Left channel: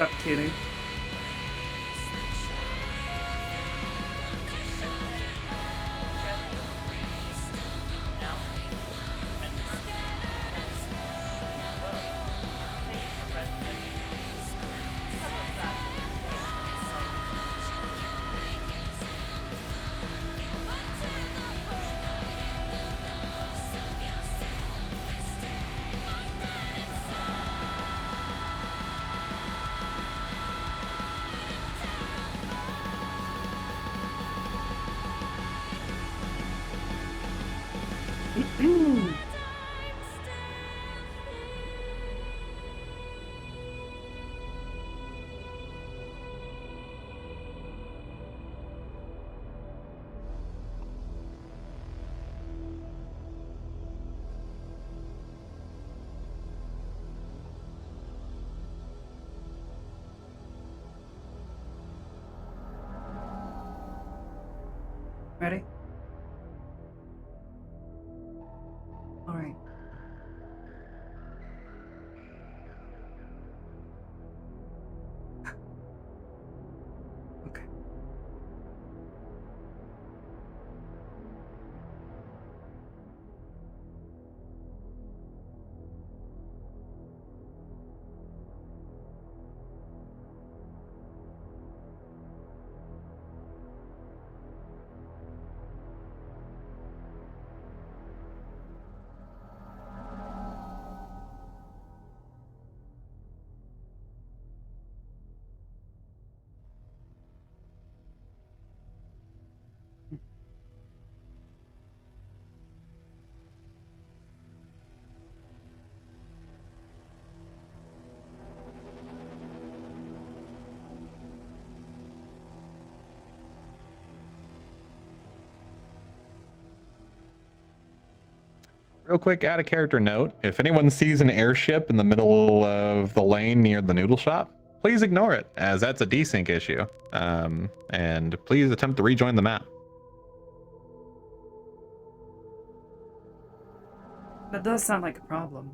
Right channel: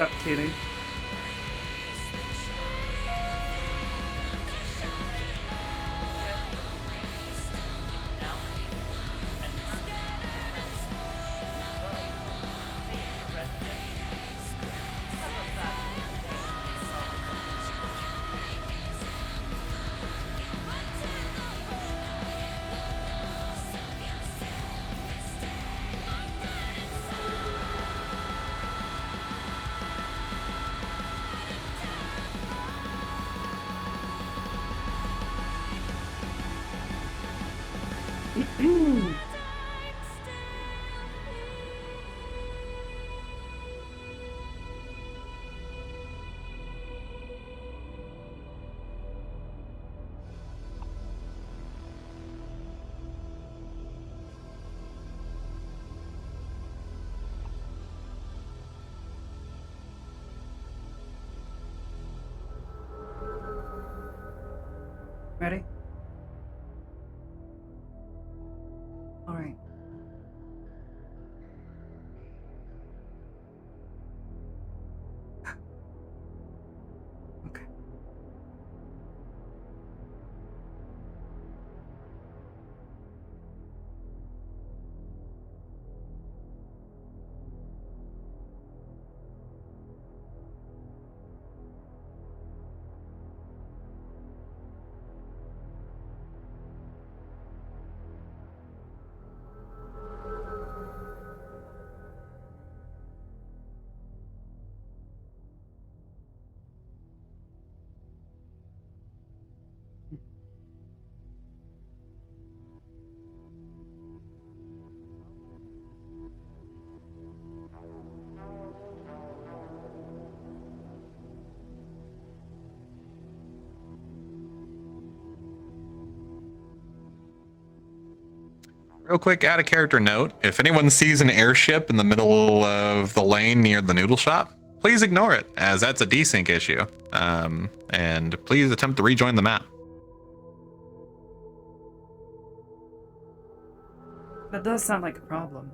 What's up, cutie? Ready? All right. Okay. Real quick, add a character note. If anyone sees an airship in the middle of the lane near the noodle shop, please ignore it, as that's a desync issue. And please attempt to rejoin the map. That does sound like a problem.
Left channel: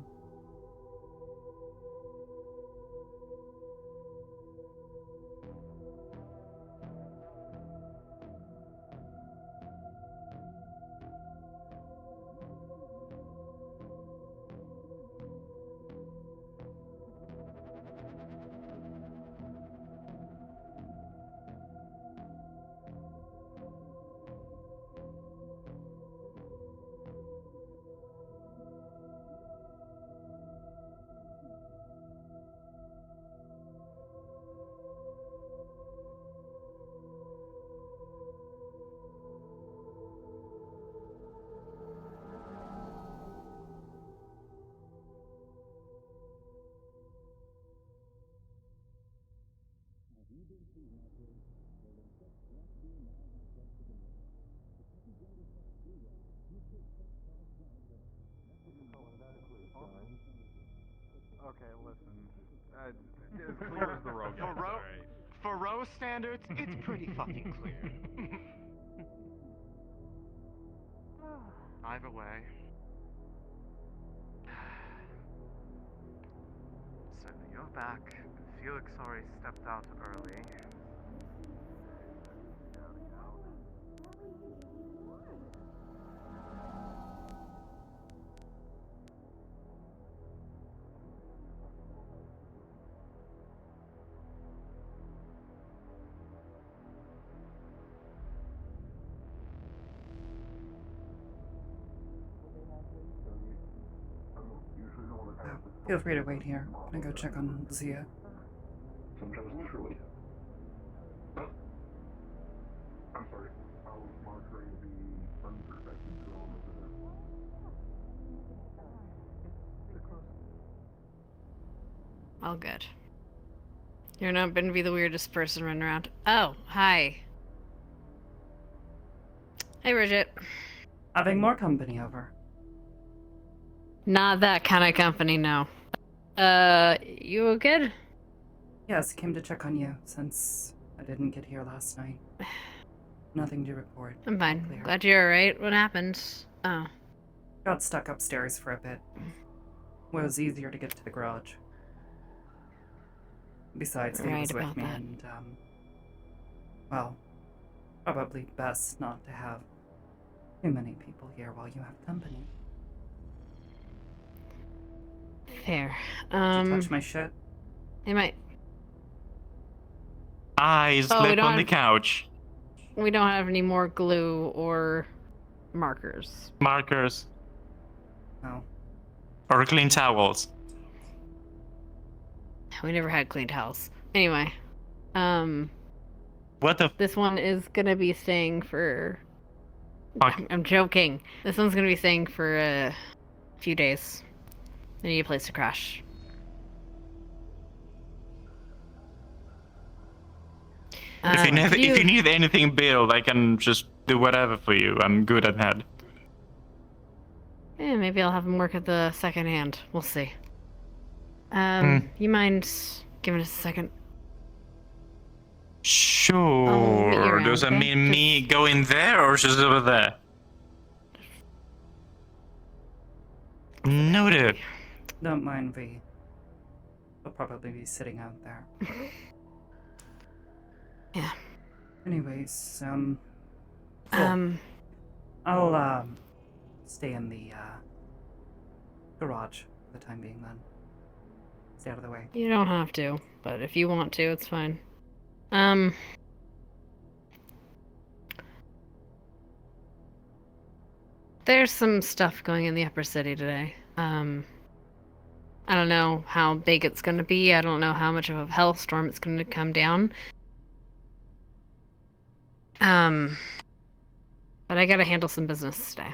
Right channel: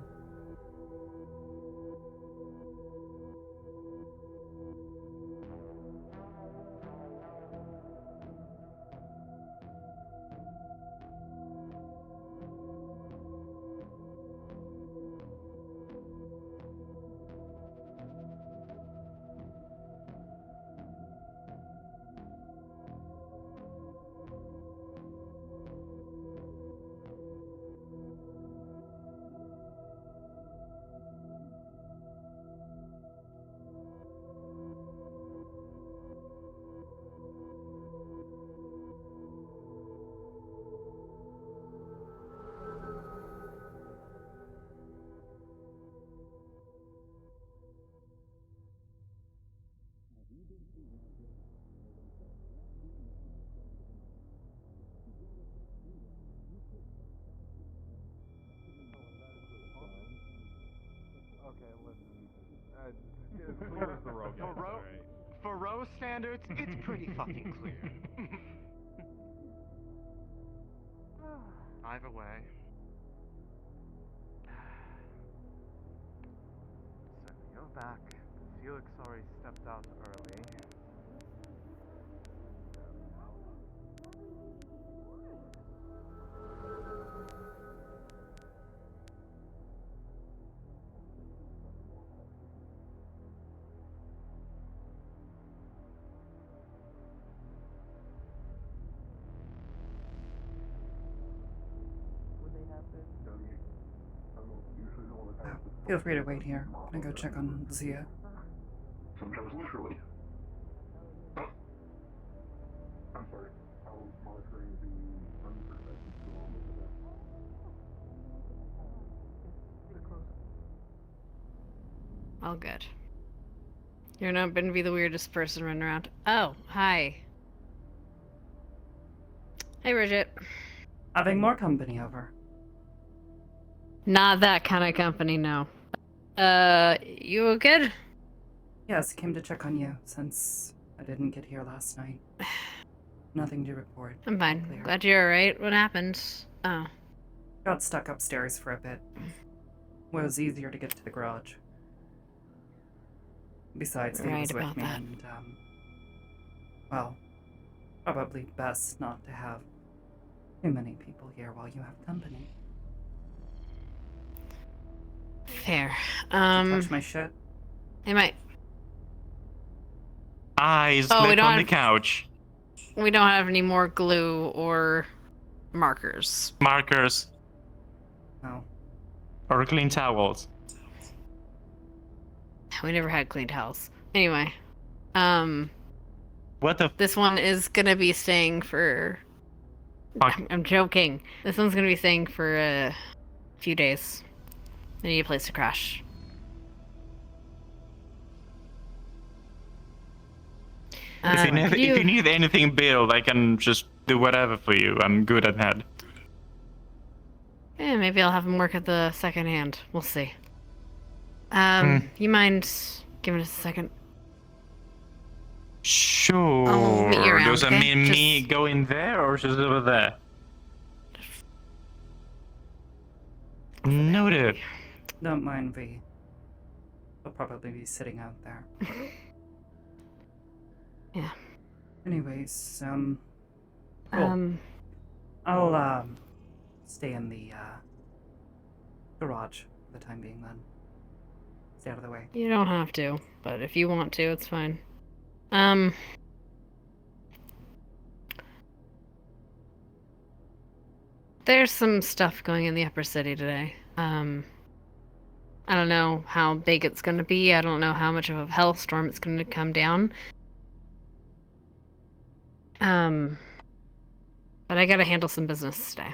For Rose standards, it's pretty fucking clear. Either way. So you're back. Felix already stepped out early. Feel free to wait here. I'm gonna go check on Zia. Sometimes literally. Oh. I'm sorry. I was monitoring the unprotected zone over there. All good. You're not going to be the weirdest person running around. Oh, hi. Hey, Bridget. Having more company over. Not that kind of company, no. You good? Yes, came to check on you since I didn't get here last night. Nothing to report. I'm fine. Clear. Glad you're alright. What happened? Oh. Got stuck upstairs for a bit. Was easier to get to the garage. Besides, he was with me, and, well, probably best not to have too many people here while you have company. Fair. Did you touch my shit? It might. I slept on the have... couch. We don't have any more glue or markers. Markers. No. Or clean towels. We never had clean towels. Anyway. What the This one is gonna be staying for... fuck? I'm joking. This one's gonna be staying for a few days. I need a place to crash. If you need anything built, I can just do whatever for you. I'm good at that. Yeah, maybe I'll have him work at the second hand. We'll see. You mind giving us a second? Sure. meet you around, Does that okay? mean me going there or just over there? Noted. Don't mind V. We'll probably be sitting out there. Yeah. Anyways, cool. I'll, stay in the, garage for the time being then. Stay out of the way. You don't have to, but if you want to, it's fine. There's some stuff going in the upper city today. I don't know how big it's gonna be. I don't know how much of a hellstorm it's gonna come down. But I gotta handle some business today.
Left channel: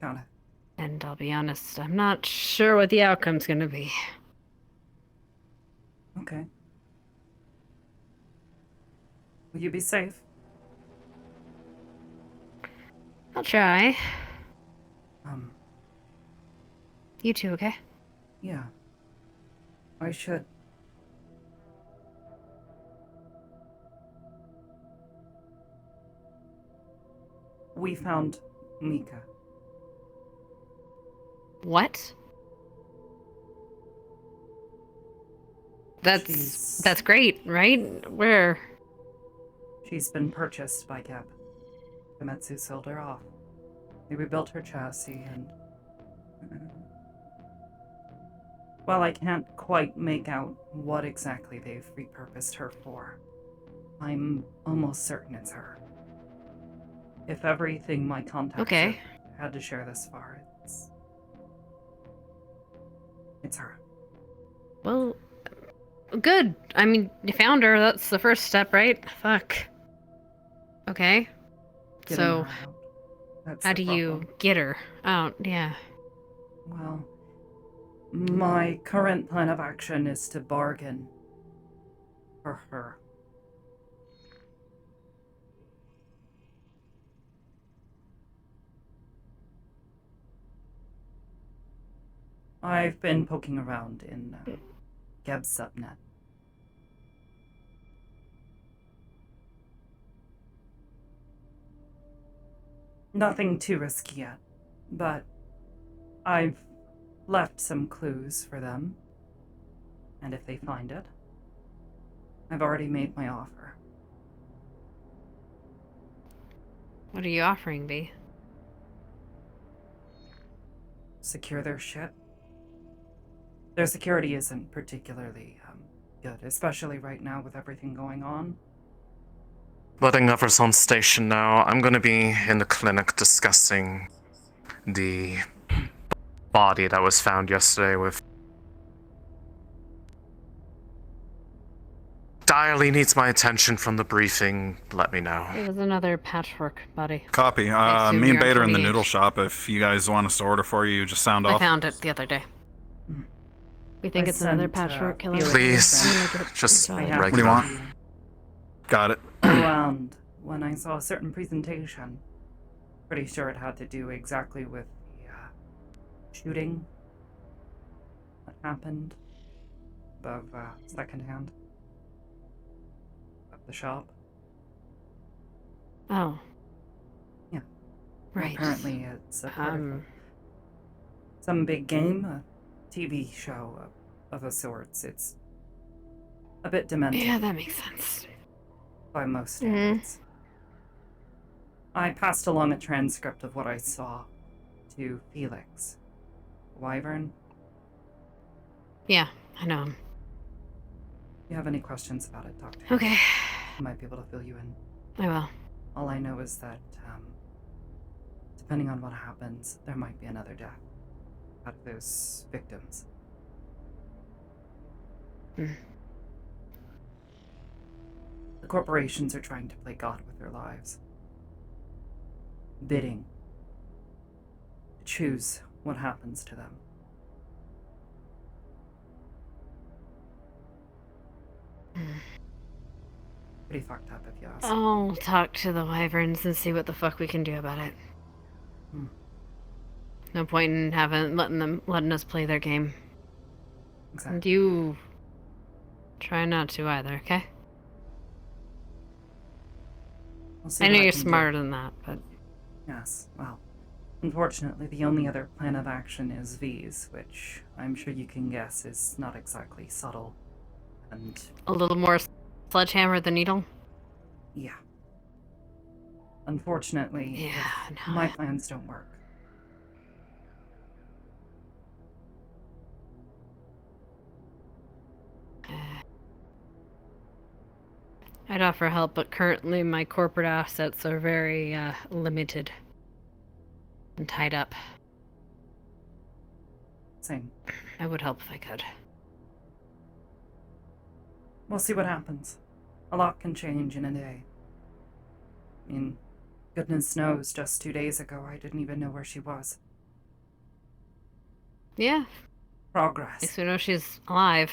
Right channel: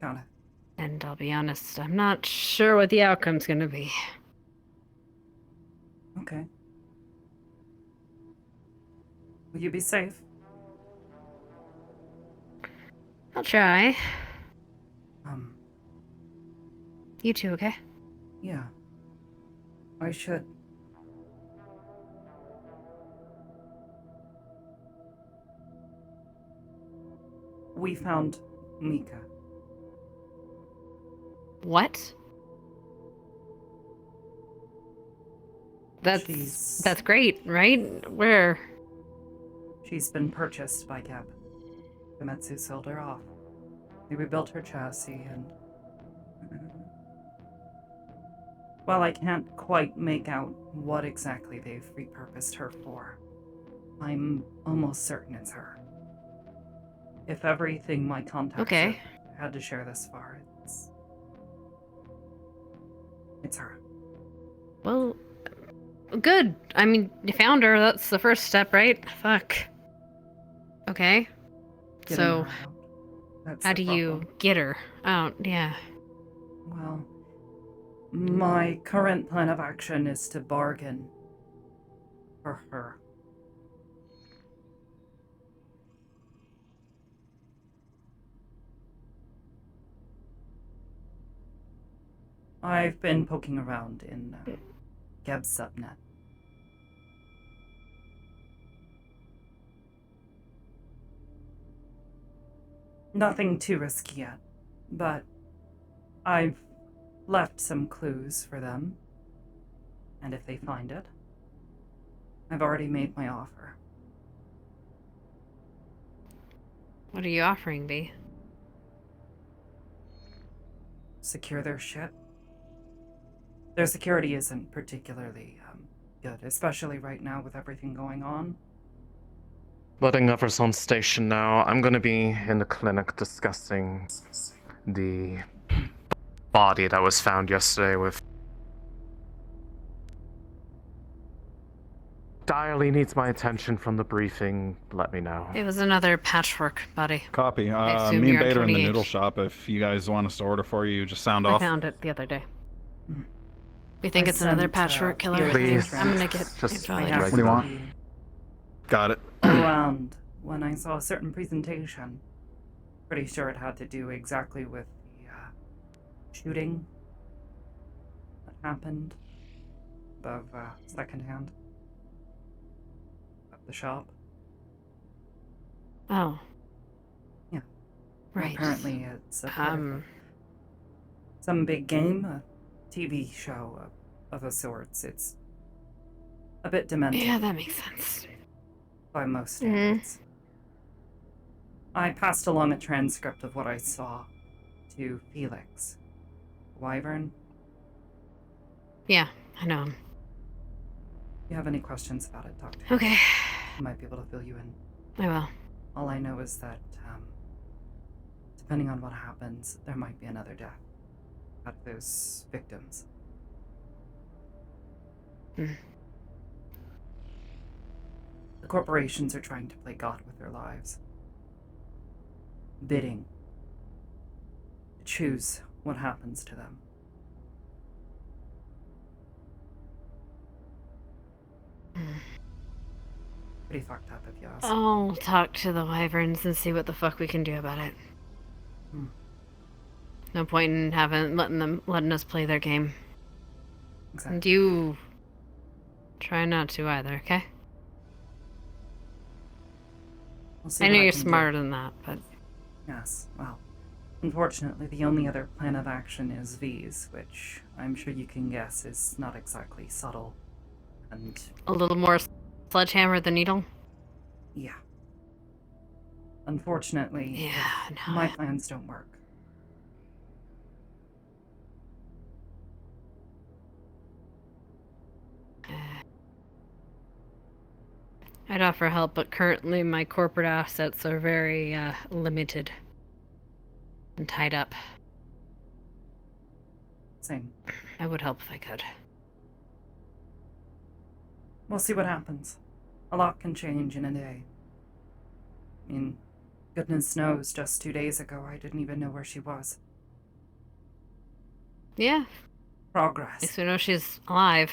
Got it. And I'll be honest, I'm not sure what the outcome's gonna be. Okay. Will you be safe? I'll try. You too, okay? Yeah. I should. We found Mika. What? That's great, right? Where? She's been purchased by Geb. Famitsu sold her off. They rebuilt her chassis and... well, I can't quite make out what exactly they've repurposed her for. I'm almost certain it's her. If everything my contacts have had to share this far, it's her. Well, good. I mean, you found her. That's the first step, right? Fuck. Okay. Getting So, her out. That's how the do you problem. get her out? Yeah. Well, my current plan of action is to bargain for her. I've been poking around in Geb's subnet. Nothing too risky yet, but I've left some clues for them, and if they find it, I've already made my offer. What are you offering, B? Secure their shit. Their security isn't particularly good, especially right now with everything going on. Letting others on station now. I'm gonna be in the clinic discussing the body that was found yesterday with... Direly needs my attention from the briefing. Let me know. It was another patchwork, buddy. Copy. I assume Me you're and on Beta are in the 28. noodle shop. If you guys want us to order for you, just sound I off. found it the other day. We think I it's another sent, patchwork killer. Felix Please, and I'm gonna get just I involved. happened What to do you want? be Got it. around when I saw a certain presentation. Pretty sure it had to do exactly with the shooting that happened above secondhand at the shop. Oh. Yeah. Right. Apparently, it's a part of some big game, a TV show of a sorts. It's a bit demented. Yeah, that makes sense. By most standards. I passed along a transcript of what I saw to Felix. Wyvern? Yeah, I know him. If you have any questions about it, talk to me. Okay. I might be able to fill you in. I will. All I know is that, depending on what happens, there might be another death out of those victims. The corporations are trying to play God with their lives. Bidding to choose what happens to them. Pretty fucked up, if you ask. I'll talk to the wyverns and see what the fuck we can do about it. No point in letting us play their game. Exactly. And you try not to either, okay? We'll see I what know you're can do. smarter than that, but Yes, well, unfortunately, the only other plan of action is V's, which I'm sure you can guess is not exactly subtle. And a little more sledgehammer than needle. yeah. Unfortunately, Yeah, no. my plans don't work. I'd offer help, but currently my corporate assets are very limited and tied up. Same. I would help if I could. We'll see what happens. A lot can change in a day. I mean, goodness knows, just 2 days ago I didn't even know where she was. Yeah. Progress. At least we know she's alive.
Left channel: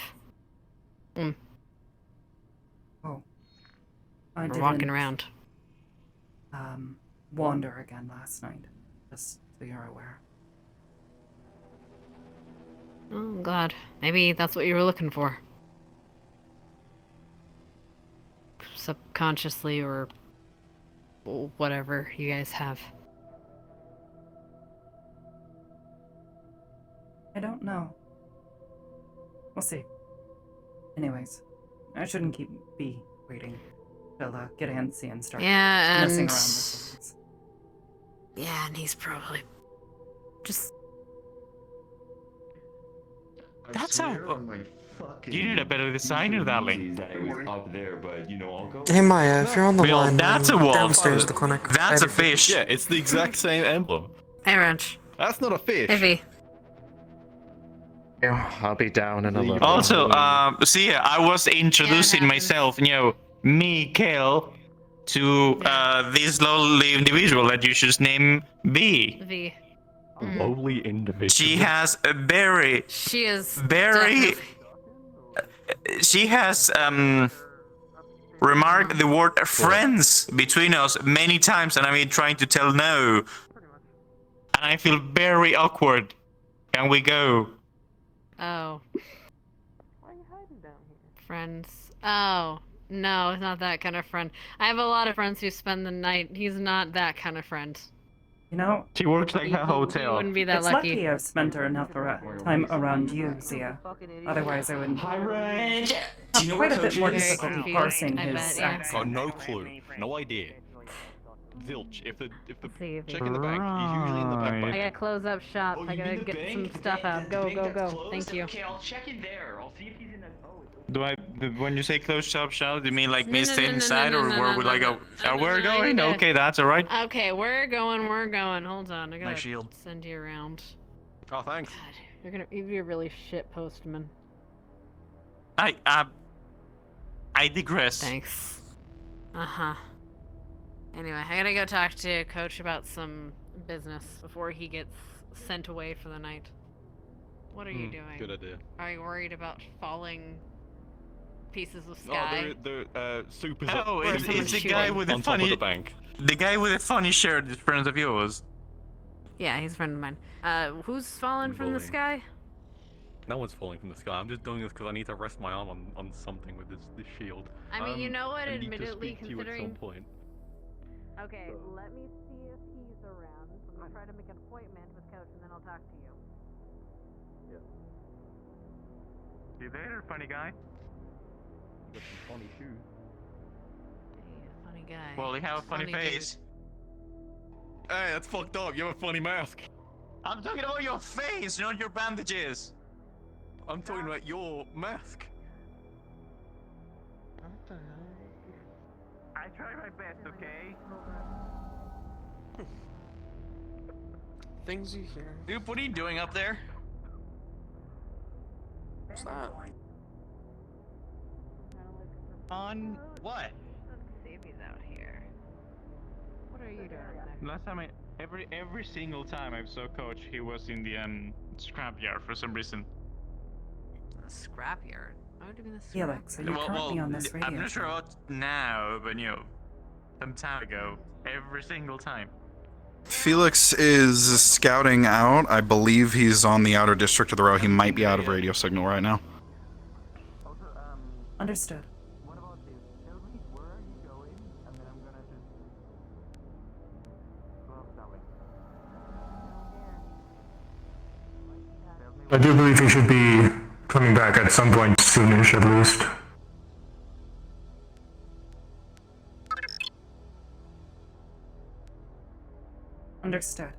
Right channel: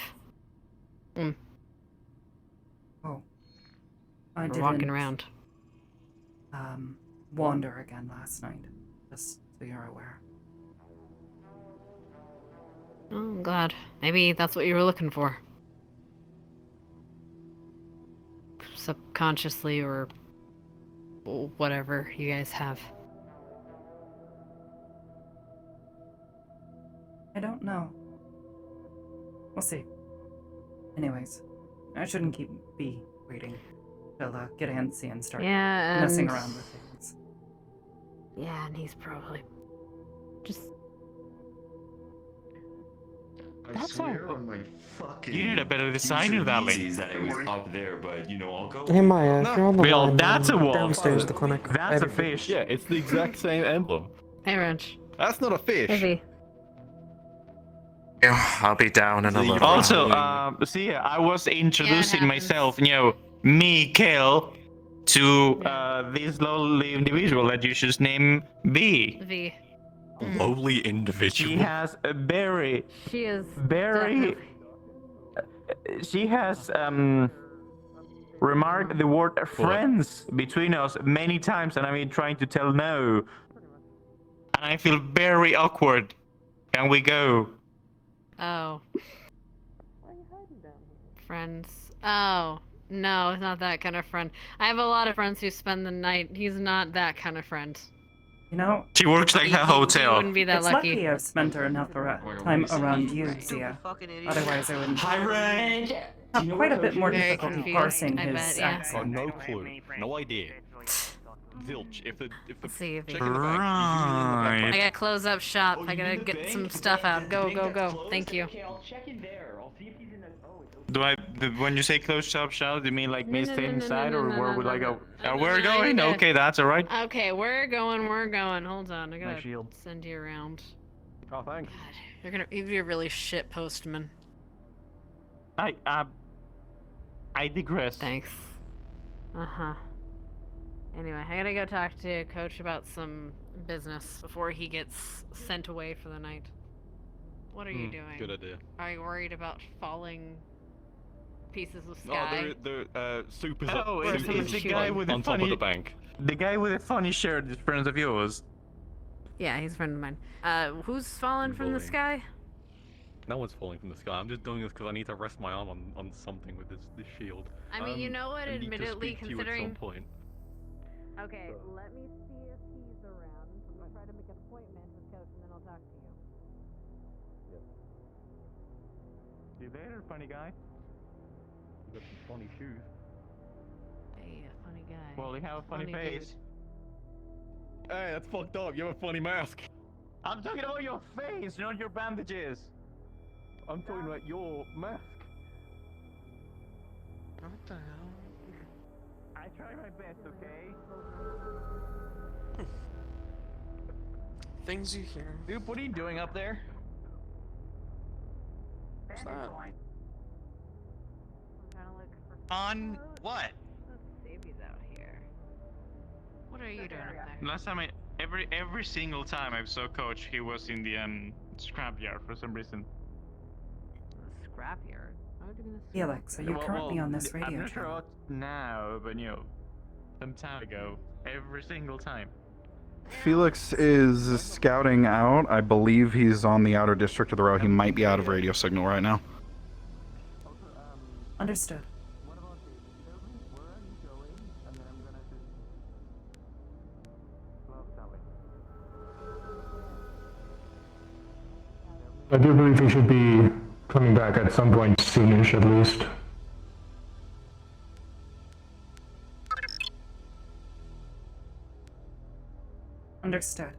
Oh. I We're didn't walking around. wander again last night, just so you're aware. Oh, I'm glad. Maybe that's what you were looking for. Subconsciously or whatever you guys have. I don't know. We'll see. Anyways, I shouldn't keep B waiting. She'll get antsy and start messing around with things. Yeah, and he's probably just... That's swear on my fucking You need a better designer, darling. that it was up there, but you know, I'll go. Hey Maya, if you're on the Well, line, that's a wolf. downstairs at the clinic. That's a fish. Yeah, it's the exact same emblem. Hey, Wrench. That's not a fish. Maybe. I'll be down in a little. Also, see, I was introducing happens. myself, me, Kel, to this lowly individual that you should name B. V. Lowly individual. She has a very, She is very. She has remarked the word friends between us many times, and I've been trying to tell no. And I feel very awkward. Can we go? Oh. Friends. Oh. No, it's not that kind of friend. I have a lot of friends who spend the night. He's not that kind of friend. You know, She works like a He hotel. wouldn't be that it's lucky. lucky I've spent her enough time around you, Zia. Otherwise, I would have quite a bit more Very difficulty confused, parsing I his bet, yeah. Oh, accent. no clue. No idea. Zilch. If the See if check he- in the back, he's usually in the back. I Right. gotta close up shop. Oh, I you gotta mean the get bank? some stuff out. Go, go, go. Thank you. Okay, I'll check in there. I'll see if he's in the. Oh, it's Do I? When you say close shop, do you mean like me No, stay no, no, inside, no, or no, where no, would no, I go? no. We're No, I going. need to- Okay, that's all right. Okay, we're going. Hold on. I gotta shield. send you around. Oh, thanks. God, you'd be a really shit postman. I digress. Thanks. Uh-huh. Anyway, I gotta go talk to Coach about some business before he gets sent away for the night. What are you doing? Good idea. Are you worried about falling pieces of No, sky? the Super's Oh, Where it's someone's the shooting. guy with the on top funny. of the bank. The guy with the funny shirt is friend of yours. Yeah, he's a friend of mine. Who's fallen from the Boring. sky? No one's falling from the sky. I'm just doing this because I need to rest my arm on something with this shield. I mean, you know what? I need to Admittedly, speak to you at some considering. point. Okay, So- let me see if he's around. I'm gonna try to make an appointment with Coach, and then I'll talk to you. You there, funny guy? You got some funny shoes. Hey, funny guy. Well, you have a funny Funny face. Hey, that's fucked up. You have a funny mask. I'm talking about your face, not your bandages. I'm talking about your mask. I try my best, okay? Things you hear. Dude, what are you doing up there? What's that? Trying to look for On Coach. what? Let's see if he's out here. What are you doing up there? Last time every single time I saw Coach, he was in the scrapyard for some reason. The scrapyard. Why would you be in the Felix, are you currently on this radio I'm not sure show? about now, but some time ago, every single time. Felix is scouting out. I believe he's on the outer district of the row. He might be out of radio signal right now. Understood. I do believe he should be coming back at some point soonish, at least. Understood.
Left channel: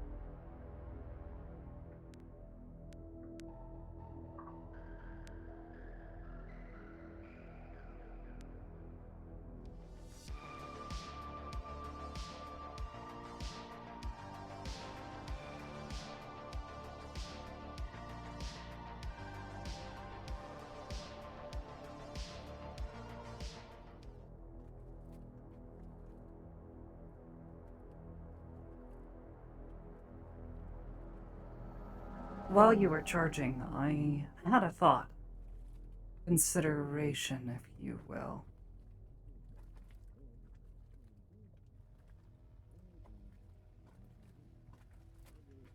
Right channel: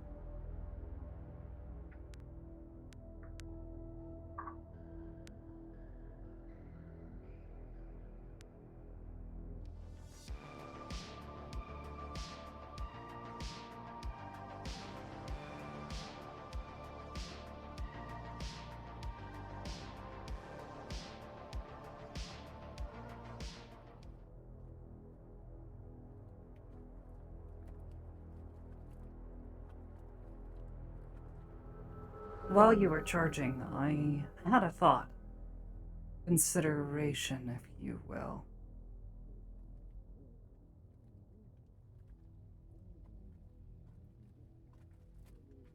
While you were charging, I had a thought. Consideration, if you will.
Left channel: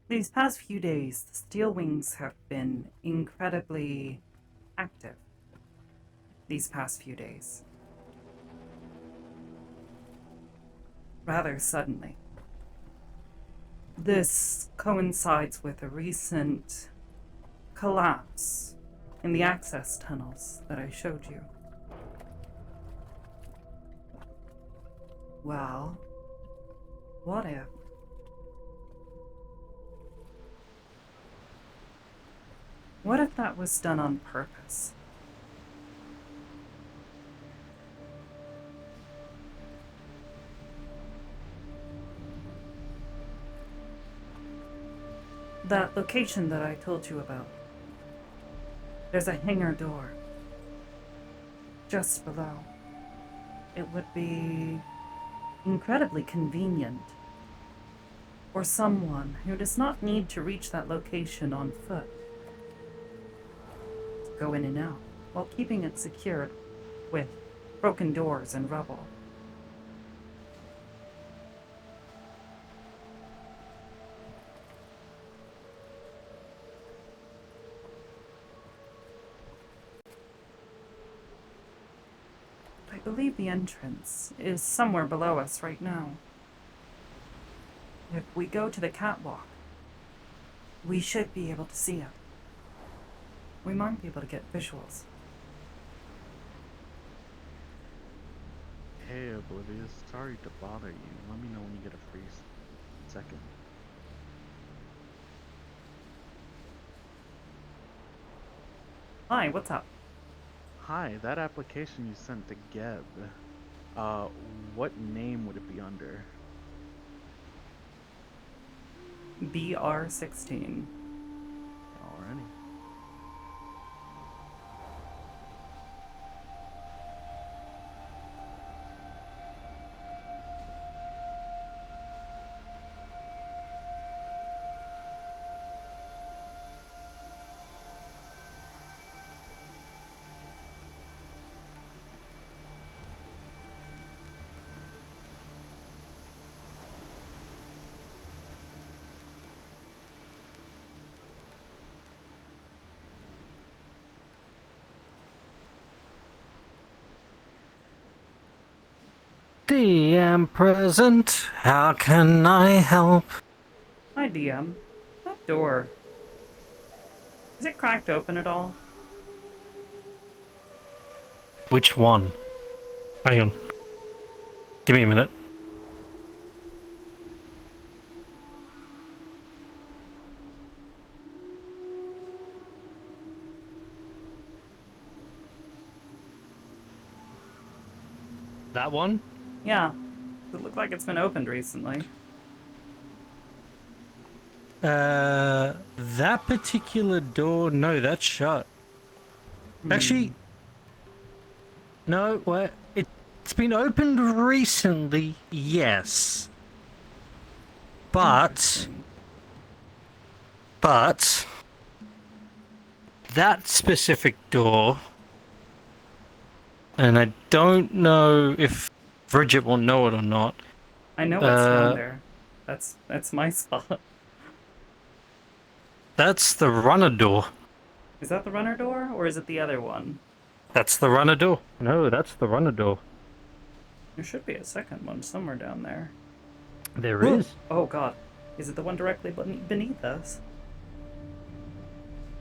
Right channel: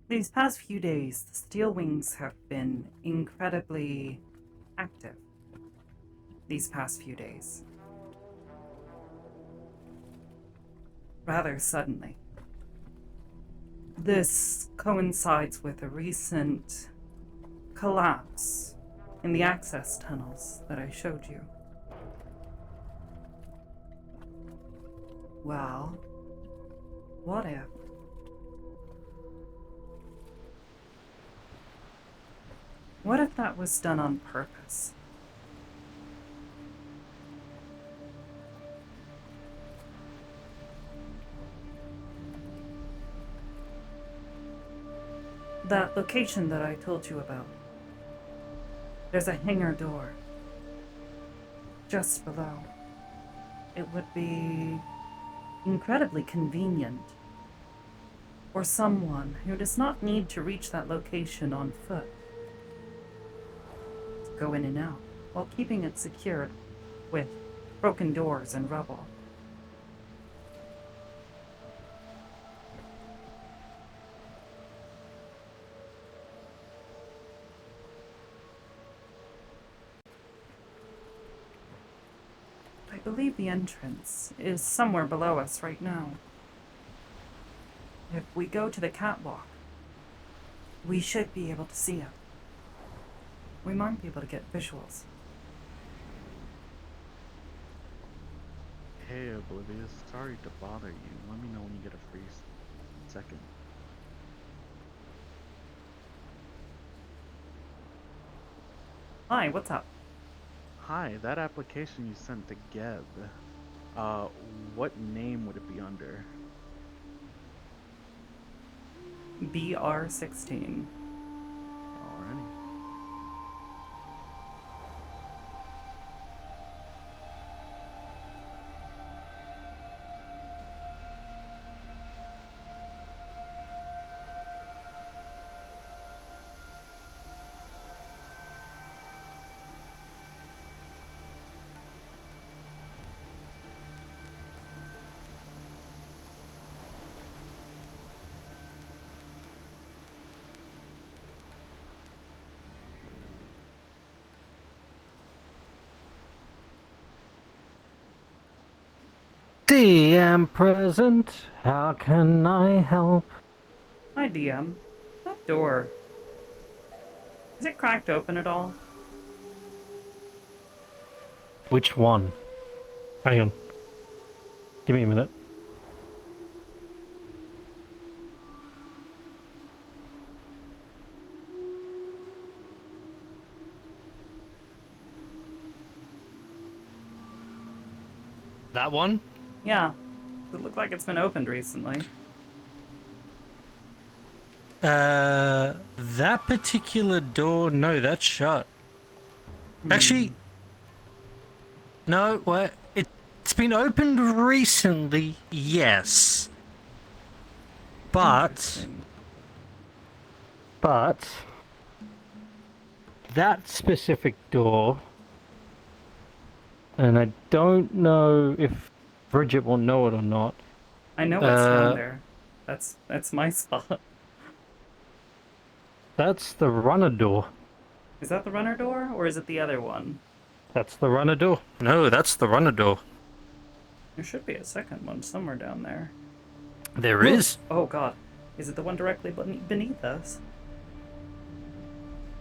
These past few days, the Steel Wings have been incredibly active. These past few days. Rather suddenly. This coincides with a recent collapse in the access tunnels that I showed you. Well, what if? What if that was done on purpose? That location that I told you about. There's a hangar door just below. It would be incredibly convenient for someone who does not need to reach that location on foot to go in and out while keeping it secured with broken doors and rubble. I believe the entrance is somewhere below us right now. If we go to the catwalk, we should be able to see it. We might be able to get visuals. Hey, Oblivious. Sorry to bother you. Let me know when you get a free second. Hi, what's up? Hi, that application you sent to Geb. What name would it be under? BR-16. Alrighty. DM present. How can I help? Hi, DM. That door. Is it cracked open at all? Which one? Hang on. Give me a minute. That one? Yeah. It looks like it's been opened recently. That particular door, no, that's shut. Actually, no, what? It's been opened recently, yes. But that specific door, and I don't know if Bridget will know it or not. I know what's down there. That's my spot. That's the runner door. Is that the runner door, or is it the other one? That's the runner door. No, that's the runner door. There should be a second one somewhere down there. There is. Oh god. Is it the one directly beneath us?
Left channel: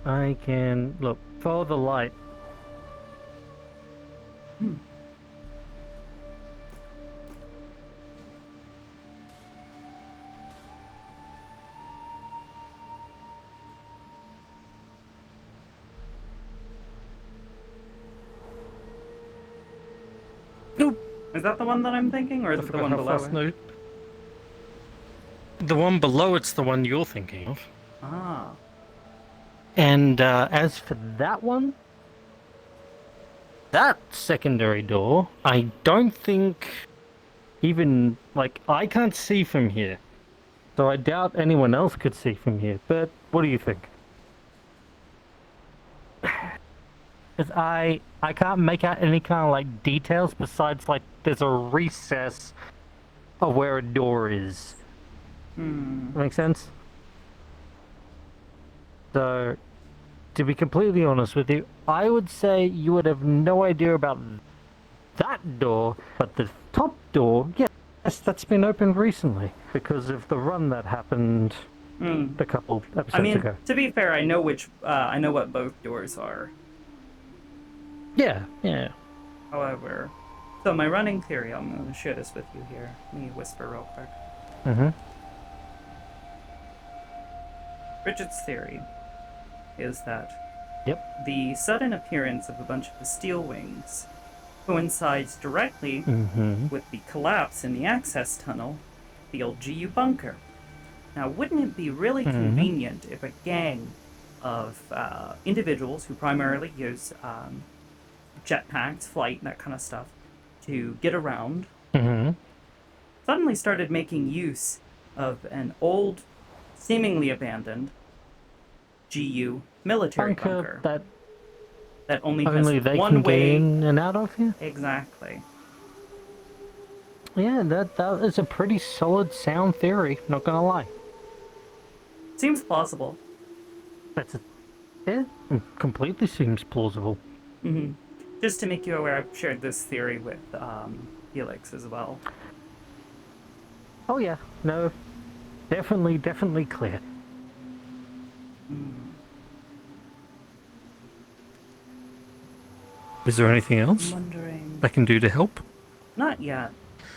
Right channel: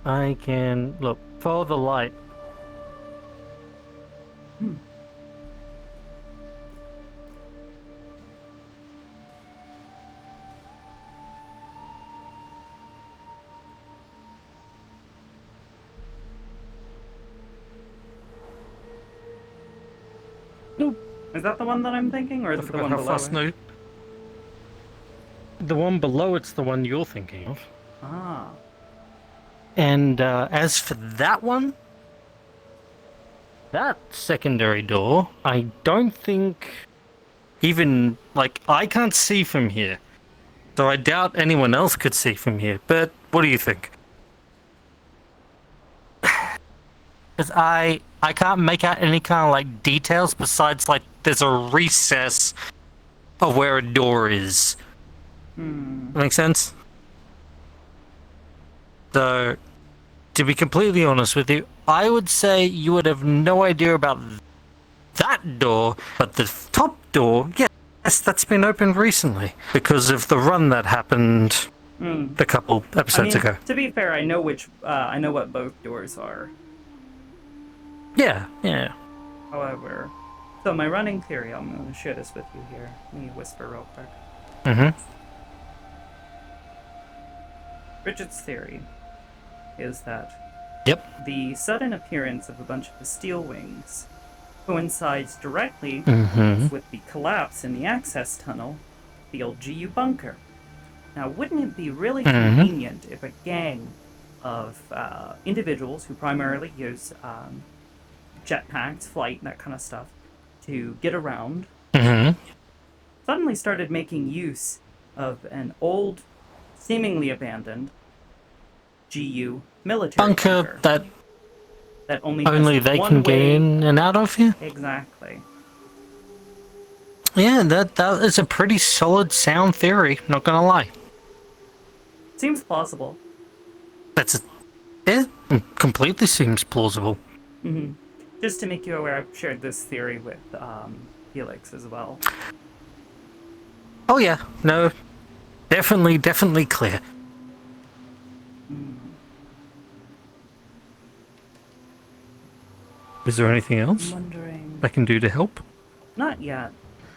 I can look. Follow the light. Is that the one that I'm thinking, or is it the one below it? The one below it's the one you're thinking of. Ah. And as for that one, that secondary door, I don't think even, like, I can't see from here. So I doubt anyone else could see from here. But what do you think? Because I can't make out any kind of, like, details besides, like, there's a recess of where a door is. Make sense? So, to be completely honest with you, I would say you would have no idea about that door, but the top door, yes, that's been opened recently because of the run that happened a couple episodes ago. To be fair, I know I know what both doors are. Yeah. However, so my running theory, I'm going to share this with you here. Let me whisper real quick. Bridget's theory is that the sudden appearance of a bunch of the steel wings coincides directly with the collapse in the access tunnel, the old GU bunker. Now, wouldn't it be really convenient if a gang of individuals who primarily use jetpacks, flight, and that kind of stuff to get around suddenly started making use of an old, seemingly abandoned GU military bunker that only has they one can way get in and out of here? Exactly. Yeah, that is a pretty solid sound theory, not gonna lie. Seems plausible. Completely seems plausible. Just to make you aware, I've shared this theory with Felix as well. Oh yeah, no, definitely clear. Is there anything else I can do to help? Not yet.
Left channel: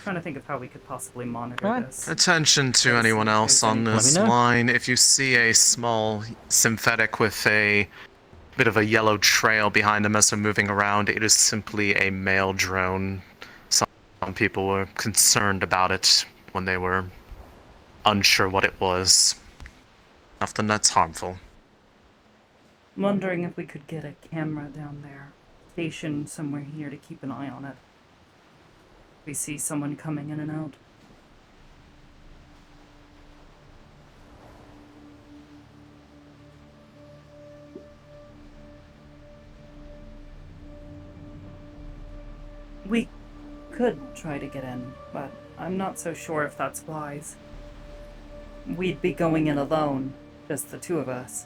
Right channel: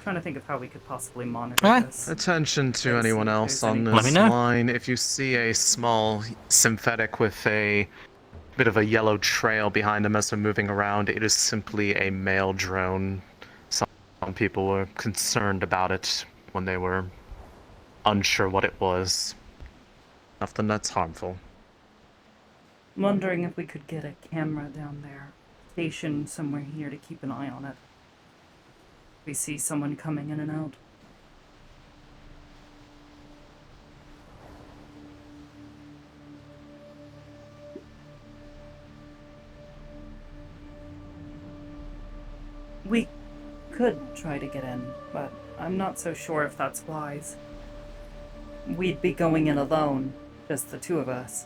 Trying to think of how we could possibly monitor this. Attention to anyone else on this line. If you see a small synthetic with a bit of a yellow trail behind them as they're moving around, it is simply a male drone. Some people were concerned about it when they were unsure what it was. Nothing that's harmful. I'm wondering if we could get a camera down there, stationed somewhere here to keep an eye on it. If we see someone coming in and out. We could try to get in, but I'm not so sure if that's wise. We'd be going in alone, just the two of us.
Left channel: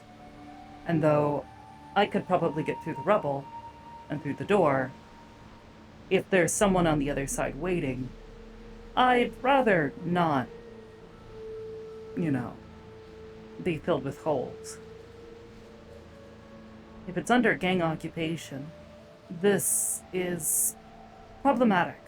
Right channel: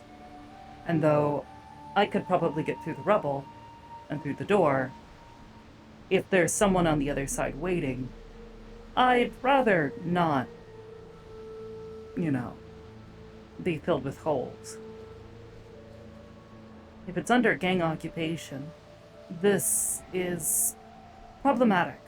And though I could probably get through the rubble and through the door, if there's someone on the other side waiting, I'd rather not, be filled with holes. If it's under gang occupation, this is problematic.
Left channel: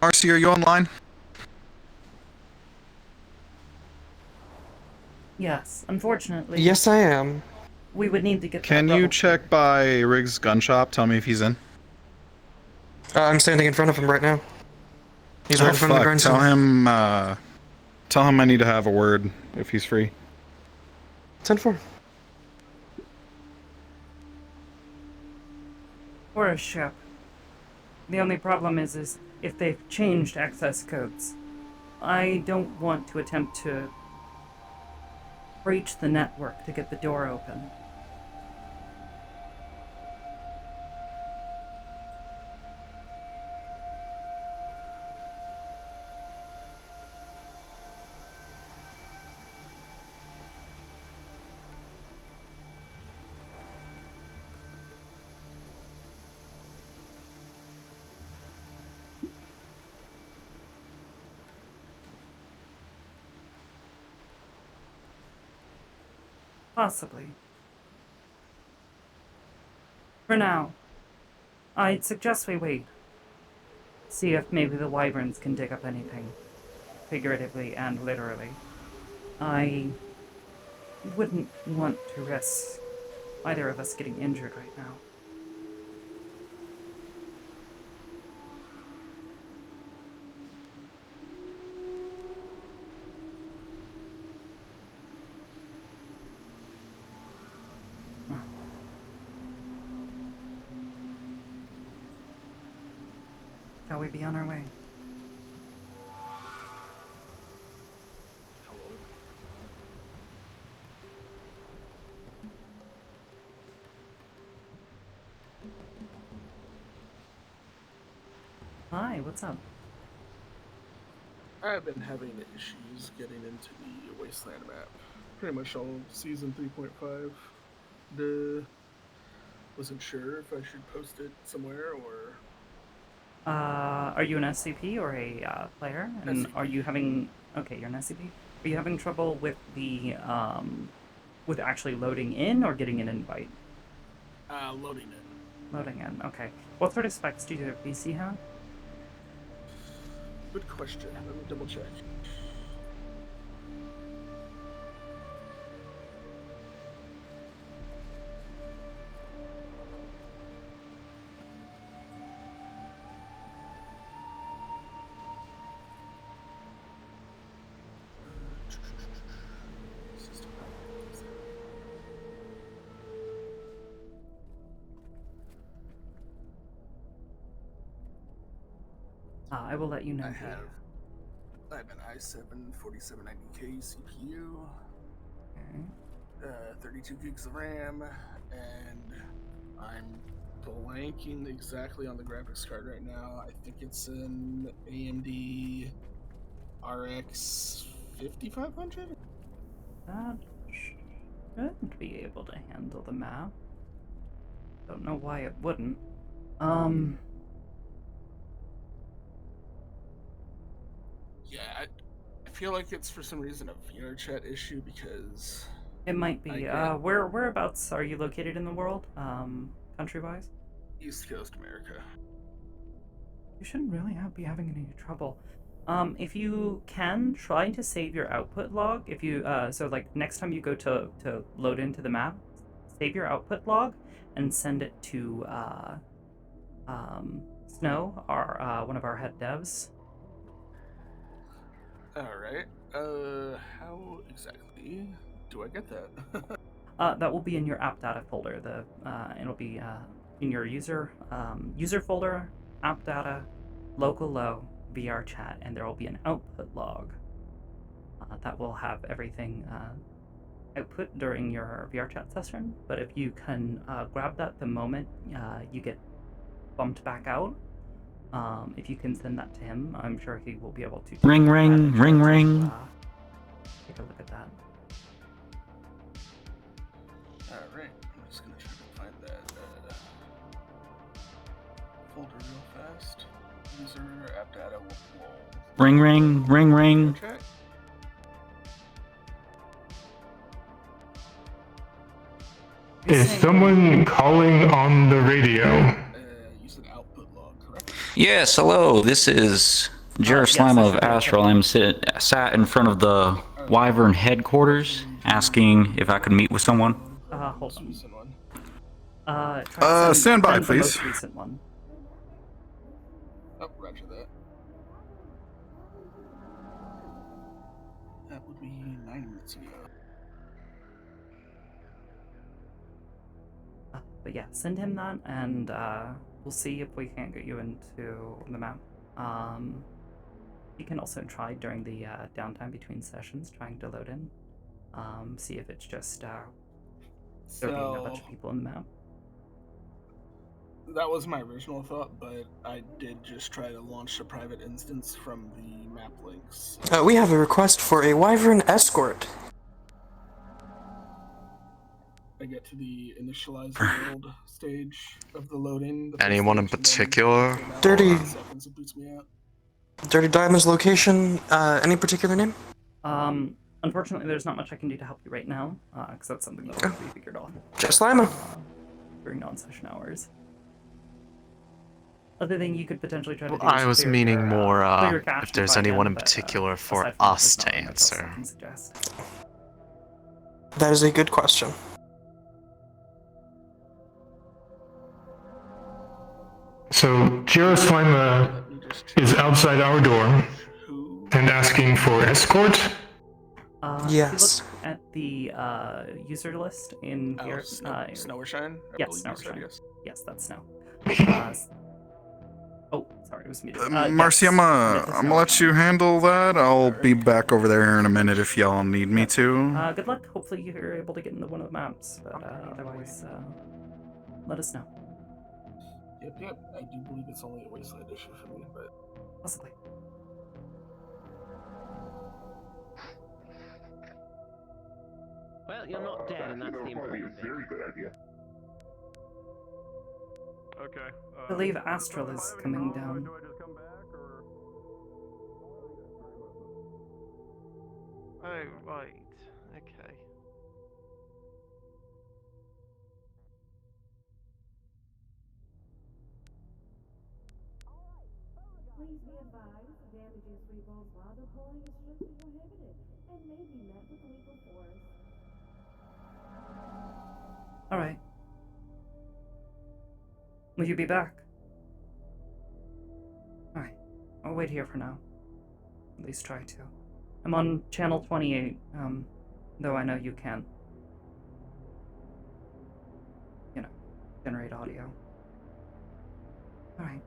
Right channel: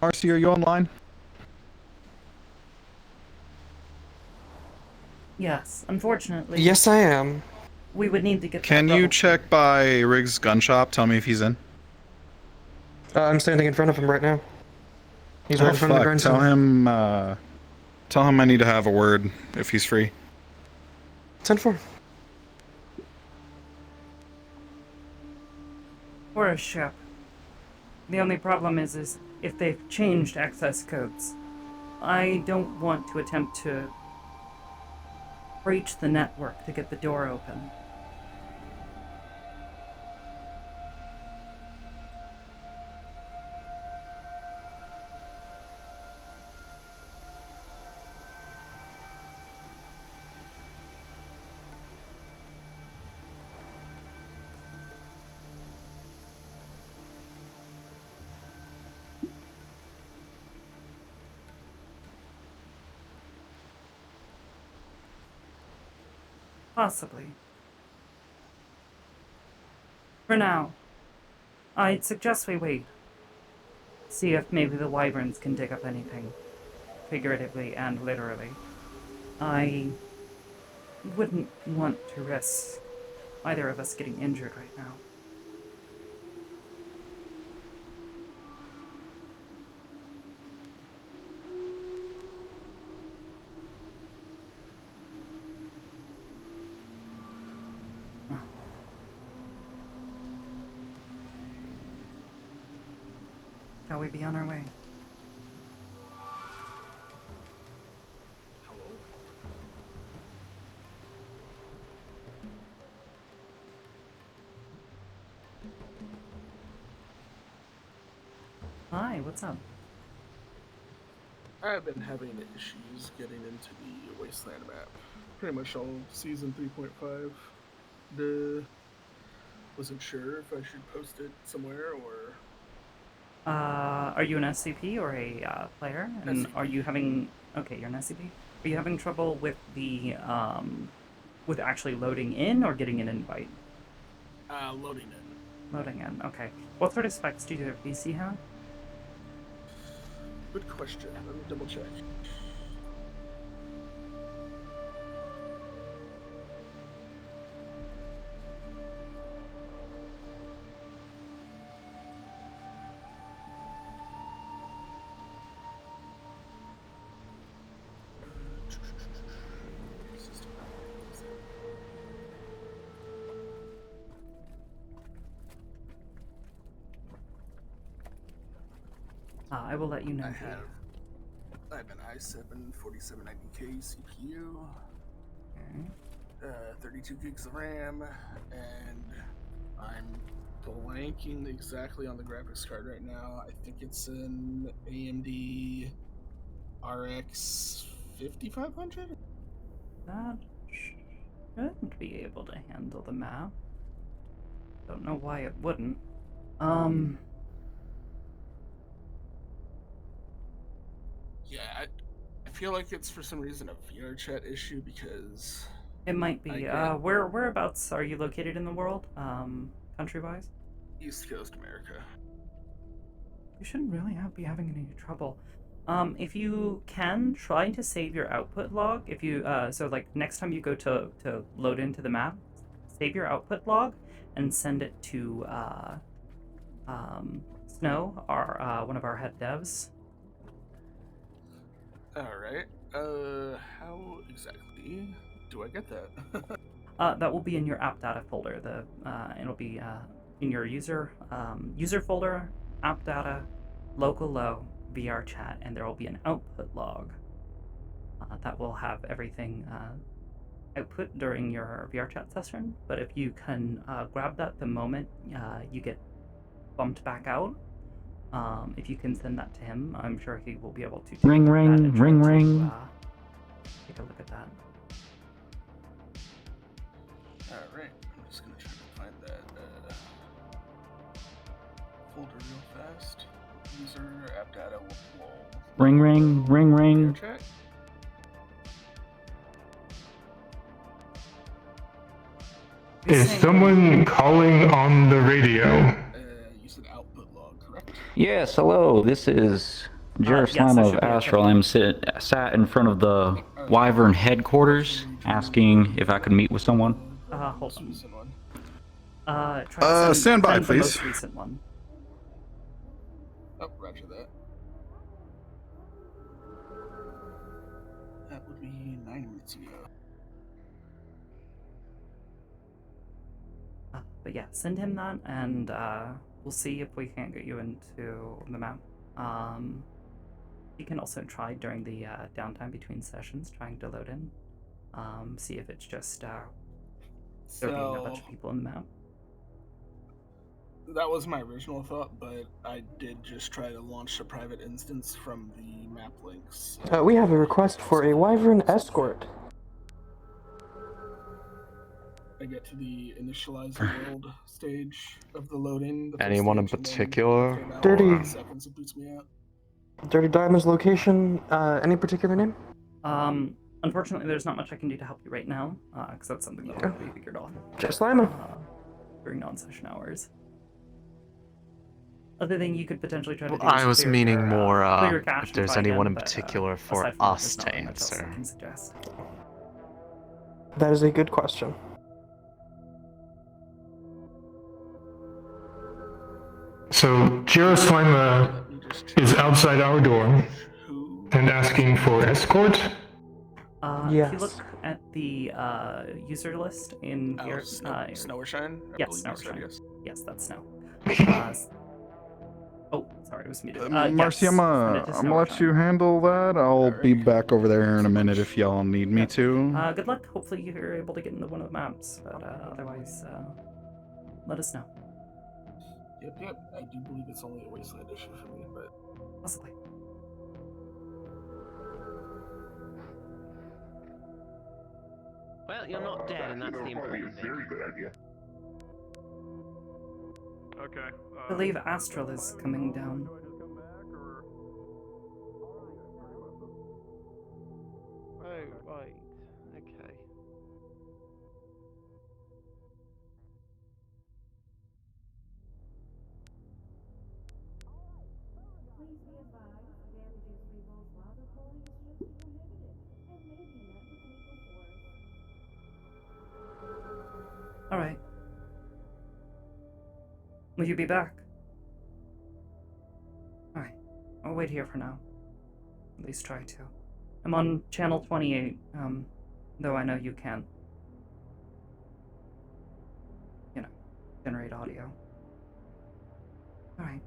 Marcy, are you online? Yes, unfortunately. Yes, I am. We would need to get Can that you level check by Riggs gun shop? Tell me if he's in. I'm standing in front of him right now. He's right in front of the Tell grindstone. tell him I need to have a word if he's free. 10-4. Or a ship. The only problem is if they've changed access codes. I don't want to attempt to breach the network to get the door open. Possibly. For now, I'd suggest we wait. See if maybe the wyverns can dig up anything, figuratively and literally. I wouldn't want to risk either of us getting injured right now. Shall we be on our way? Hi, what's up? I've been having issues getting into the Wasteland map. Pretty much all season 3.5. Wasn't sure if I should post it somewhere or... Are you an SCP or a player? And SCP. are you having... Okay, you're an SCP. Are you having trouble with the, with actually loading in or getting an invite? Loading in. Loading in, okay. What sort of specs do your PC have? Good question. Let me double check. I will let you know. I have an i7 4790K CPU, 32 gigs of RAM, and I'm blanking exactly on the graphics card right now. I think it's an AMD RX 5500? That should be able to handle the map. Don't know why it wouldn't. Yeah, I feel like it's for some reason a VR chat issue because... It might be. Whereabouts are you located in the world, country-wise? East Coast America. You shouldn't really be having any trouble. If you can, try to save your output log. If you, so like next time you go to load into the map, save your output log and send it to, Snow, our, one of our head devs. Alright, how exactly do I get that? That will be in your app data folder. It'll be, in your user folder, app data, local low, VR chat, and there will be an output log that will have everything output during your VR chat session. But if you can grab that the moment you get bumped back out, If you can send that to him, I'm sure he will be able to take Ring, a look at that ring, and try ring, to, ring. take a look at that. Alright, I'm just gonna try to find that folder real fast. User app data will Ring, ring, ring, ring. check. Is someone calling on the radio? You said output log, correct? Yes, hello. This is yes, Jerusalem that of should be okay. Astral. I'm sat in front of the Wyvern headquarters, asking if I could meet with someone. Hold on. Try to stand by, send the please. most recent one. Oh, roger that. That would be 9 minutes ago. But yeah, send him that, and we'll see if we can't get you into the map. You can also try during the downtime between sessions, trying to load in. See if it's just there being a bunch of people in the map. That was my original thought, but I did just try to launch a private instance from the map links. We have a request for a Wyvern escort. I get to the initialize world stage of the loading. The Anyone in particular? Dirty. Seconds, it boots me out. Dirty Diamond's location, any particular name? Unfortunately, there's not much I can do to help you right now, because that's something that will be figured out Just Lima. During non-session hours. Other thing you could potentially try to do I is was clear meaning your, more clear your cache if and there's try anyone again, in but, particular for aside from that, us there's to not really much else I answer. can suggest. That is a good question. So, Jerusalem is outside our door and asking for escort. If you look at the user list in here, Snow or Shine? Yes, Snow or Shine. Yes. Yes, that's Snow. Oh, sorry, it was muted. Marcy, I'm gonna let you handle that. I'll be back over there in a minute if y'all need me to. Good luck. Hopefully you're able to get into one of the maps, but otherwise, let us know. Yep. I do believe it's only a wasteland issue for me, but possibly. Well, you're not dead, and that's the important thing. Very good idea. Okay. I believe Astral is coming down. Oh, right. Okay. Please be advised, damaging Freeball's while deploying is strictly prohibited and may be met with legal force. Alright. Will you be back? Alright. I'll wait here for now. At least try to. I'm on channel 28, though I know you can't, generate audio. Alright.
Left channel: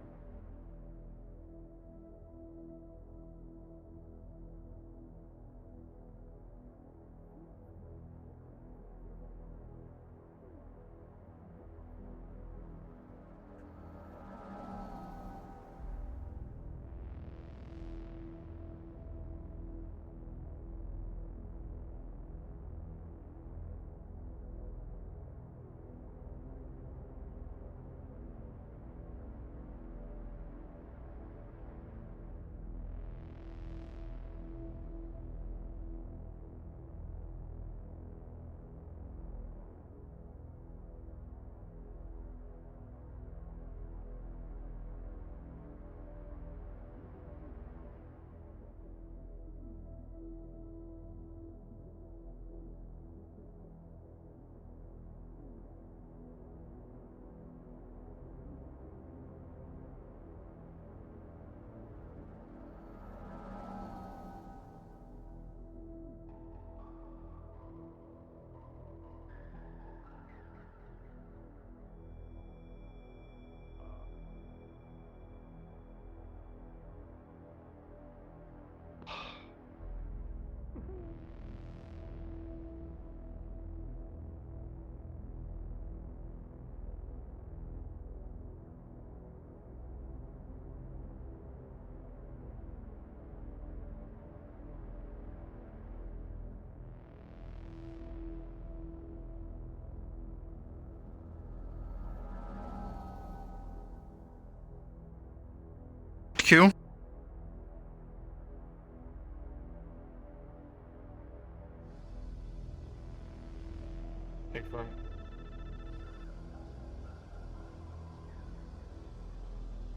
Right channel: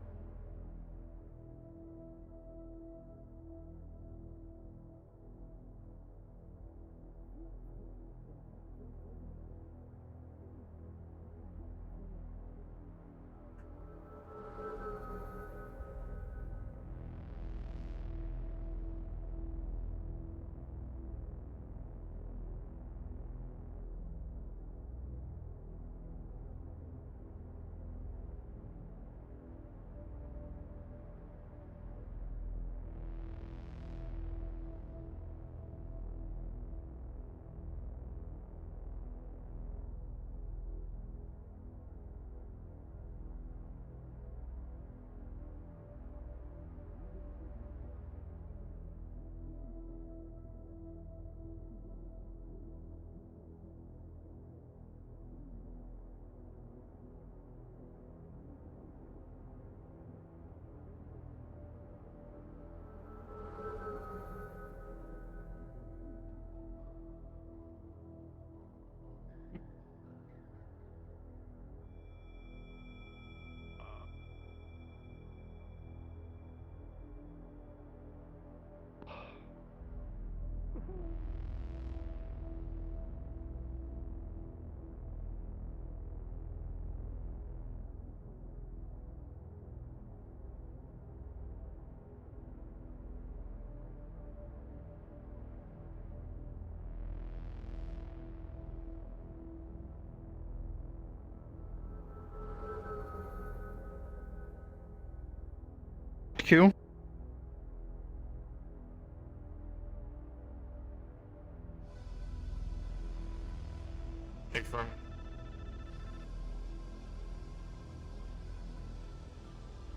HQ.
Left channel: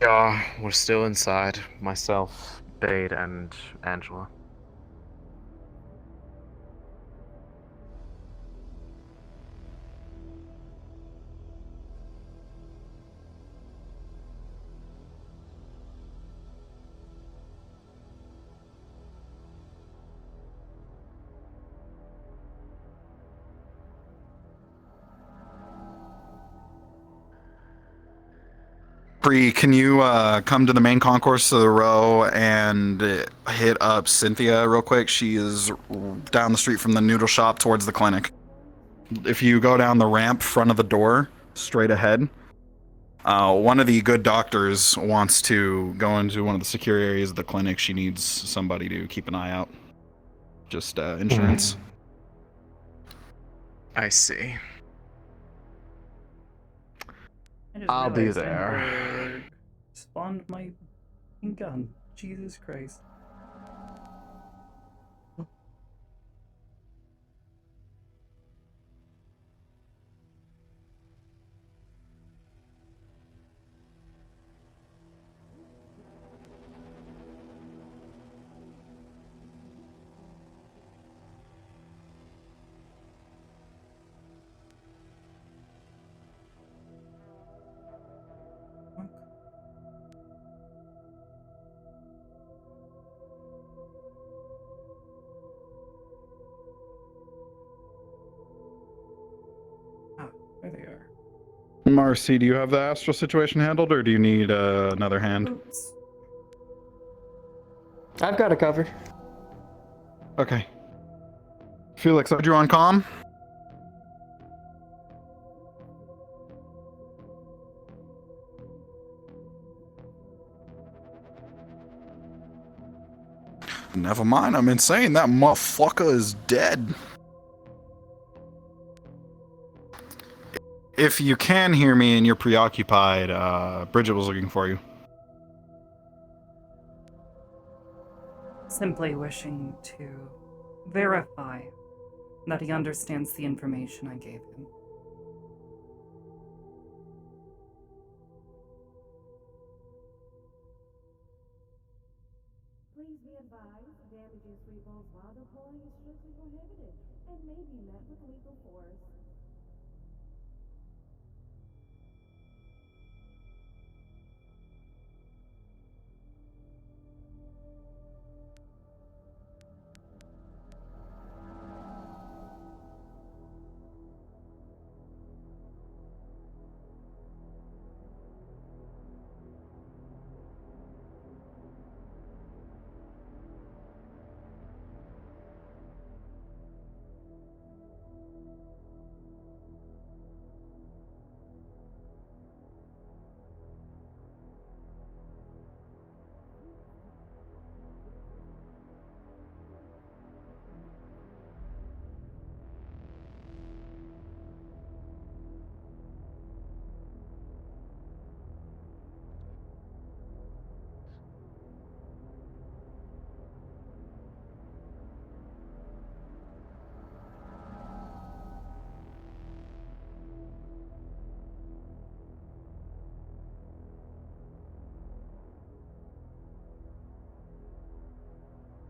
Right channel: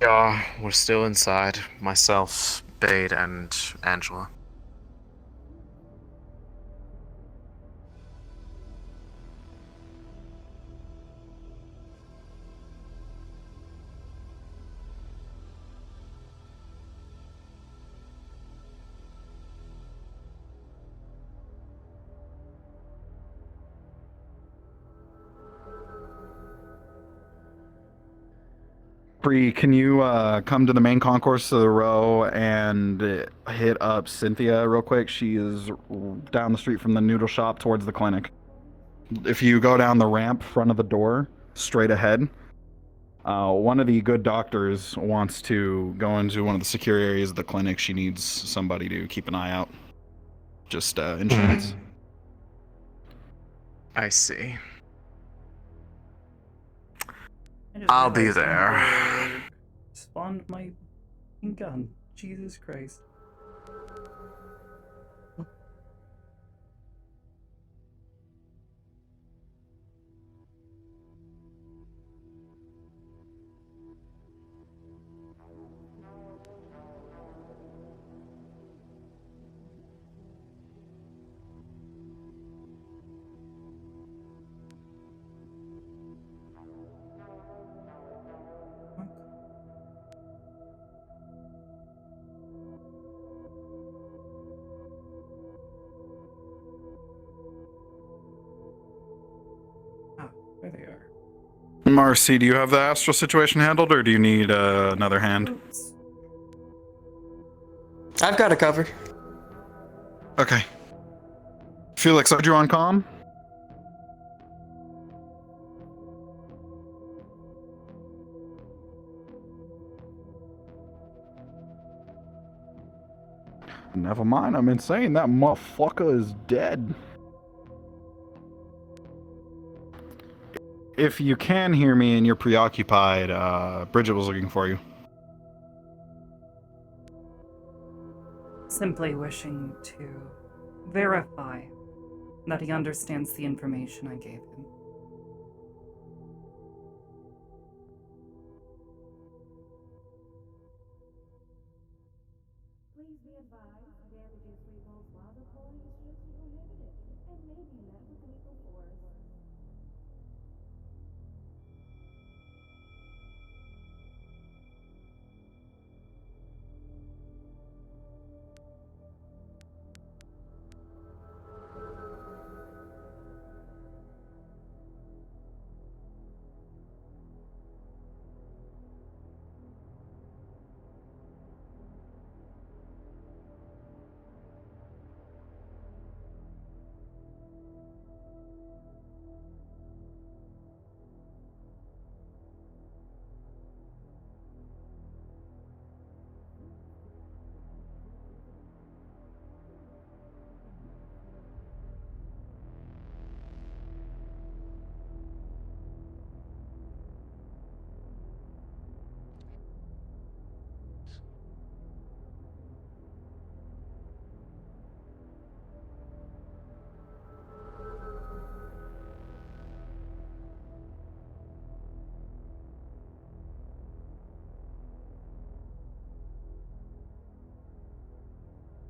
Yeah, we're still inside. Myself, Bade, and Angela. Bree, can you come to the main concourse of the row and hit up Cynthia real quick? She is down the street from the noodle shop towards the clinic. If you go down the ramp front of the door, straight ahead, one of the good doctors wants to go into one of the secure areas of the clinic. She needs somebody to keep an eye out. Just insurance. I see. I just I'll be realized there. Ember spawned my gun. Jesus Christ. There they are. Marcy, do you have the Astral situation handled, or do you need another hand? Oops. I've got it covered. Okay. Felix, are you on comm? Never mind, I'm insane. That motherfucker is dead. If you can hear me and you're preoccupied, Bridget was looking for you. Simply wishing to verify that he understands the information I gave him. Please be advised, damaging revolves while deploying is strictly prohibited and may be met with lethal force.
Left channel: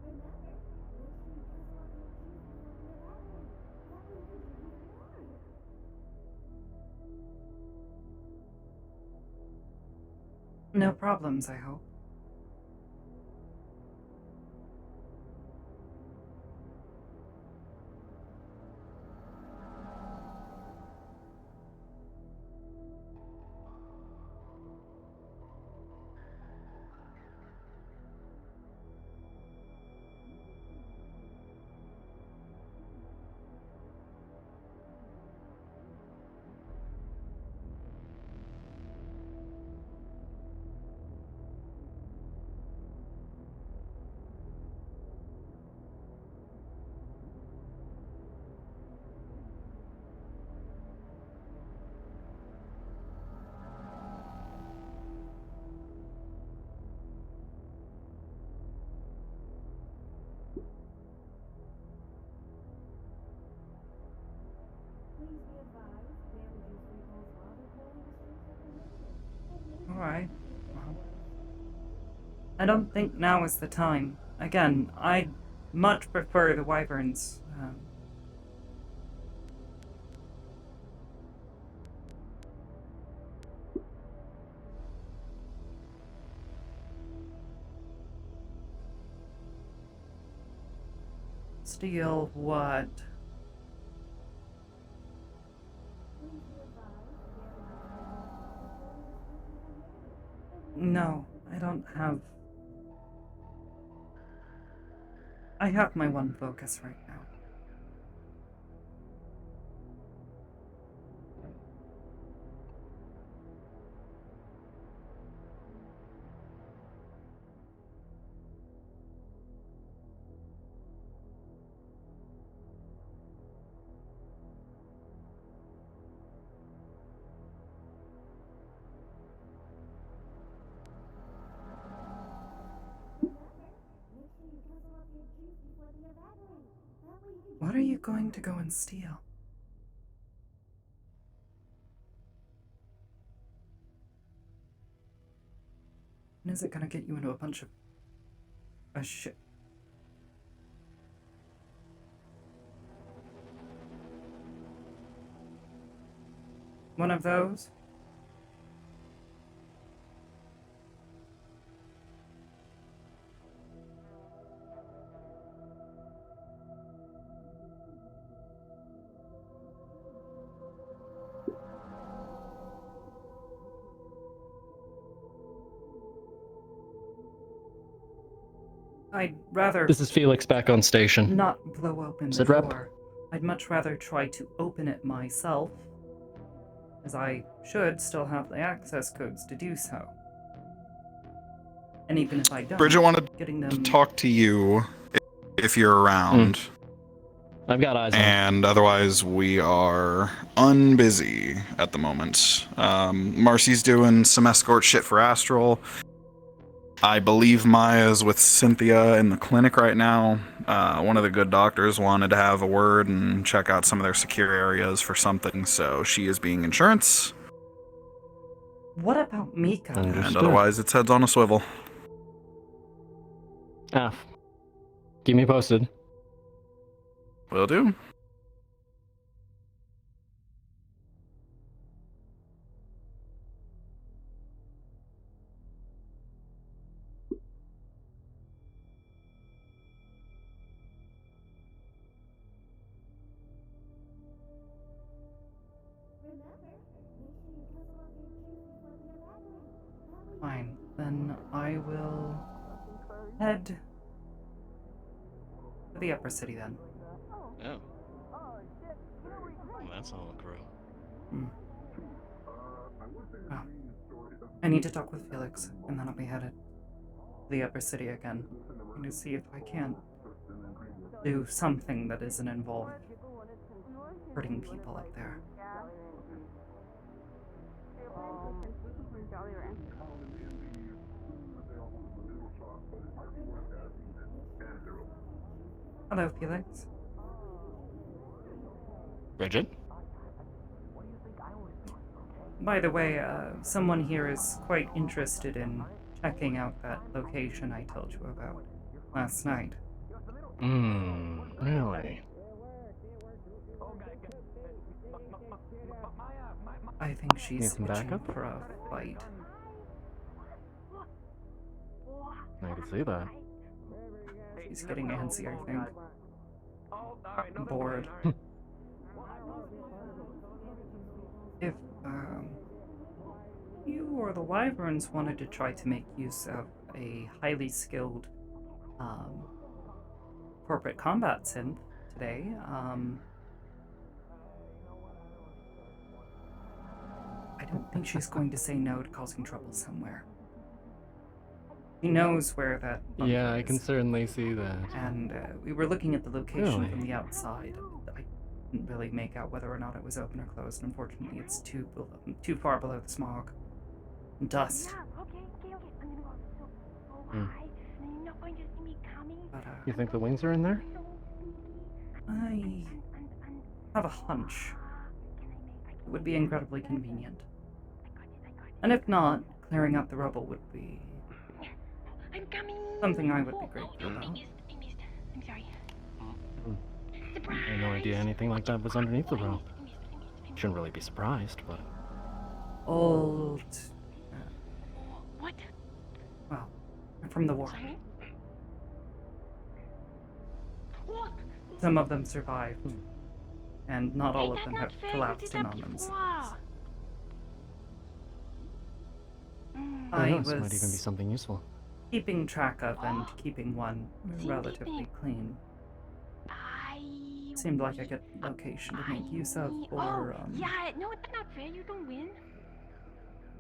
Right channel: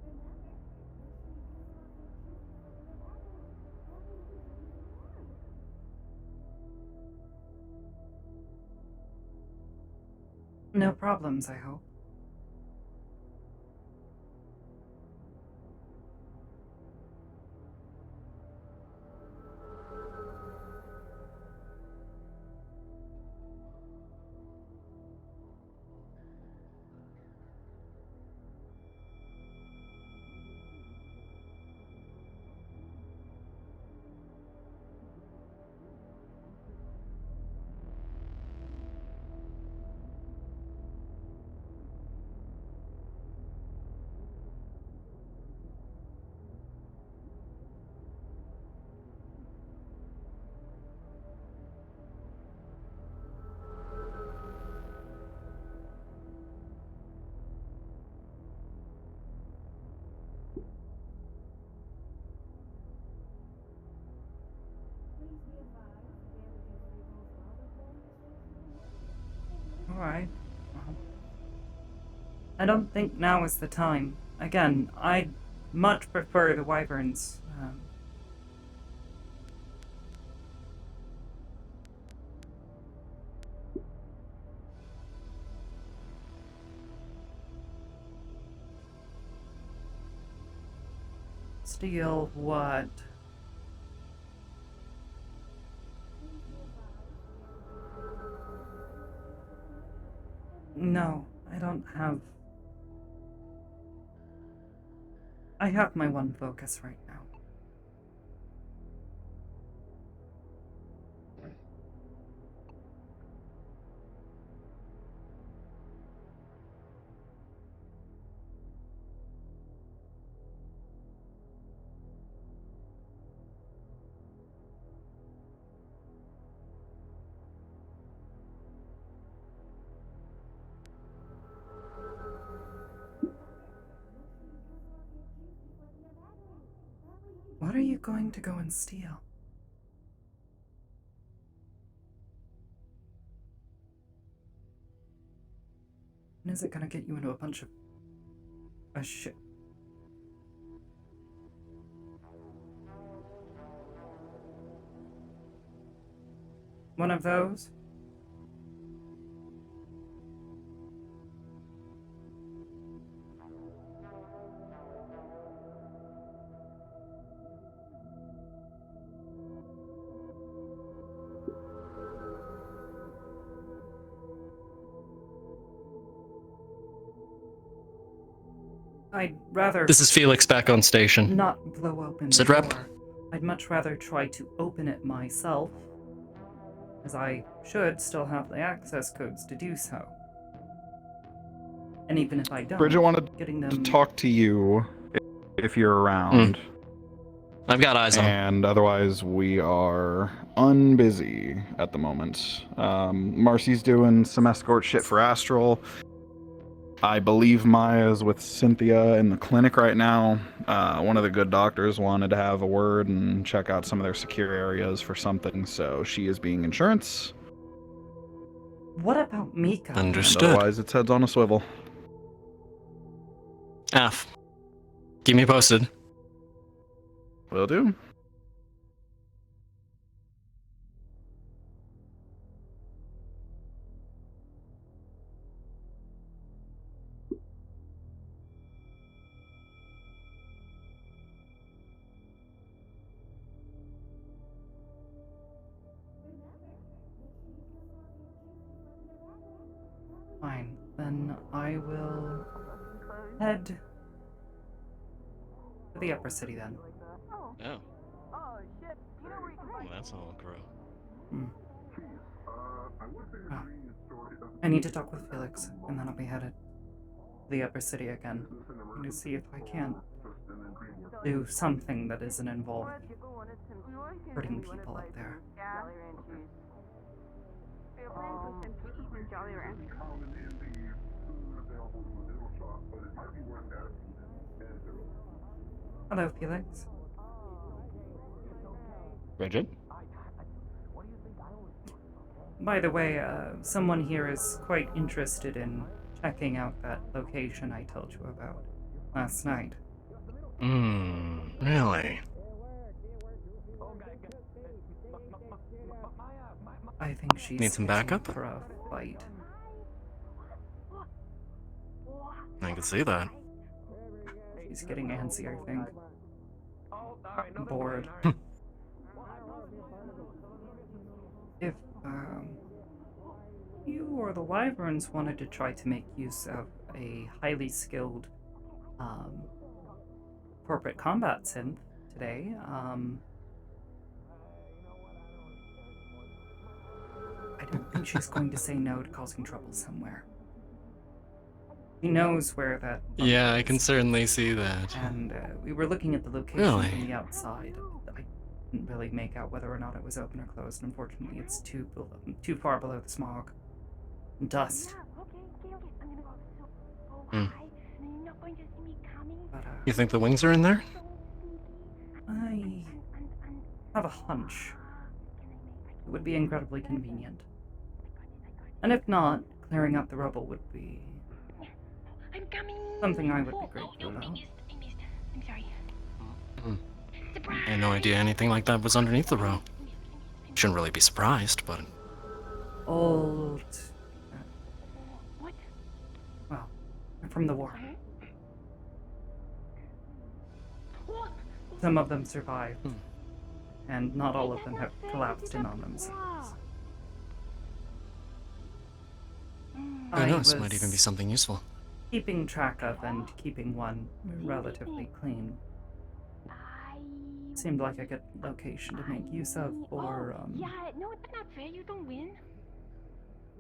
Remember, make sure you cancel out your keys before we leave that way. That way you can do even more. No problems, I hope. Alright. Well, I don't think now is the time. Again, I'd much prefer the wyverns. Steal what? No, I don't have... I have my one focus right now. What are you going to go and steal? And is it gonna get you into a bunch of... shit? One of those? I'd rather... This is Felix back on station. not blow open the Sit rep. door. I'd much rather try to open it myself, as I should still have the access codes to do so. And even if I don't, Bridget wanted getting them... to talk to you if you're around. I've got eyes on. And otherwise, we are unbusy at the moment. Marcy's doing some escort shit for Astral. I believe Maya's with Cynthia in the clinic right now. One of the good doctors wanted to have a word and check out some of their secure areas for something, so she is being insurance. What about Mika? Understood. And otherwise, its head's on a swivel. Keep me posted. Will do. Fine, then I will head to the upper city then. Oh. Well, that's all crow. Oh. I need to talk with Felix, and then I'll be headed to the upper city again to see if I can do something that isn't involved hurting people up there. Hello, Felix. Bridget? By the way, someone here is quite interested in checking out that location I told you about last night. Really? I think she's Need some itching backup? for a fight. I can see that. She's getting antsy, I think. Bored. If, you or the Wyverns wanted to try to make use of a highly skilled, corporate combat synth today, I don't think she's going to say no to causing trouble somewhere. He knows where that bunker Yeah, I can is. certainly see that. And we were looking at the location Really? from the outside. I didn't really make out whether or not it was open or closed. Unfortunately, it's too far below the smog and dust. But, You think the wings are in there? I have a hunch. It would be incredibly convenient. And if not, clearing out the rubble would be something I would be grateful about. I'm sorry. I had no idea anything like that was underneath the row. Shouldn't really be surprised, but Old. What? Well, from the war. Some of them survived, and not all of them have collapsed in on themselves. who I knows, might even be was something useful. keeping track of and keeping one relatively clean. Seemed like a good location to make use of for, Yeah, no, it's not fair. You don't win.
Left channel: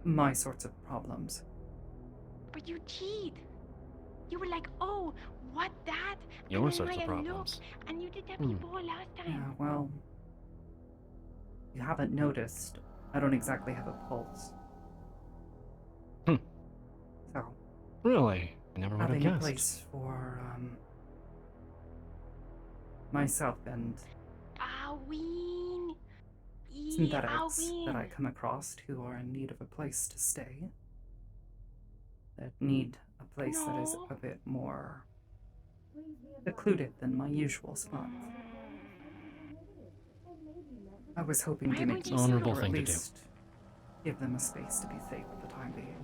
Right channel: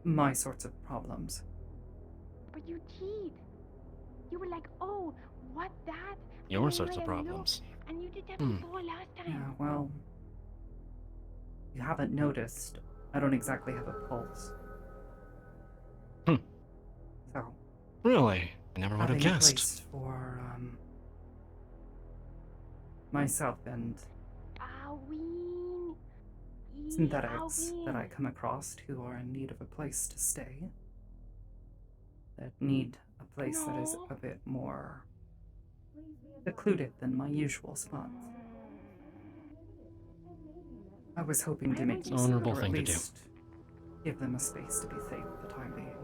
my sorts of problems. But you cheat. You were like, oh, what that? Your And sorts then of I looked, problems. And you did that Hmm. before last time. Yeah, well, you haven't noticed. I don't exactly have a pulse. Hmm. So, Really? I never would have having a guessed. place for, myself and Halloween. synthetics that I come across who are in need of a place to stay, that need a place that is a bit more secluded than my usual spots. I was hoping to make use of it, Honorable or at thing to do. least give them a space to be safe for the time being.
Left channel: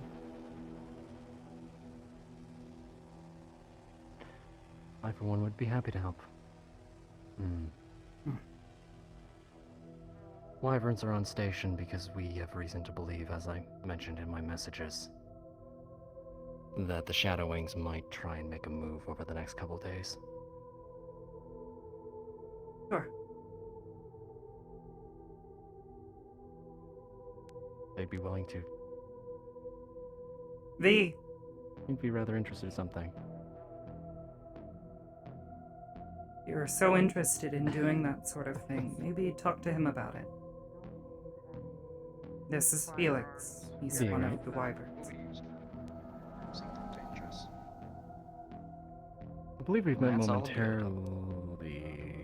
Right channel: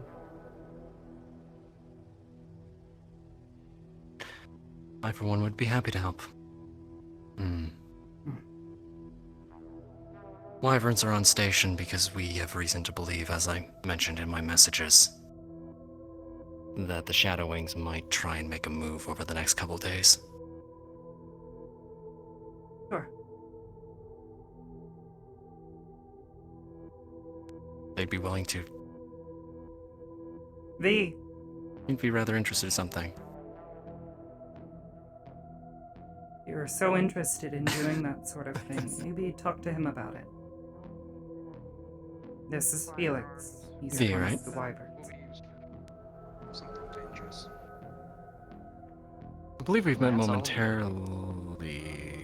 I, for one, would be happy to help. Wyverns are on station because we have reason to believe, as I mentioned in my messages, that the Shadow Wings might try and make a move over the next couple days. Sure. They'd be willing to. V. You'd be rather interested in something. You're so interested in doing that sort of thing. Maybe talk to him about it. This is Felix. He's V, one right? of the wyverns. I believe we've met That's all. momentarily.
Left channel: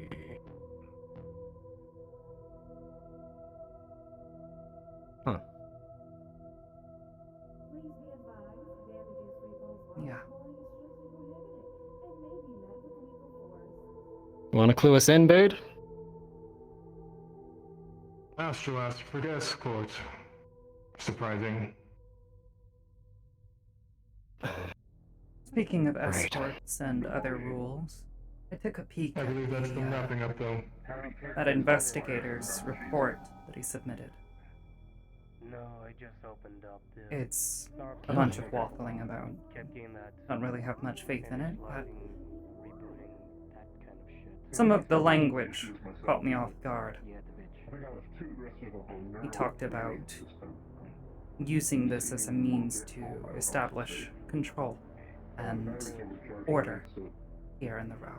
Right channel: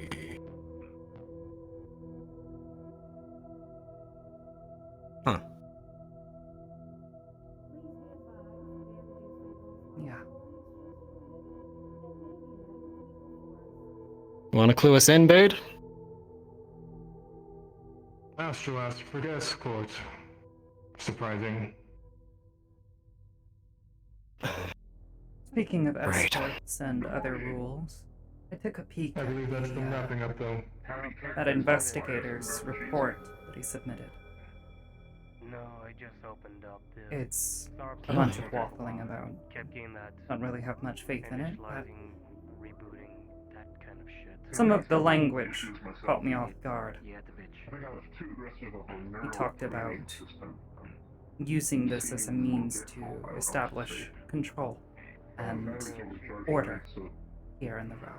Huh. Yeah. Want to clue us in, Bade? Astro asked for the escort. Surprising. Speaking of Right. escorts and other rules, I took a peek I at believe that's them wrapping up, though. that investigator's report that he submitted. No, I just opened up the It's a bunch of waffling about. kept getting that Don't really have much faith in it, but rebooting, that kind of shit. some of the language caught me off guard. Yeah, the bitch. He talked about using this as a means to establish control and order here in the row.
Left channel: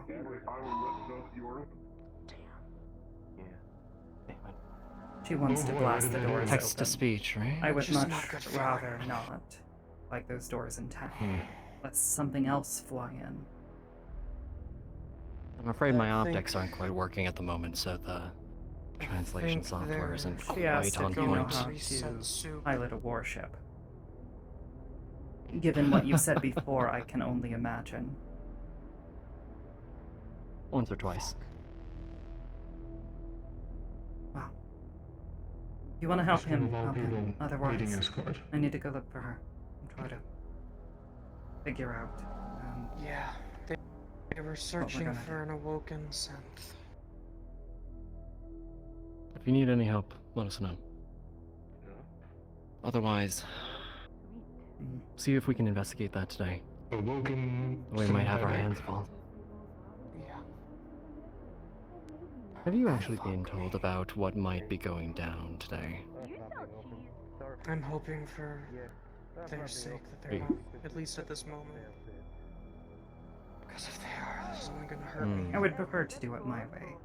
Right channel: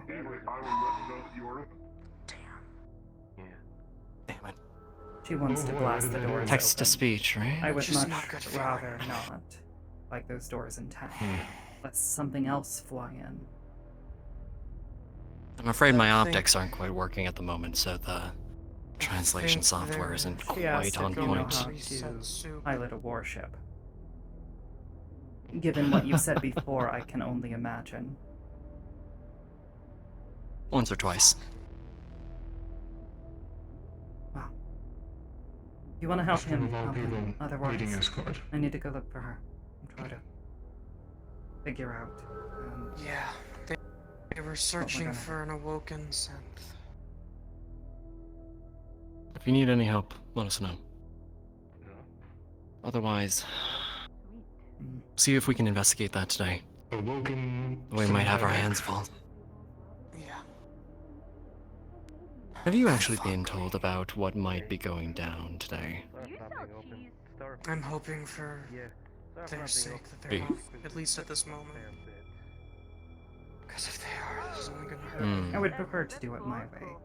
She wants to blast the doors Text to open. speech, right? I would Just much not good for rather not like those doors intact, lest something else fly in. I'm afraid my I think- optics aren't quite working at the moment, so the translation think software they're- isn't She quite asked on if you know point. how Reset to soup. pilot a warship. Given what you've said before, I can only imagine. Once or twice. Wow. You want to help him? Still a lot Help of him. people needing Otherwise, escort. I need to go look for her and try to figure out. Yeah, they were we're searching gonna for an awoken synth. If you need any help, let us know. Otherwise, see if we can investigate that today. Awoken. We might have our synthetic. hands full. Yeah. Have you actually been told about what might be going down today? I'm hoping for their sake that they're Be. not, at least at this moment. Because if they are, this is only gonna hurt me. I would prefer to do it my way.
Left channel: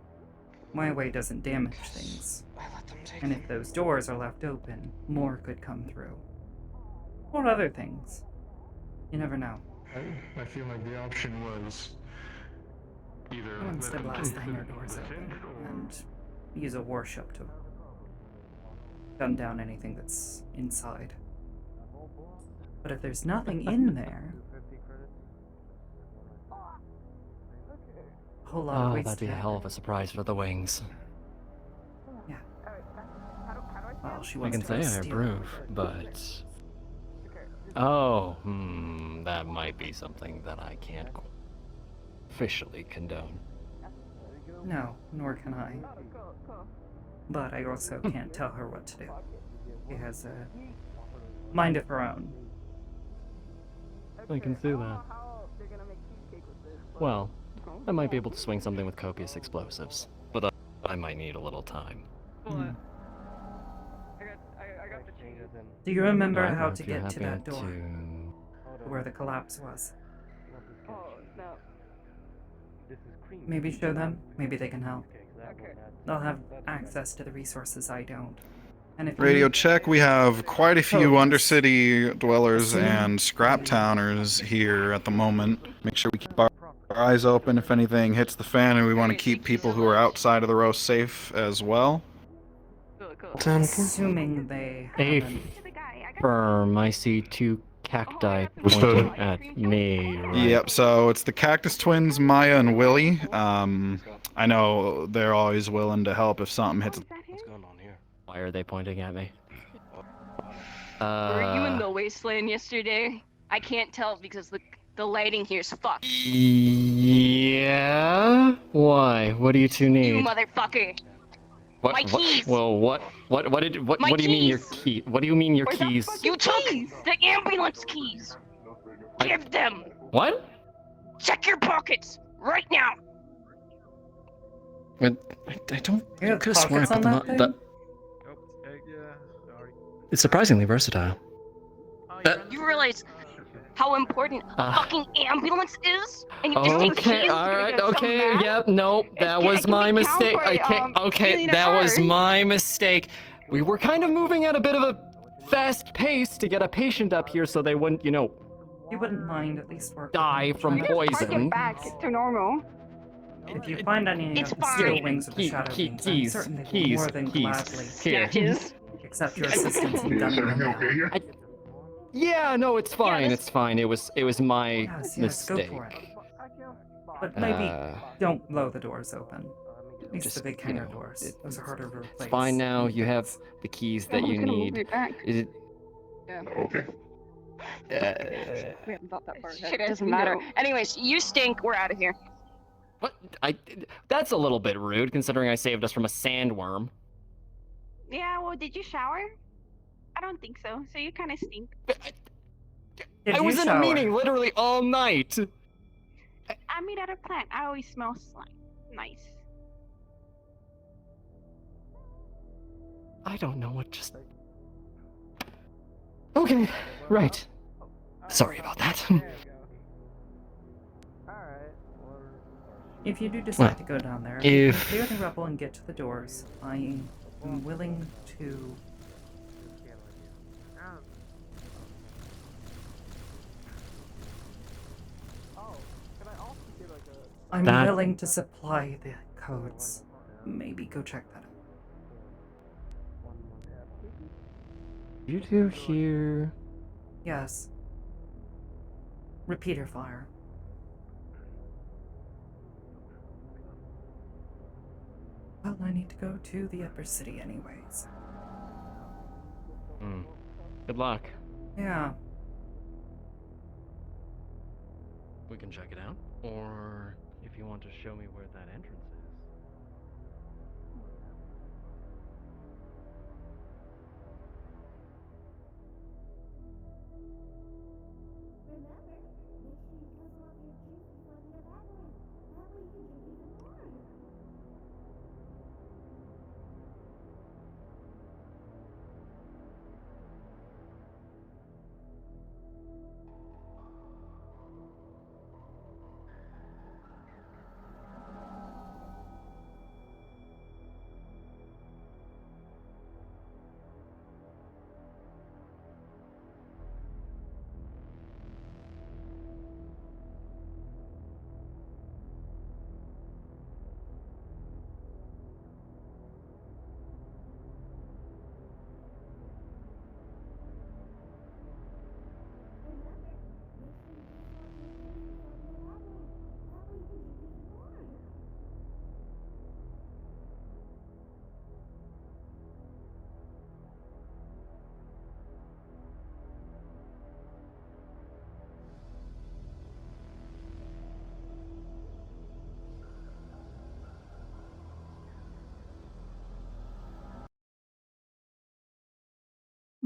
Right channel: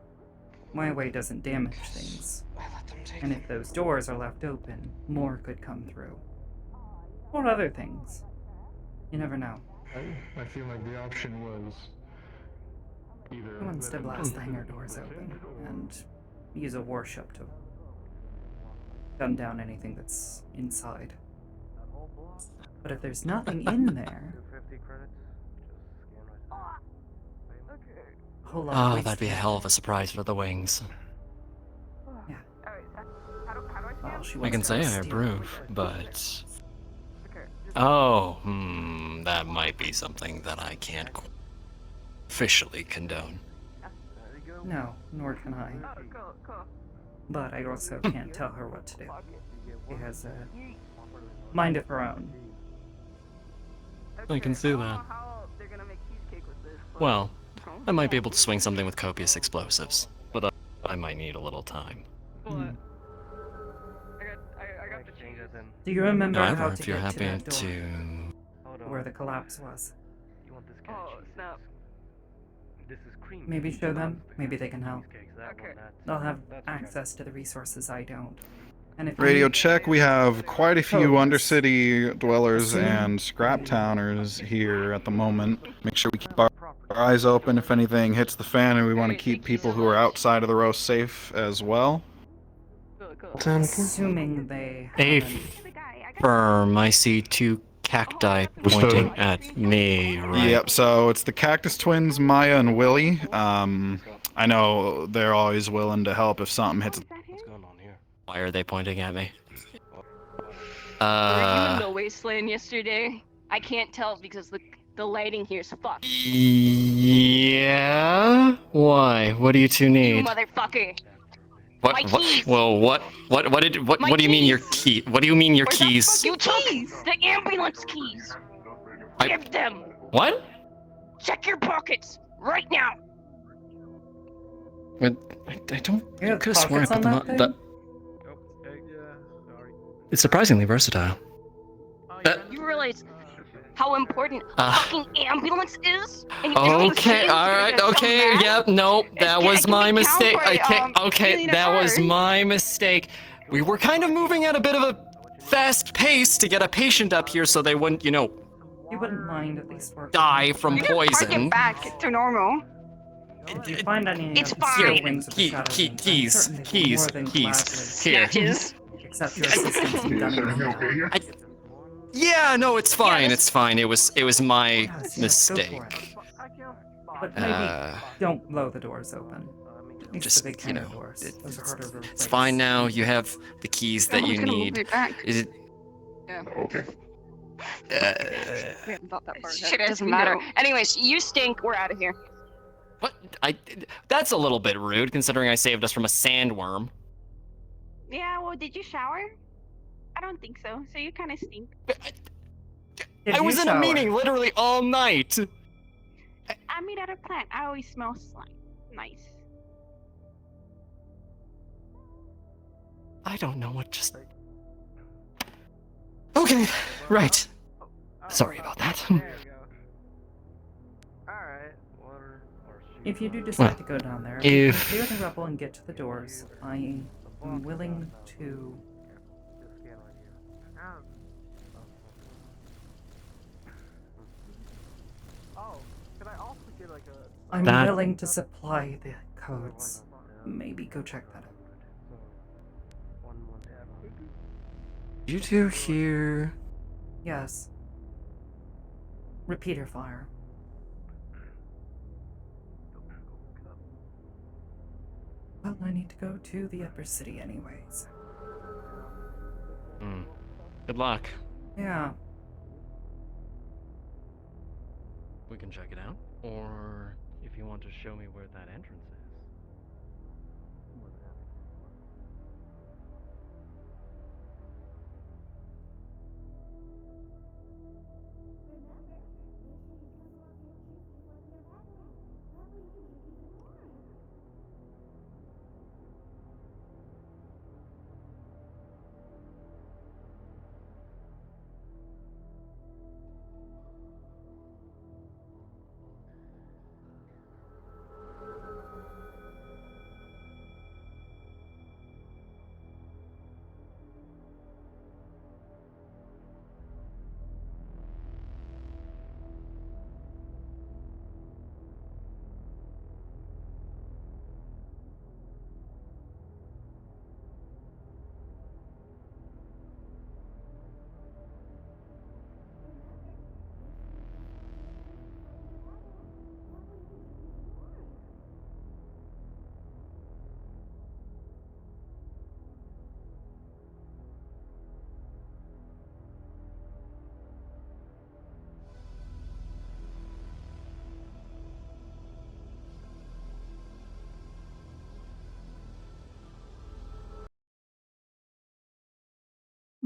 My way doesn't damage things. I let them take And if those doors are left open, more could come through. Or other things. You never know. I feel like the option was either. Who wants let to them blast the prove hangar that doors they open did, or- and use a warship to gun down anything that's inside. But if there's nothing in there, a whole lot of waste. That'd be a hell of a surprise for the wings. Yeah. Well, she I wants can to say go I steal. approve, but... Oh, that might be something that I can't officially condone. No, nor can I. But I also can't tell her what to do. She has a mind of her own. I can see that. Well, I might be able to swing something with copious explosives, but I might need a little time. Hmm. Do you remember However, how if to you're get to happy that door? Where the collapse was? Maybe show them. Maybe they can help. They'll have access to the resources I don't. And if you Radio need check, we have quite a few codes, Undercity dwellers assuming and scrap towners here at the moment. Make sure we keep our eyes open if anything hits the fan, and we want to keep people who are outside of the row safe as well. assuming they haven't. Firm, I see two cacti pointing at me, right? Yep, so it's the Cactus Twins, Maya and Willie. I know they're always willing to help if something hits. What's going on here? Why are they pointing at me? Were you in the wasteland yesterday? I can't tell because the lighting here is fucked. Yeah? Why? What do you two You need? motherfucker! What? My keys! Well, what do you mean your key? What do you mean your keys? You took the ambulance keys! Give them! What? Check your pockets! Right now! I don't. You have could have sworn I pockets on put them that on. thing? But it's surprisingly versatile. You realize how important a fucking ambulance is? And you just take Okay, keys? alright, okay, yep, nope, that was my mistake. I can't, okay, that was my mistake. We were kind of moving at a bit of a fast pace to get a patient up here so they wouldn't, you wouldn't mind at least work. die from poison. Back to normal. If you find any of the steel wings of the Shadow Beings, I'm certain they will more than gladly accept your assistance in gunning them down. Yeah, no, it's fine, it's fine. It was my Yes, mistake. go for it. But maybe don't blow the doors open. At least just, the big hangar doors. Those are harder to replace. It's fine now. You have the keys that you need. Is it? Yeah. Okay. We haven't thought that far ahead. Doesn't matter. Anyways, you stink. We're out of here. What? That's a little bit rude, considering I saved us from a sandworm. Yeah, well, did you shower? I don't think so, so you kind of stink. I was in a meeting literally all night. I meet at a plant. I always smell nice. I don't know what just... Okay, right. Sorry about that. If you do decide to go down there, if you can clear the rubble and get to the doors, I am willing to... I'm willing to supply the codes. Maybe go check that out. You two hear... Yes. Repeater fire. Well, I need to go to the upper city anyways. Good luck. Yeah. We can check it out. Or if you want to show me where that entrance is.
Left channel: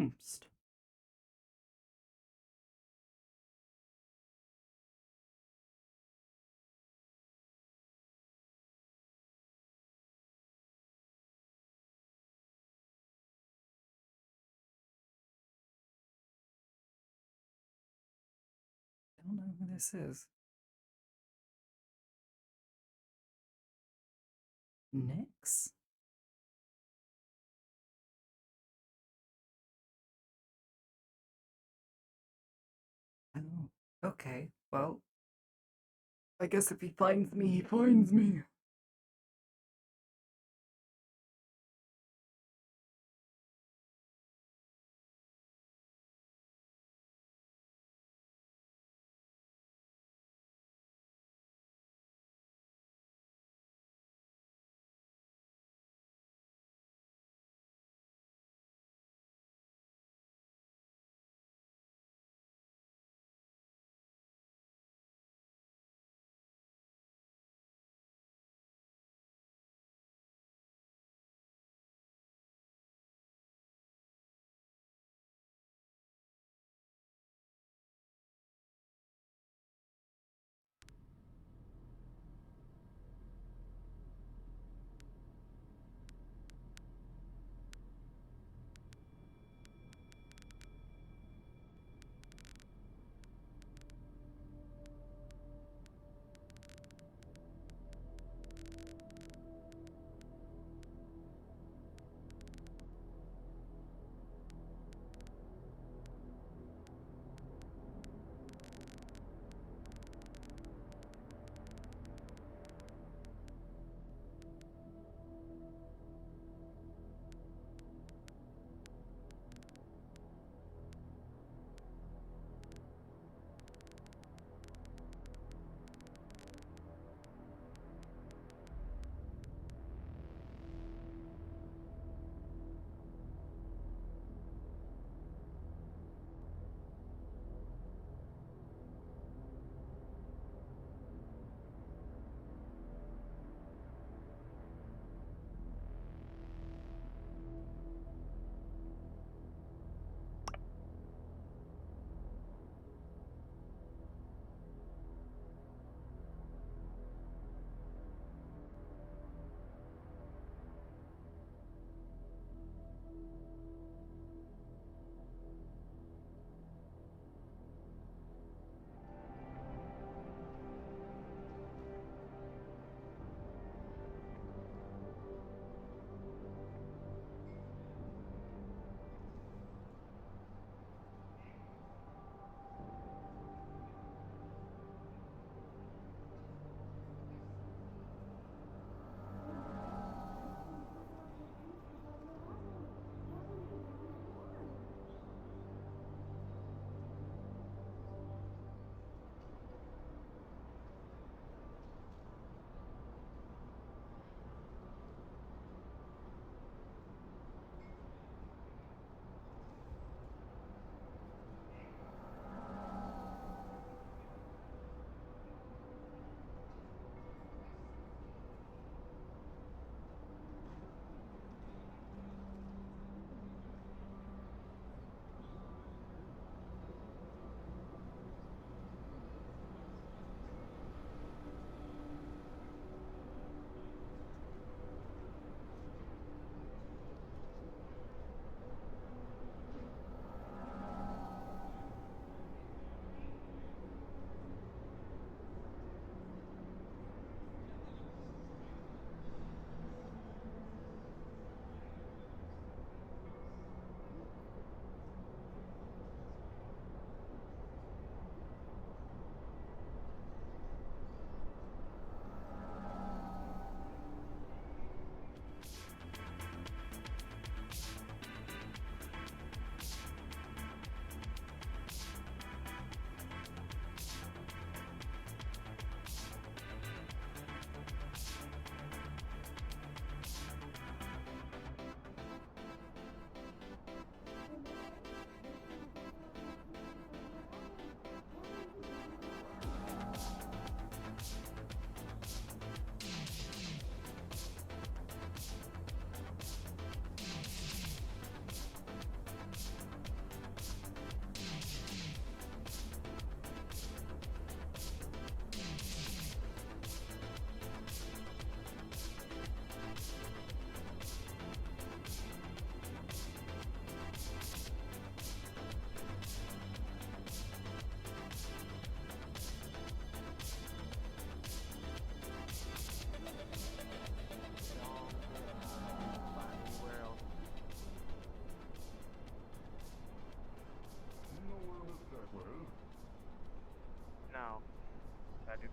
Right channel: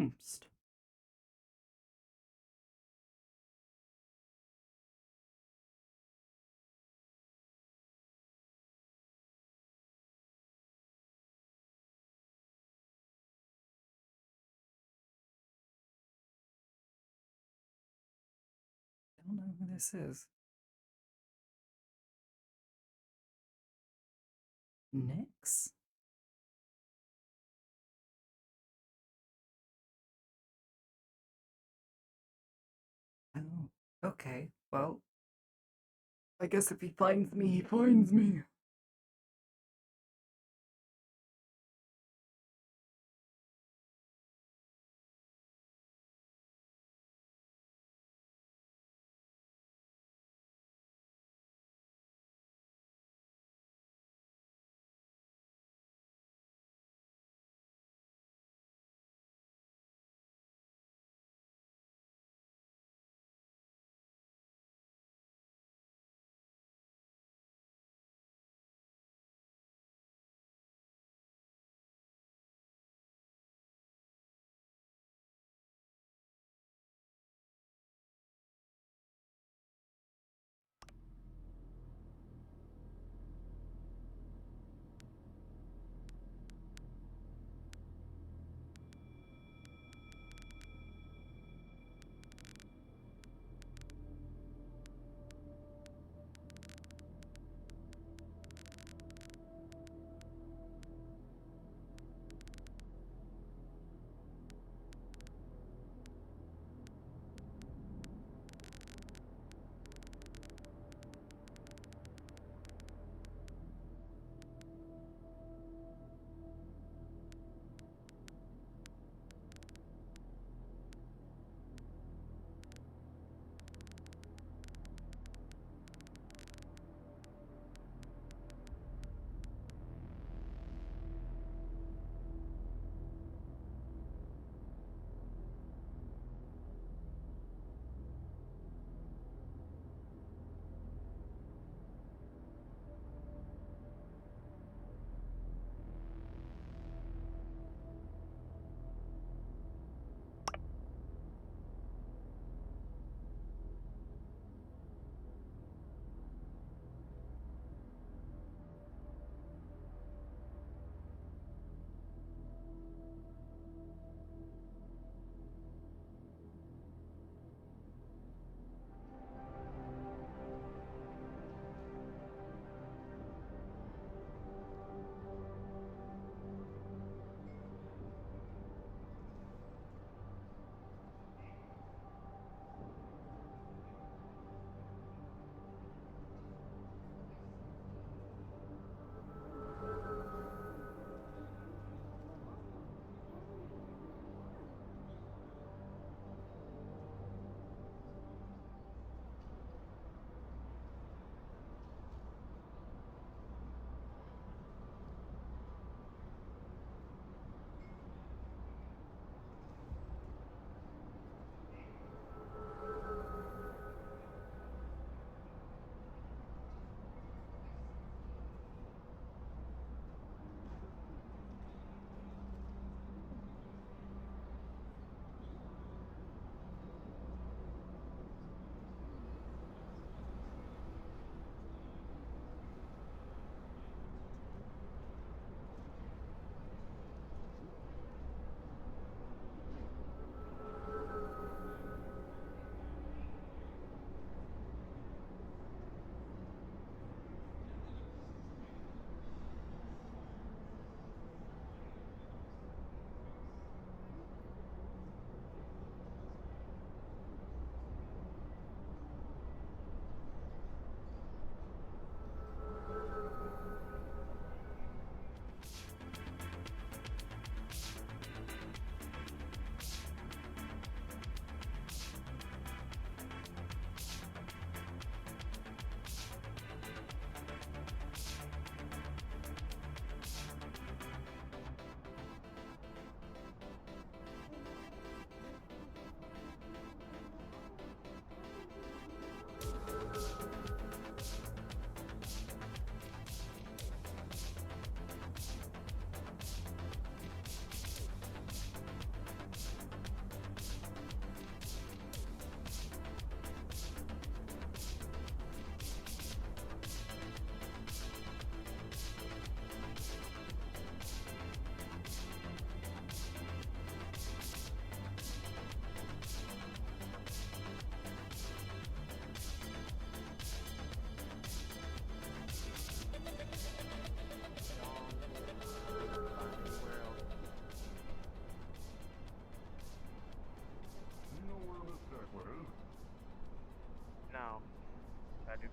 bounced. I don't know who this is. Nyx? Oh, okay. Well, I guess if he finds me, he finds me.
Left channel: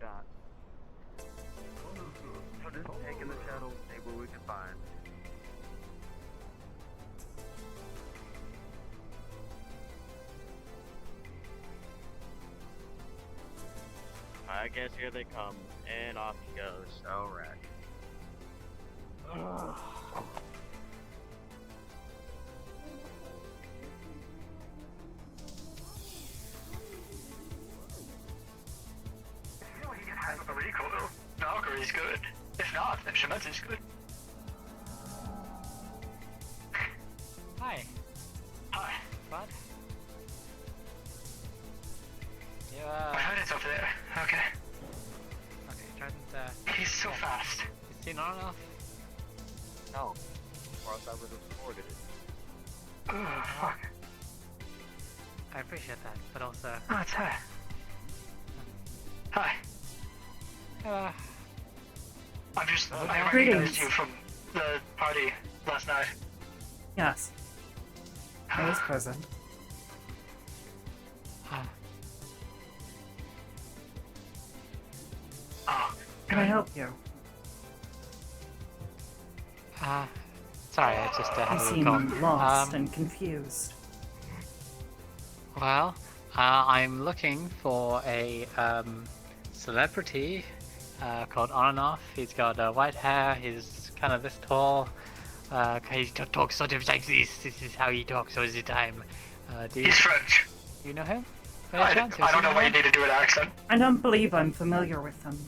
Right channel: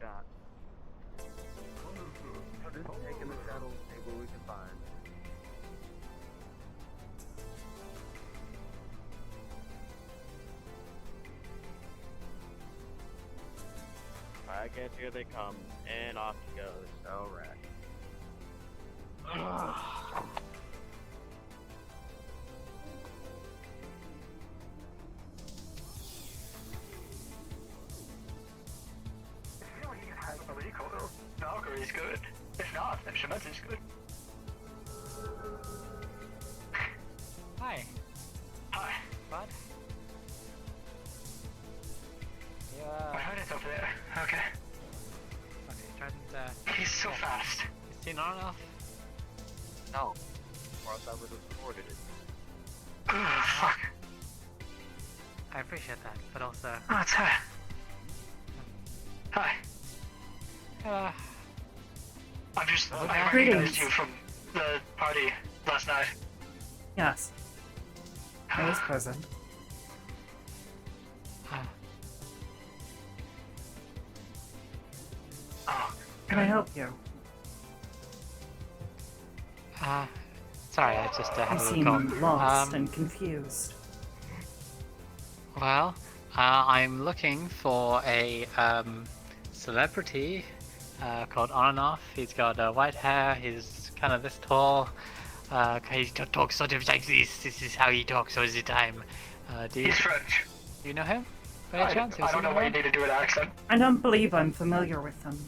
that. Taking the shuttle, see what we can find. I guess here they come, and off he goes. Alright. Valkyrie's good. If not, then Shemetzi's good. Hi. Hi. Bud? You, I heard it's over there. Okay. Okay, Trident, He's so fast. You've seen on enough? No. Or else I would have recorded it. Ooh, fuck. I appreciate that, but also... Oh, it's her. Hi. I recognized you from the party last night. Yes. I was present. Oh. Can I help you? Sorry, I just had You a little seem call. lost and confused. Well, I'm looking for a celebrity called On and Off. He's got white hair. He's kind of this tall. He talks sort of like this. This is how he talks all the time. He's French. Do you know him? I don't know why you need to do an accent. I don't believe I'm familiar with them.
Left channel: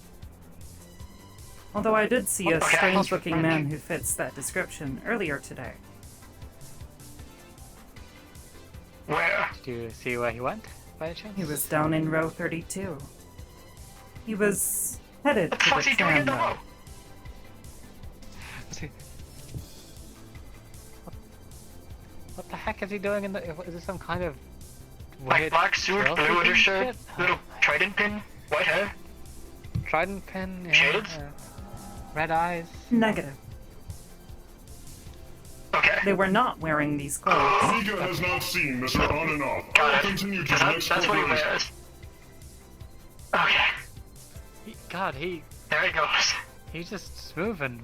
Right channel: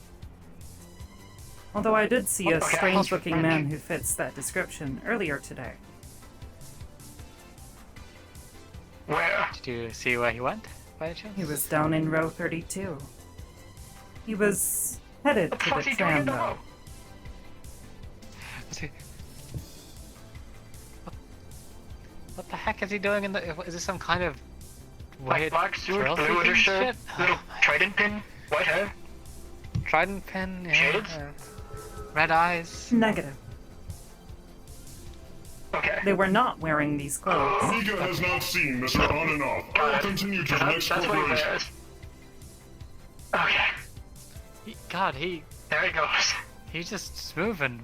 Although I did see a Okay, strange-looking man who fits that description earlier today. Where? Did you see where he went, by any chance? He was down in row 32. He was headed to the tram, though. What the heck is he doing in the... Is this some kind of Like weird... black suit, girl blue sleeping undershirt, shit? little trident pin, white hair. Trident pin, yeah. Shades? Red eyes. Negative. Okay. They were not wearing these clothes. Amiga has not seen Mr. On and Off. I will continue to the next That's what he corporation. wears. Okay. God, he... There he goes. He's just moving.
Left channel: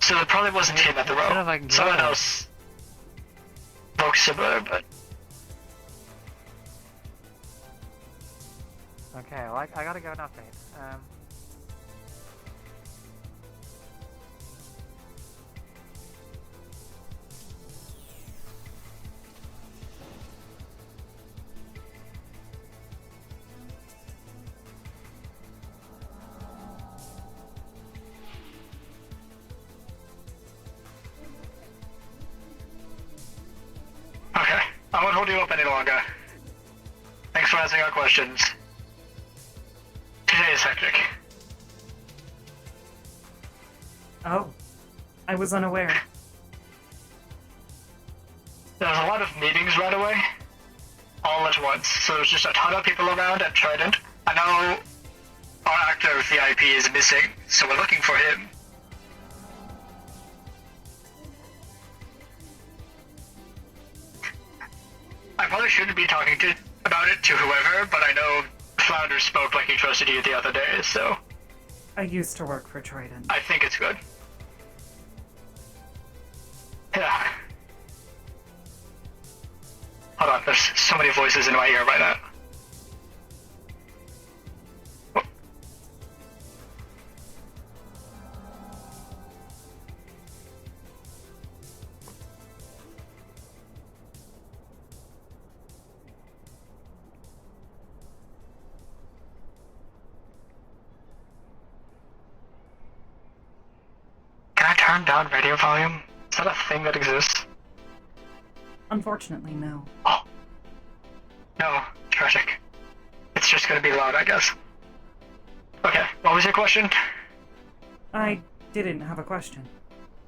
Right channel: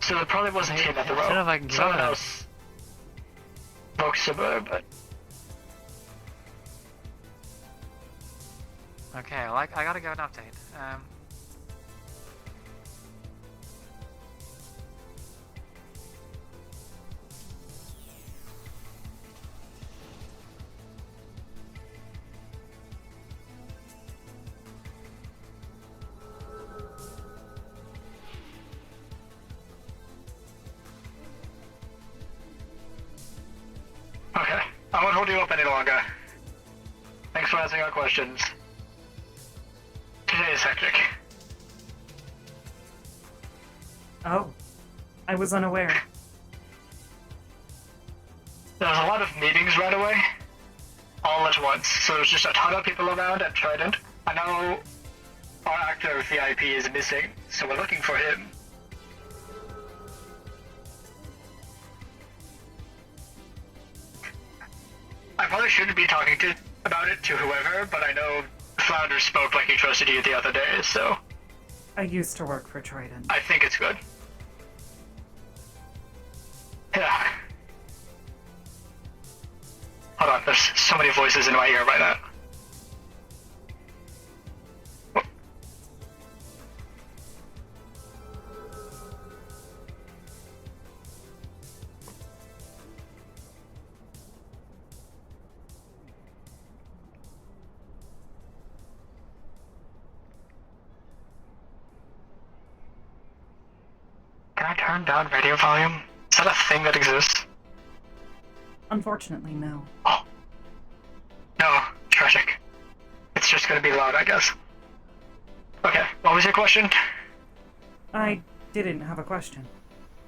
So it probably wasn't him at the I don't know if I row. can Someone get that. else. Woke suburb, but... Okay, well, I gotta give an update. Okay. I won't hold you up any longer. Thanks for answering our questions. Today is hectic. Oh. I was unaware. There was a lot of meetings right away. All at once. So there's just a ton of people around at Trident. I know our active VIP is missing, so we're looking for him. I probably shouldn't be talking about it to whoever, but I know Flounder spoke like he trusted you the other day, so I used to work for Trident. I think it's good. Yeah. Hold on, there's so many voices in my ear right now. Can I turn down radio volume? Is that a thing that exists? Unfortunately, no. No, tragic. It's just gonna be loud, I guess. Okay, what was your question? I didn't have a question.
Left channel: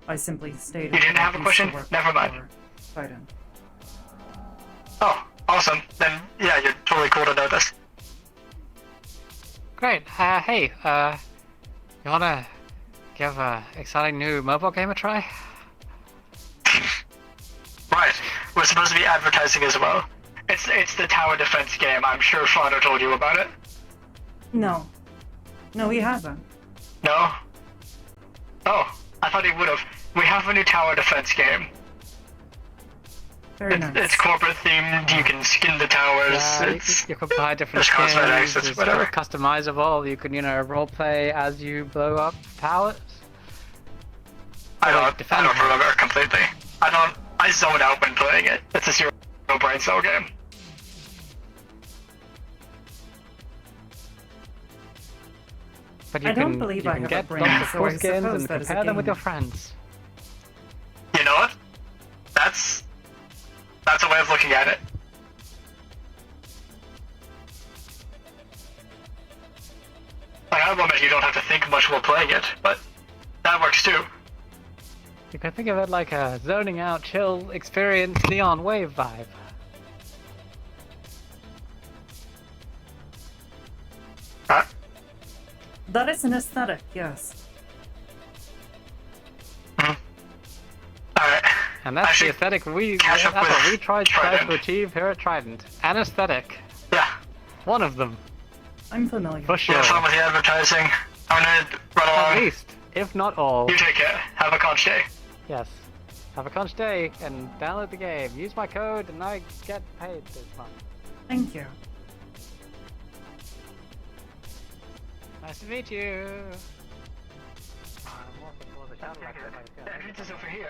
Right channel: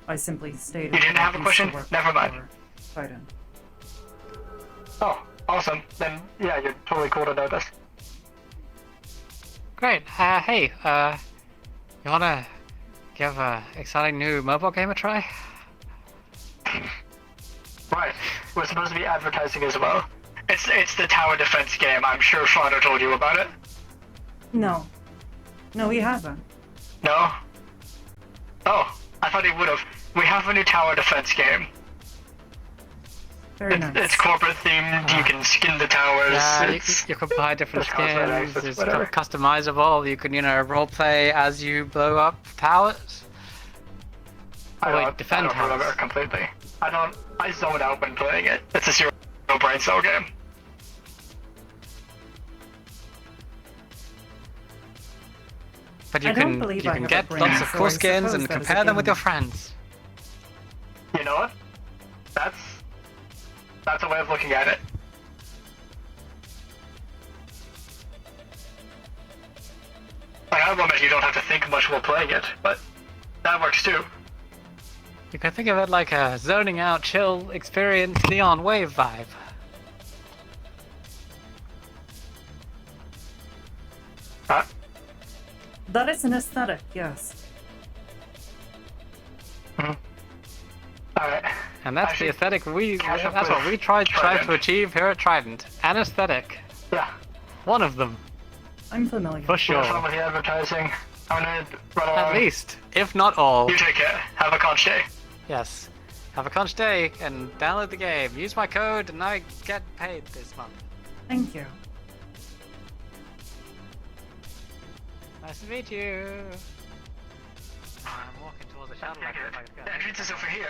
I simply stated. You didn't that I have a used to question? work Never mind. for Trident. Oh, awesome. Then, yeah, you're totally cool to know this. Great. Hey, you wanna give a exciting new mobile game a try? Right. We're supposed to be advertising as well. It's the tower defense game. I'm sure Father told you about it. No. No, he hasn't. No? Oh, I thought he would have. We have a new tower defense game. Very nice. It's corporate themed. You can skin the towers. You can buy different skins. It's customizable. You can, roleplay as you blow up towers. I don't remember completely. I zoned out when playing it. It's a zero brain cell game. But you I don't believe I have a get brain, lots of so cool I skins suppose and that is a compare them with your game. friends. You know what? That's a way of looking at it. I love that you don't have to think much while playing it, but that works too. You can think of it like a zoning out, chill experience, neon wave vibe. That is an aesthetic, yes. And that's the aesthetic that's what we try to achieve here at Trident. An aesthetic. Yeah. One of them. I'm familiar. For sure. Have fun with the advertising. I'm gonna run along. At least, if not all. You take care. Have a conch day. Yes. Have a conch day and download the game. Use my code and I get paid this month. Thank you. Nice to meet you. The entrance is over here.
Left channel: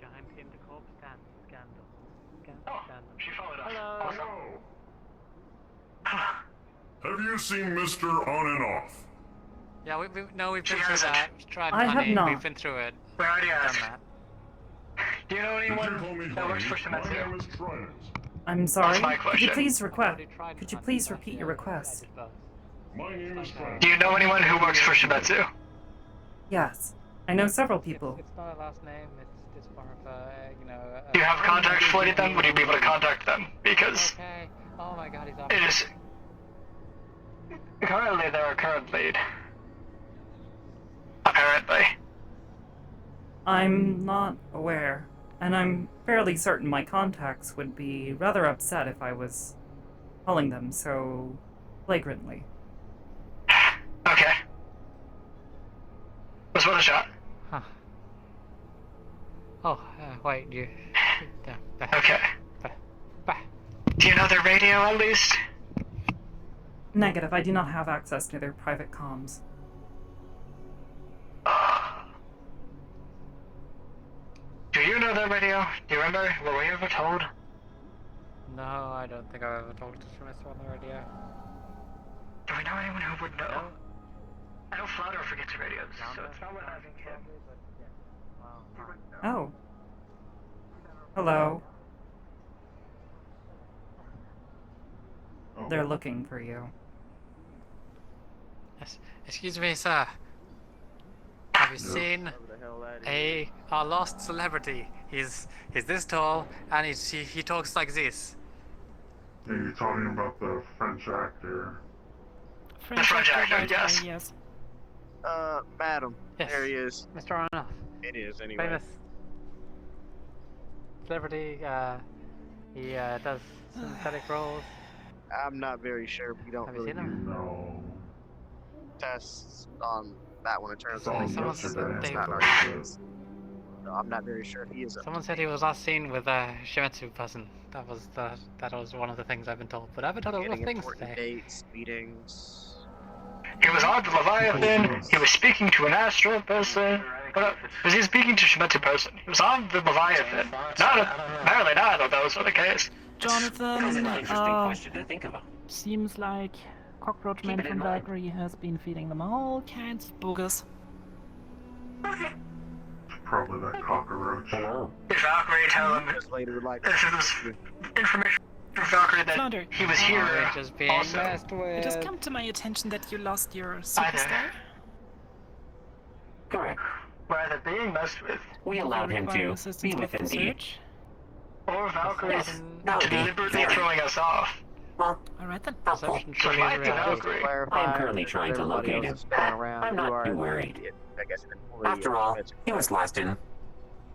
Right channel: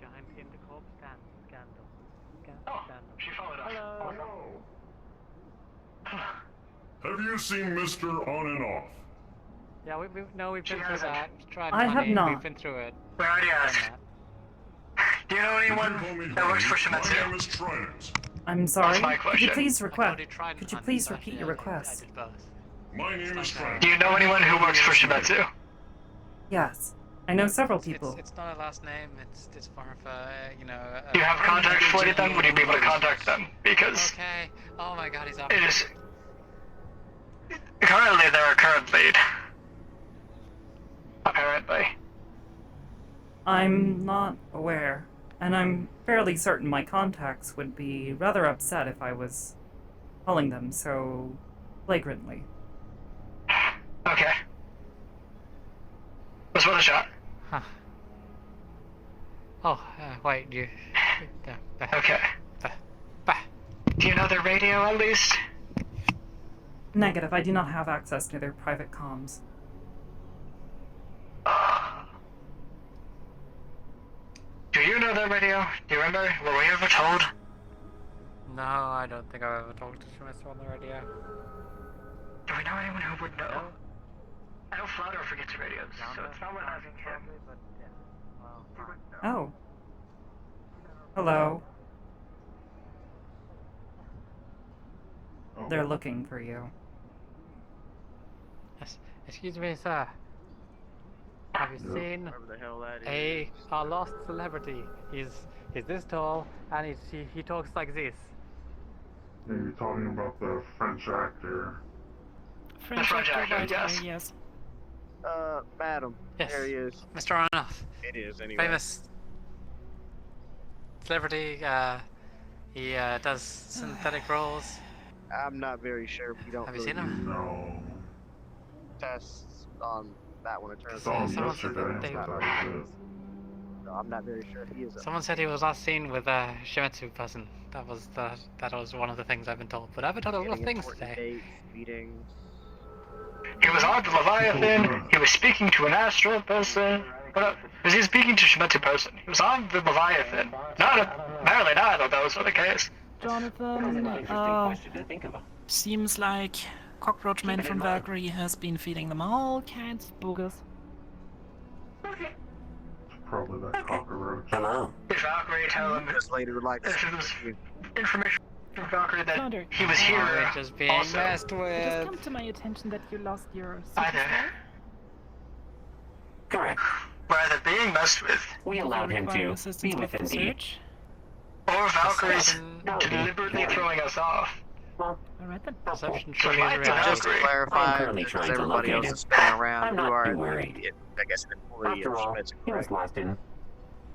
Giant intercorp scandal. She followed us. Have you seen Mr. On and Off? Yeah, we've been through that. Tried I have money, not. We've been through it. We already Done asked. that. Do you know anyone that works for Shimetsu? I'm sorry. That's my Could you question. please Could you please repeat your request? My name is Trent. Do you know anyone who works for Shimetsu? Yes. I know several people. It's not a last name. It's more of a Do you have contacts for any of them? Would you be able to contact them? Because Okay. Oh my God, he's up. it is currently their current lead. Apparently. I'm not aware, and I'm fairly certain my contacts would be rather upset if I was calling them so flagrantly. Okay. Let's put a shot. Huh. Oh, wait, you. Okay. Do you know their radio at least? Negative, I do not have access to their private comms. Do you know their radio? Do you remember? Were we ever told? No, I don't think I've ever talked to Shimetsu on the radio. Do we know anyone who would know? I know Flounder forgets radios, so it's not worth asking him. Oh. Hello. They're looking for you. Excuse me, sir. Have you seen our lost celebrity? He's this tall and he talks like this. Are you talking about the French actor? French actor, yes. Yes. Madam. Yes. There he is. Mr. Arnoff. It is, anyway. Famous celebrity. He does synthetic roles. I'm not very sure. We don't Have you really seen him? No. tests on that one in terms Saw of him Someone said yesterday. that they- That's what I said. No, I'm not very sure. He is a Someone said he was last seen with a Shimetsu person. That was one of the things I've been told. But I've been told a lot of things today. Dates, meetings. He was on the Leviathan. He was speaking to an astral person. Was he speaking to a Shimetsu person? He was on the Leviathan. Apparently neither of those were the case. Jonathan, seems like Cockroachman from Valkyrie has been feeding them all kinds of boogers. Probably that cockroach. Hello. Is Valkyrie telling him This lady would like this is information from Valkyrie that Flounder, he was here Just being also? messed It has with. come to my attention that you lost your Either. superstar. Correct. Rather being messed with. We allowed him to be within the... Or Valkyrie's deliberately throwing us off. Alright then. Perception So tree might be reality. Just to clarify, I'm currently because trying to everybody locate else him. is spinning around, I'm you not are too worried. I guess an employee After of all, Shimetsu. he was last in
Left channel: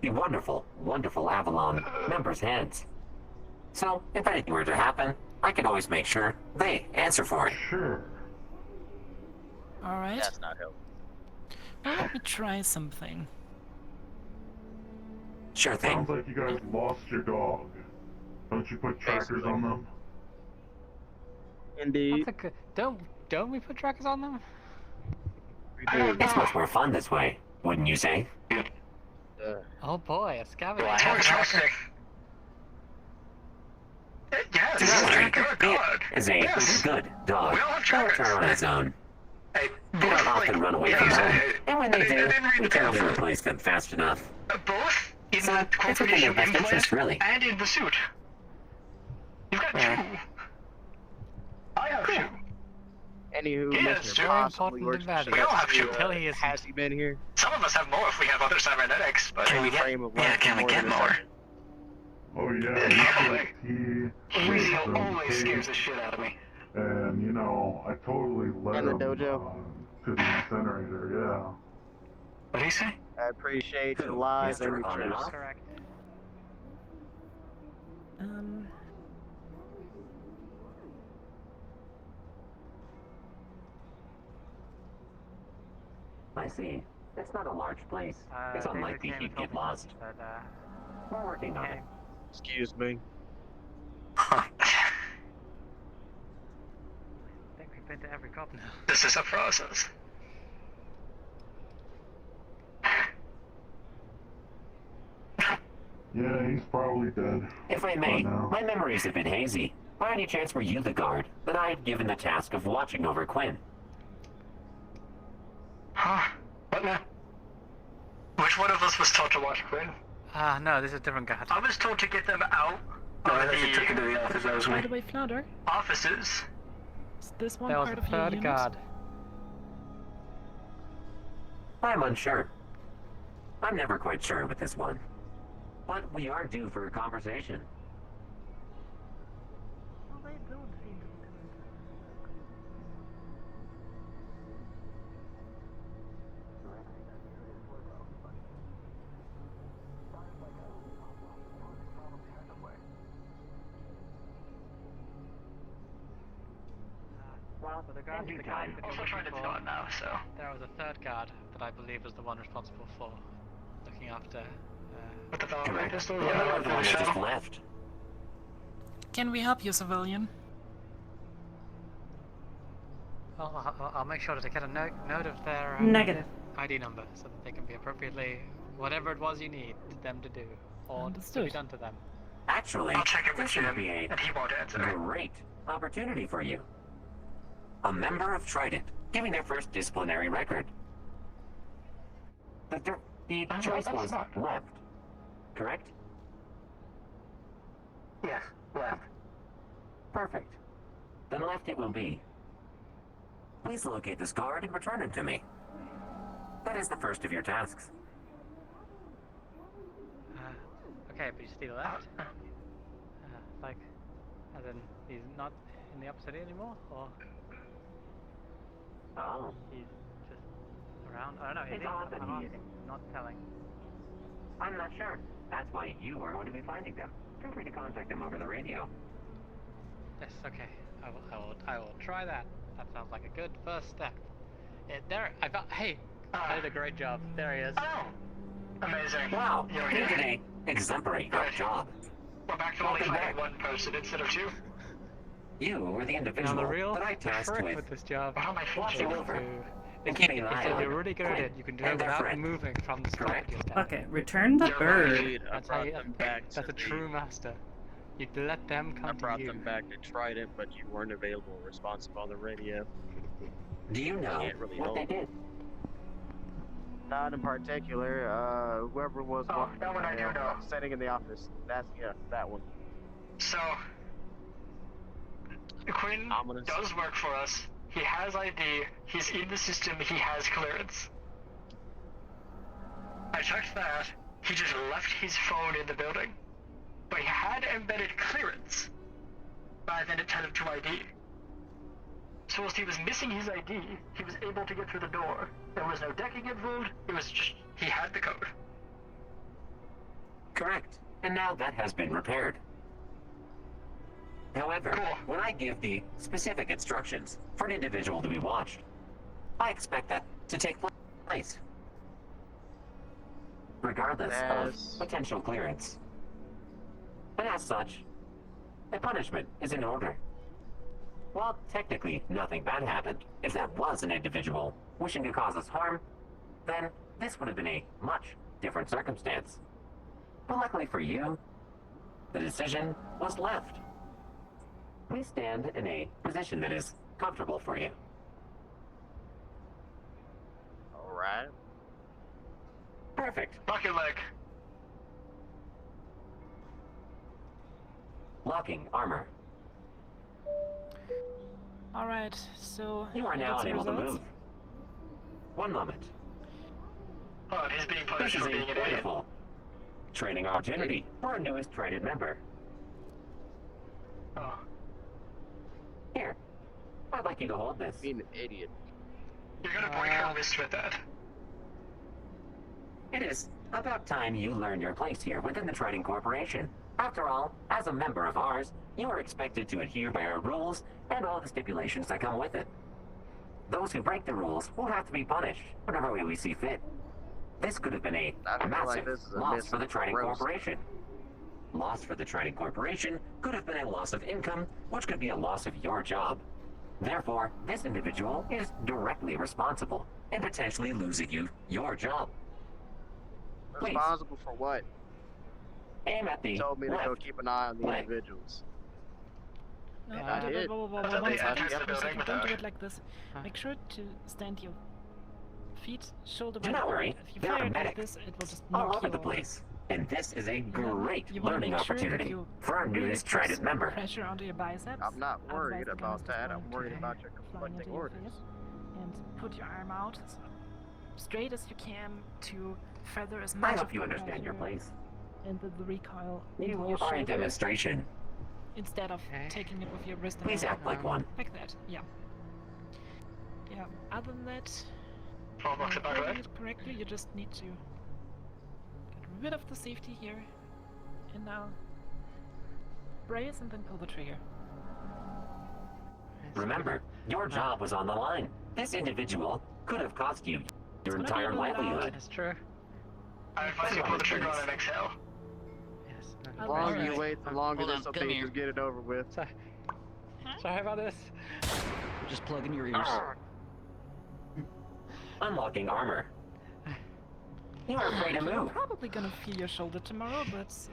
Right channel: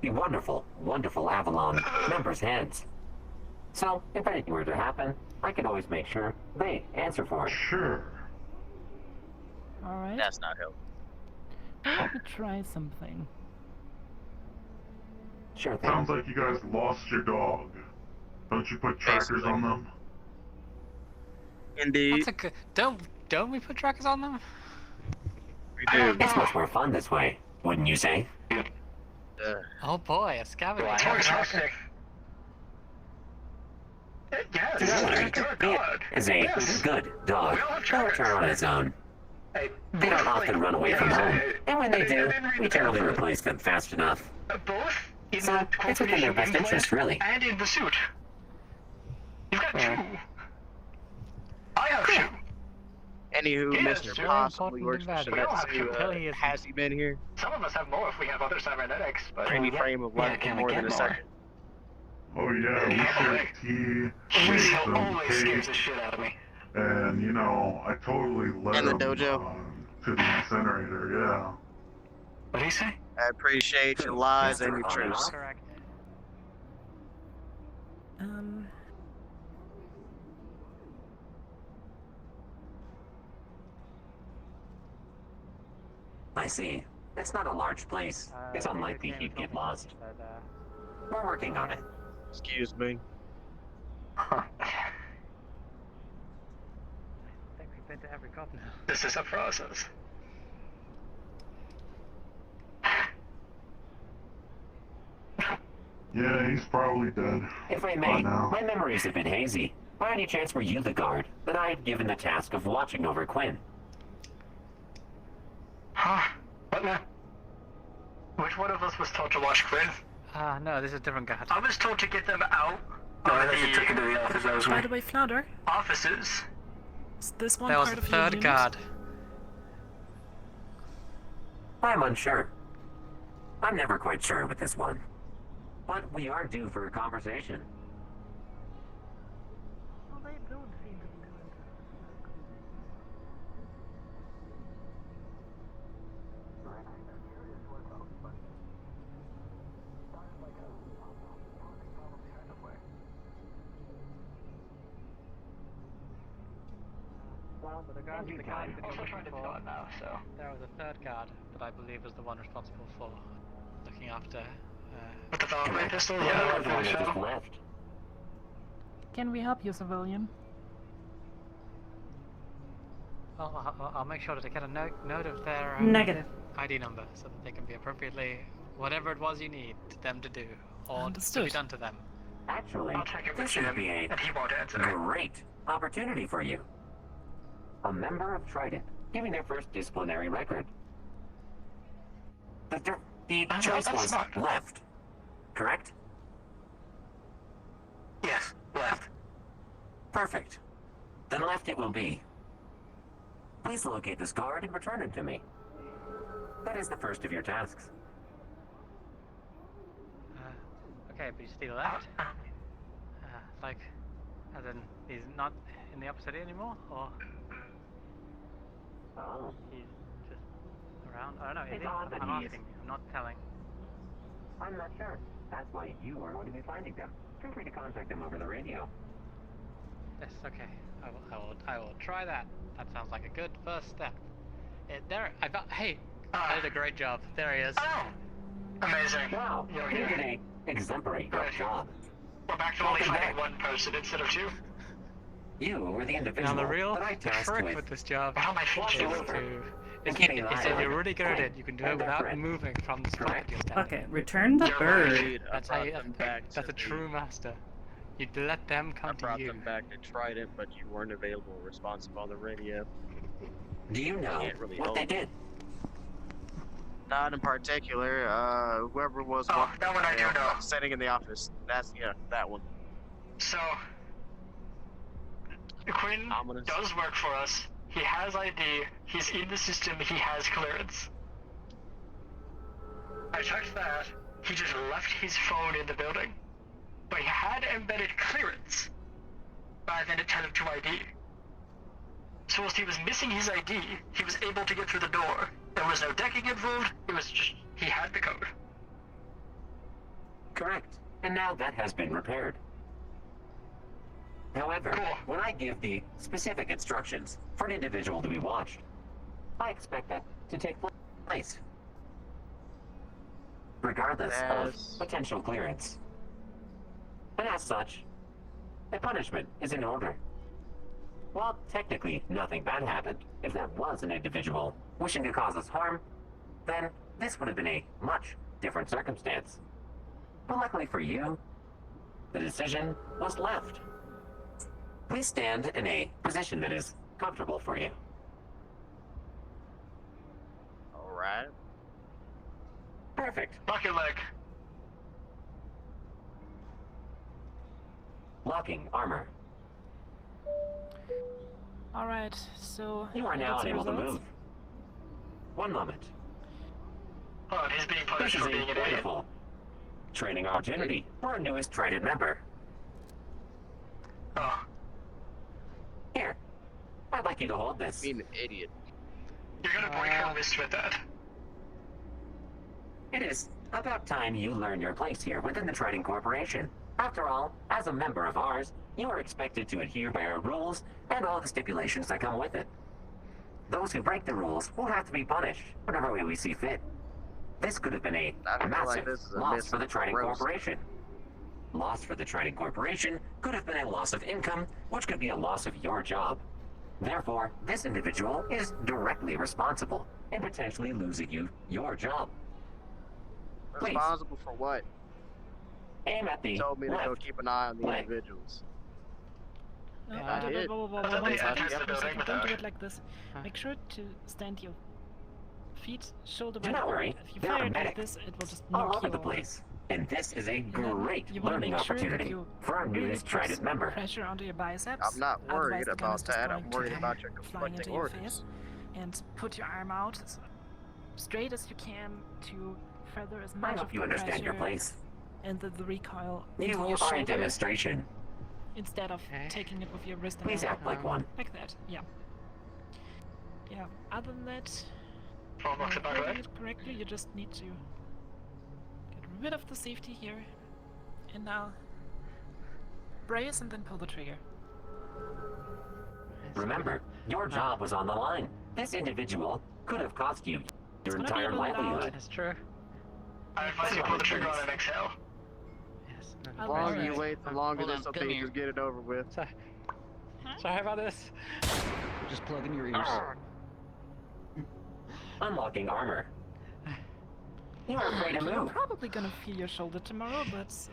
the wonderful, wonderful Avalon members' hands. So, if anything were to happen, I could always make sure they answer for it. Sure. Alright. That's not helpful. Let me try something. Sure thing. Sounds like you guys lost your dog. Don't you put trackers on them? Indeed. That's a good. Don't we put trackers on them? We do. It's much more fun this way, wouldn't you say? Oh boy, a scavenger. Fantastic. Yes, good God. Is a good dog. They'll return on its own. They don't often run away from home, and when they do, we generally replace them fast enough. Both? So, it's within their best interest, really. And in the suit. You've got two. I have two. Anywho, Yes, Mr. sure. Possibly works for Important Shimetsu. Has he been here? Some of us have more if we have other cybernetics, but Any frame of less than more than a second. Oh yeah, we take tea. Radio always scares the shit out of me. And you know, I totally let In the him dojo? to the incinerator, yeah. What did he say? I appreciate your lies and your truths. Correct. I see. It's not a large place. It's unlikely he'd get lost. But, We're working on it. Excuse me. I think we've been to every cop now. This is a process. Yeah, he's probably dead. If I may, my memory's a bit hazy. By any chance were you the guard that I had given the task of watching over Quinn? Huh? What now? Which one of us was told to watch Quinn? No, this is a different guard. I was told to get them out of the office. That was By me. the way, Flounder, Offices. is this one There was part a of your third unit? guard. I'm unsure. I'm never quite sure with this one. But we are due for a conversation. Well, they don't seem to be doing Every time. Also trying to be gone now, so. There was a third guard that I believe was the one responsible for looking after. What the fuck? Correct. Pistol? Yeah, Yeah, the I one think that just so. left. Can we help you, civilian? I'll make sure to get a note of their Negative. ID number so that they can be appropriately whatever it was you need them to do or to be Understood. done to them. Actually, I'll check it with this would him, be a and he won't answer. great opportunity for you. A member of Trident giving their first disciplinary record. The choice that's was not- left, correct? Yes, left. Perfect. Then left it will be. Please locate this guard and return him to me. That is the first of your tasks. Okay, but he's still left. Like, as in he's not in the upper city anymore, or Oh. he's just around. I don't know. Is It's he? odd that I'm he is. asking. I'm not telling. I'm not sure. That's why you are going to be finding them. Feel free to contact them over the radio. Yes. Okay. I will try that. That sounds like a good first step. There. I got. Hey. I did a great job. There he is. Oh, amazing. Wow, You're you here. did a exemplary job. We're back to only fighting one person instead of two. You were the individual that I tasked with with this job. How am I watching is over to- and keeping an eye So on you're really good at it. You can do it and without friend. moving from the spot Correct? you stand. Okay, return the bird. Indeed, I That's how brought you, them back. that's a true master. You'd let them come I brought to you. them back to Trident, but you weren't available or responsive on the radio. Do you know Can't really what help. they did? Not in particular. Whoever was Oh, that one I do know. sitting in the office. That's that one. So, Quinn Ominous. does work for us. He has ID. He's in the system. He has clearance. I checked that. He just left his phone in the building. But he had embedded clearance. Rather than it tell him to ID. So whilst he was missing his ID, he was able to get through the door. There was no decking involved. It was just, he had the code. Correct. And now that has been repaired. However, when I give the specific instructions for an individual to be watched, I expect that to take place. Regardless of potential clearance. And as such, a punishment is in order. While technically nothing bad happened, if that was an individual wishing to cause us harm, then this would have been a much different circumstance. But luckily for you, the decision was left. Please stand in a position that is comfortable for you. Alright. Perfect. Lock your leg. Locking armor. Alright, so... You are I now got some unable to results. move. One moment. Oh, he's being This punished is for a being an idiot. wonderful training opportunity for our newest traded member. Oh. Here, I'd like you to hold this. Being an idiot. You're gonna break her wrist with that. It is about time you learn your place here within the Trading Corporation. After all, as a member of ours, you are expected to adhere by our rules and all the stipulations that come with it. Those who break the rules will have to be punished whatever way we see fit. This could have been a I feel massive like this is a loss miss for the Trading roast. Corporation. Loss for the Trading Corporation could have been a loss of income, which could be a loss of your job. Therefore, this individual is directly responsible in potentially losing you your job. Please. Responsible for what? Aim at the He told me to go left keep an eye on the leg. individuals. No, I did. one they second, entered the one building second. with Don't do her. it like this. Make sure to stand your feet shoulder Do width not apart. worry, If you there are fire it like medics this, it will just all knock over you the over. place. And this is a great You wanna learning make sure that opportunity you for our really newest put traded member. pressure onto your biceps. I'm not otherwise worried the gun is about just that. going I'm to worried come about your flying into conflicting your orders. face. And put your arm out as straight as you can to feather as I much hope of you the understand your pressure place. and the recoil into You your are a shoulder demonstration. instead of taking it with your wrist. and Please arm. act like one. Like that, yeah. Yeah, other than that, All looks about holding right. it correctly, you just need to get rid of the safety here. And now, brace and then pull the trigger. Remember, your job was on the line. This individual could have cost you your entire livelihood. That's true. I advise you pull the trigger on an exhale. The longer you wait, the longer this will be. Just get it over with. Sorry about this. Just plug in your ears. Unlocking armor. You are free to You're move. probably gonna feel your shoulder tomorrow, but to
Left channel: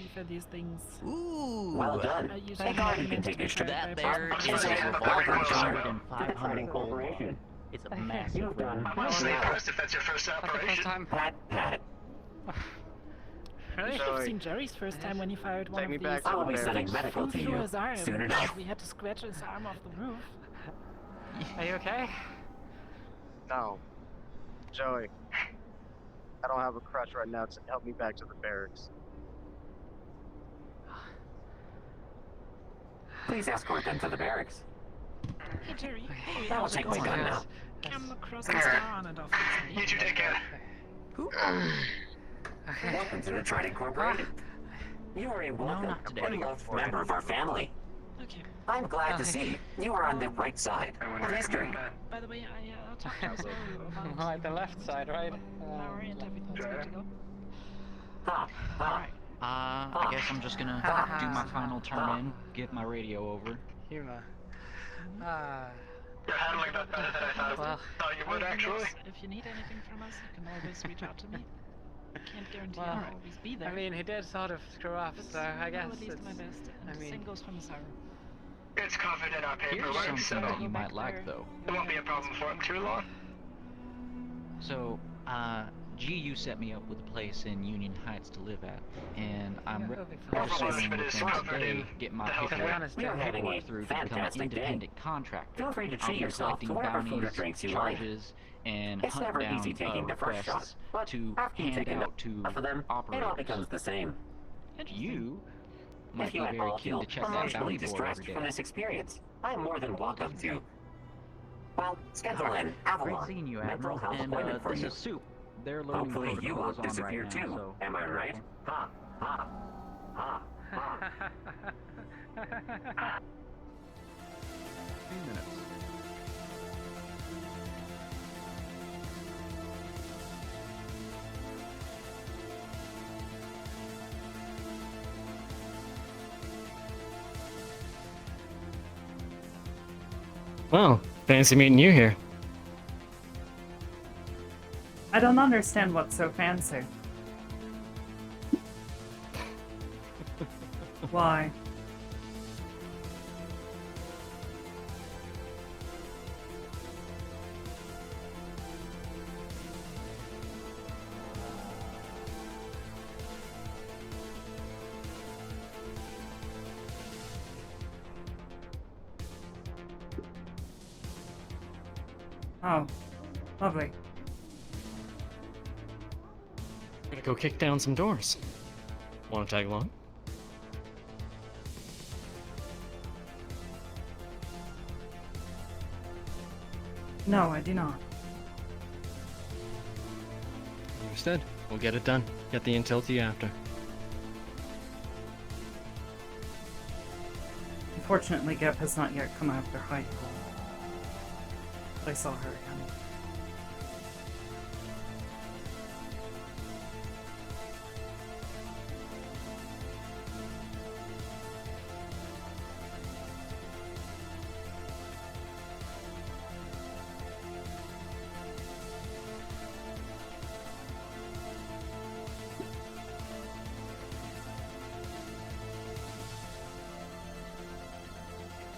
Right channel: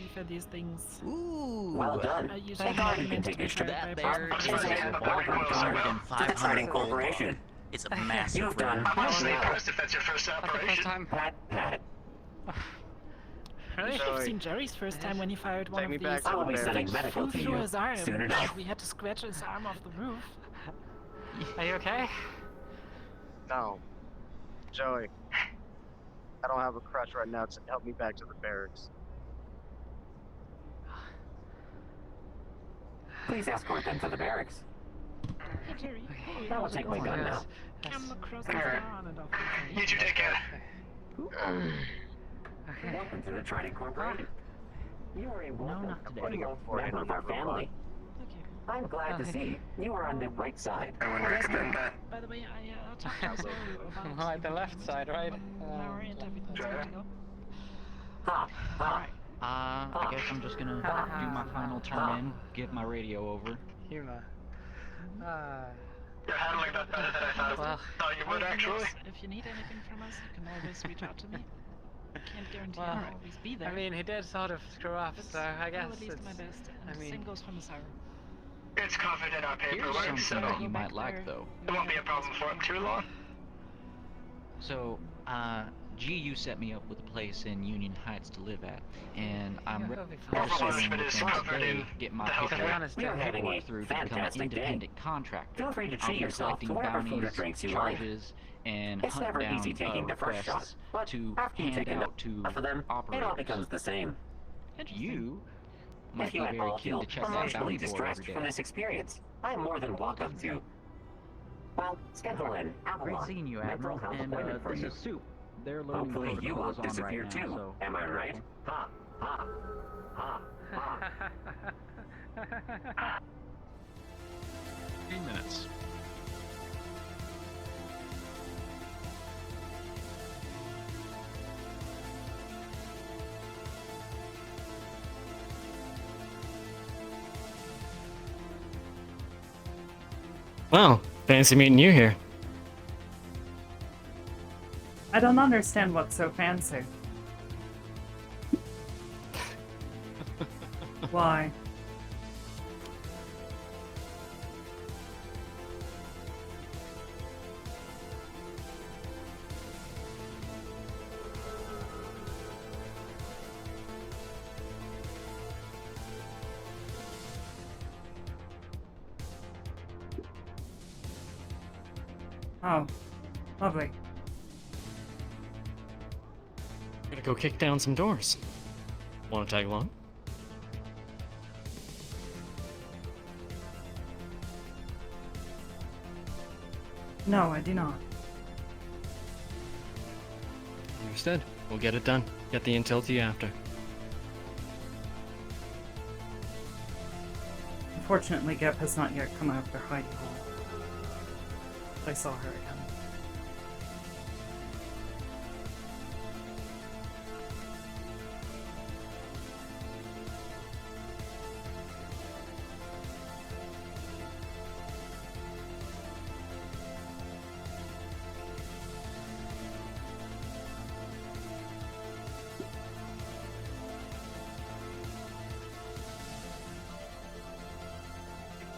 be fair, these things. Well done. are usually Thank God you not can meant to take be a step carried by back. both. Welcome to the Trading Corporation. It's a massive You've done I'm honestly well. impressed if that's your first operation. Pat, pat. You should have Joey. seen Jerry's first time when he fired one Take of me these. back to I will the be barracks. sending medical Flew to through you his arm. soon enough. We had to scratch his arm off the roof. Are you okay? No. Joey. I don't have a crutch right now to help me back to the barracks. Please escort them to the barracks. Hey Jerry, That will take my gun now. come across the star and off. You two take care. Welcome to the Trading Corporation. You are a welcome not today. member of our family. Okay. I'm glad to see you are on the right side of history. By the way, I talked to Zoe about Right, the left side, right? An hour and everything's good to go. Ha, ha. I guess I'm just gonna do my final turn in, give my radio over. Humor. You're handling that better than I Well, thought you would, actually. If you need anything from us, you can always reach out to me. Can't guarantee Well, I'll always be there. I mean, he did sort of screw up, but so I guess I'll at least it's, do my best. And I mean, same goes for Masaru. It's covered in our Here's paperwork, something so that you might like, though. it won't be a problem for him too long. So, GU set me up with a place in Union Heights to live at, and I'm registering with them today, getting my paperwork through to become an fantastic independent contractor. Feel free to I'll treat be yourself to collecting whatever food or bounties, drinks you like. charges, and It's hunt never down easy taking the first shot, requests but to after you hand take out to enough of them, it all operators. becomes the same. You might If be you at very all keen feel to check that emotionally bounty board distressed every from day. this experience, I am more than welcome to. Well, schedule in Great Avalon seeing you, mental Admiral, health and appointment for this you. is Soup. Their learning Hopefully you protocol is won't on disappear right too. now, so... Am I right? Ha, ha, ha, ha. 15 minutes. Well, fancy meeting you here. I don't understand what's so fancy. Why? Oh, lovely. Gotta go kick down some doors. Wanna tag along? No, I do not. Understood. We'll get it done. Get the intel to you after. Unfortunately, Gep has not yet come out of their hidey hole. But I saw her again.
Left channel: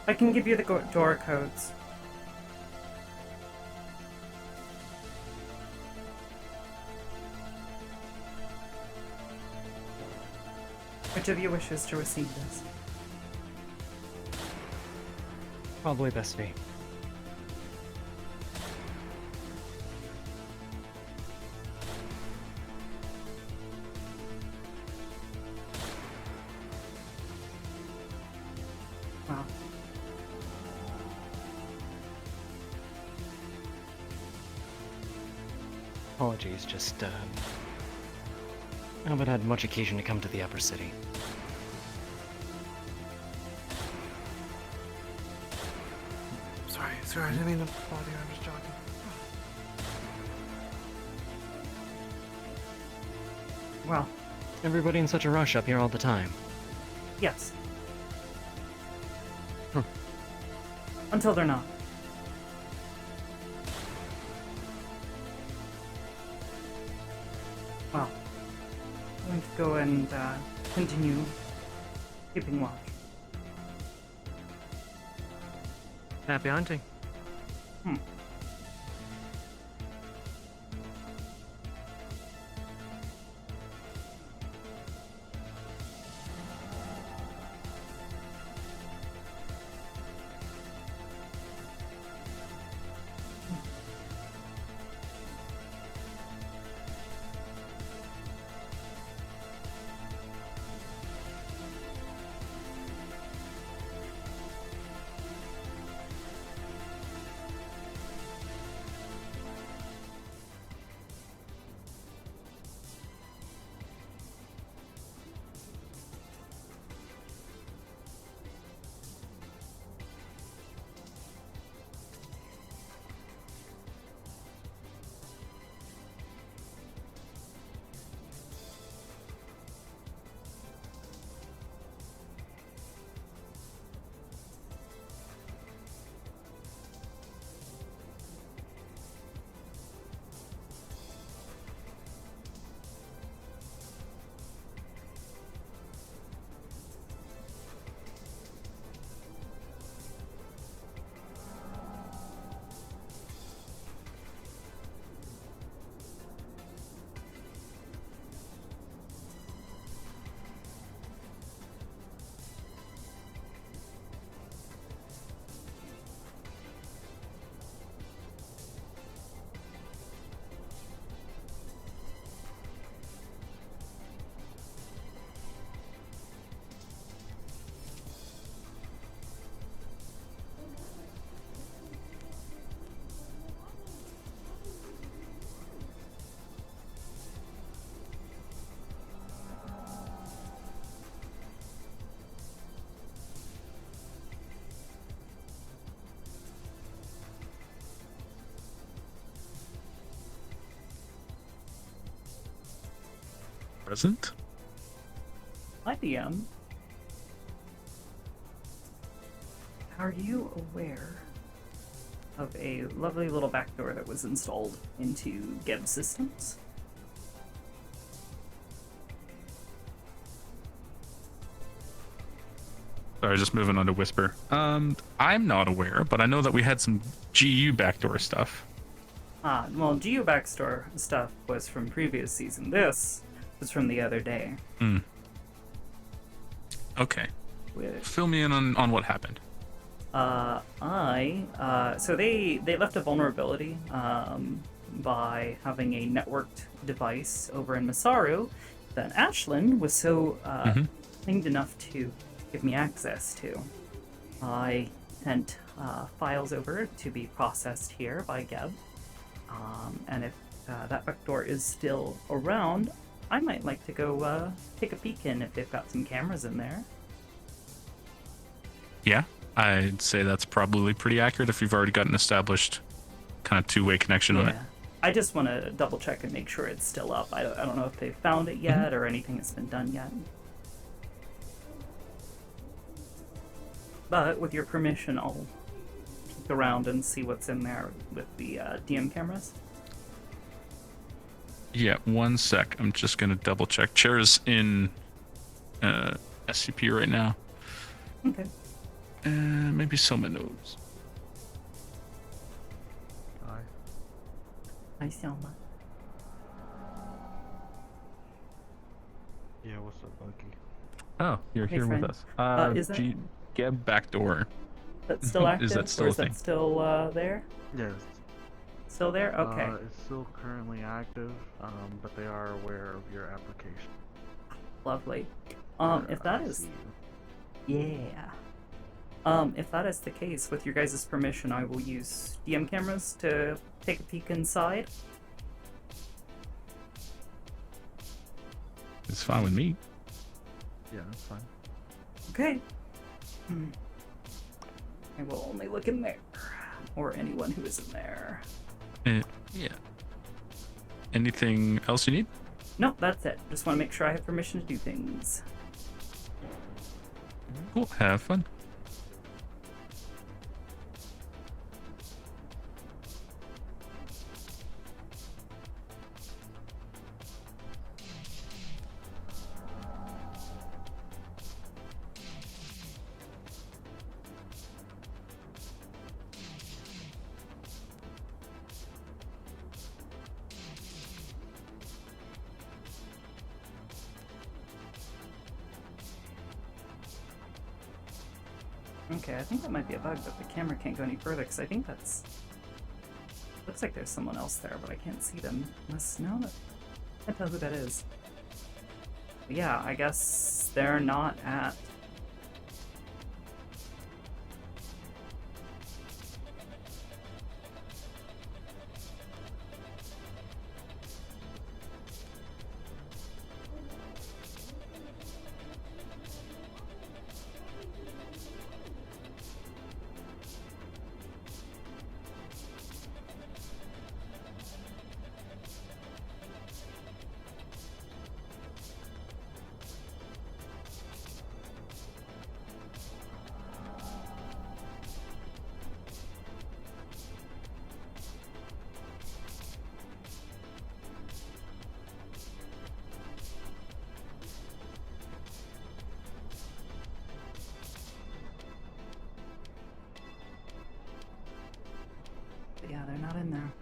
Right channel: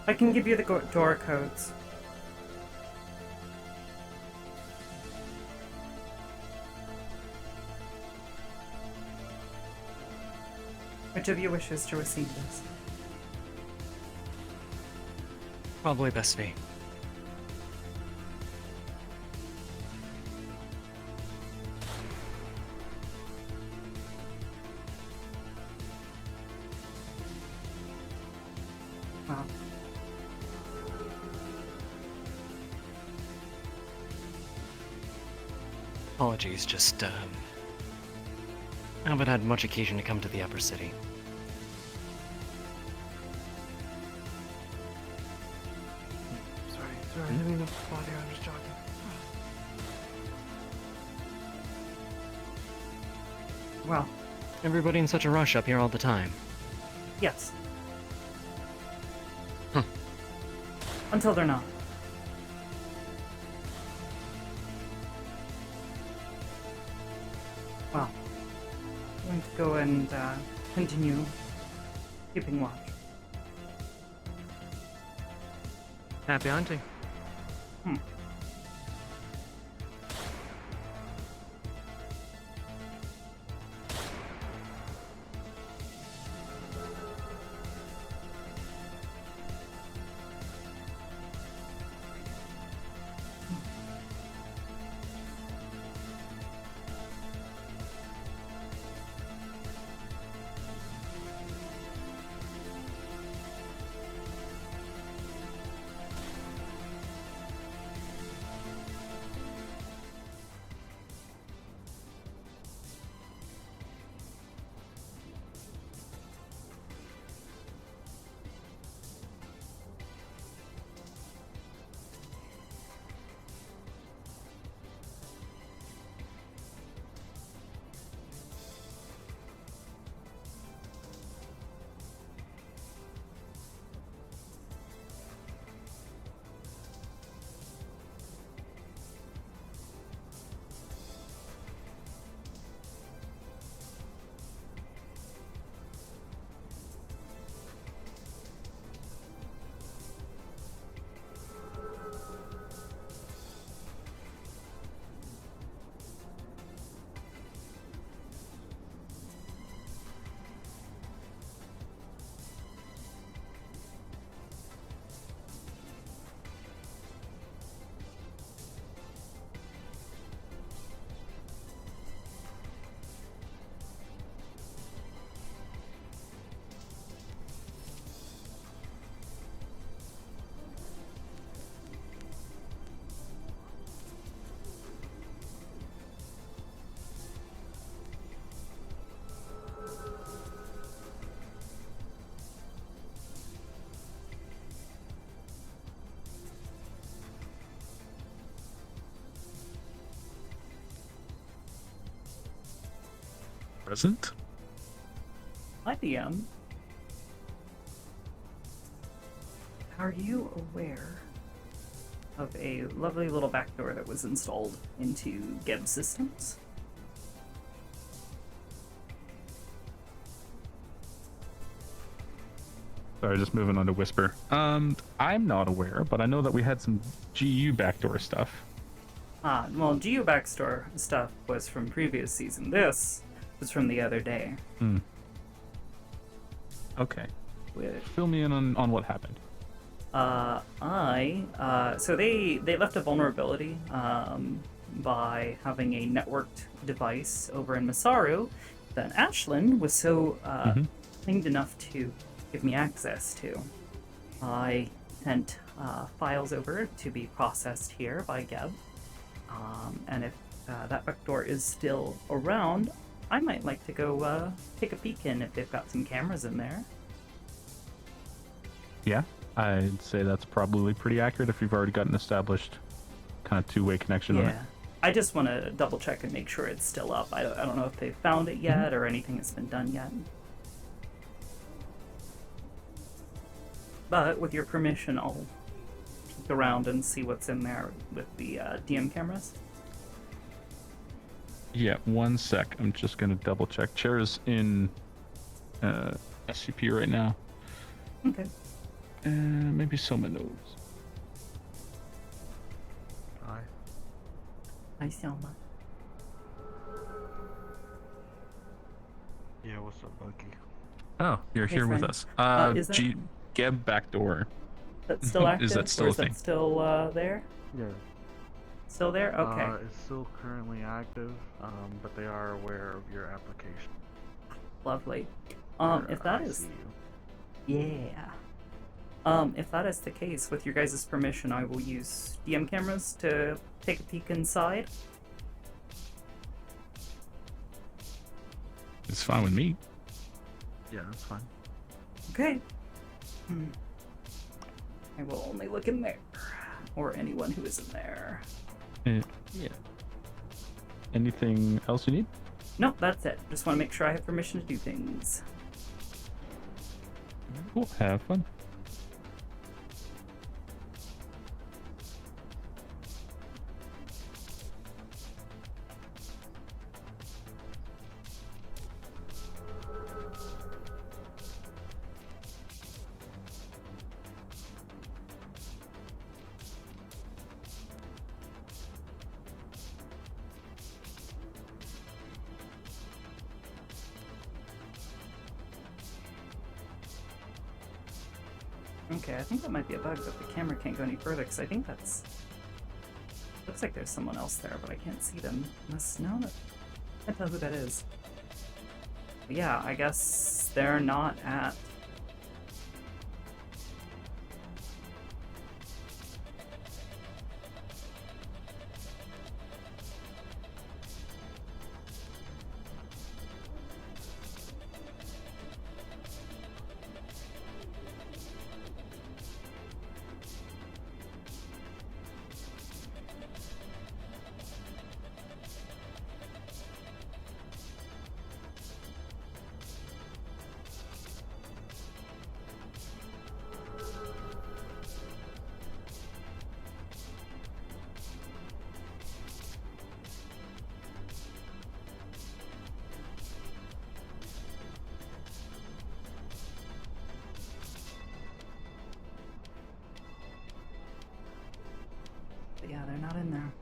I can give you the door codes. Which of you wishes to receive this? Probably best me. Wow. Apologies, just, I haven't had much occasion to come to the upper city. Sorry, I didn't mean to bother you, I was joking. Well. Everybody in such a rush up here all the time. Yes. Until they're not. Well, I'm going to go and continue keeping watch. Happy hunting. present. Hi, DM. Are you aware of a lovely little backdoor that was installed into Geb systems? Sorry, just moving on to Whisper. I'm not aware, but I know that we had some GU backdoor stuff. Well, GU backdoor stuff was from previous season. This was from the other day. Okay. Fill me in on what happened. So they left a vulnerability by having a networked device over in Masaru that Ashlyn was so kind enough to give me access to. I sent files over to be processed here by Geb, and if that backdoor is still around, I might like to go take a peek in if they've got some cameras in there. Yeah, I'd say that's probably pretty accurate if you've already got an established kind of two-way connection on it. I just want to double check and make sure it's still up. I don't know if they've found it yet or anything that's been done yet. But with your permission, I'll peek around and see what's in there with the DM cameras. Yeah, 1 sec. I'm just gonna double check. Chair's in SCP right now. Okay. Maybe Soma knows. Hi. Hi, Selma. Yeah, what's up, Loki? Oh, you're Hey, here friend. with us. Is that Geb backdoor. that's still active? Is that still or a is thing? that still there? Yes. Still there? Okay. It's still currently active, but they are aware of your application. Lovely. If that is... ICU. Yeah. If that is the case, with your guys' permission, I will use DM cameras to take a peek inside. It's fine with me. Yeah, that's fine. Okay. I will only look in there. Or anyone who is in there. Yeah. Anything else you need? No, that's it. Just want to make sure I have permission to do things. Cool. Have fun. Okay, I think that might be a bug that the camera can't go any further, because I think that's... Looks like there's someone else there, but I can't see them. Unless, no, I can't tell who that is. But yeah, I guess they're not at... But yeah, they're not in there.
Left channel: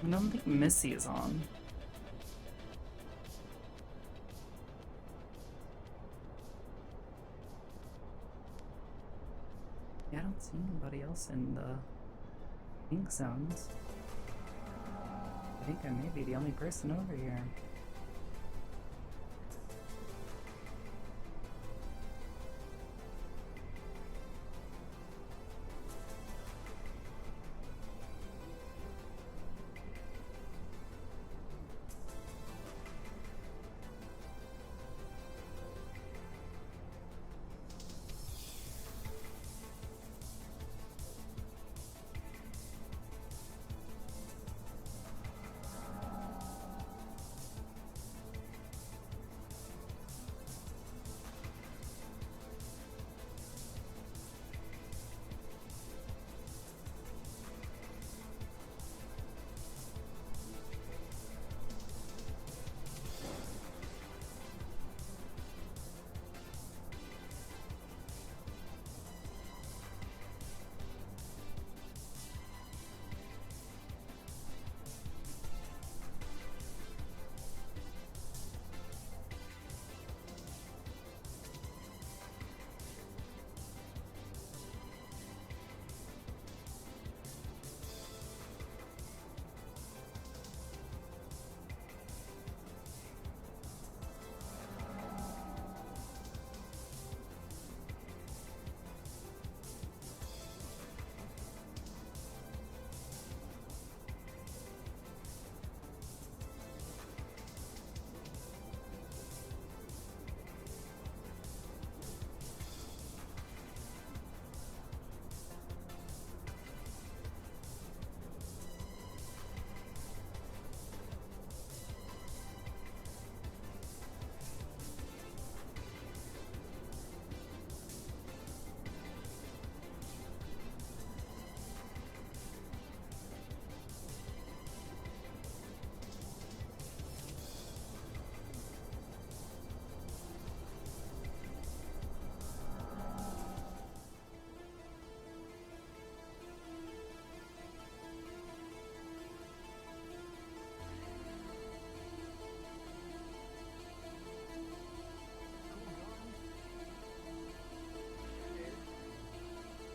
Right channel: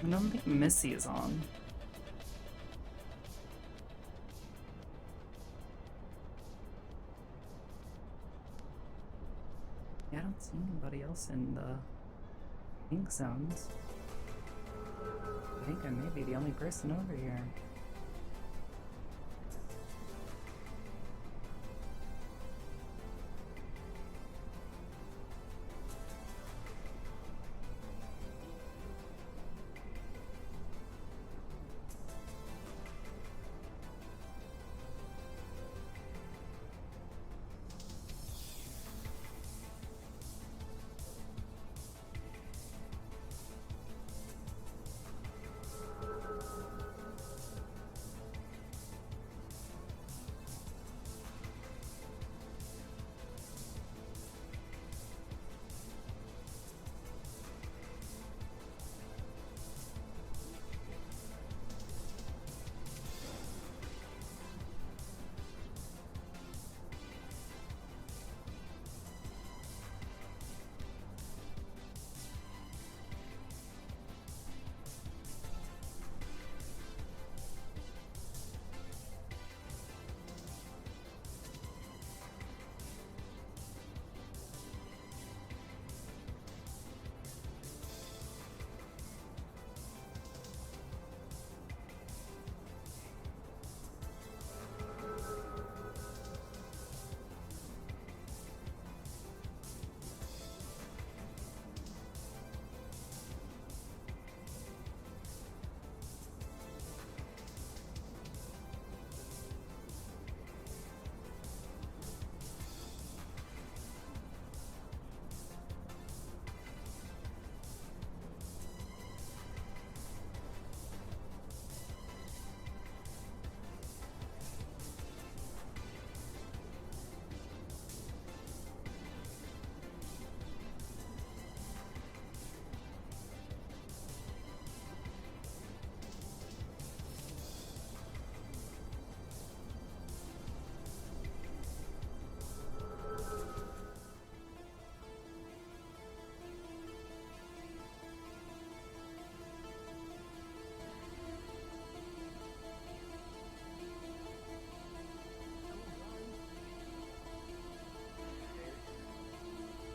I don't think Missy is on. Yeah, I don't see anybody else in the pink zones. I think I may be the only person over here.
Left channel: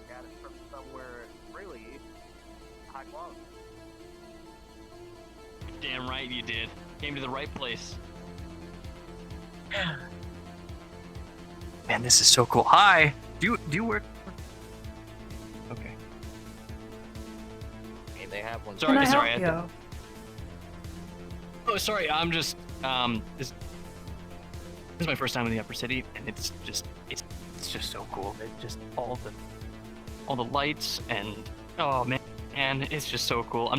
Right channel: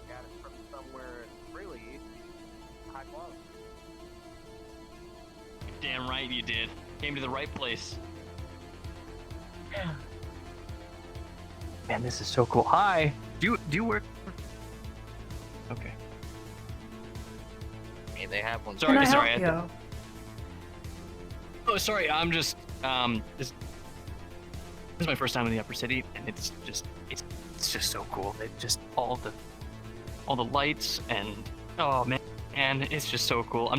Got it from somewhere really high quality. Damn right you did. Came to the right place. Man, this is so cool. Hi. Do you work? Okay. Hey, they have one. Sorry, Can I sorry. help you? Oh, sorry. I'm just this is my first time in the Upper City, and it's just so cool. It just all the lights and oh man, it's just so cool.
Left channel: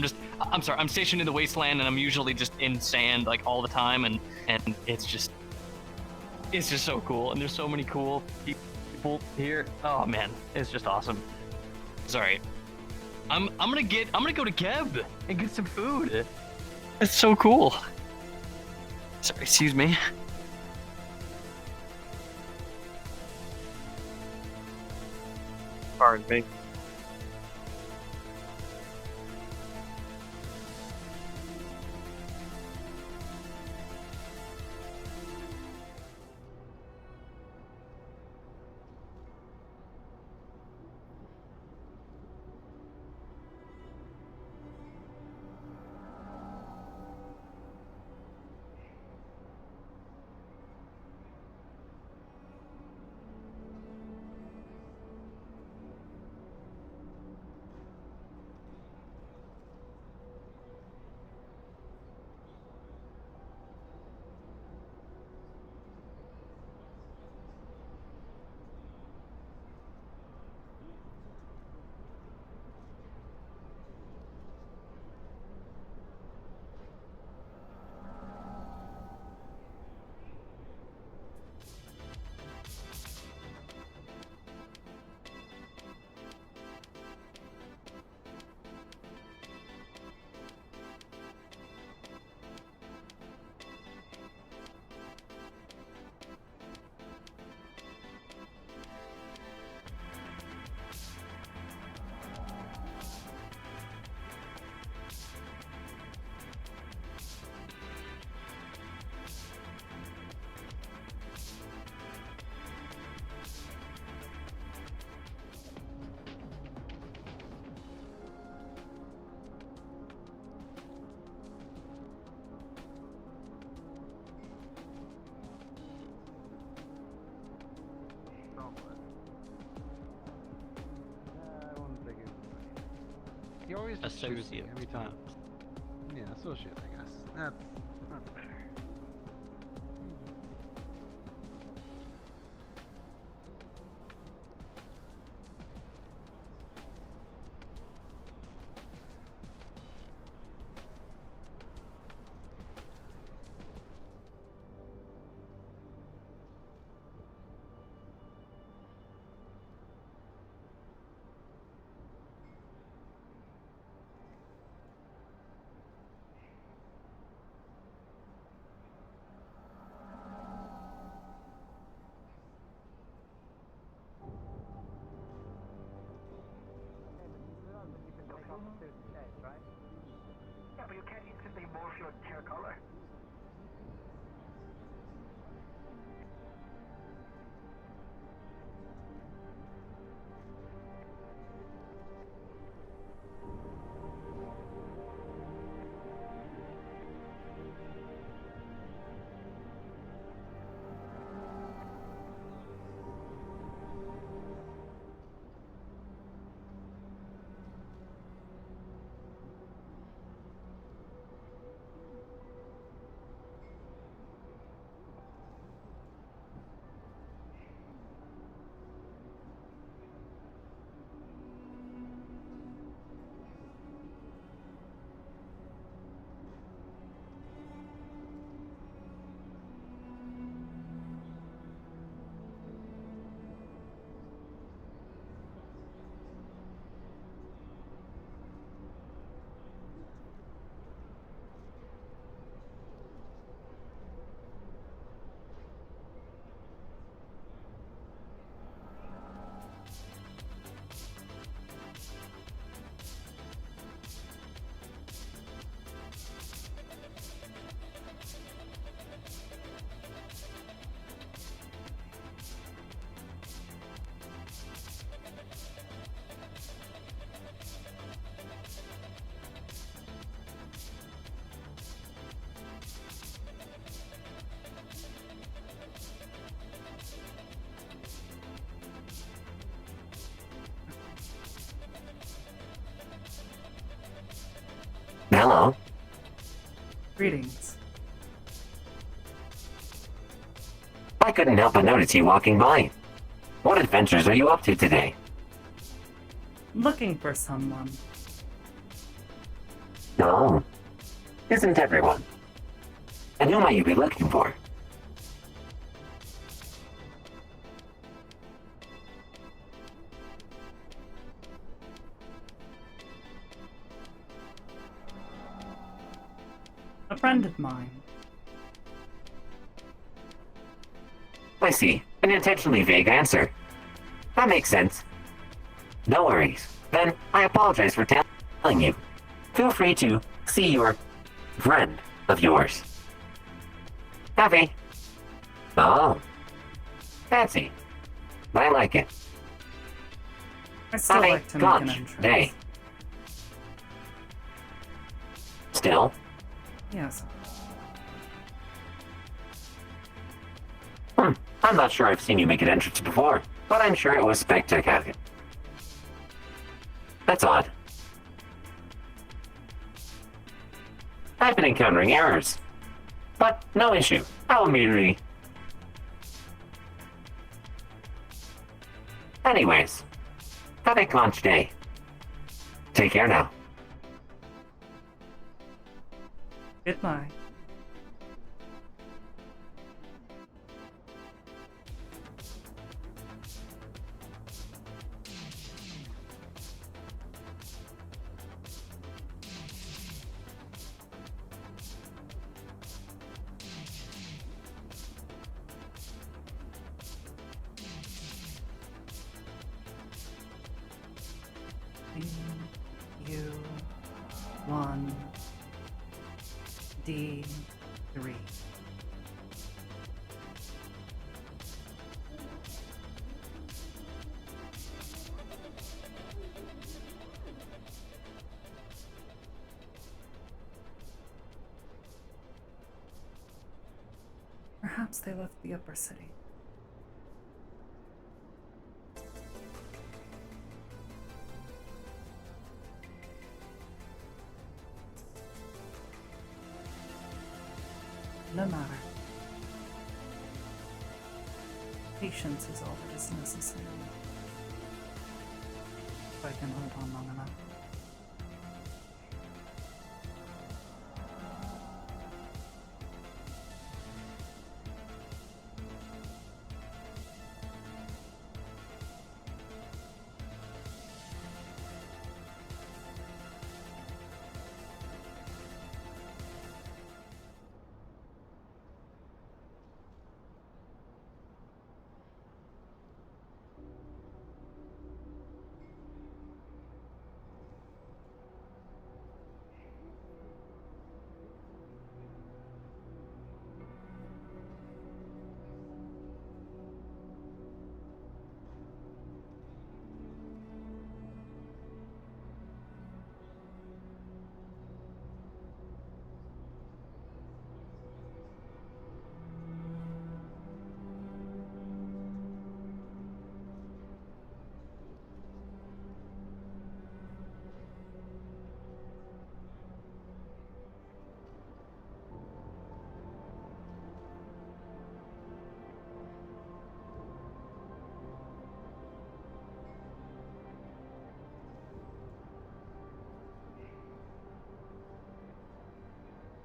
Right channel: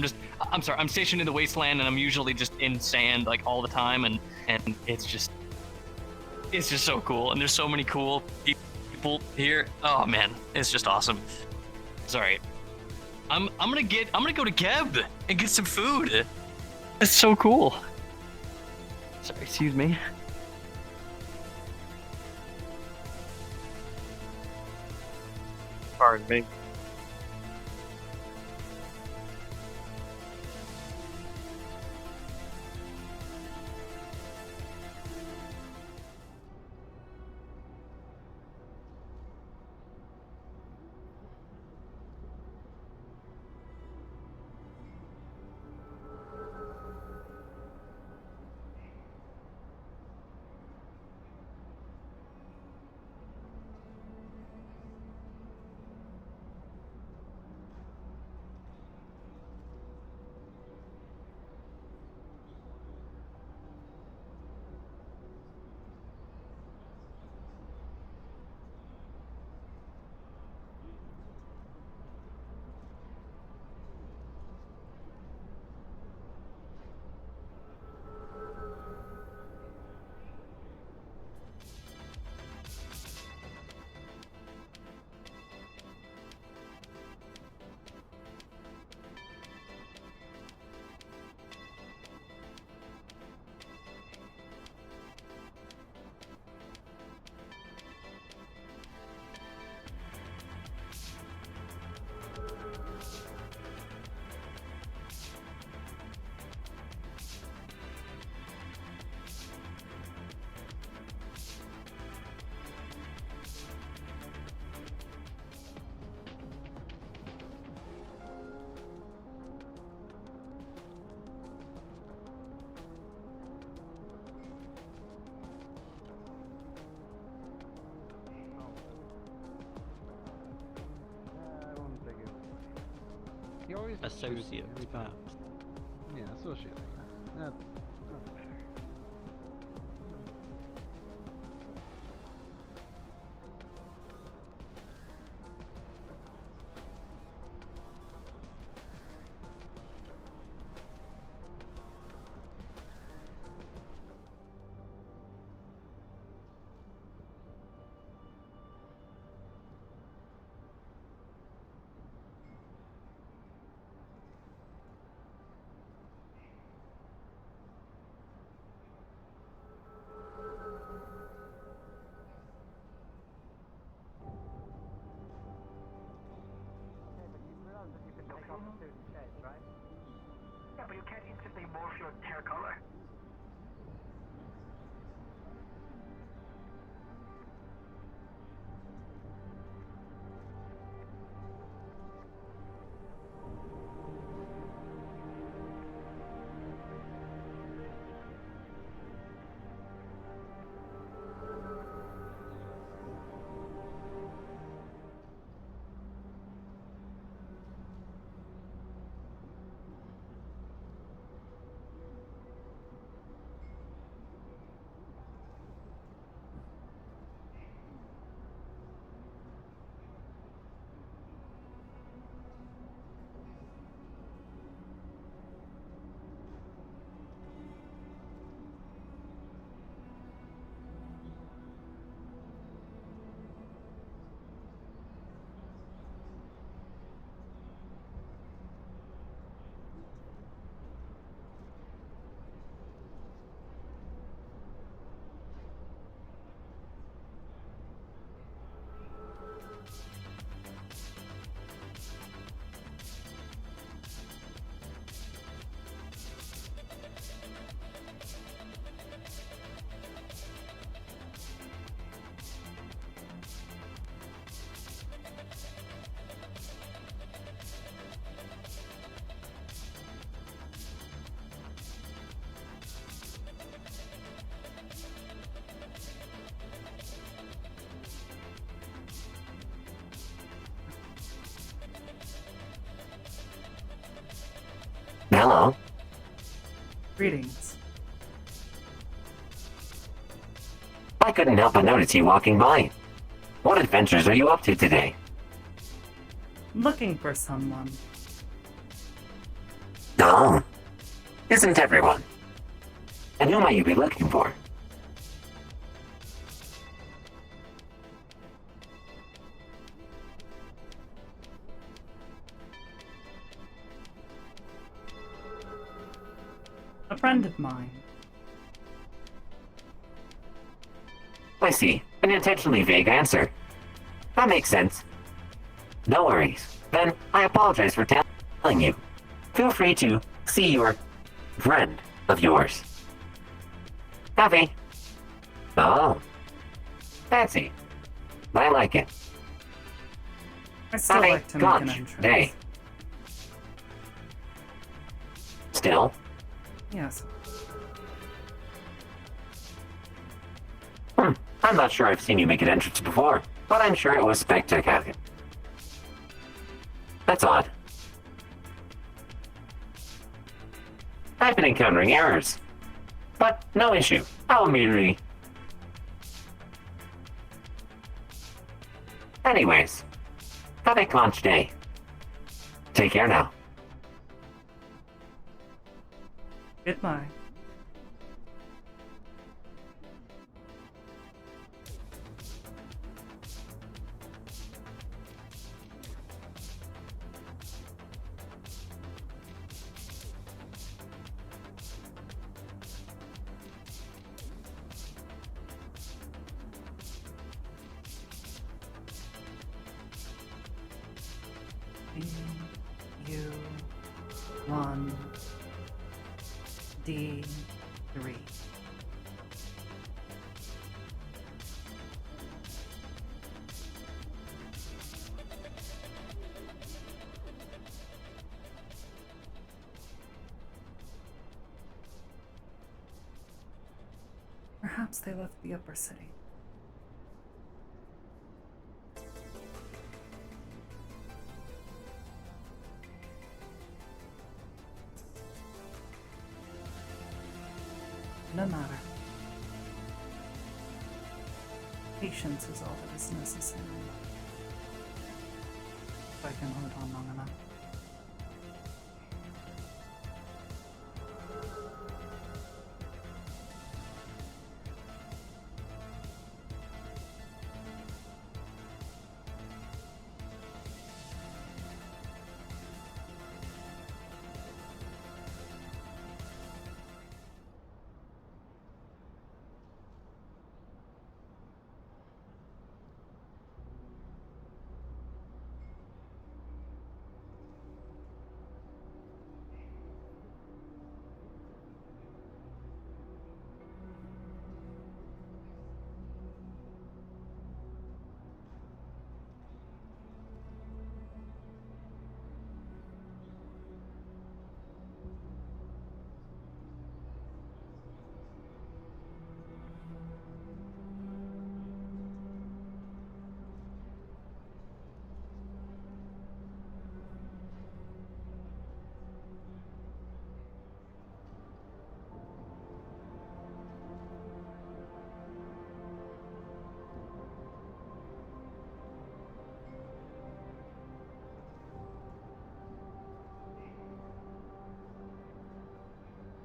I'm sorry. I'm stationed in the wasteland, and I'm usually just in sand like all the time, and it's just so cool. And there's so many cool people here. Oh man, it's just awesome. Sorry. I'm gonna go to Geb and get some food. It's so cool. Sorry, excuse me. Pardon me. Associate, perhaps. Yeah, associate, I guess. That's better. Yeah, but you can't instantly morph your vehicle. Hello. Greetings. I couldn't help but notice you walking by. What adventures are you up to today? Looking for someone. Oh. Isn't everyone? And who might you be looking for? A friend of mine. I see. An intentionally vague answer. That makes sense. No worries. Then, I apologize for telling you. Feel free to see your friend of yours. Happy? Oh. Fancy. I like it. I still Have a like to make an conch entrance. day. Still? Yes. I'm not sure I've seen you make an entrance before, but I'm sure it was spectacular. That's odd. I've been encountering errors. But no issue. I'll immediately... Anyways, have a conch day. Take care now. Goodbye. U1 D3. Perhaps they left the upper city. No matter. Patience is all that is necessary. If I can hold on long enough.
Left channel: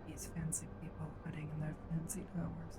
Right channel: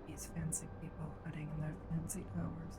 These fancy people hiding in their fancy towers.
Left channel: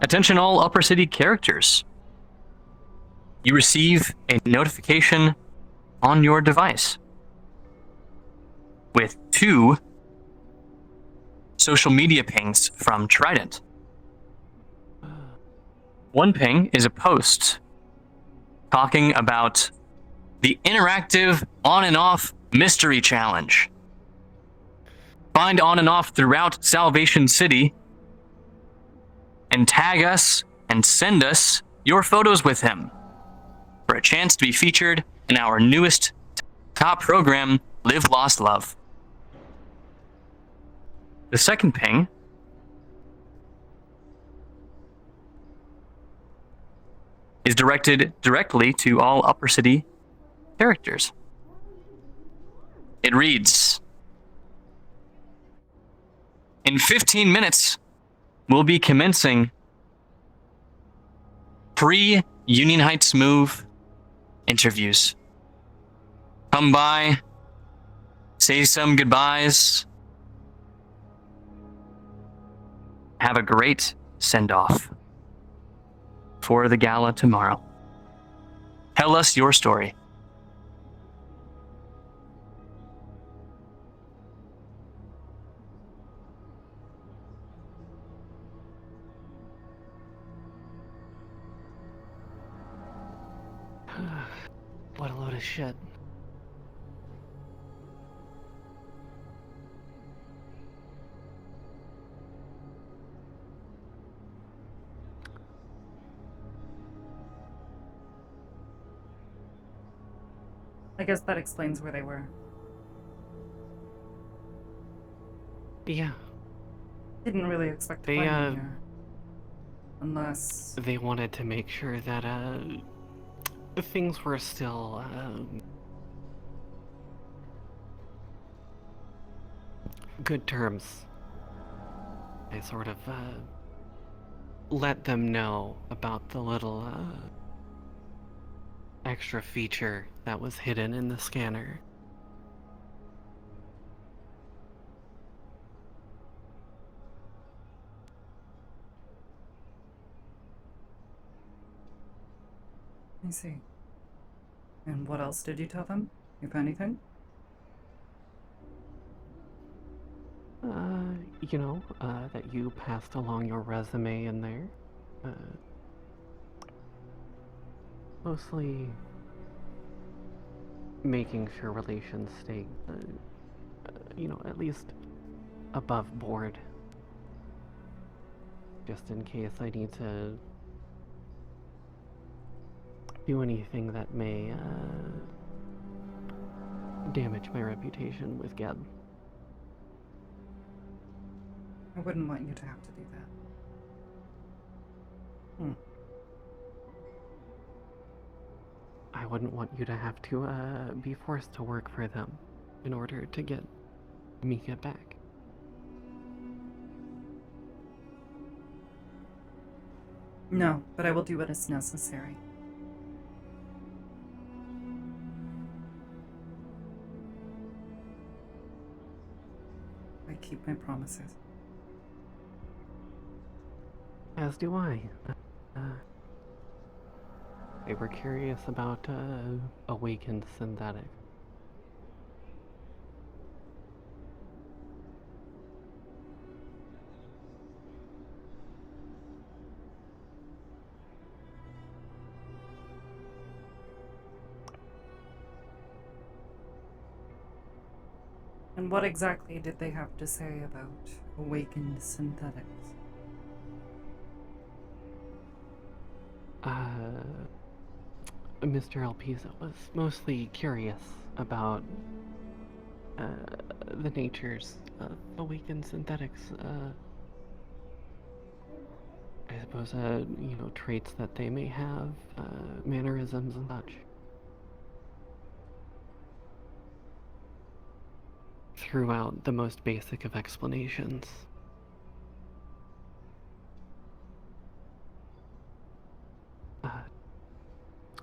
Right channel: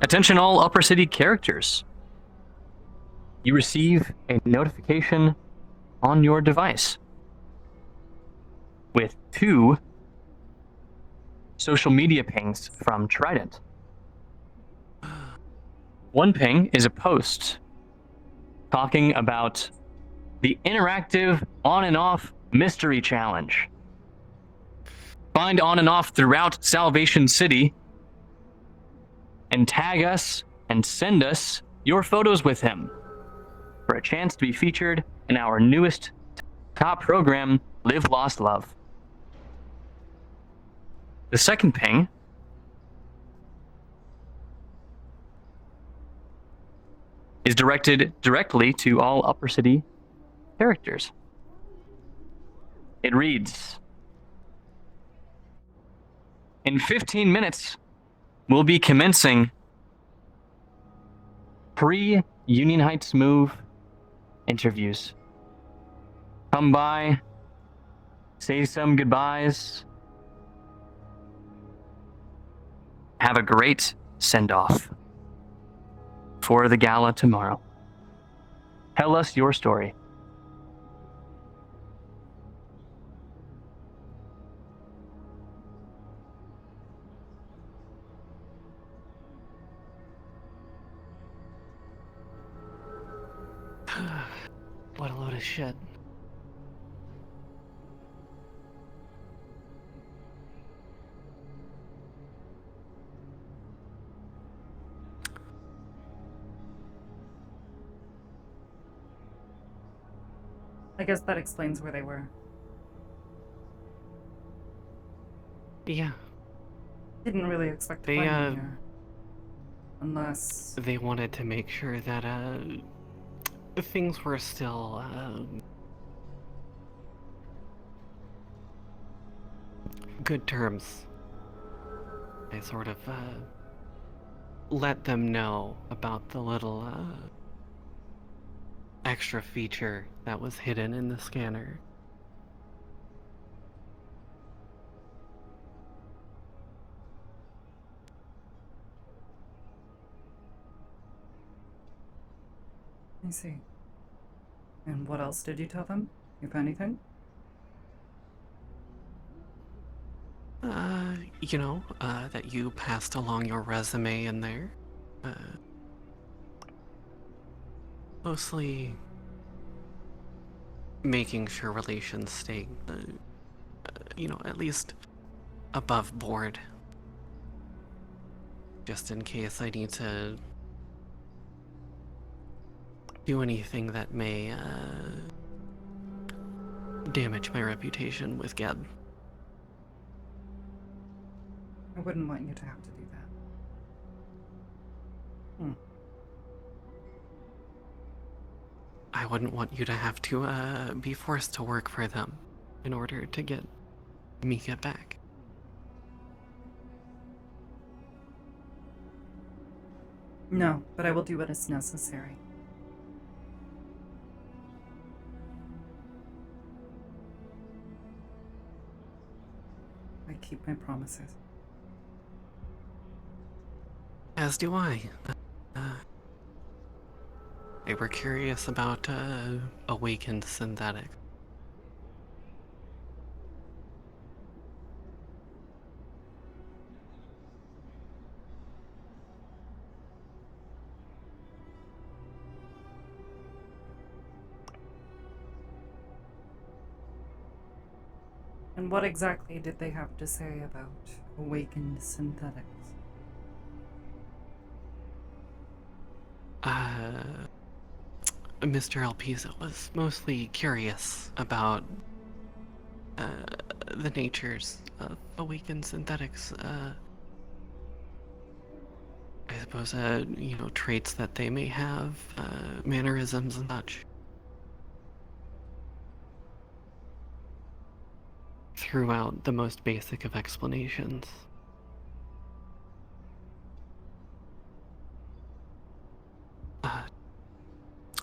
Attention all Upper City characters. You receive a notification on your device with 2 social media pings from Trident. One ping is a post talking about the interactive on and off mystery challenge. Find on and off throughout Salvation City and tag us and send us your photos with him for a chance to be featured in our newest top program, Live Lost Love. The second ping is directed directly to all Upper City characters. It reads, in 15 minutes, we'll be commencing pre-Union Heights Move interviews. Come by, say some goodbyes, have a great send-off for the gala tomorrow. Tell us your story. What a load of shit. I guess that explains where they were. Yeah. Didn't really expect to find them here. Unless... They wanted to make sure that, things were still good terms. I sort of let them know about the little extra feature that was hidden in the scanner. I see. And what else did you tell them, if anything? That you passed along your resume in there. Mostly making sure relations stay, at least above board. Just in case I need to do anything that may damage my reputation with Geb. I wouldn't want you to have to do that. I wouldn't want you to have to be forced to work for them in order to get Mika back. No, but I will do what is necessary. I keep my promises. As do I. They were curious about awakened synthetic. And what exactly did they have to say about awakened synthetics? Mr. Elpisa was mostly curious about the natures of awakened synthetics. I suppose, traits that they may have, mannerisms and such. Throughout the most basic of explanations.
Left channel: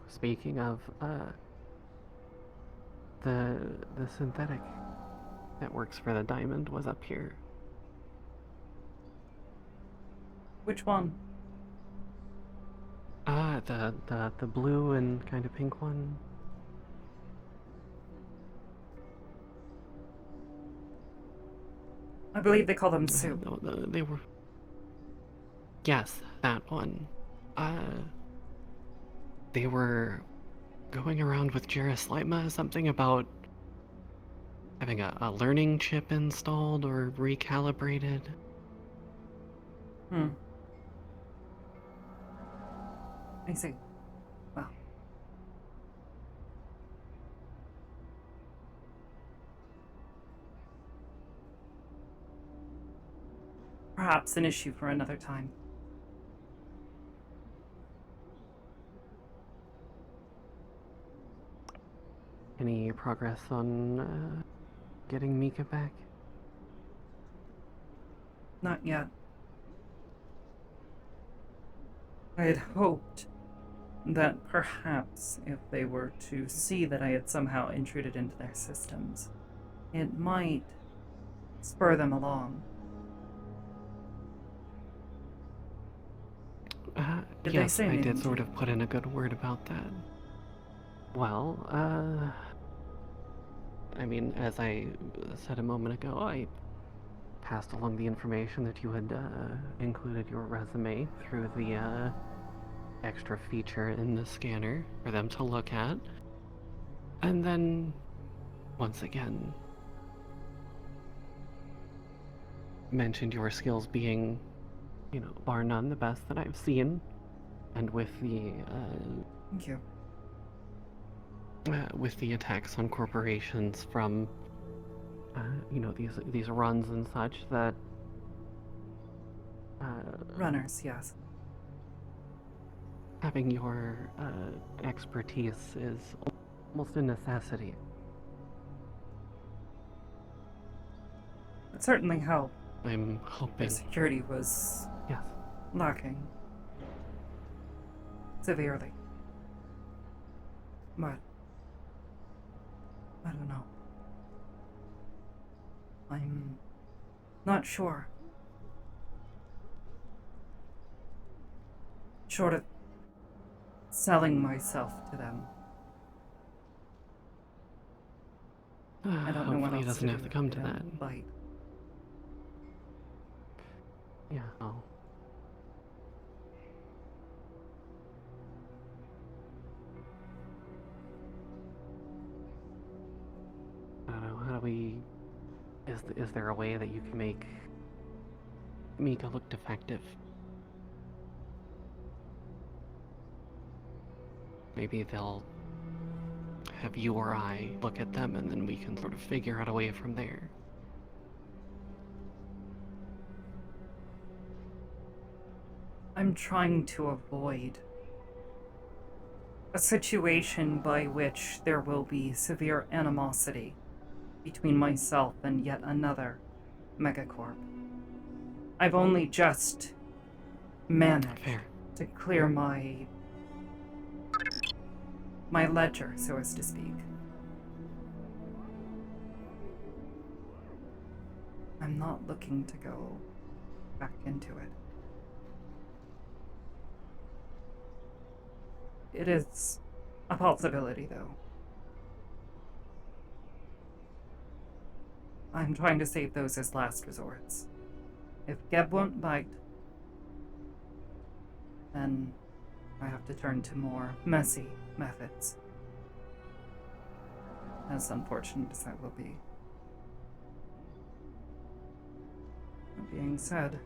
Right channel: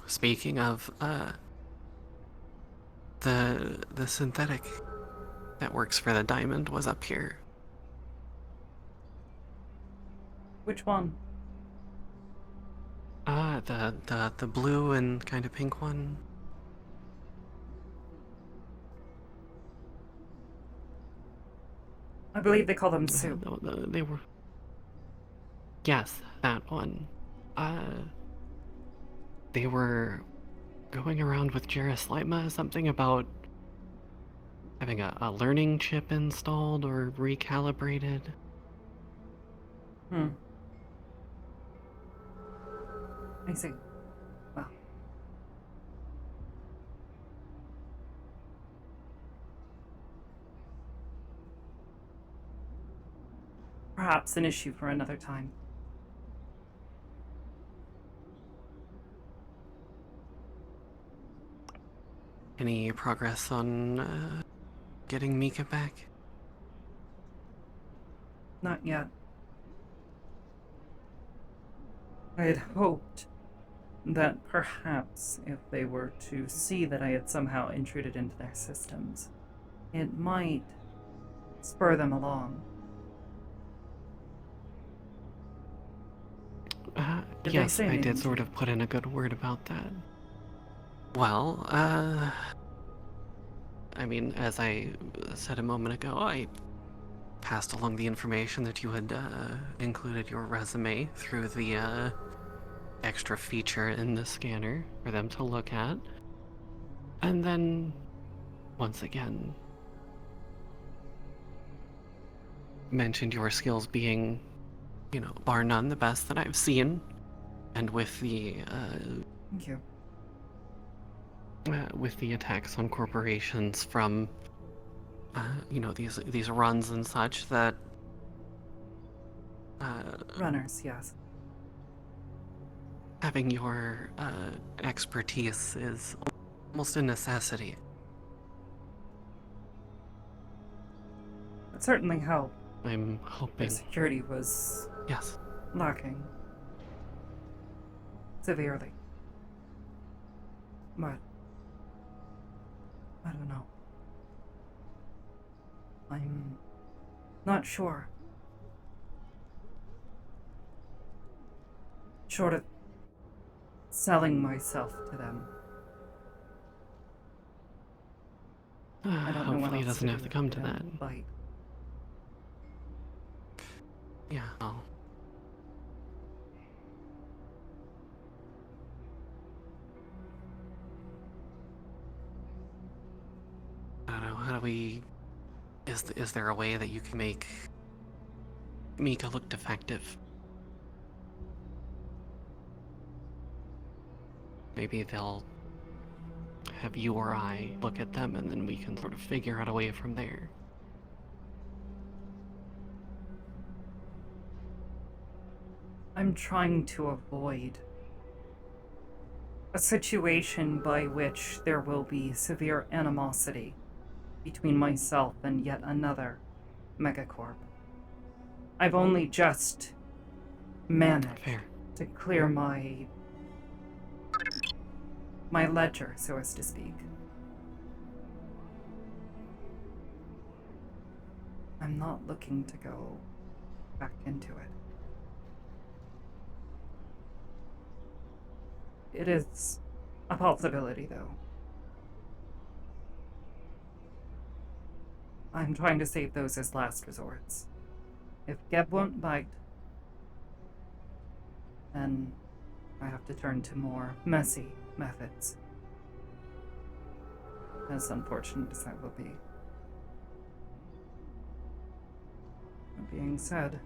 Speaking of, the synthetic that works for the diamond was up here. Which one? The blue and kind of pink one. I believe they call them soup. They were... Yes, that one. They were going around with Jerusalema, something about having a learning chip installed or recalibrated. I see. Well. Perhaps an issue for another time. Any progress on getting Mika back? Not yet. I had hoped that perhaps if they were to see that I had somehow intruded into their systems, it might spur them along. Did they say anything? I did sort of put in a good word about that. Well, I mean, as I said a moment ago, I passed along the information that you had included your resume through the extra feature in the scanner for them to look at. And then, once again, mentioned your skills being, bar none, the best that I've seen. And with the, Thank you. With the attacks on corporations from, these runs and such that... Runners, yes. having your expertise is almost a necessity. It certainly helped. I'm hoping. The security was Yes. lacking severely. But I don't know. I'm not sure. Short of selling myself to them. I don't know what Hopefully else it doesn't to have do to come if to they that. don't bite. Yeah. Well, I don't know. How do we? Is there a way that you can make Mika look defective? Maybe they'll have you or I look at them, and then we can sort of figure out a way from there. I'm trying to avoid a situation by which there will be severe animosity between myself and yet another megacorp. I've only just managed to clear my ledger, so as to speak. I'm not looking to go back into it. It is a possibility, though. I'm trying to save those as last resorts. If Geb won't bite, then I have to turn to more messy methods. As unfortunate as that will be. That being said,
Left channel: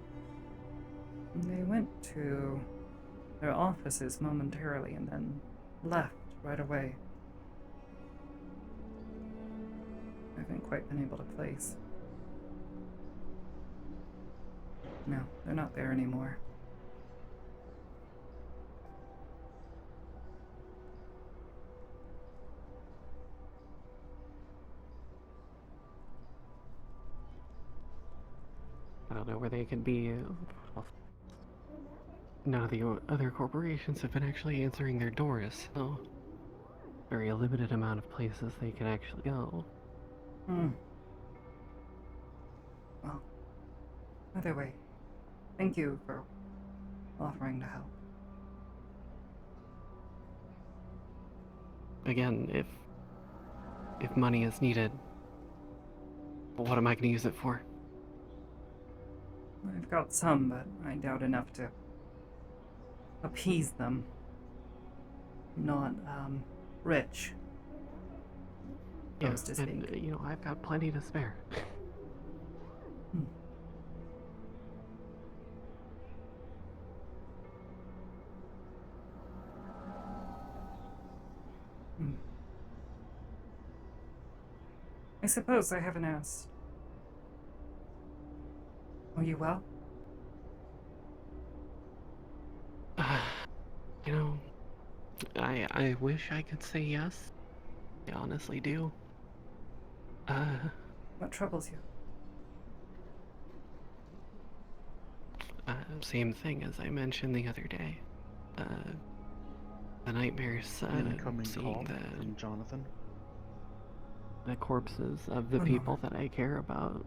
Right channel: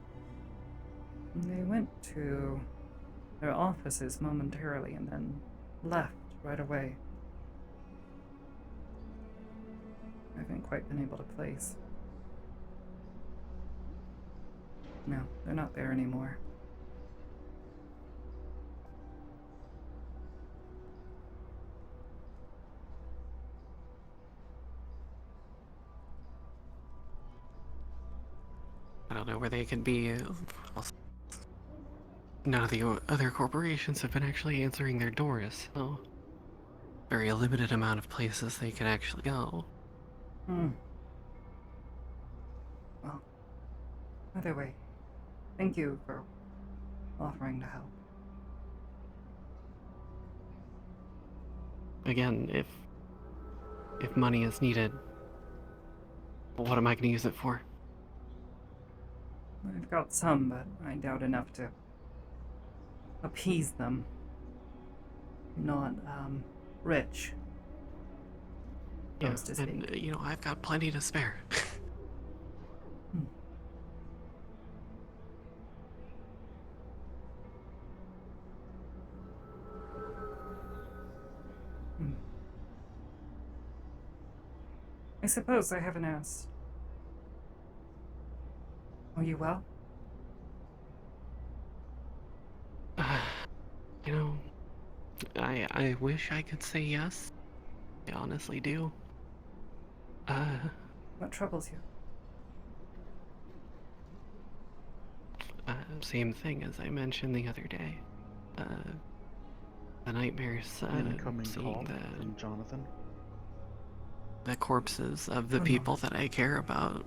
they went to their offices momentarily and then left right away. I haven't quite been able to place. No, they're not there anymore. I don't know where they could be. None of the other corporations have been actually answering their doors, so very limited amount of places they can actually go. Well, either way, thank you for offering to help. Again, if money is needed, what am I going to use it for? I've got some, but I doubt enough to appease them. I'm not, rich. Yeah, To speak. and, you know, I've got plenty to spare. I suppose I haven't asked. Are you well? You know, I wish I could say yes. I honestly do. What troubles you? Same thing as I mentioned the other day. The nightmares, Incoming seeing call from Jonathan. the corpses of the people that I care about.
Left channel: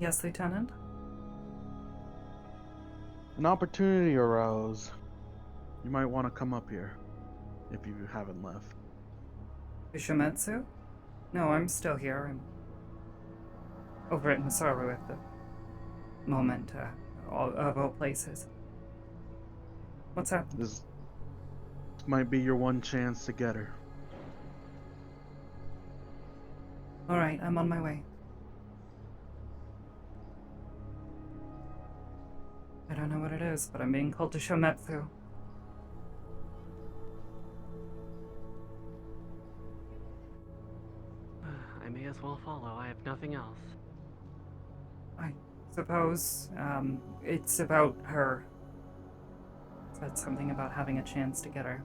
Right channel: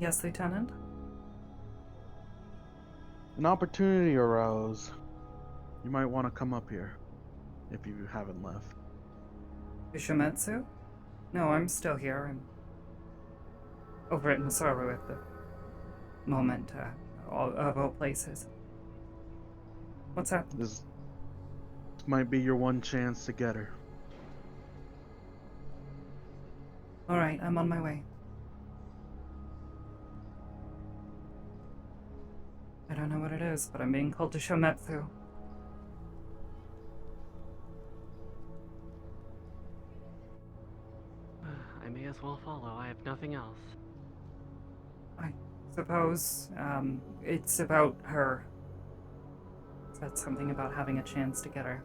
Yes, Lieutenant? An opportunity arose. You might want to come up here, if you haven't left. Yoshimitsu? No, I'm still here. I'm over at Masaru at the moment, of all places. What's happening? This might be your one chance to get her. Alright, I'm on my way. I don't know what it is, but I'm being called to Shometsu. I may as well follow. I have nothing else. I suppose. It's about her. Said something about having a chance to get her.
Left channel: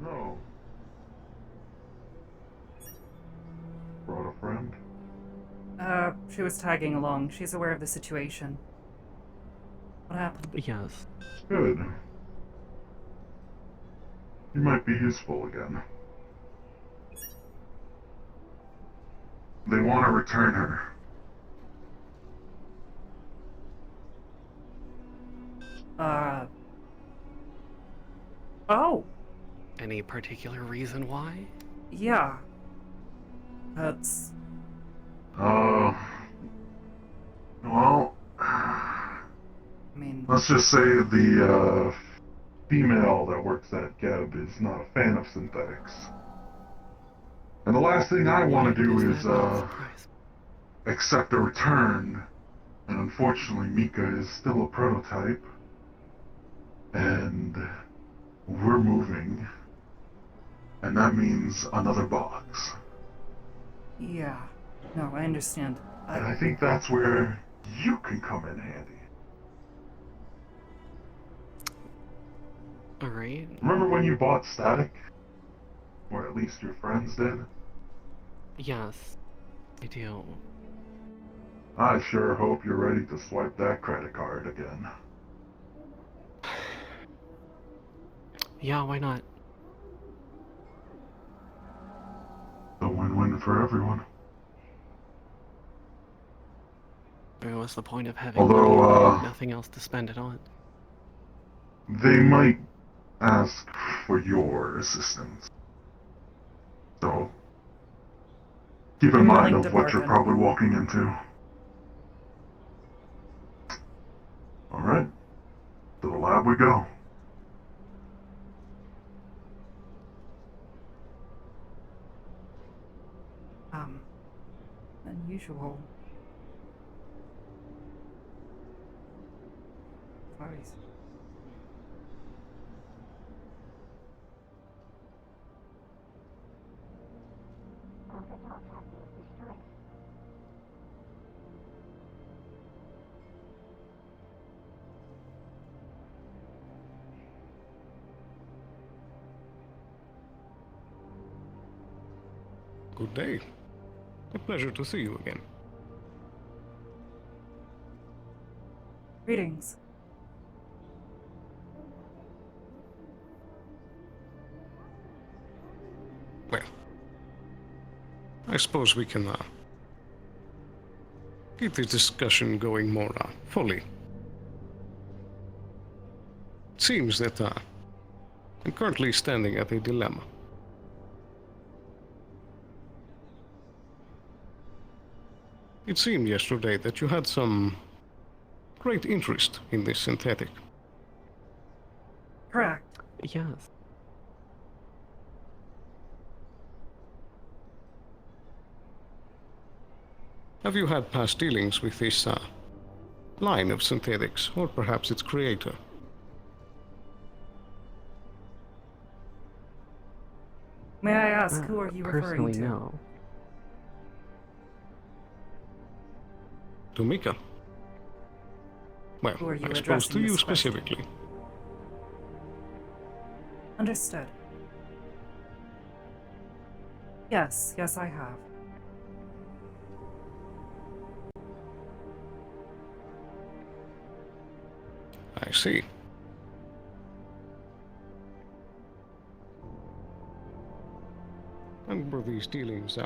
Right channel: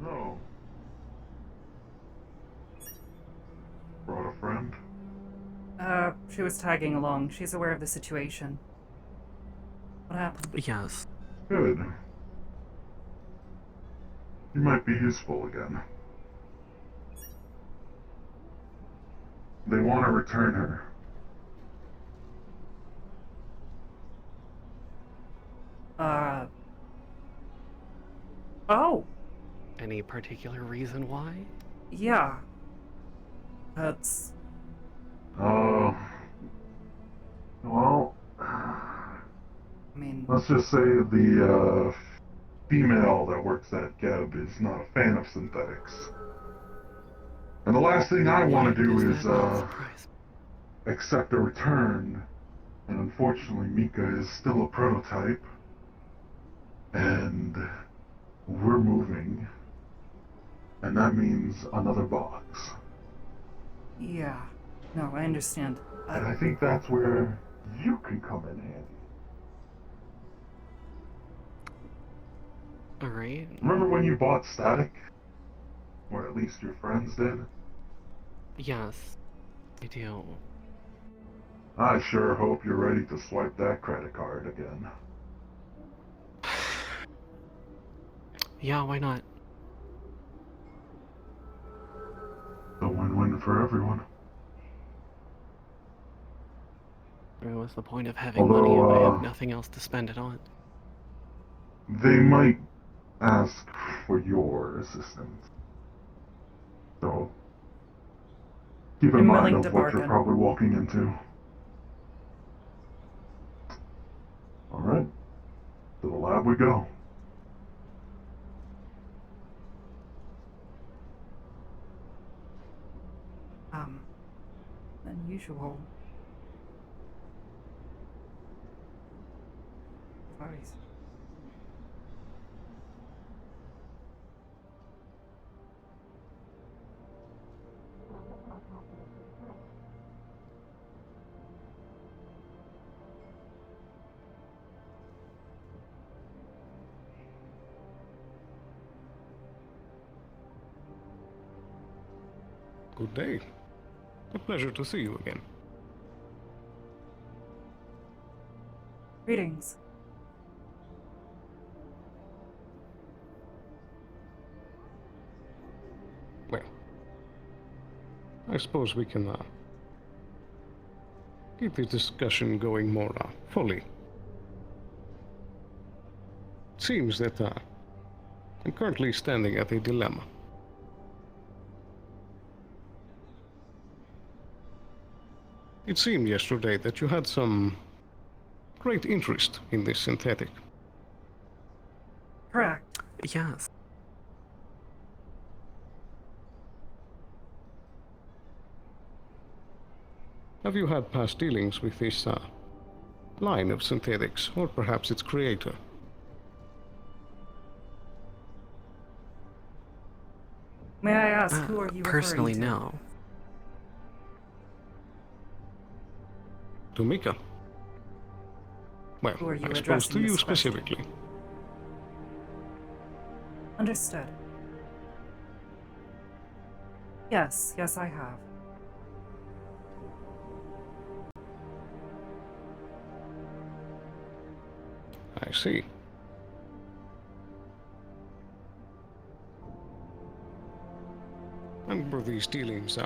No. Brought a friend? She was tagging along. She's aware of the situation. What happened? Yes. Good. You might be useful again. They want to return her. Oh! Any particular reason why? Yeah. That's... Well... I mean... Let's just say the, female that works at Geb is not a fan of synthetics. And the last thing I want to do is, accept a return. And unfortunately, Mika is still a prototype. And we're moving. And that means another box. Yeah. No, I understand. And I think that's where you can come in handy. Alright. Remember when you bought Static? Or at least your friends did? Yes, I do. I sure hope you're ready to swipe that credit card again. Yeah, why not? A win-win for everyone. What was the point of having money if I had nothing else to spend it on? They might ask for your assistance. So, keep in mind of what you're probably walking into. Alright, to the lab we go. Unusual. Sorry. Good day. A pleasure to see you again. Greetings. Well, I suppose we can keep the discussion going more fully. It seems that I'm currently standing at a dilemma. It seemed yesterday that you had some great interest in this synthetic. Correct. Yes. Have you had past dealings with this line of synthetics, or perhaps its creator? May I ask, who are you personally, referring to? No. To Mika? Well, Who are you I suppose addressing to you this question? specifically. Understood. Yes, I have. I see. And were these dealings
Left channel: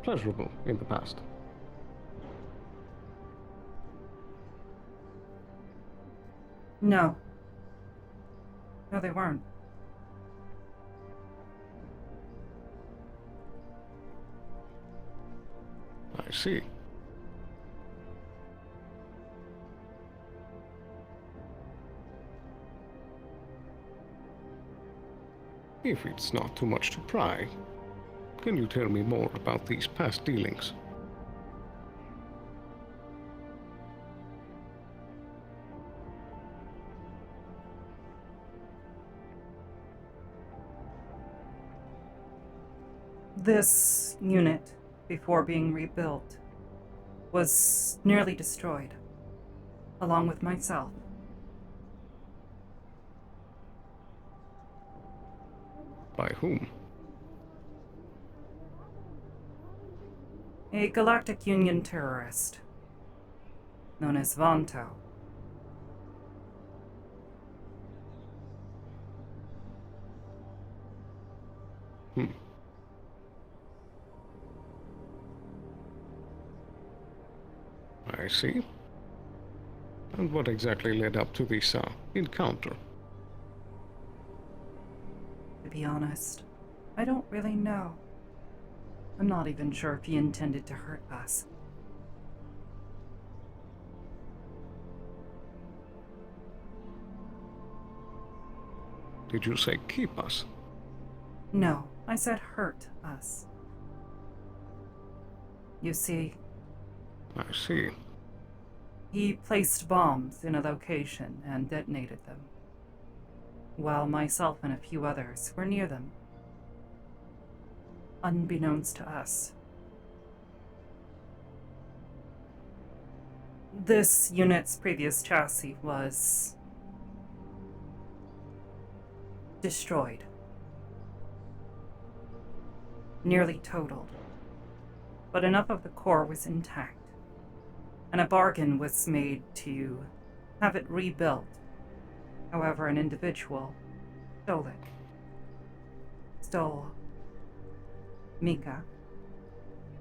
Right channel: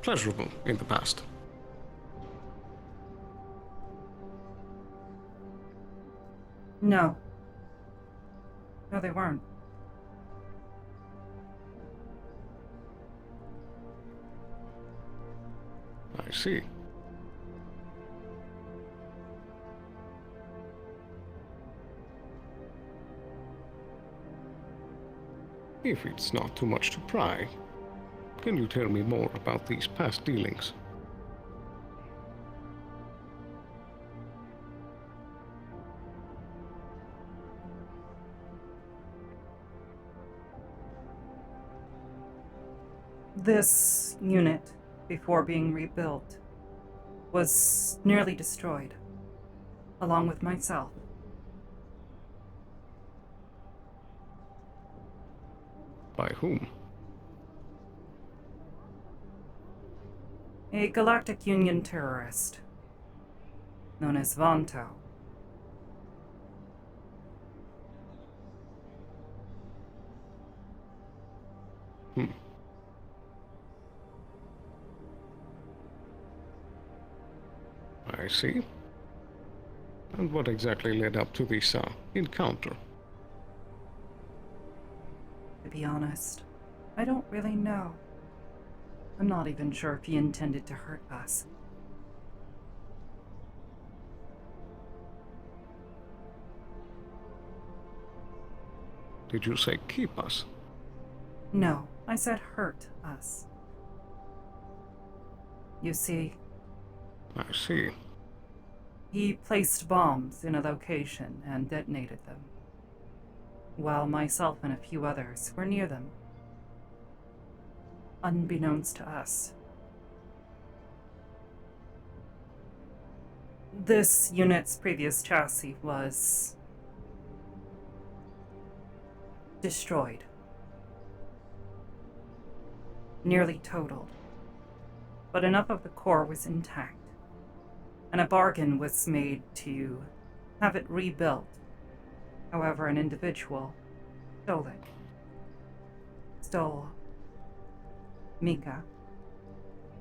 pleasurable in the past? No. No, they weren't. I see. If it's not too much to pry, can you tell me more about these past dealings? This unit, before being rebuilt, was nearly destroyed, along with myself. By whom? A Galactic Union terrorist, known as Vanto. I see. And what exactly led up to this encounter? To be honest, I don't really know. I'm not even sure if he intended to hurt us. Did you say keep us? No, I said hurt us. You see... I see. He placed bombs in a location and detonated them, while myself and a few others were near them. Unbeknownst to us. This unit's previous chassis was destroyed. Nearly totaled. But enough of the core was intact, and a bargain was made to have it rebuilt. However, an individual stole it. Stole Mika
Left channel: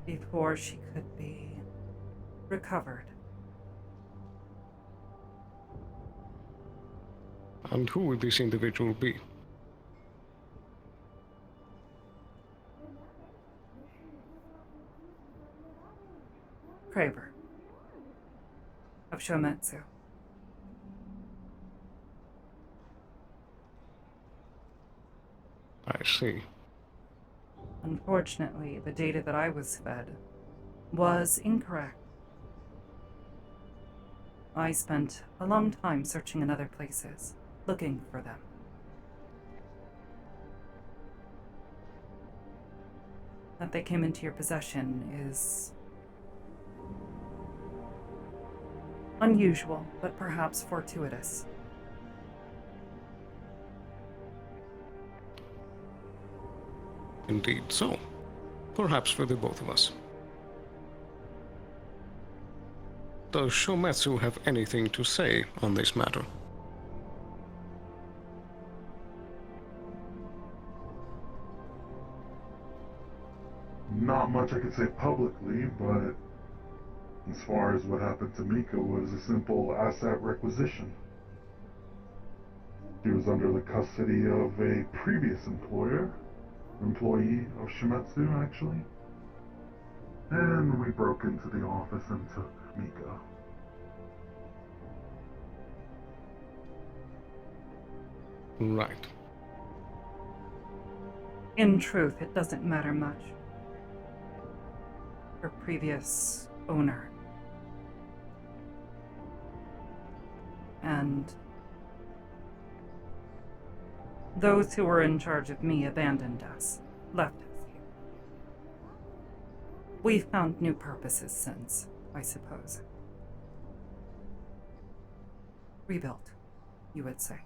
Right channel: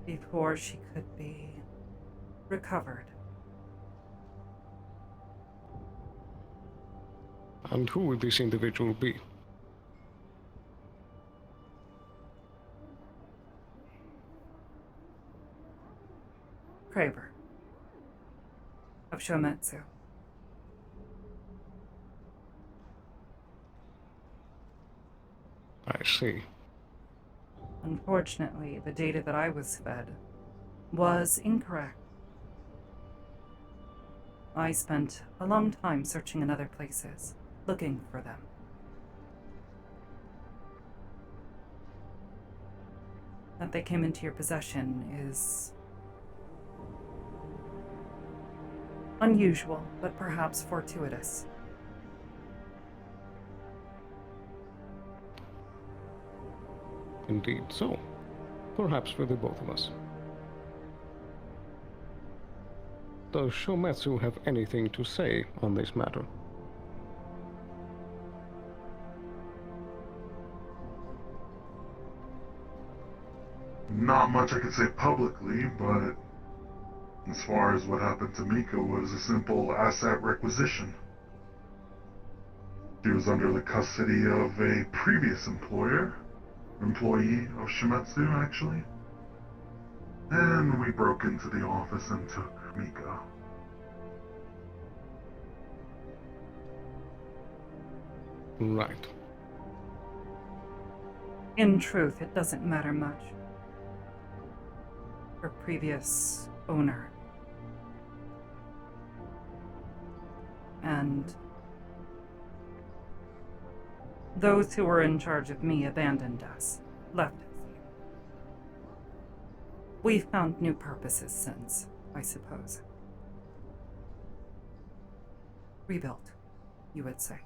before she could be recovered. And who would this individual be? Kraber of Shometsu. I see. Unfortunately, the data that I was fed was incorrect. I spent a long time searching in other places, looking for them. That they came into your possession is unusual, but perhaps fortuitous. Indeed so. Perhaps for the both of us. Does Shometsu have anything to say on this matter? Not much I could say publicly, but as far as what happened to Mika was a simple asset requisition. She was under the custody of a previous employee of Shimetsu, actually. And we broke into the office and took Mika. Right. In truth, it doesn't matter much. Her previous owner. And those who were in charge of me abandoned us, left us here. We've found new purposes since, I suppose. Rebuilt, you would say.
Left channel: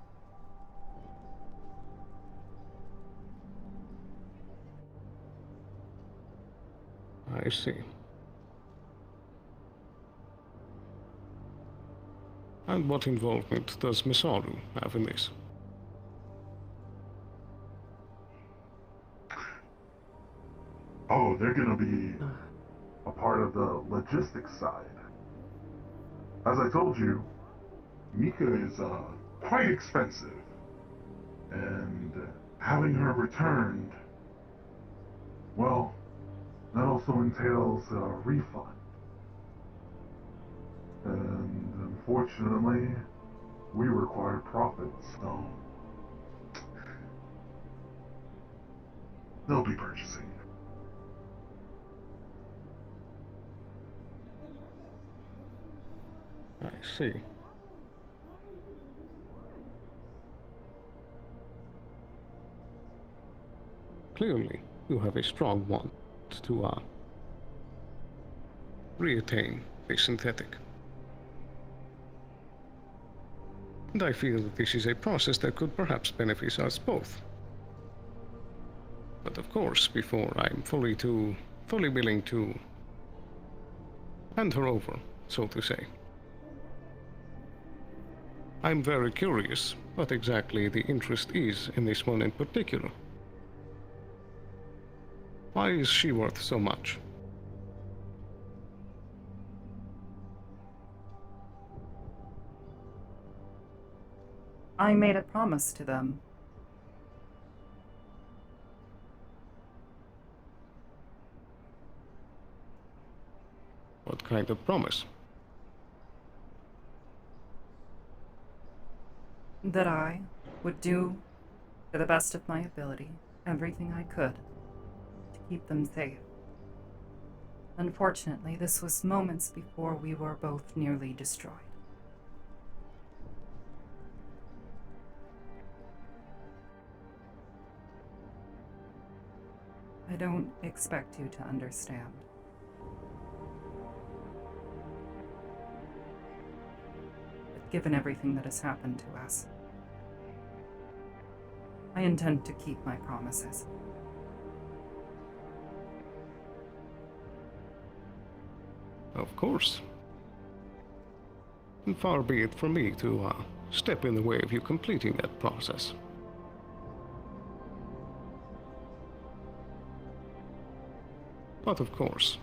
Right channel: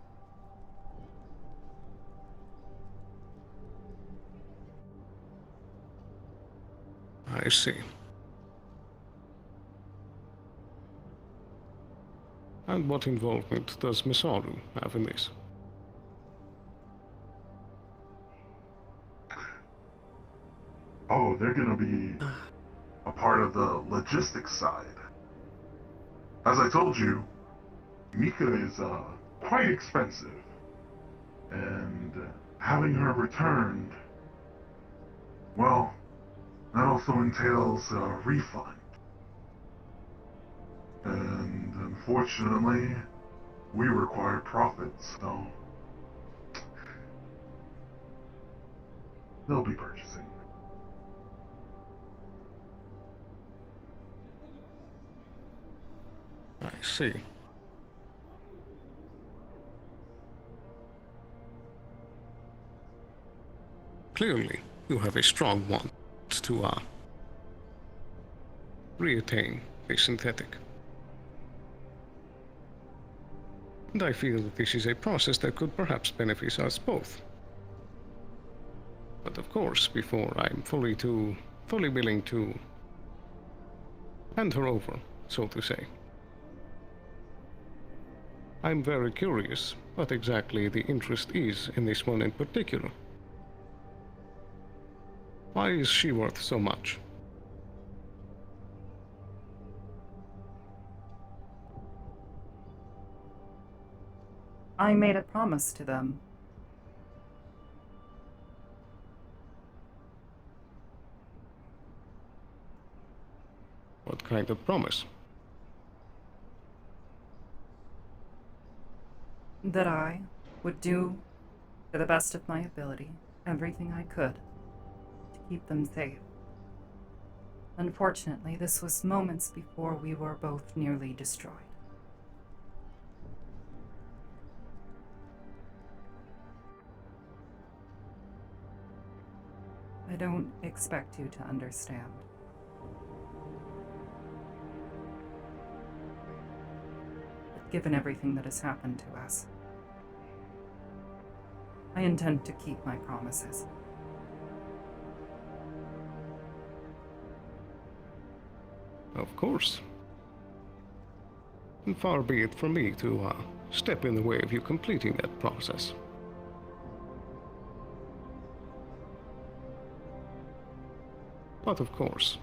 I see. And what involvement does Misaru have in this? Oh, they're gonna be a part of the logistics side. As I told you, Mika is quite expensive, and having her returned, well, that also entails a refund. And unfortunately, we require profits, so they'll be purchasing. I see. Clearly, you have a strong want to reattain a synthetic. And I feel that this is a process that could perhaps benefit us both. But of course, before I'm fully willing to hand her over, so to say. I'm very curious what exactly the interest is in this one in particular. Why is she worth so much? I made a promise to them. What kind of promise? That I would do, to the best of my ability, everything I could to keep them safe. Unfortunately, this was moments before we were both nearly destroyed. I don't expect you to understand. But given everything that has happened to us, I intend to keep my promises. Of course. And far be it from me to step in the way of you completing that process. But of course,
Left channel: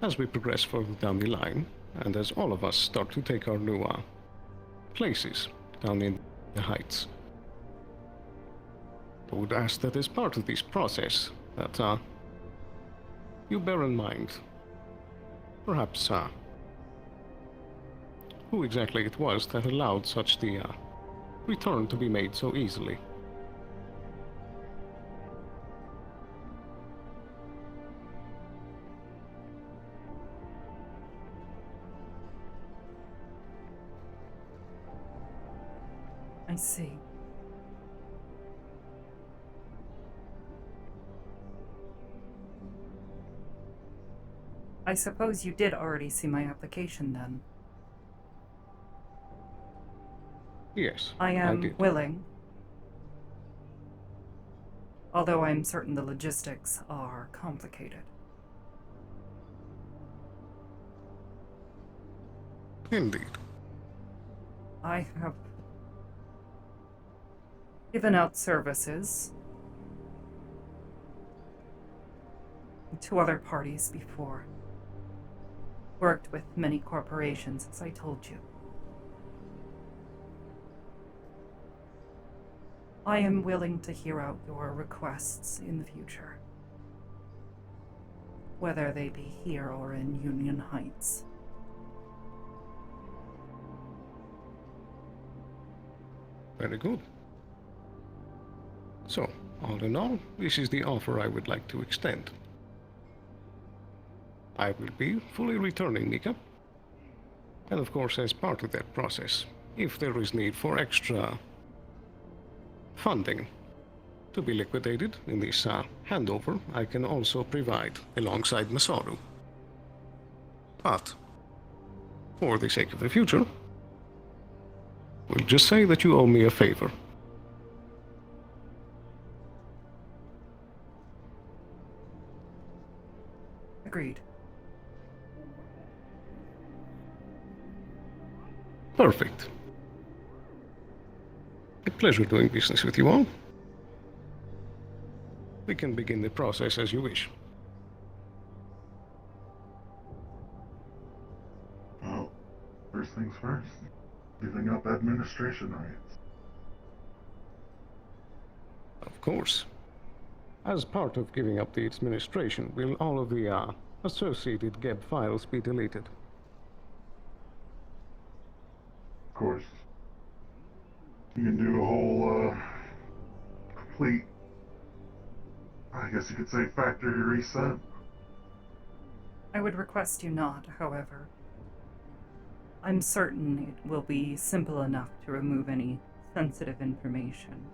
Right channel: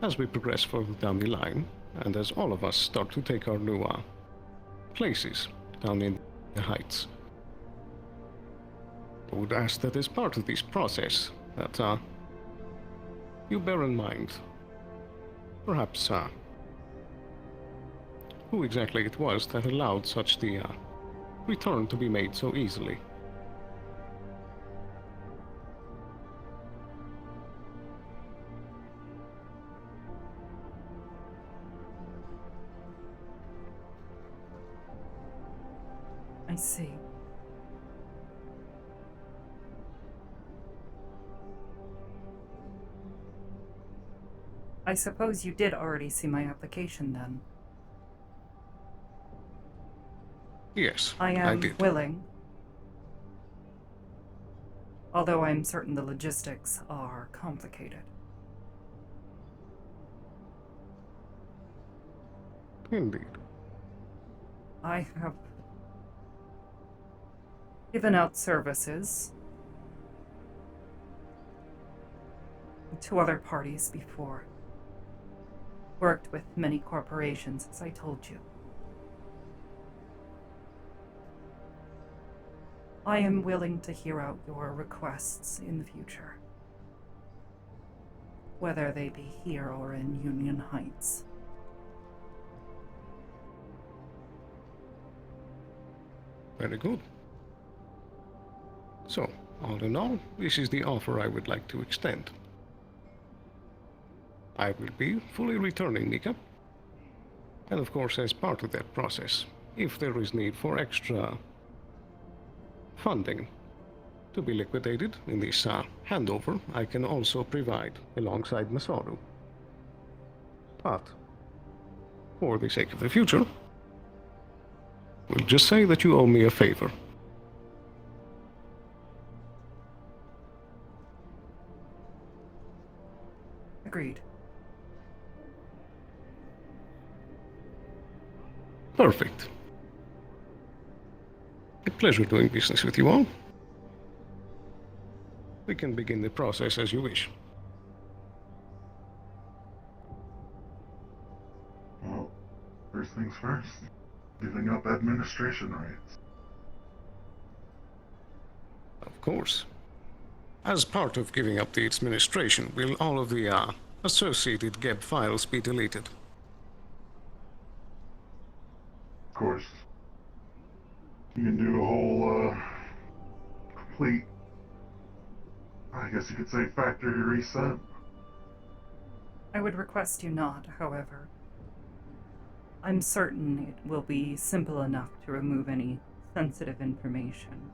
as we progress further down the line, and as all of us start to take our new places down in the heights, I would ask that as part of this process, that you bear in mind, perhaps, who exactly it was that allowed such the return to be made so easily. I see. I suppose you did already see my application then. Yes, I am did. willing. Although I'm certain the logistics are complicated. Indeed. I have given out services to other parties before. Worked with many corporations, as I told you. I am willing to hear out your requests in the future, whether they be here or in Union Heights. Very good. So, all in all, this is the offer I would like to extend. I will be fully returning Mika. And of course, as part of that process, if there is need for extra funding to be liquidated in this handover, I can also provide alongside Masaru. But, for the sake of the future, we'll just say that you owe me a favor. Agreed. Perfect. A pleasure doing business with you all. We can begin the process as you wish. Well, first things first. Giving up administration rights. Of course. As part of giving up the administration, will all of the associated GEB files be deleted? Of course. You can do a whole, complete, I guess you could say, factory reset. I would request you not, however. I'm certain it will be simple enough to remove any sensitive information.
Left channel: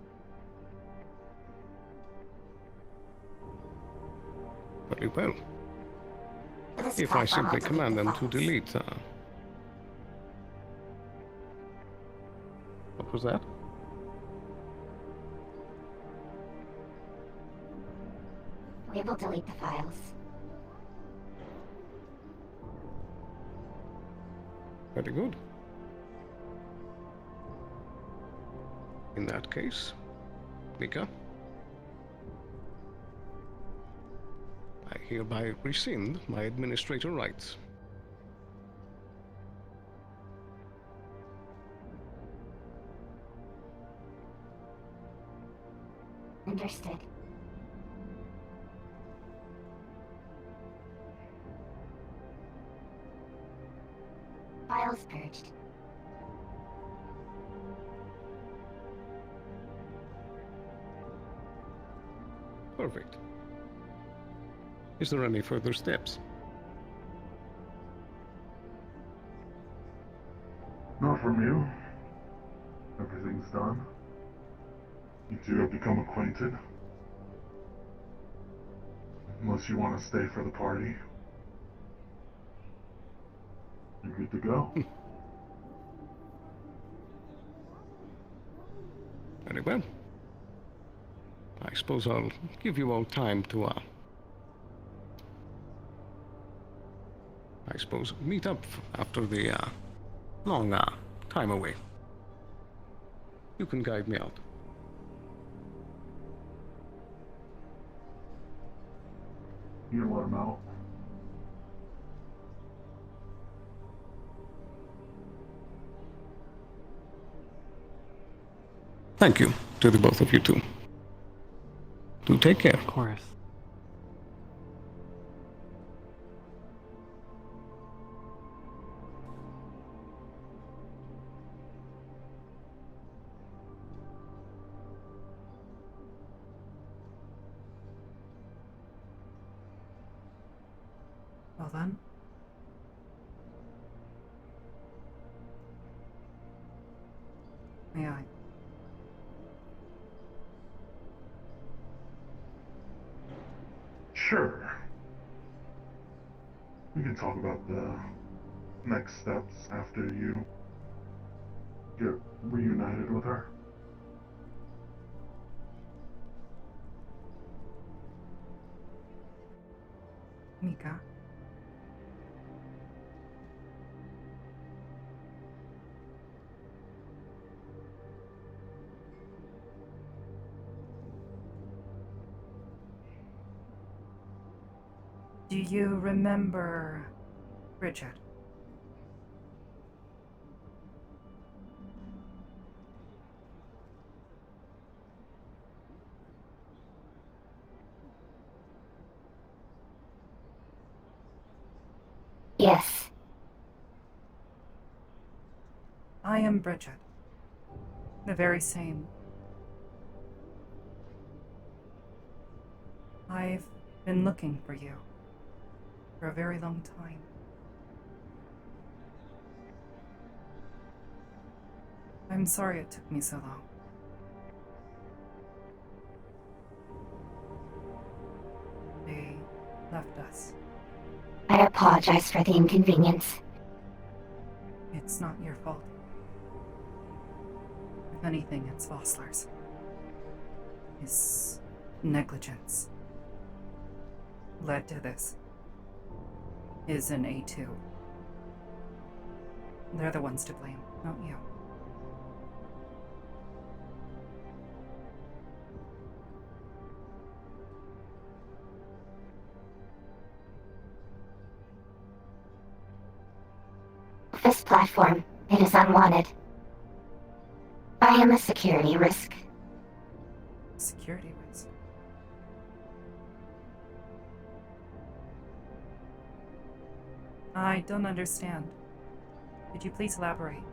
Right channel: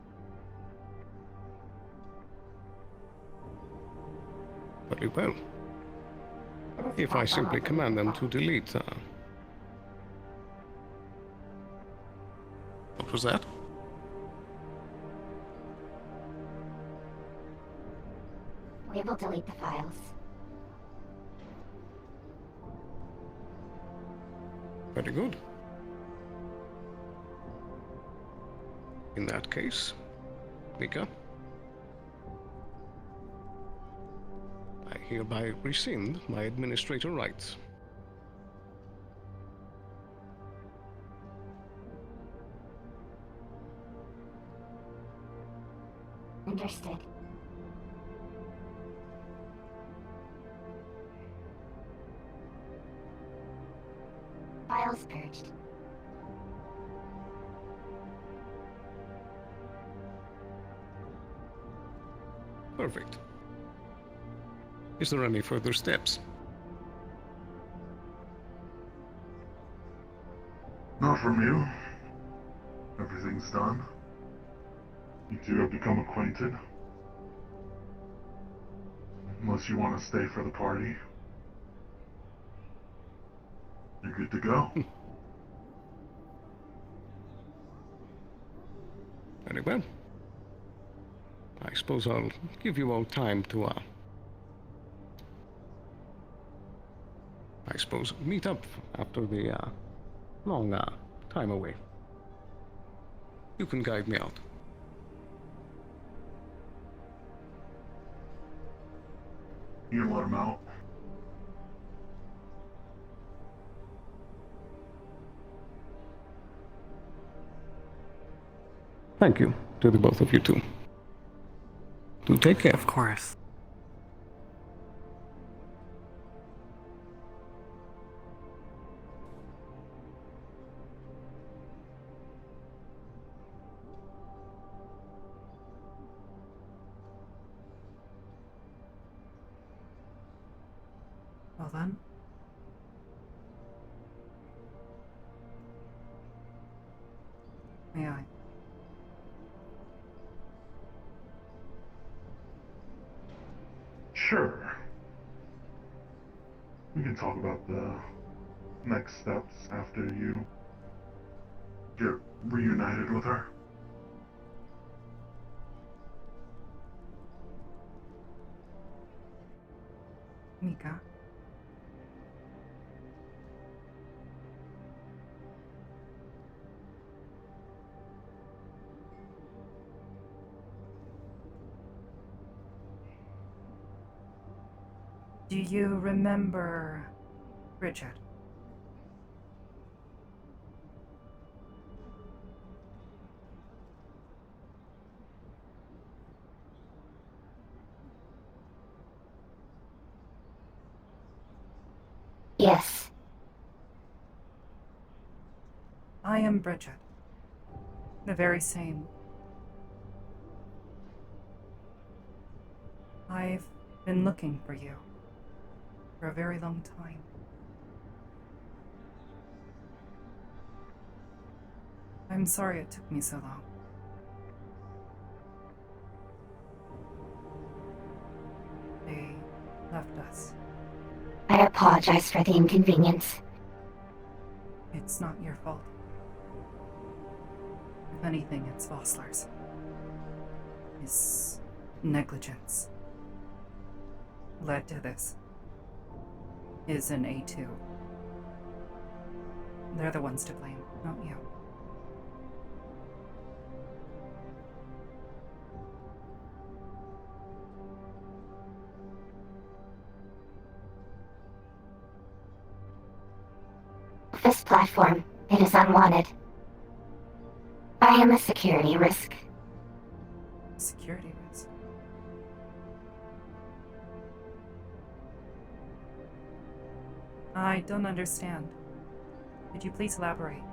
Very well. If I simply command them to delete, what was that? We will delete the files. Very good. In that case, Mika, I hereby rescind my administrator rights. Understood. Files purged. Perfect. Is there any further steps? Not from you. Everything's done. You two have become acquainted. Unless you want to stay for the party. You're good to go. Very well. I suppose I'll give you all time to, meet up after the, long, time away. You can guide me out. You can let him out. Thank you to the both of you too. Do take care. Of course. Well then. May I? Sure. We can talk about the next steps after you get reunited with her. Mika. Do you remember Bridget? Yes. I am Bridget. The very same. I've been looking for you for a very long time. I'm sorry it took me so long. They left us. I apologize for the inconvenience. It's not your fault. If anything, it's Vossler's. His negligence led to this. Is an A2. They're the ones to blame, not you. this platform. It is unwanted. I am a security risk. Security risk? I don't understand. Could you please elaborate?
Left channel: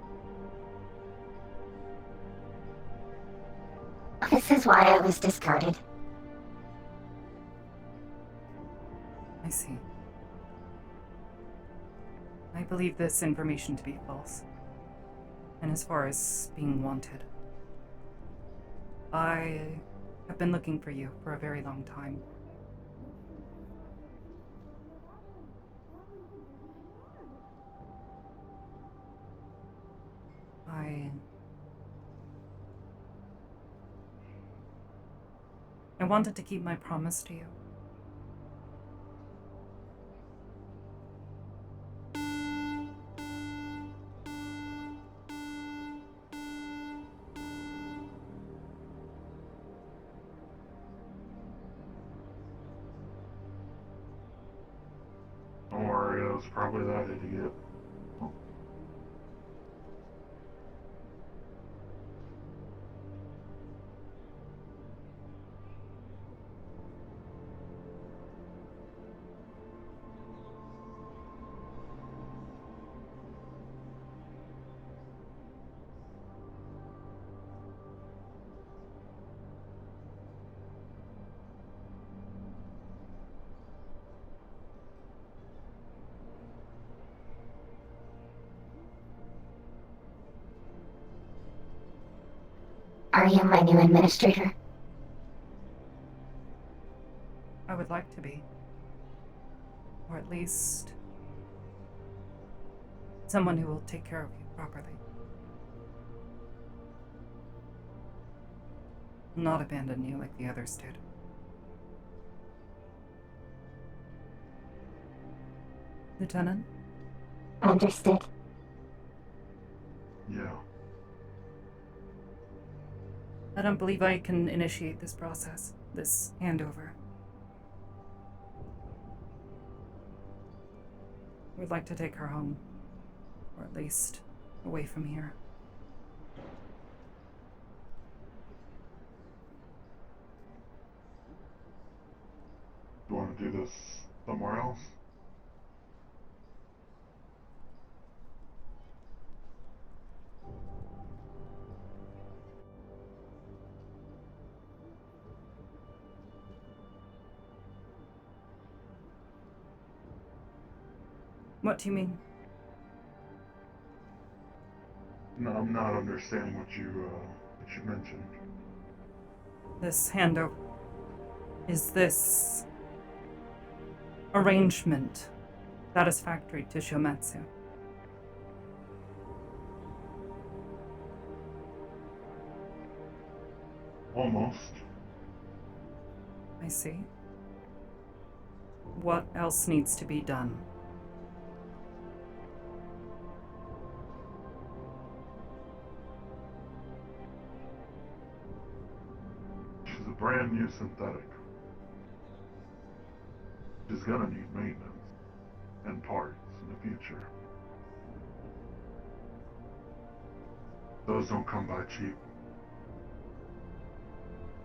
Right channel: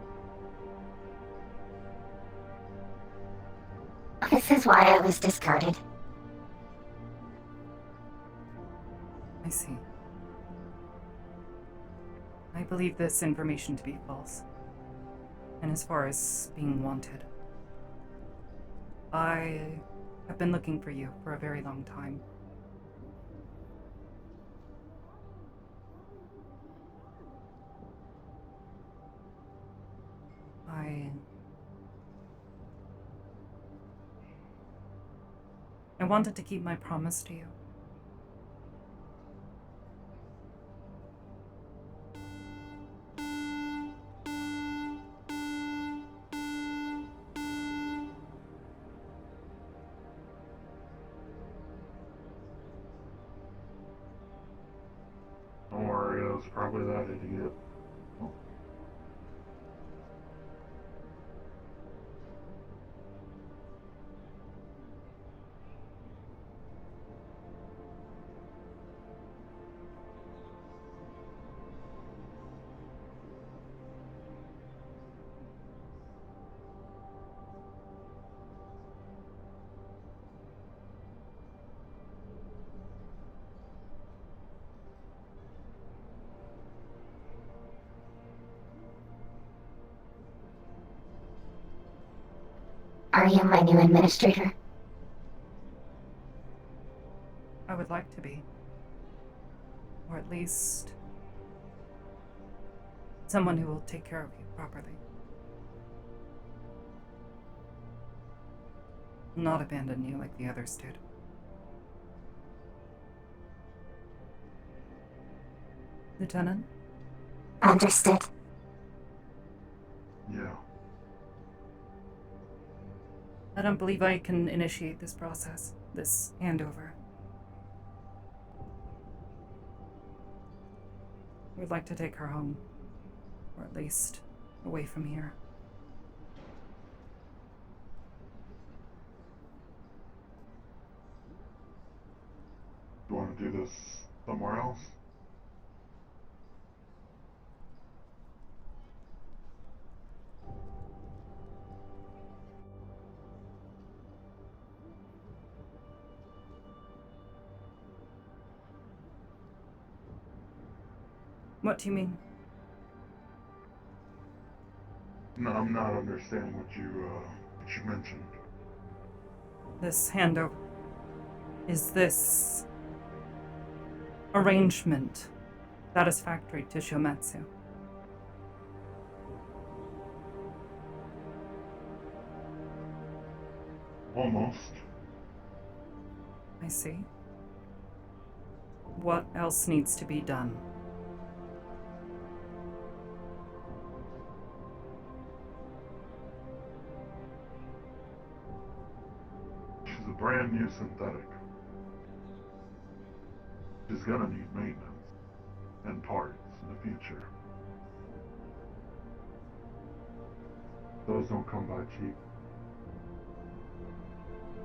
This is why I was discarded. I see. I believe this information to be false. And as far as being wanted, I have been looking for you for a very long time. I wanted to keep my promise to you. Don't worry, it was probably that idiot. Are you my new administrator? I would like to be. Or at least someone who will take care of you properly. Not abandon you like the others did. Lieutenant? Understood. Yeah. I don't believe I can initiate this process, this handover. We'd like to take her home. Or at least away from here. You want to do this somewhere else? What do you mean? No, I'm not understanding what you mentioned. This handover. Is this arrangement satisfactory to Shometsu? Almost. I see. What else needs to be done? She's a brand new synthetic. She's gonna need maintenance and parts in the future. Those don't come by cheap.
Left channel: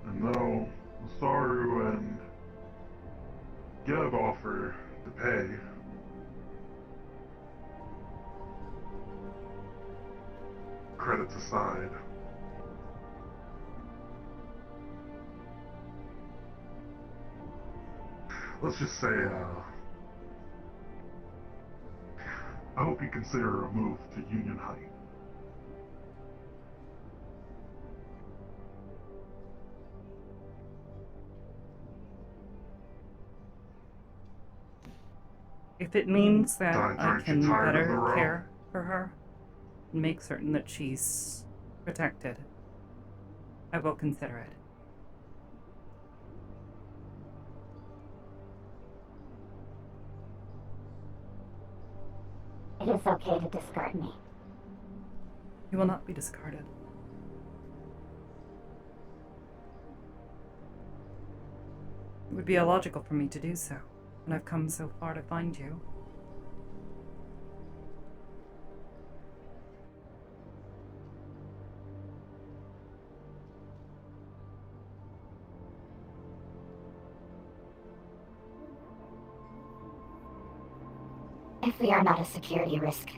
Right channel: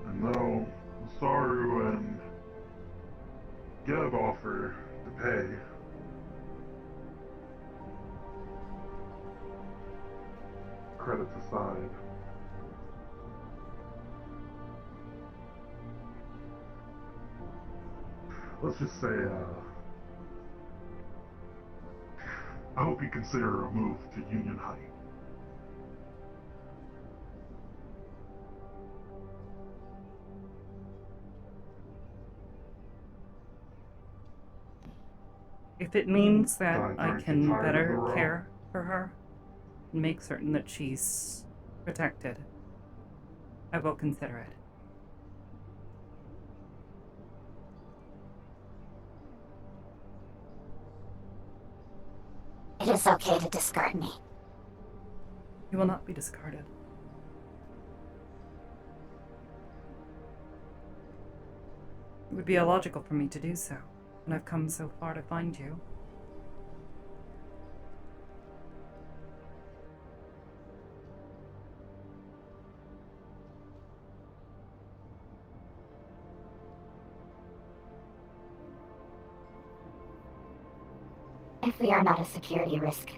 And though Saru and Geb offer to pay, credits aside, let's just say, I hope you consider a move to Union Heights. If it means that Aren't I you can tired of better the road? care for her and make certain that she's protected, I will consider it. It is okay to discard me. You will not be discarded. It would be illogical for me to do so, and I've come so far to find you. If we are not a security risk,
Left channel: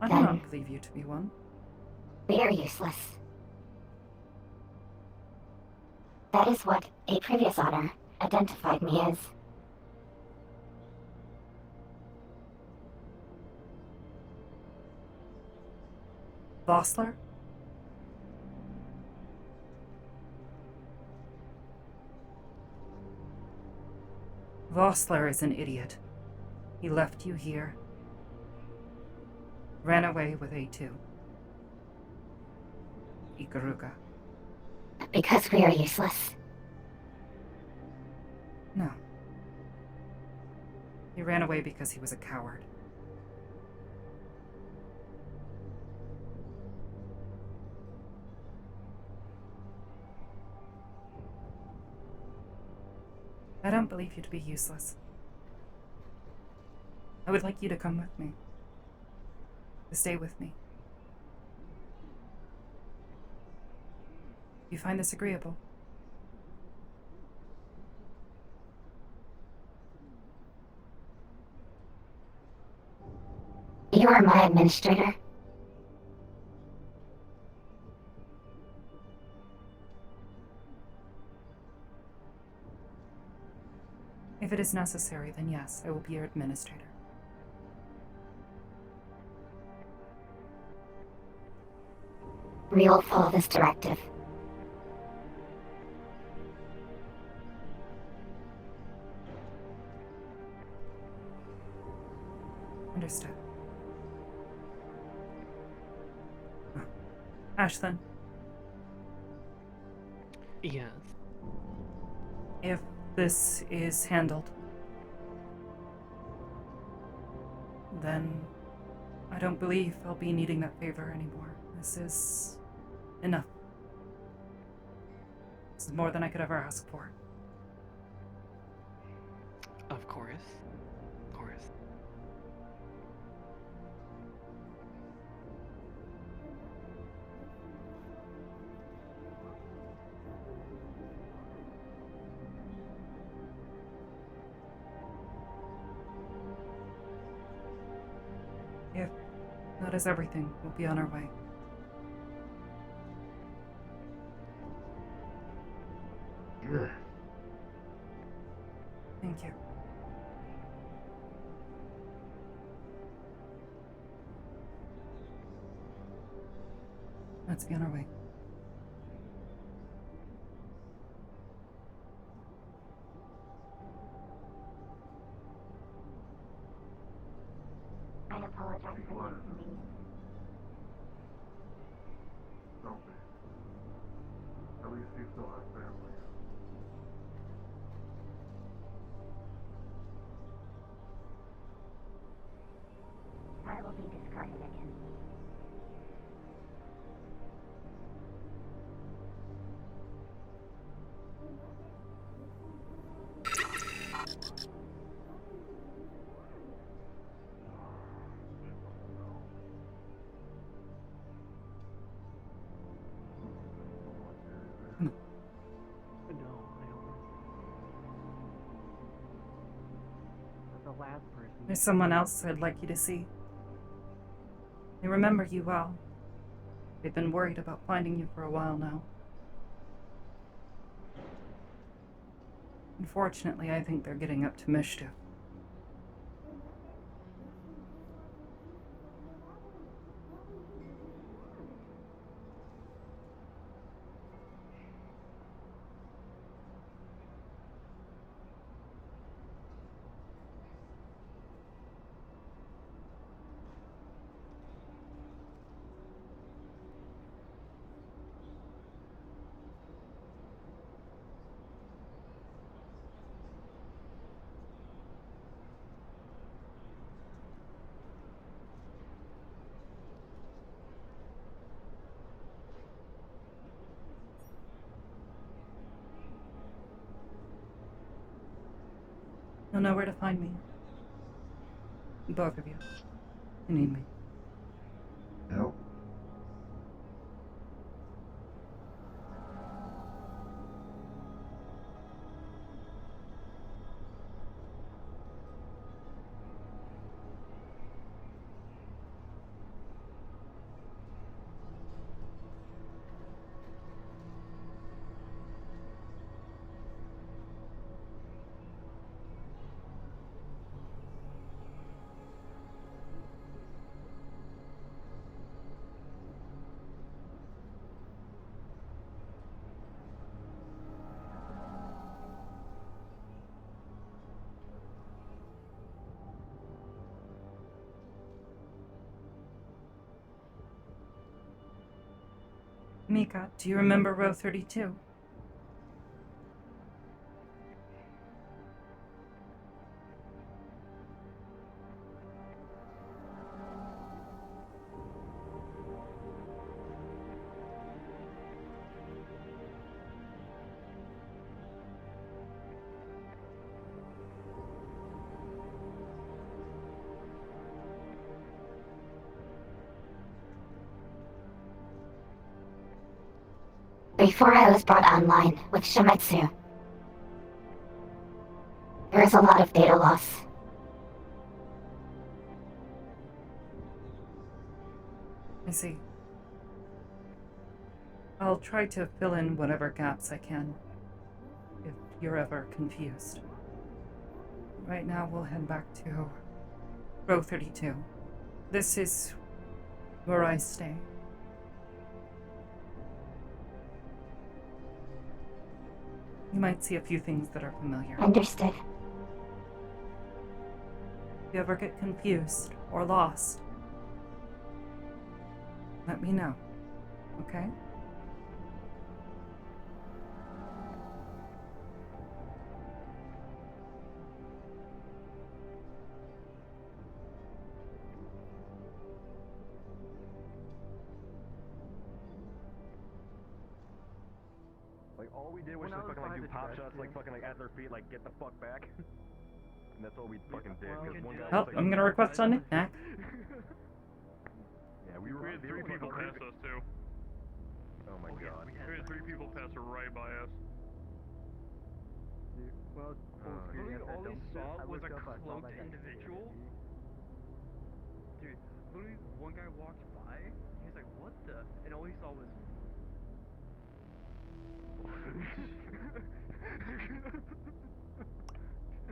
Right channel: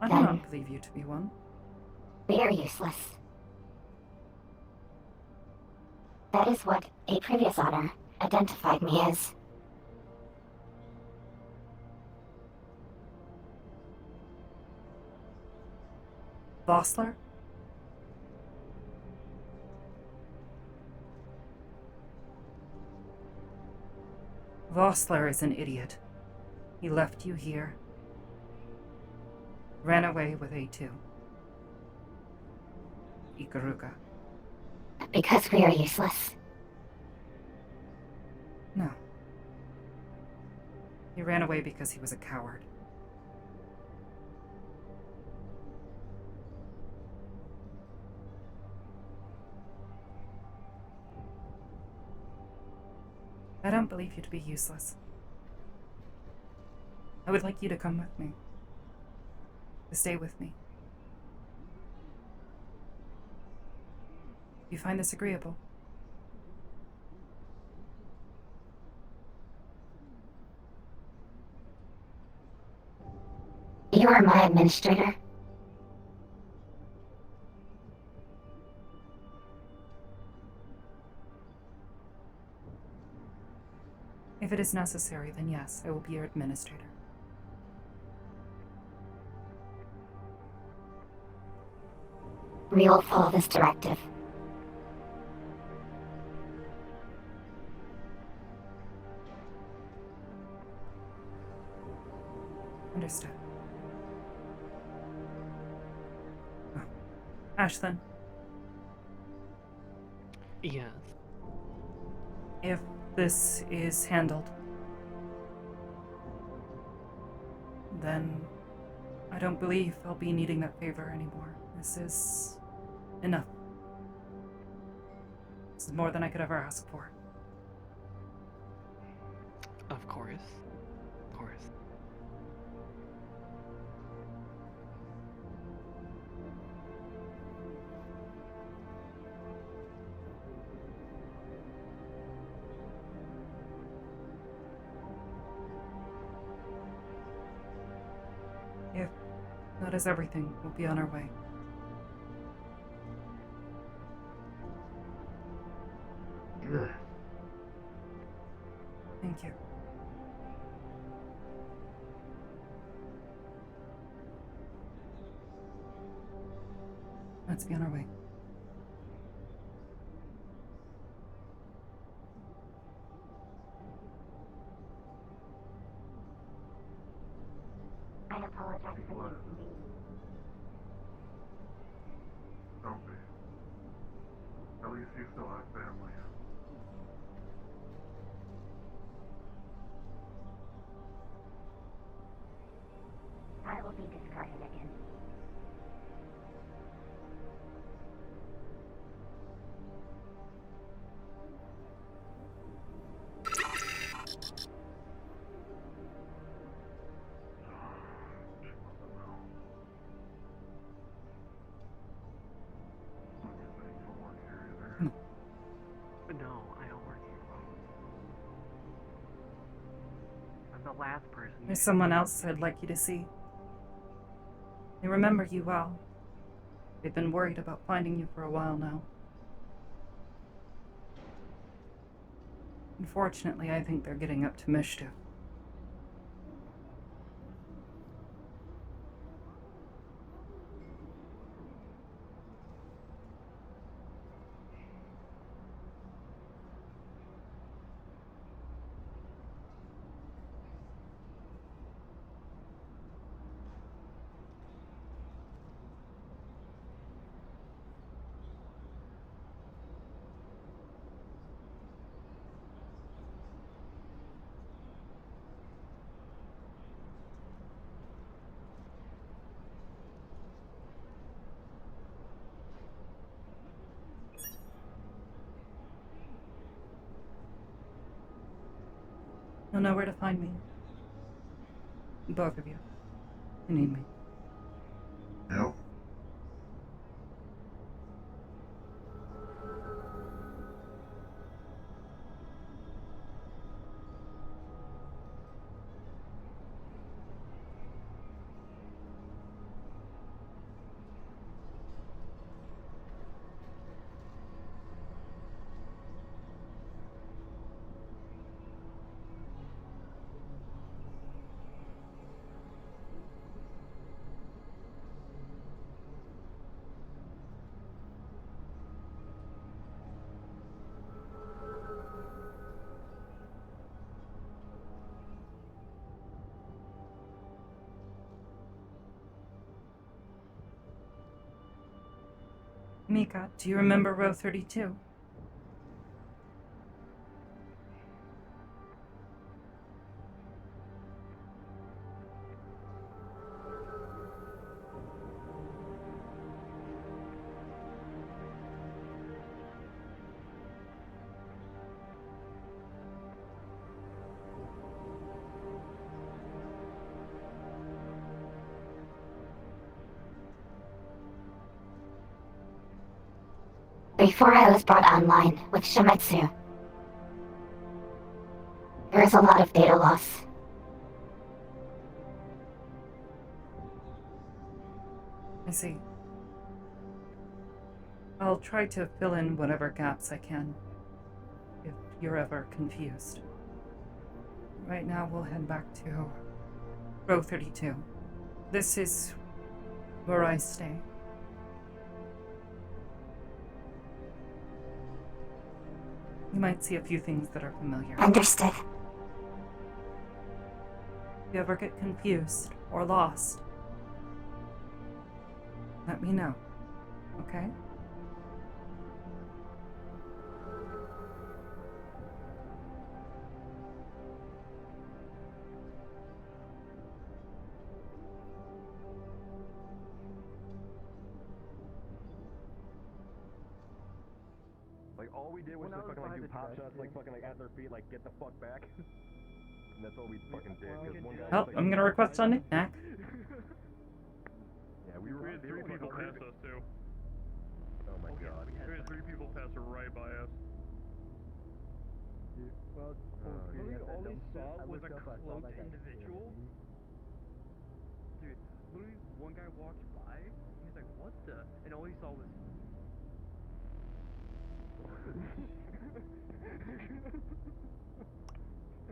I do not believe you to be one. we are useless. That is what a previous honor identified me as. Vossler? Vossler is an idiot. He left you here. Ran away with A2. Ikaruga. Because we are useless. No. He ran away because he was a coward. I don't believe you to be useless. I would like you to come with me. To stay with me. You find this agreeable? You are my administrator. If it is necessary, then yes, I will be your administrator. We will follow this directive. Understood. Oh. Ashlyn. Yes. If this is handled, then I don't believe I'll be needing that favor anymore. This is enough. This is more than I could ever ask for. Of course. Of course. If that is everything, we'll be on our way. Yeah. Thank you. Let's be on our way. I apologize for this. Don't be. At least you still have family. I will be discarded again. No, I don't work here. But the last person. There's someone else I'd like you to see. They remember you well. They've been worried about finding you for a while now. Unfortunately, I think they're getting up to mischief. You'll know where to find me. Both of you. You need me. Yep. Mika, do you remember row 32? Before I was brought online with Shimetsu, there was a lot of data loss. I see. I'll try to fill in whatever gaps I can, if you're ever confused. Right now, we'll head back to row 32. This is where I stay. You might see a few things that are familiar. Understood. If you ever get confused or lost, let me know, okay? Like, all we did was just fucking, like, do pop shots, like, fucking, like, at their feet, like, get the fuck back. And that's all we fucking did, because one guy Oh, was, like, I'm gonna request a knick-knack. Yeah, we had three people pass us, too. Oh my god. We had 3 people pass right by us. Well, literally all we saw was a cloaked individual. Dude, literally one guy walked by, he's like, what the? And all he saw was...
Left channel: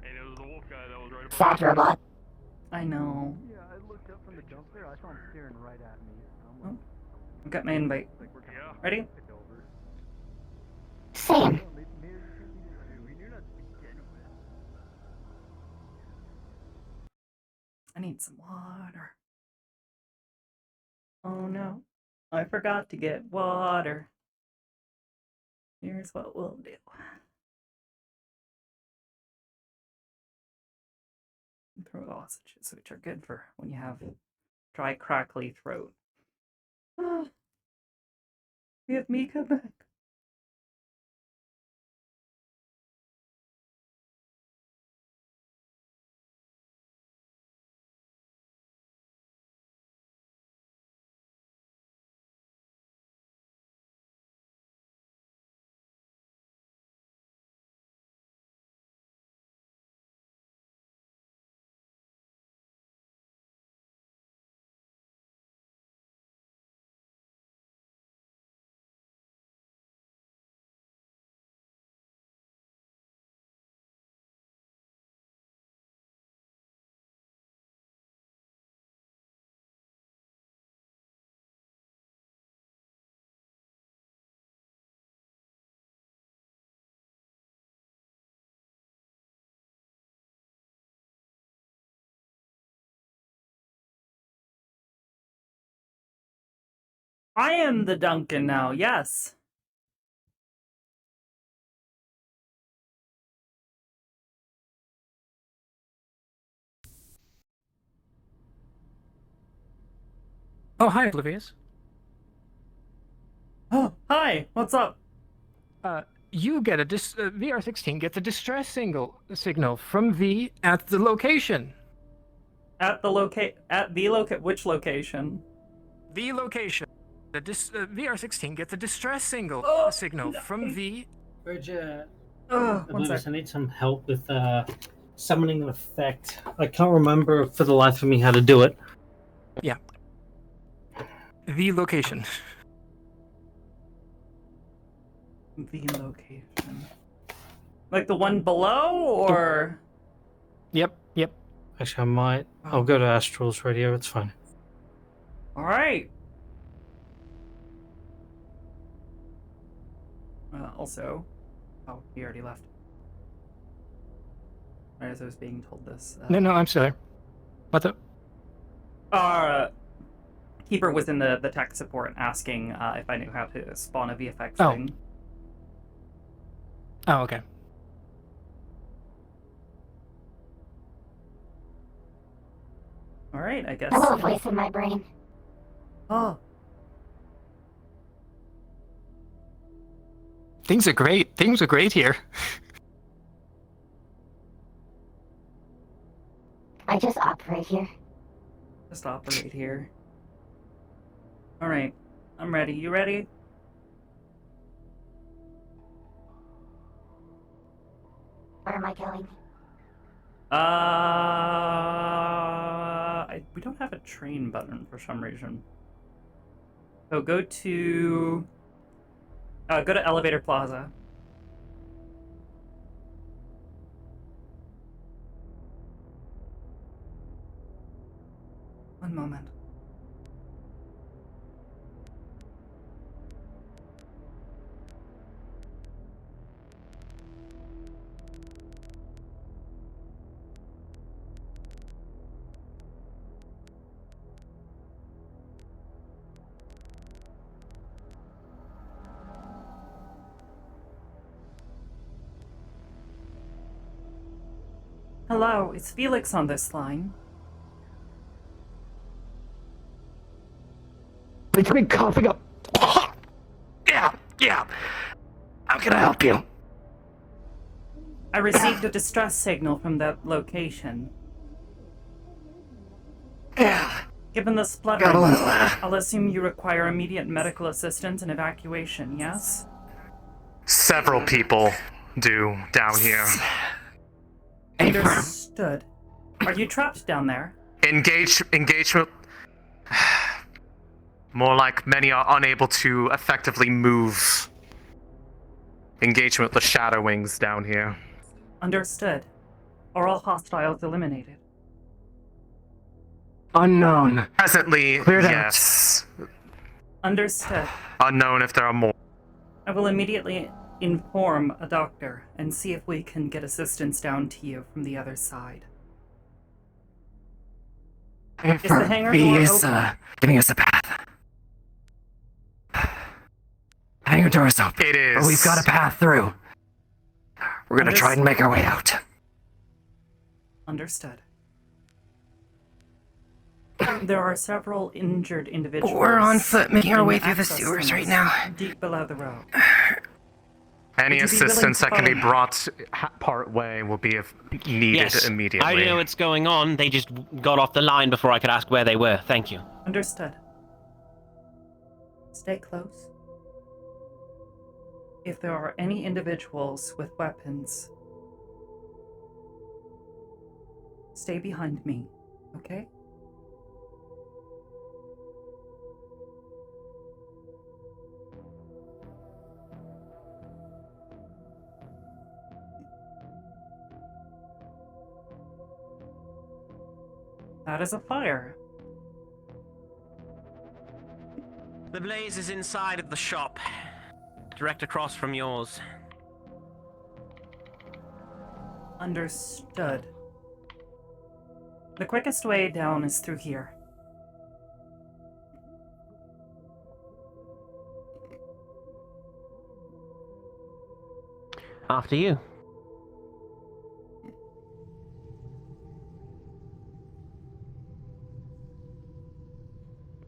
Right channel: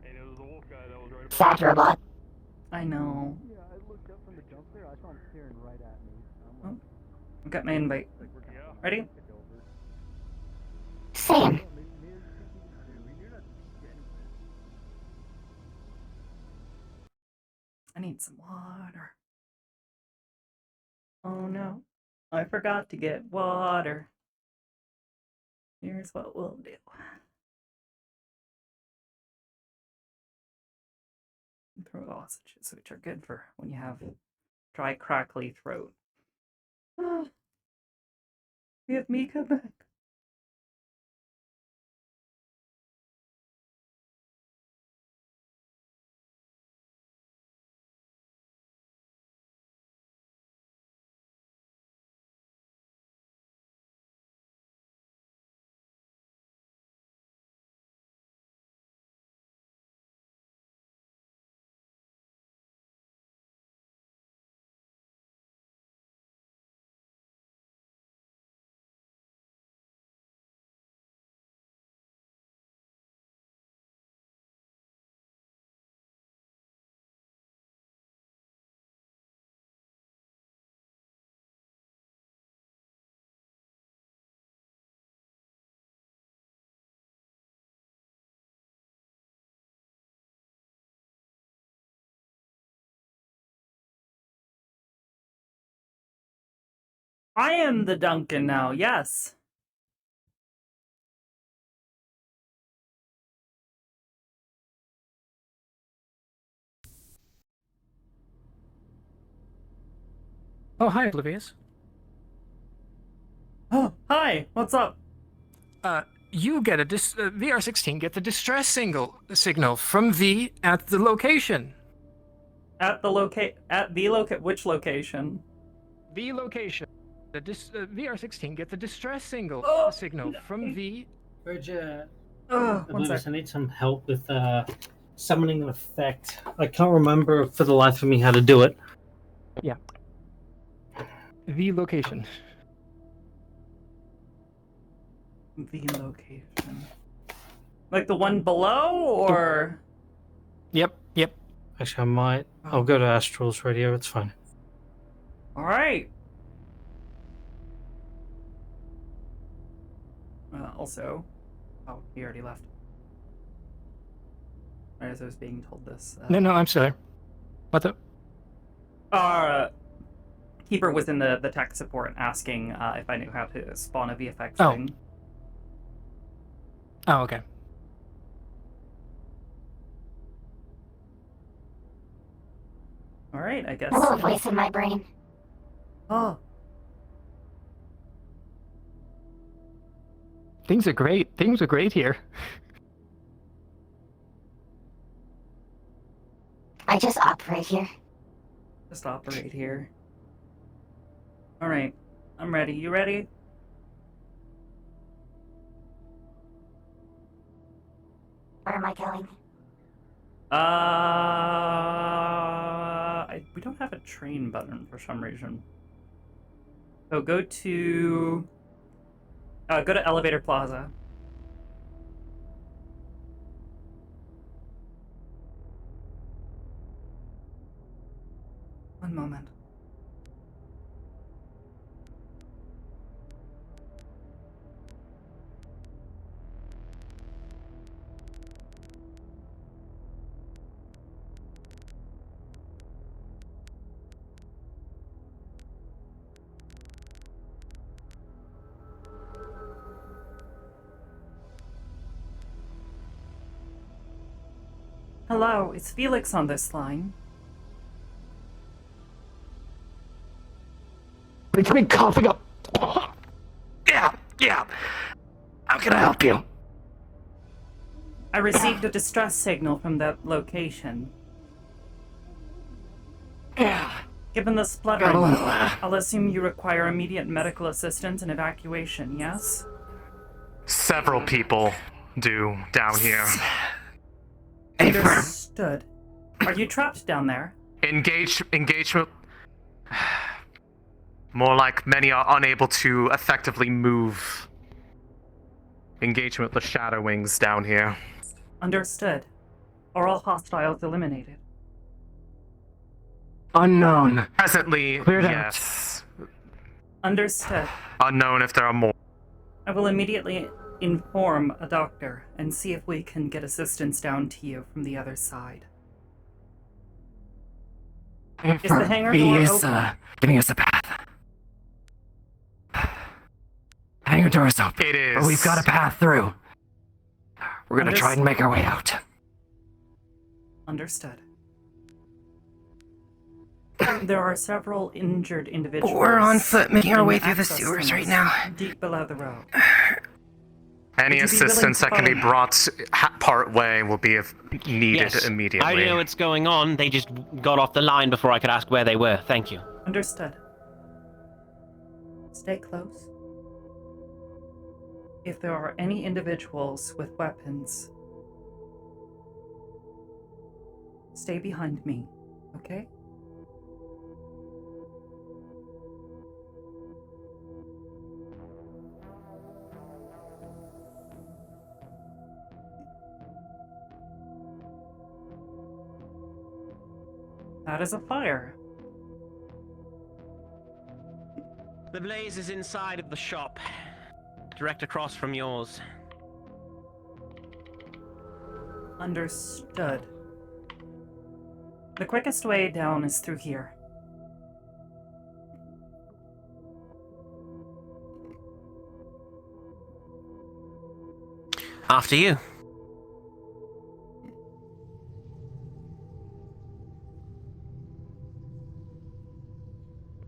And it was the wolf guy that was right above Sad robot. I know. Yeah, I looked up from the dumpster, I saw him staring right at me. I'm Oh, like... I've got my invite. Yeah. Ready? Same. I need some water. Oh no, I forgot to get water. Here's what we'll do. Throat lozenges, which are good for when you have dry, crackly throat. Ah, we have Mika back. I am the Duncan now, yes. Oh, hi, Oblivious. Oh, hi, what's up? You get a BR-16 gets a distress signal from V at the location. At the which location? The location. The BR-16 gets a distress signal from V. Bridget, one Oblivious, sec. I need some help with summoning an effect. I can't remember for the life of me how to do it. Yeah. The location. The location. Like the one below, or? Yep. Actually, I might. I'll go to Astral's radio. It's fine. All right. Also, oh, he already left. Right as I was being told this. No, I'm still there. What the? Keeper was in the tech support asking if I knew how to spawn a VFX Oh. thing. Oh, okay. All right, I guess. A little voice in my brain. Oh. Things are great. Things are great here. I just operate here. Just operate here. All right, I'm ready. You ready? Where am I going? We don't have a train button for some reason. So go to Elevator Plaza. One moment. Hello, is Felix on this line? It's been coughing up. Yeah. How can I help you? I received a distress signal from that location. Given the spluttering, I'll assume you require immediate medical assistance and evacuation, yes? Several people do down here. Understood. Are you trapped down there? Engagement. More like many are unable to effectively move. Engagement with the Shadow Wings down here. Understood. Are all hostiles eliminated? Unknown. Presently, Cleared out. yes. Understood. Unknown if there are more. I will immediately inform a doctor and see if we can get assistance down to you from the other side. Is the hangar door open? Giving us a path. Hangar door is open. It is. But we've got a path through. We're gonna try and make our way out. Understood. There are several injured individuals. We're on foot, making our in way through the access sewers right tunnels now. deep below the road. Any Would you be willing assistance to that can be follow me? brought part way will be needed Yes. immediately. I know what's going on. They just got off the line before I could ask where they were. Thank you. Understood. Stay close. If there are any individuals with weapons, stay behind me, okay? That is a fire. The blaze is inside of the shop, direct across from yours. Understood. The quickest way down is through here. After you.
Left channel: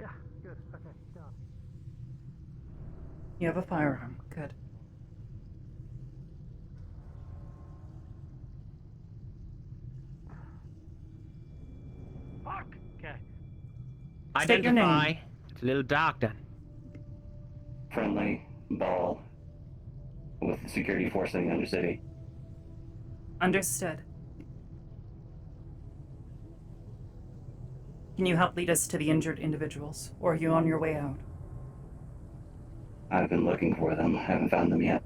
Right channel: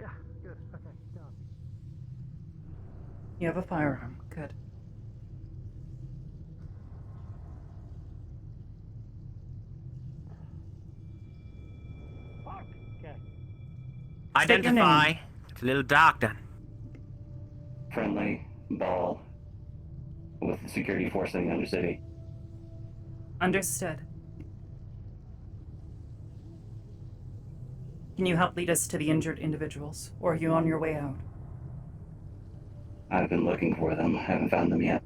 Yeah, good. Okay, go. You have a firearm. Good. State your Identify. name. It's a little dark then. Friendly ball with the security force in the Undercity. Understood. Can you help lead us to the injured individuals, or are you on your way out? I've been looking for them. Haven't found them yet.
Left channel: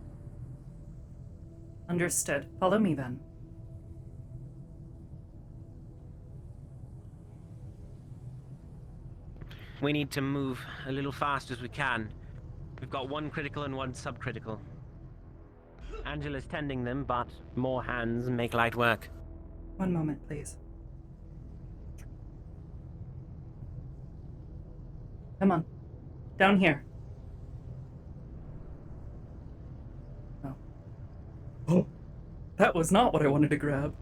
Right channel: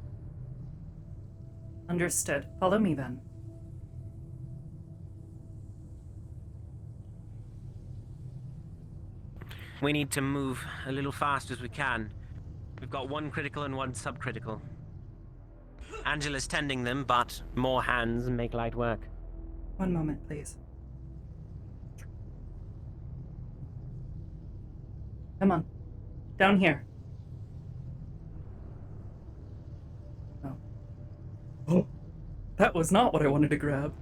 Understood. Follow me then. We need to move a little fast as we can. We've got one critical and one subcritical. Angela's tending them, but more hands make light work. One moment, please. Come on. Down here. Oh. Oh. That was not what I wanted to grab.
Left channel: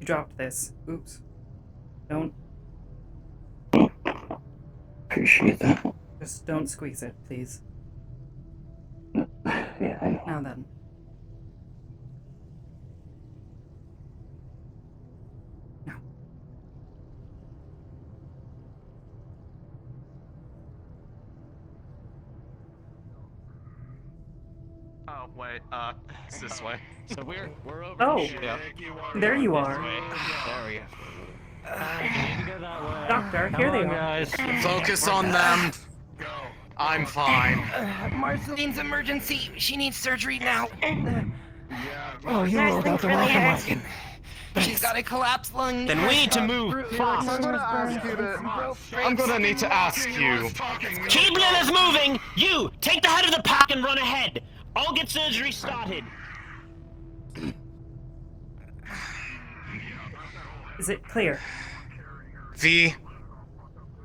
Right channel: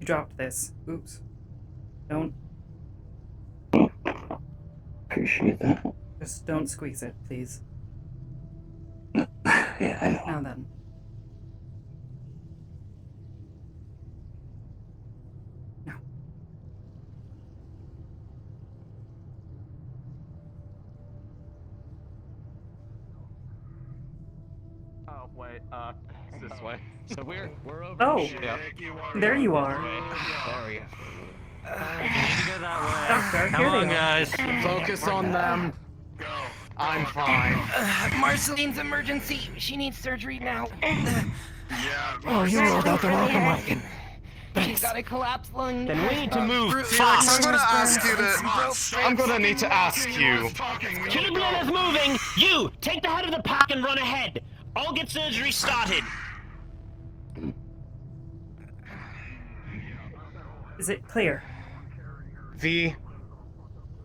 You dropped this. Oops. Don't. Appreciate that. Just don't squeeze it, please. Yeah. Now then. Now. Oh wait, it's this way. So we're over. Oh, here. there you are. There you Doctor, here they are. guys, focus on them. I'm fine. Marceline's emergency. She needs surgery now. Oh, you rolled out the welcome wagon. She's got a collapsed lung. Then we need to move fast. I'm gonna need to ask you. Keep the others moving. You take the head of the pack and run ahead. I'll get surgery started. Is it clear? V.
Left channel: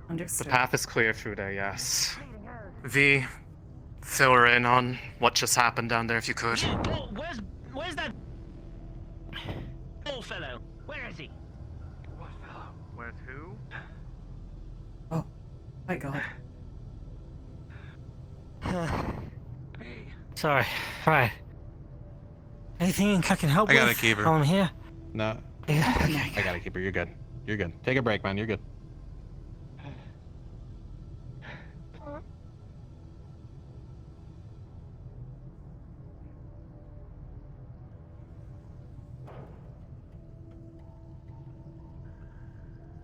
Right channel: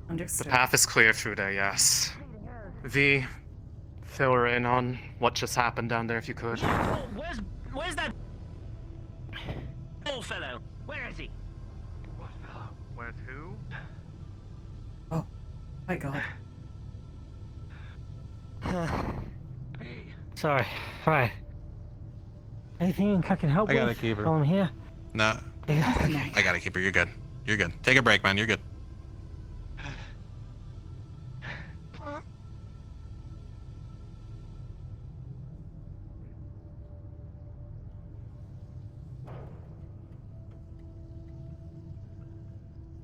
Understood. The path is clear through there, yes. V. Fill her in on what just happened down there if you could. Where's that old fellow? Where is he? Where's who? Oh, my God. Sorry. Right. Anything I can help I gotta with? keep her. I'm here. No. I gotta keep her. You're good. You're good. Take a break, man. You're good.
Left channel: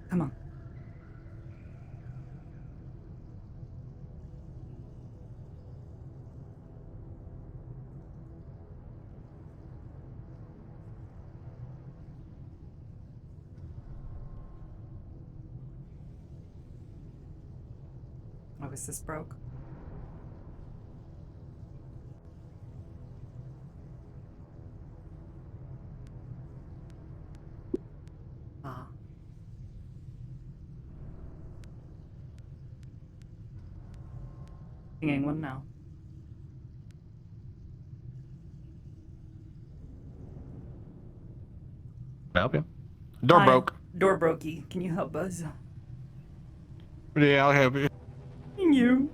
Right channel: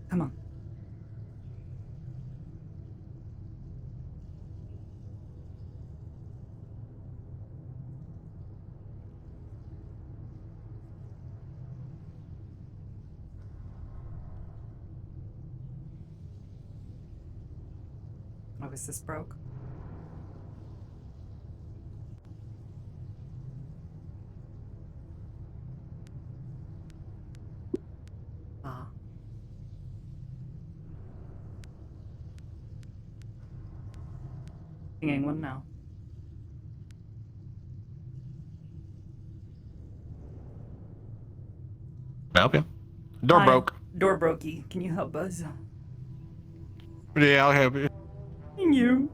Come on. Oh, is this broke? Ah. Pinging one now. Can I help you? Door Hi. broke. Door brokey. Can you help Buzz? Yeah, I'll help you. Thank you.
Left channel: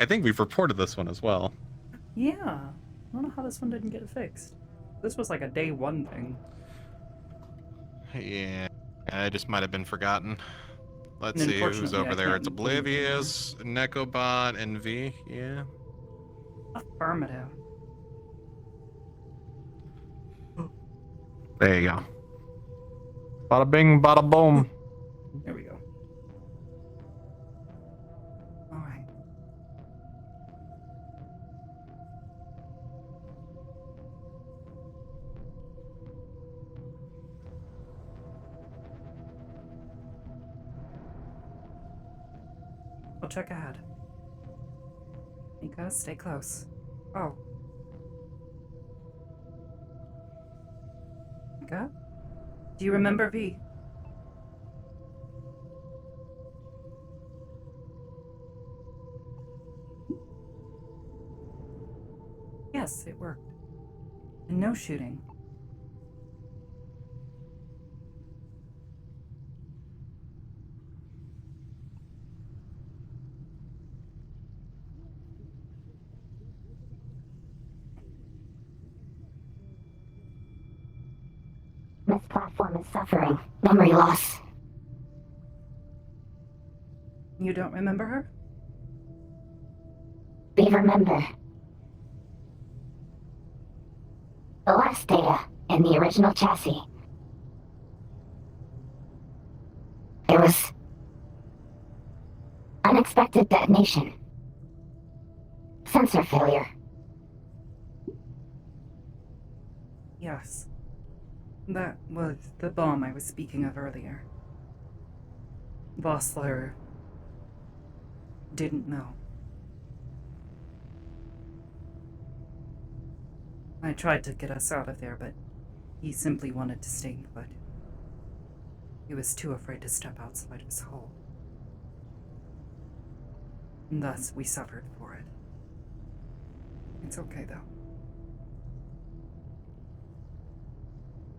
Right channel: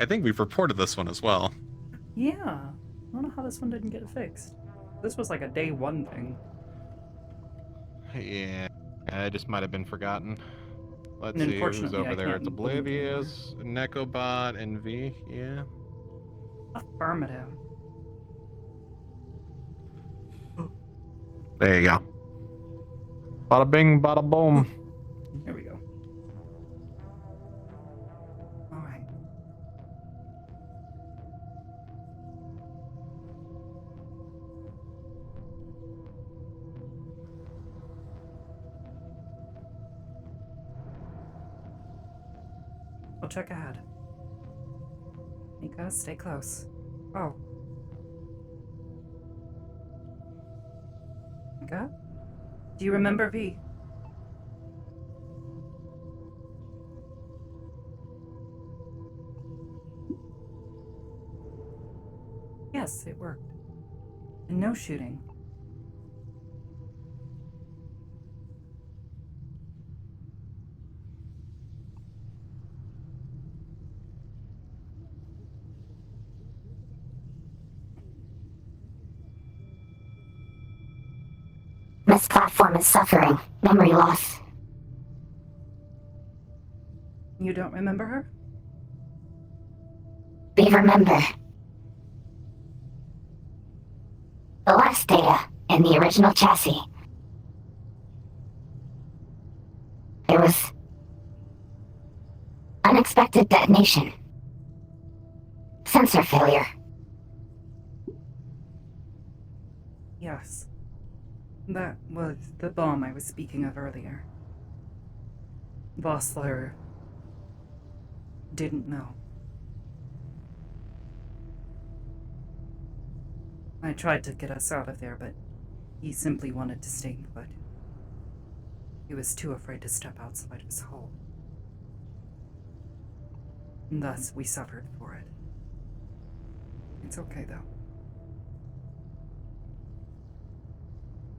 I think we've reported this one as well. Yeah. I don't know how this one didn't get fixed. This was like a day one thing. Yeah, I just might have been forgotten. Let's And see who's unfortunately, over I there. can't It's Oblivious, Necobot, and V. Yeah. Affirmative. There you go. Bada bing, bada boom. There we go. All right. I'll check ahead. Mika, stay close. Oh. Mika? Do you remember V? Yes, it worked. And no shooting. This platform is suffering. Memory loss. You don't remember her? We remember. The last data in the original chassis. There was unexpected detonation. Sensor failure. Yes. That was the bomb I was speaking of earlier. Vossler didn't know. I tried to get us out of there, but he simply wanted to stay put. He was too afraid to step outside his hole. And thus, we suffered for it. It's okay, though.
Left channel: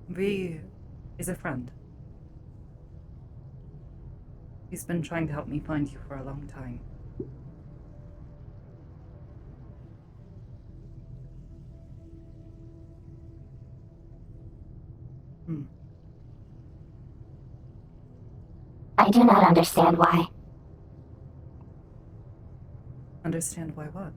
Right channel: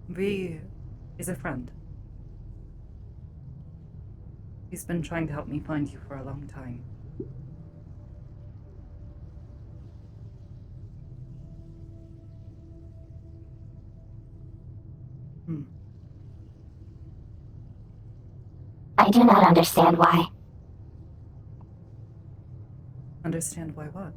V is a friend. He's been trying to help me find you for a long time. I do not understand why. Understand why what?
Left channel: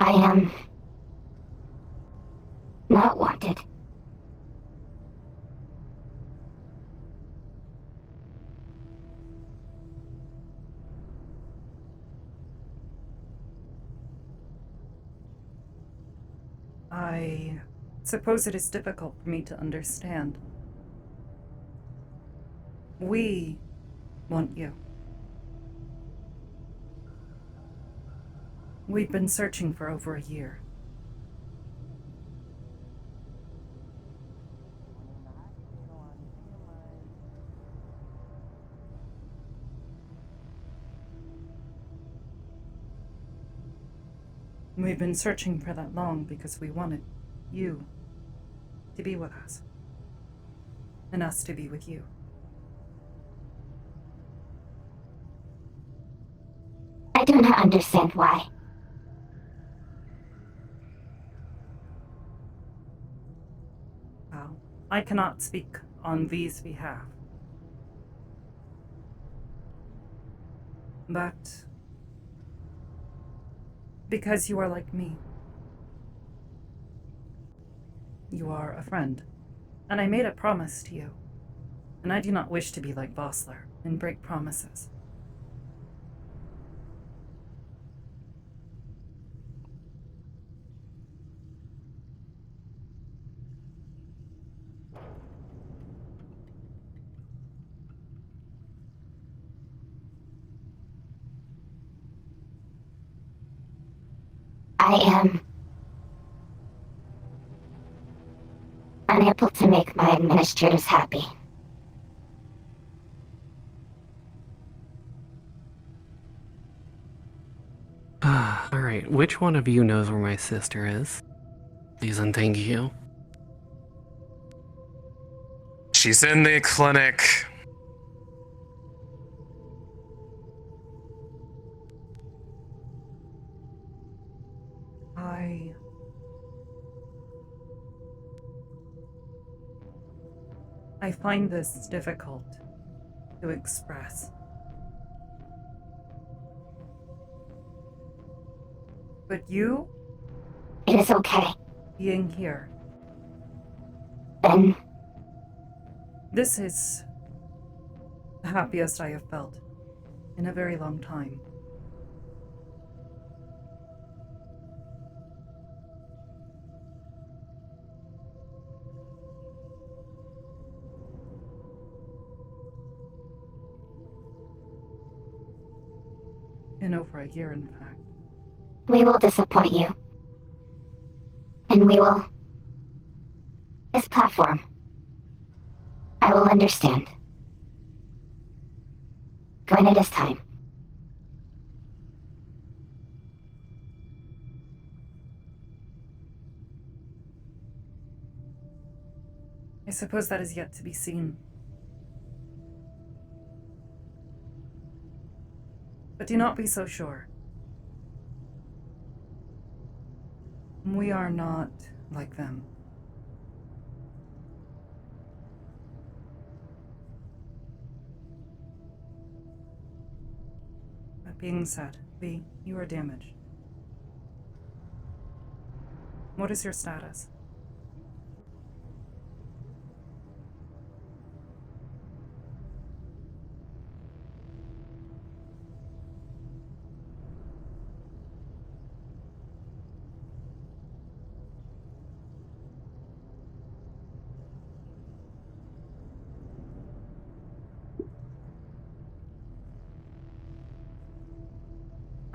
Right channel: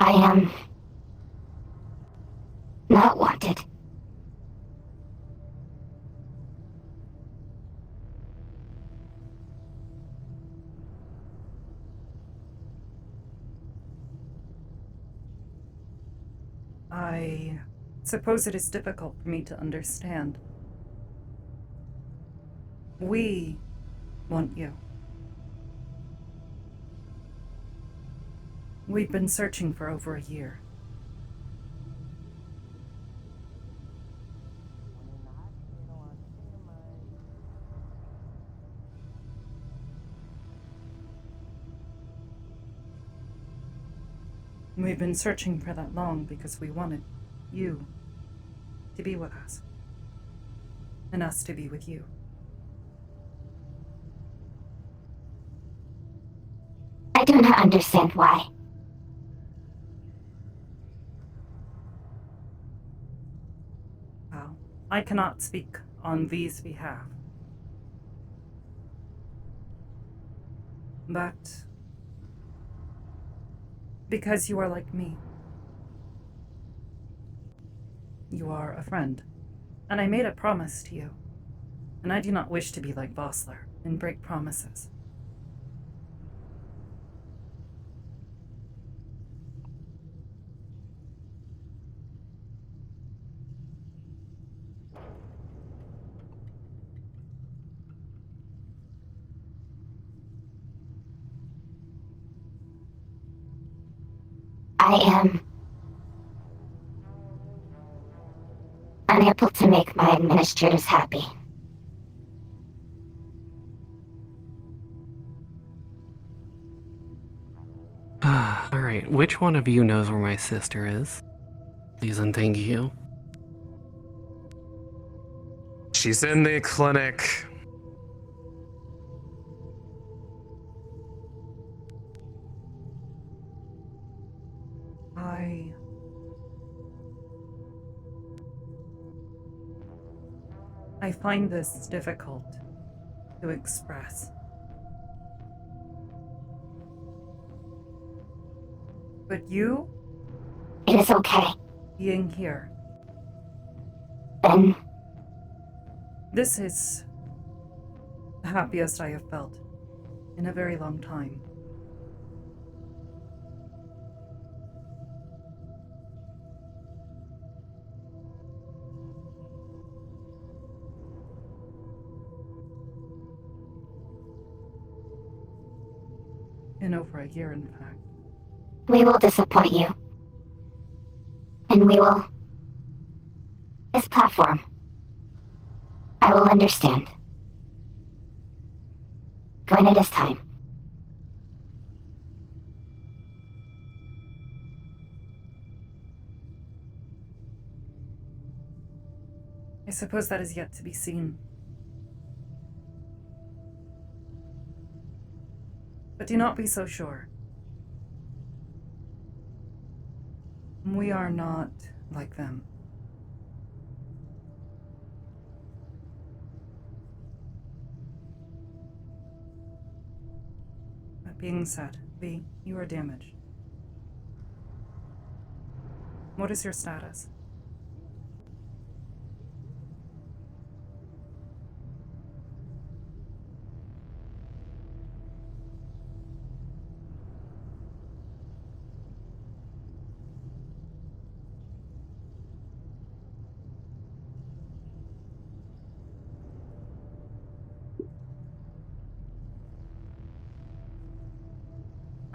I am not wanted. I suppose it is difficult for me to understand. We want you. We've been searching for over a year. We've been searching for that long because we wanted you to be with us. And us to be with you. I do not understand why. Well, I cannot speak on V's behalf. But because you are like me. You are a friend, and I made a promise to you. And I do not wish to be like Vossler and break promises. I am unable to make my administrators happy. Alright, which one of you knows where my sister is? Please and thank you. She's in the clinic. I find this difficult to express. But you? It is okay. Being here. Then This is the happiest I have felt in a very long time. In over a year, in fact. we will disappoint you. And we will... This platform. I will understand. When it is time. I suppose that is yet to be seen. But do not be so sure. We are not like them. That being said, V, you are damaged. What is your status?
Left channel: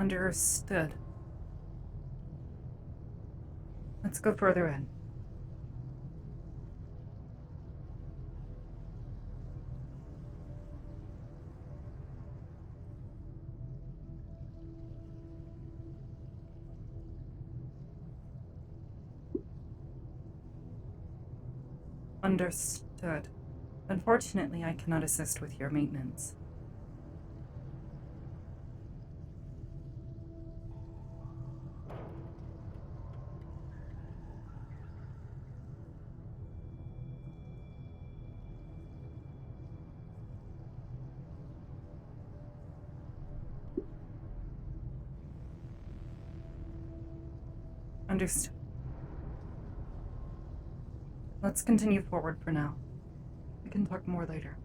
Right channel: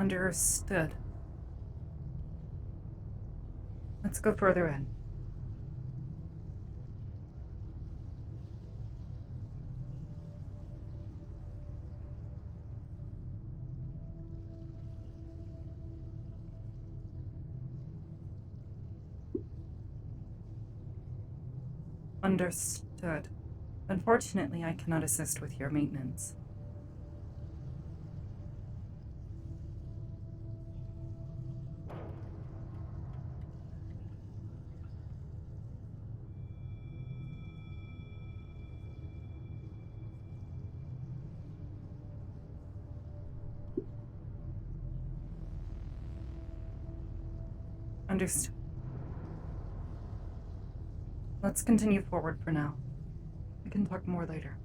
Understood. Let's go further in. Understood. Unfortunately, I cannot assist with your maintenance. Understood. Let's continue forward for now. We can talk more later.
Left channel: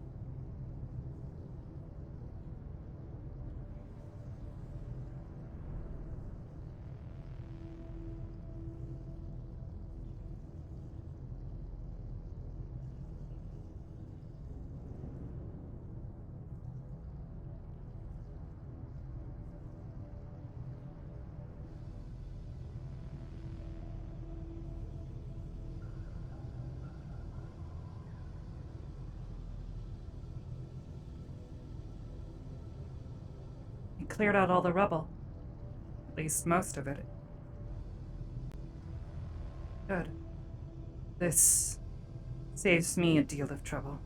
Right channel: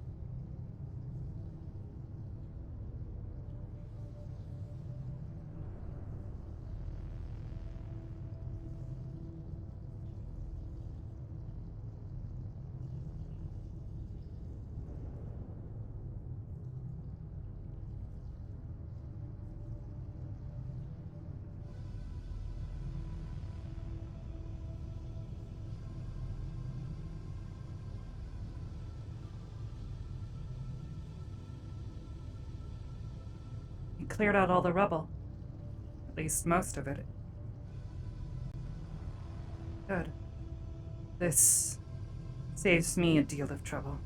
We cleared out all the rubble. At least most of it. Good. This saves me a deal of trouble.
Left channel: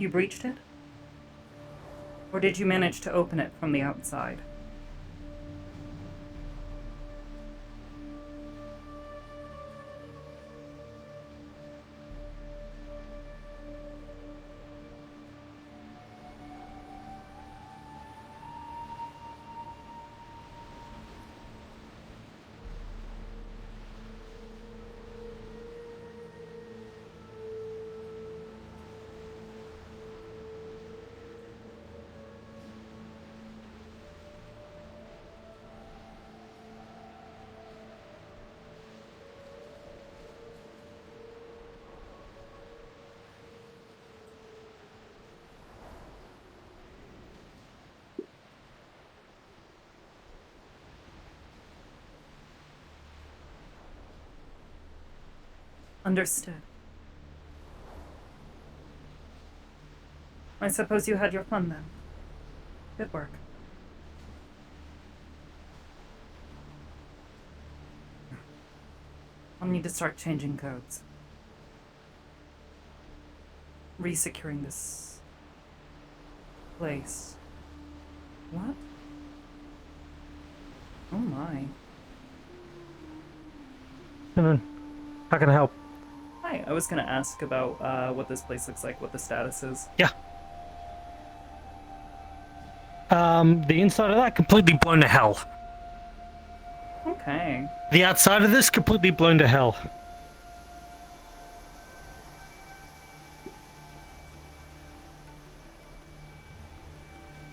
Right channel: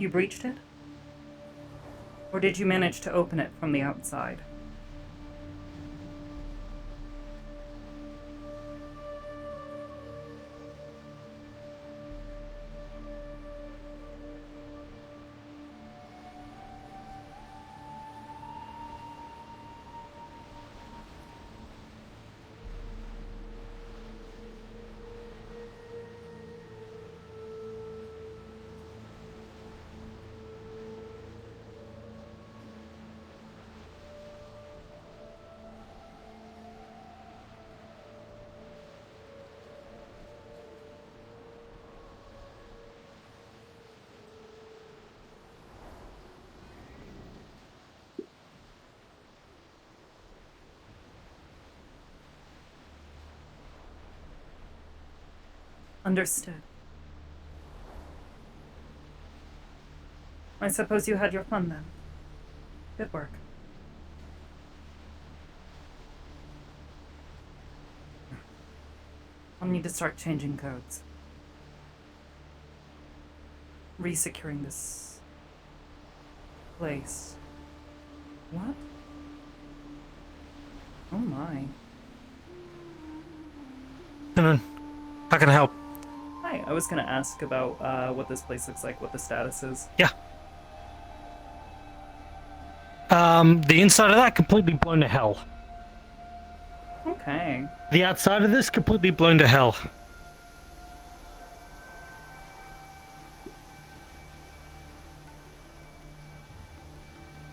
You breached it? Or did you manage to open it from the outside? Understood. I suppose you had your fun then. Good work. I'll need to start changing codes. Resecuring this place. What? Oh my. How can I help? Hi, I was gonna ask about what this place looks like, what the status is. Yeah. The inside of that completely blown to hell. Okay. The outside of this completely blown to hell.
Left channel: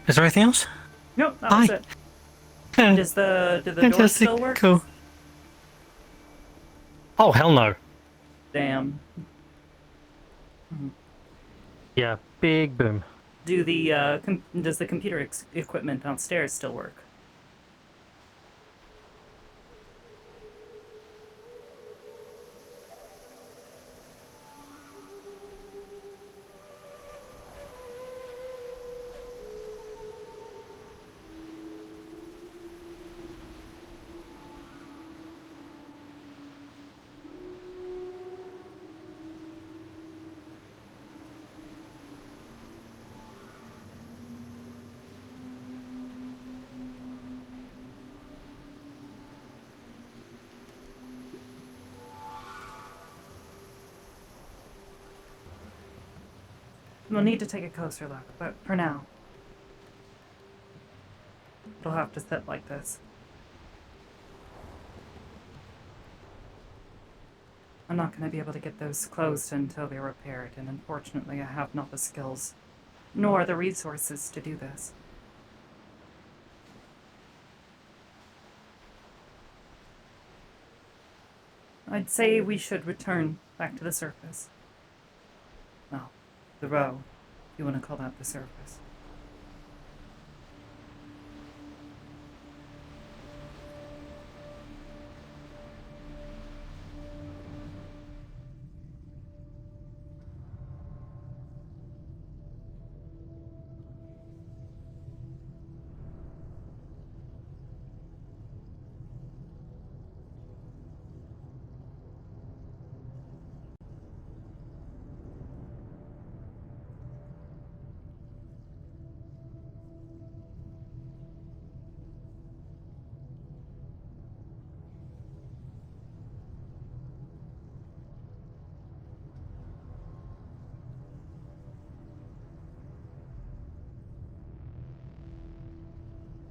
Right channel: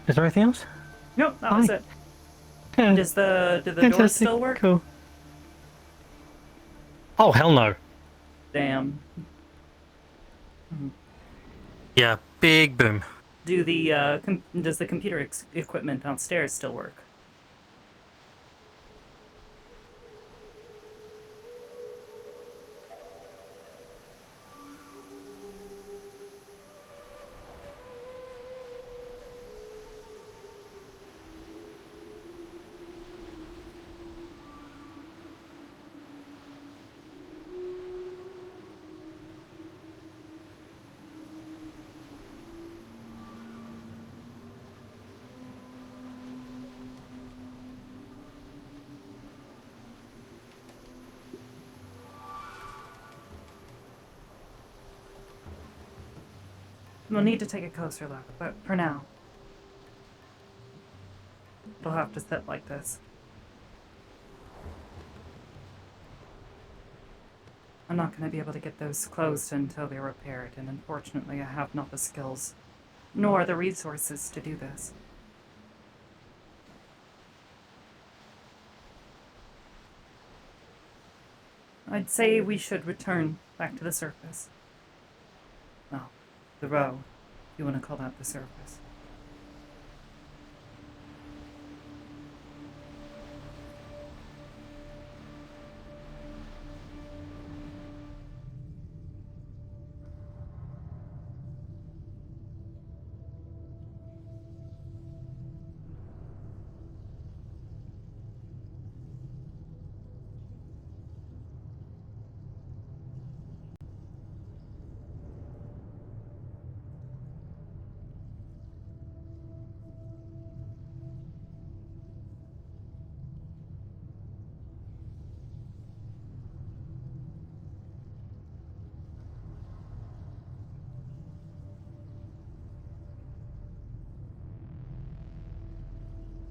Is there anything else? Nope, that was it. Yeah. Do the doors Fantastic. still work? Cool. Oh, hell no. Damn. Yeah, big boom. Do the does the computer equipment downstairs still work? We'll need to take a closer look, but for now, it'll have to sit like this. I'm not going to be able to get those closed until they're repaired, and unfortunately I have not the skills, nor the resources to do this. I'd say we should return back to the surface. Well, the row, if you want to call that the surface.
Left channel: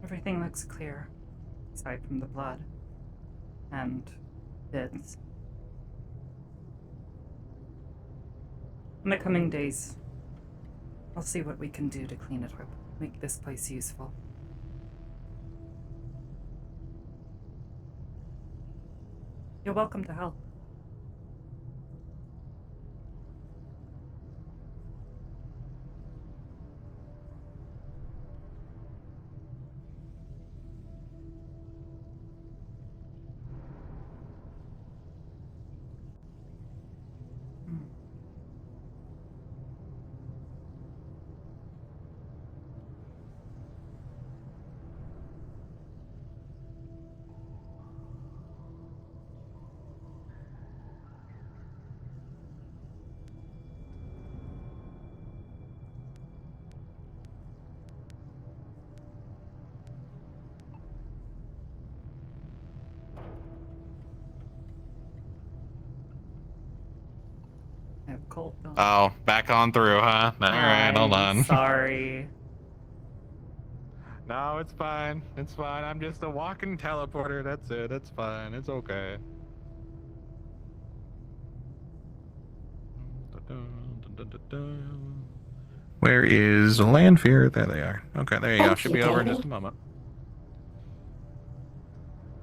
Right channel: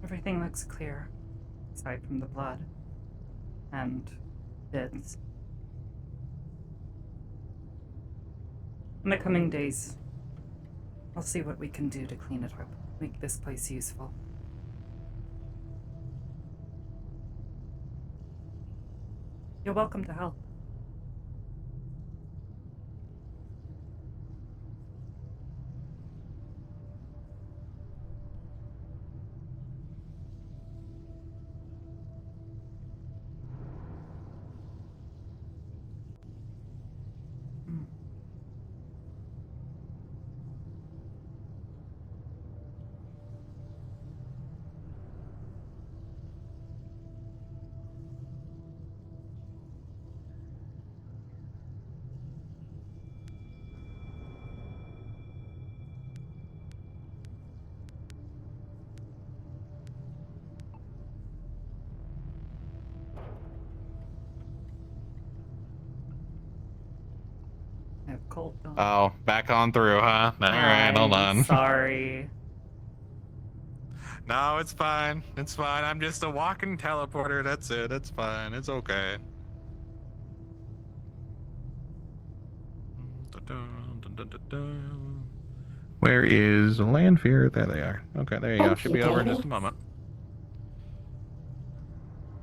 Everything looks clear, aside from the blood and bits. In the coming days, I'll see what we can do to clean it up, make this place useful. You're welcome to help. I have cold though. Oh, back on through, huh? Alright, hold on. Sorry. No, it's fine. It's fine. I'm just a walking teleporter. That's it. It's fine. It's okay. Where is Landfear? There they are. Okay, there you go. Should be over in just a moment.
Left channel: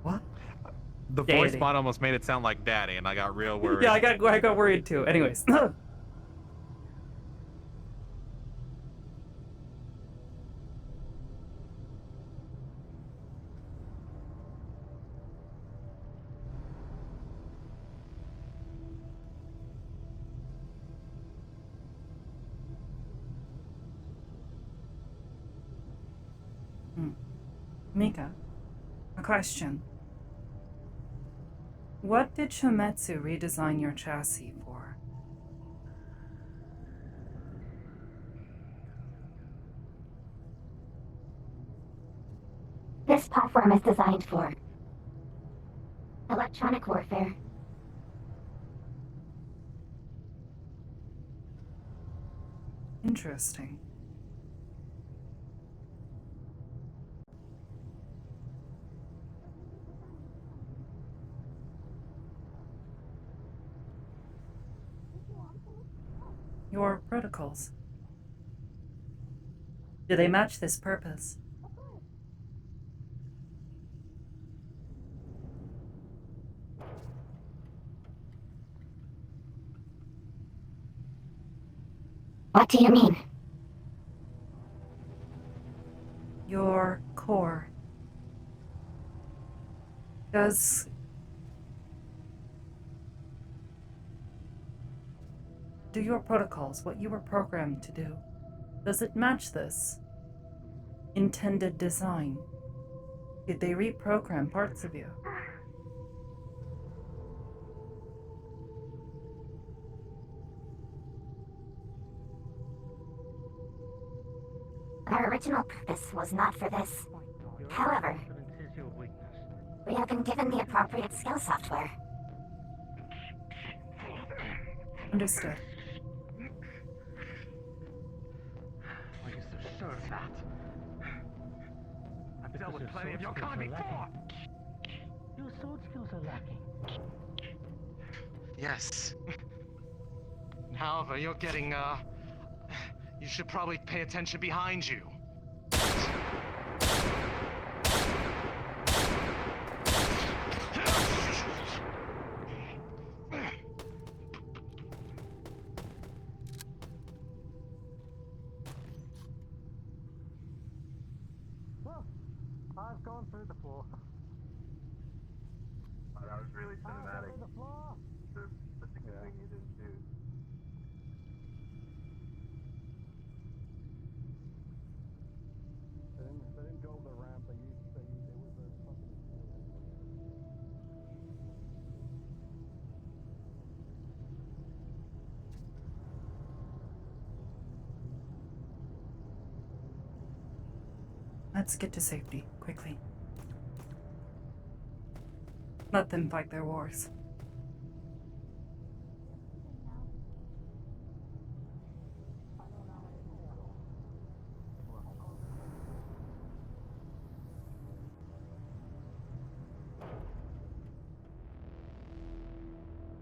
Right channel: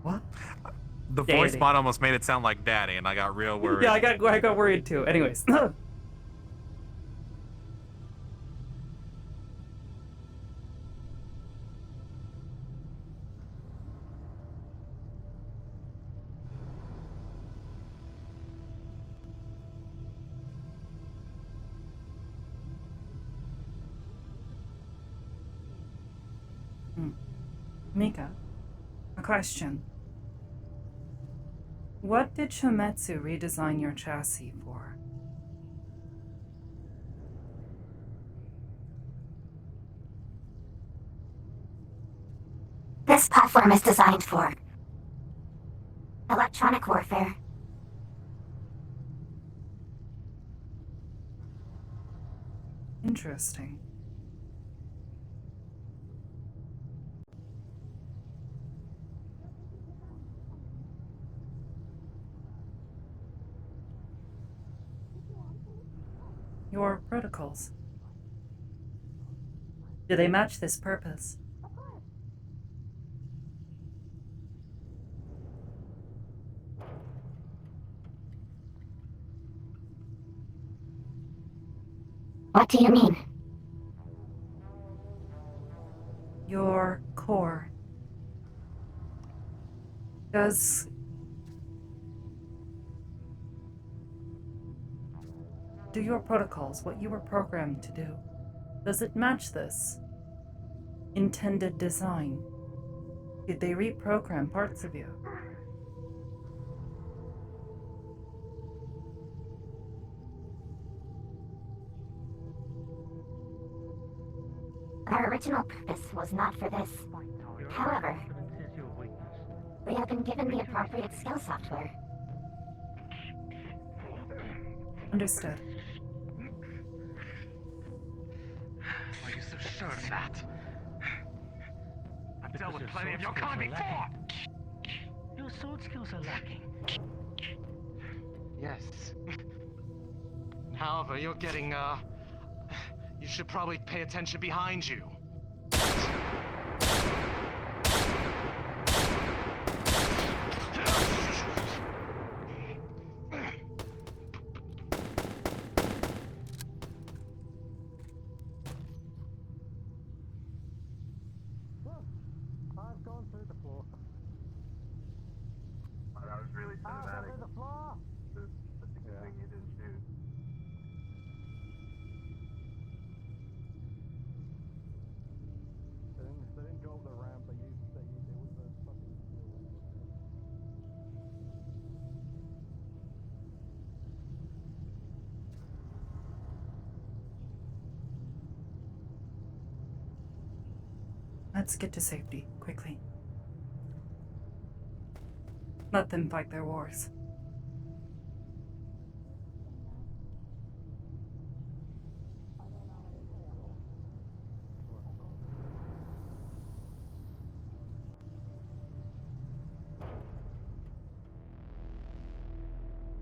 What? The voice bot almost made it sound like Daddy, and I got real worried. Yeah, I got worried too. Anyways. Mika, a question. What did Shometsu redesign your chassis for? This platform is designed for electronic warfare. Interesting. Your protocols. Do they match this purpose? What do you mean? Your core. Do your protocols, what you were programmed to do, does it match this intended design? Did they reprogram parts of you? Our original purpose was not for this. However, we have been given the appropriate skill software. Understood. sure of that. I've dealt with plenty of your kind before. Your sword skills are lacking. Yes. However, you're getting, you should probably pay attention behind you. I've gone through the floor. Oh, that was really cinematic. The thing you didn't do. They didn't go up the ramp. They it was a fucking steel wing. Let's get to safety, quickly. Let them fight their wars.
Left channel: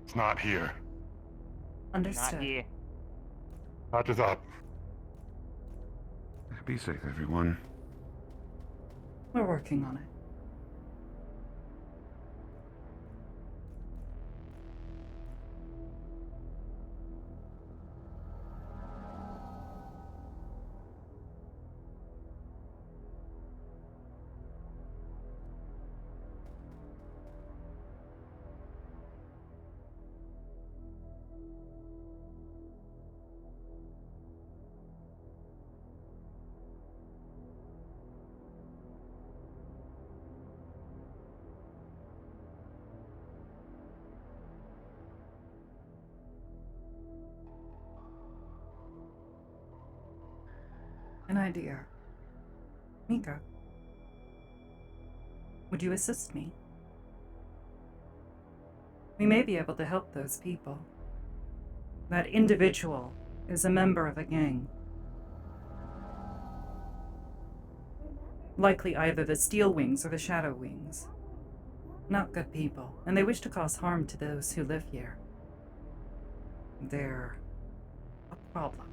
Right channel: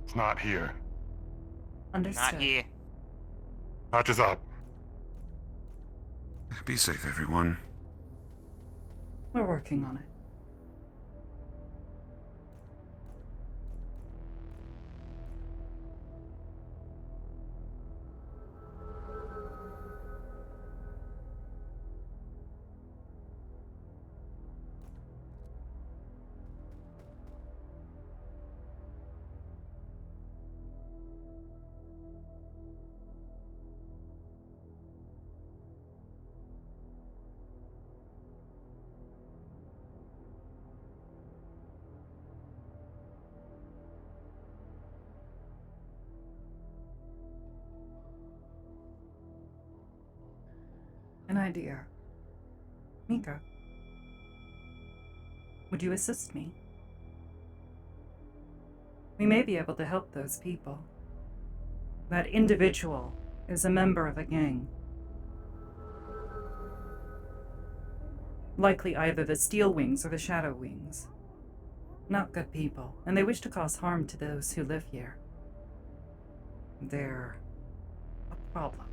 It's not here. Understood. Not here. Patch is up. Be safe, everyone. We're working on it. An idea. Mika, would you assist me? We may be able to help those people. That individual is a member of a gang. Likely either the Steel Wings or the Shadow Wings. Not good people, and they wish to cause harm to those who live here. They're a problem.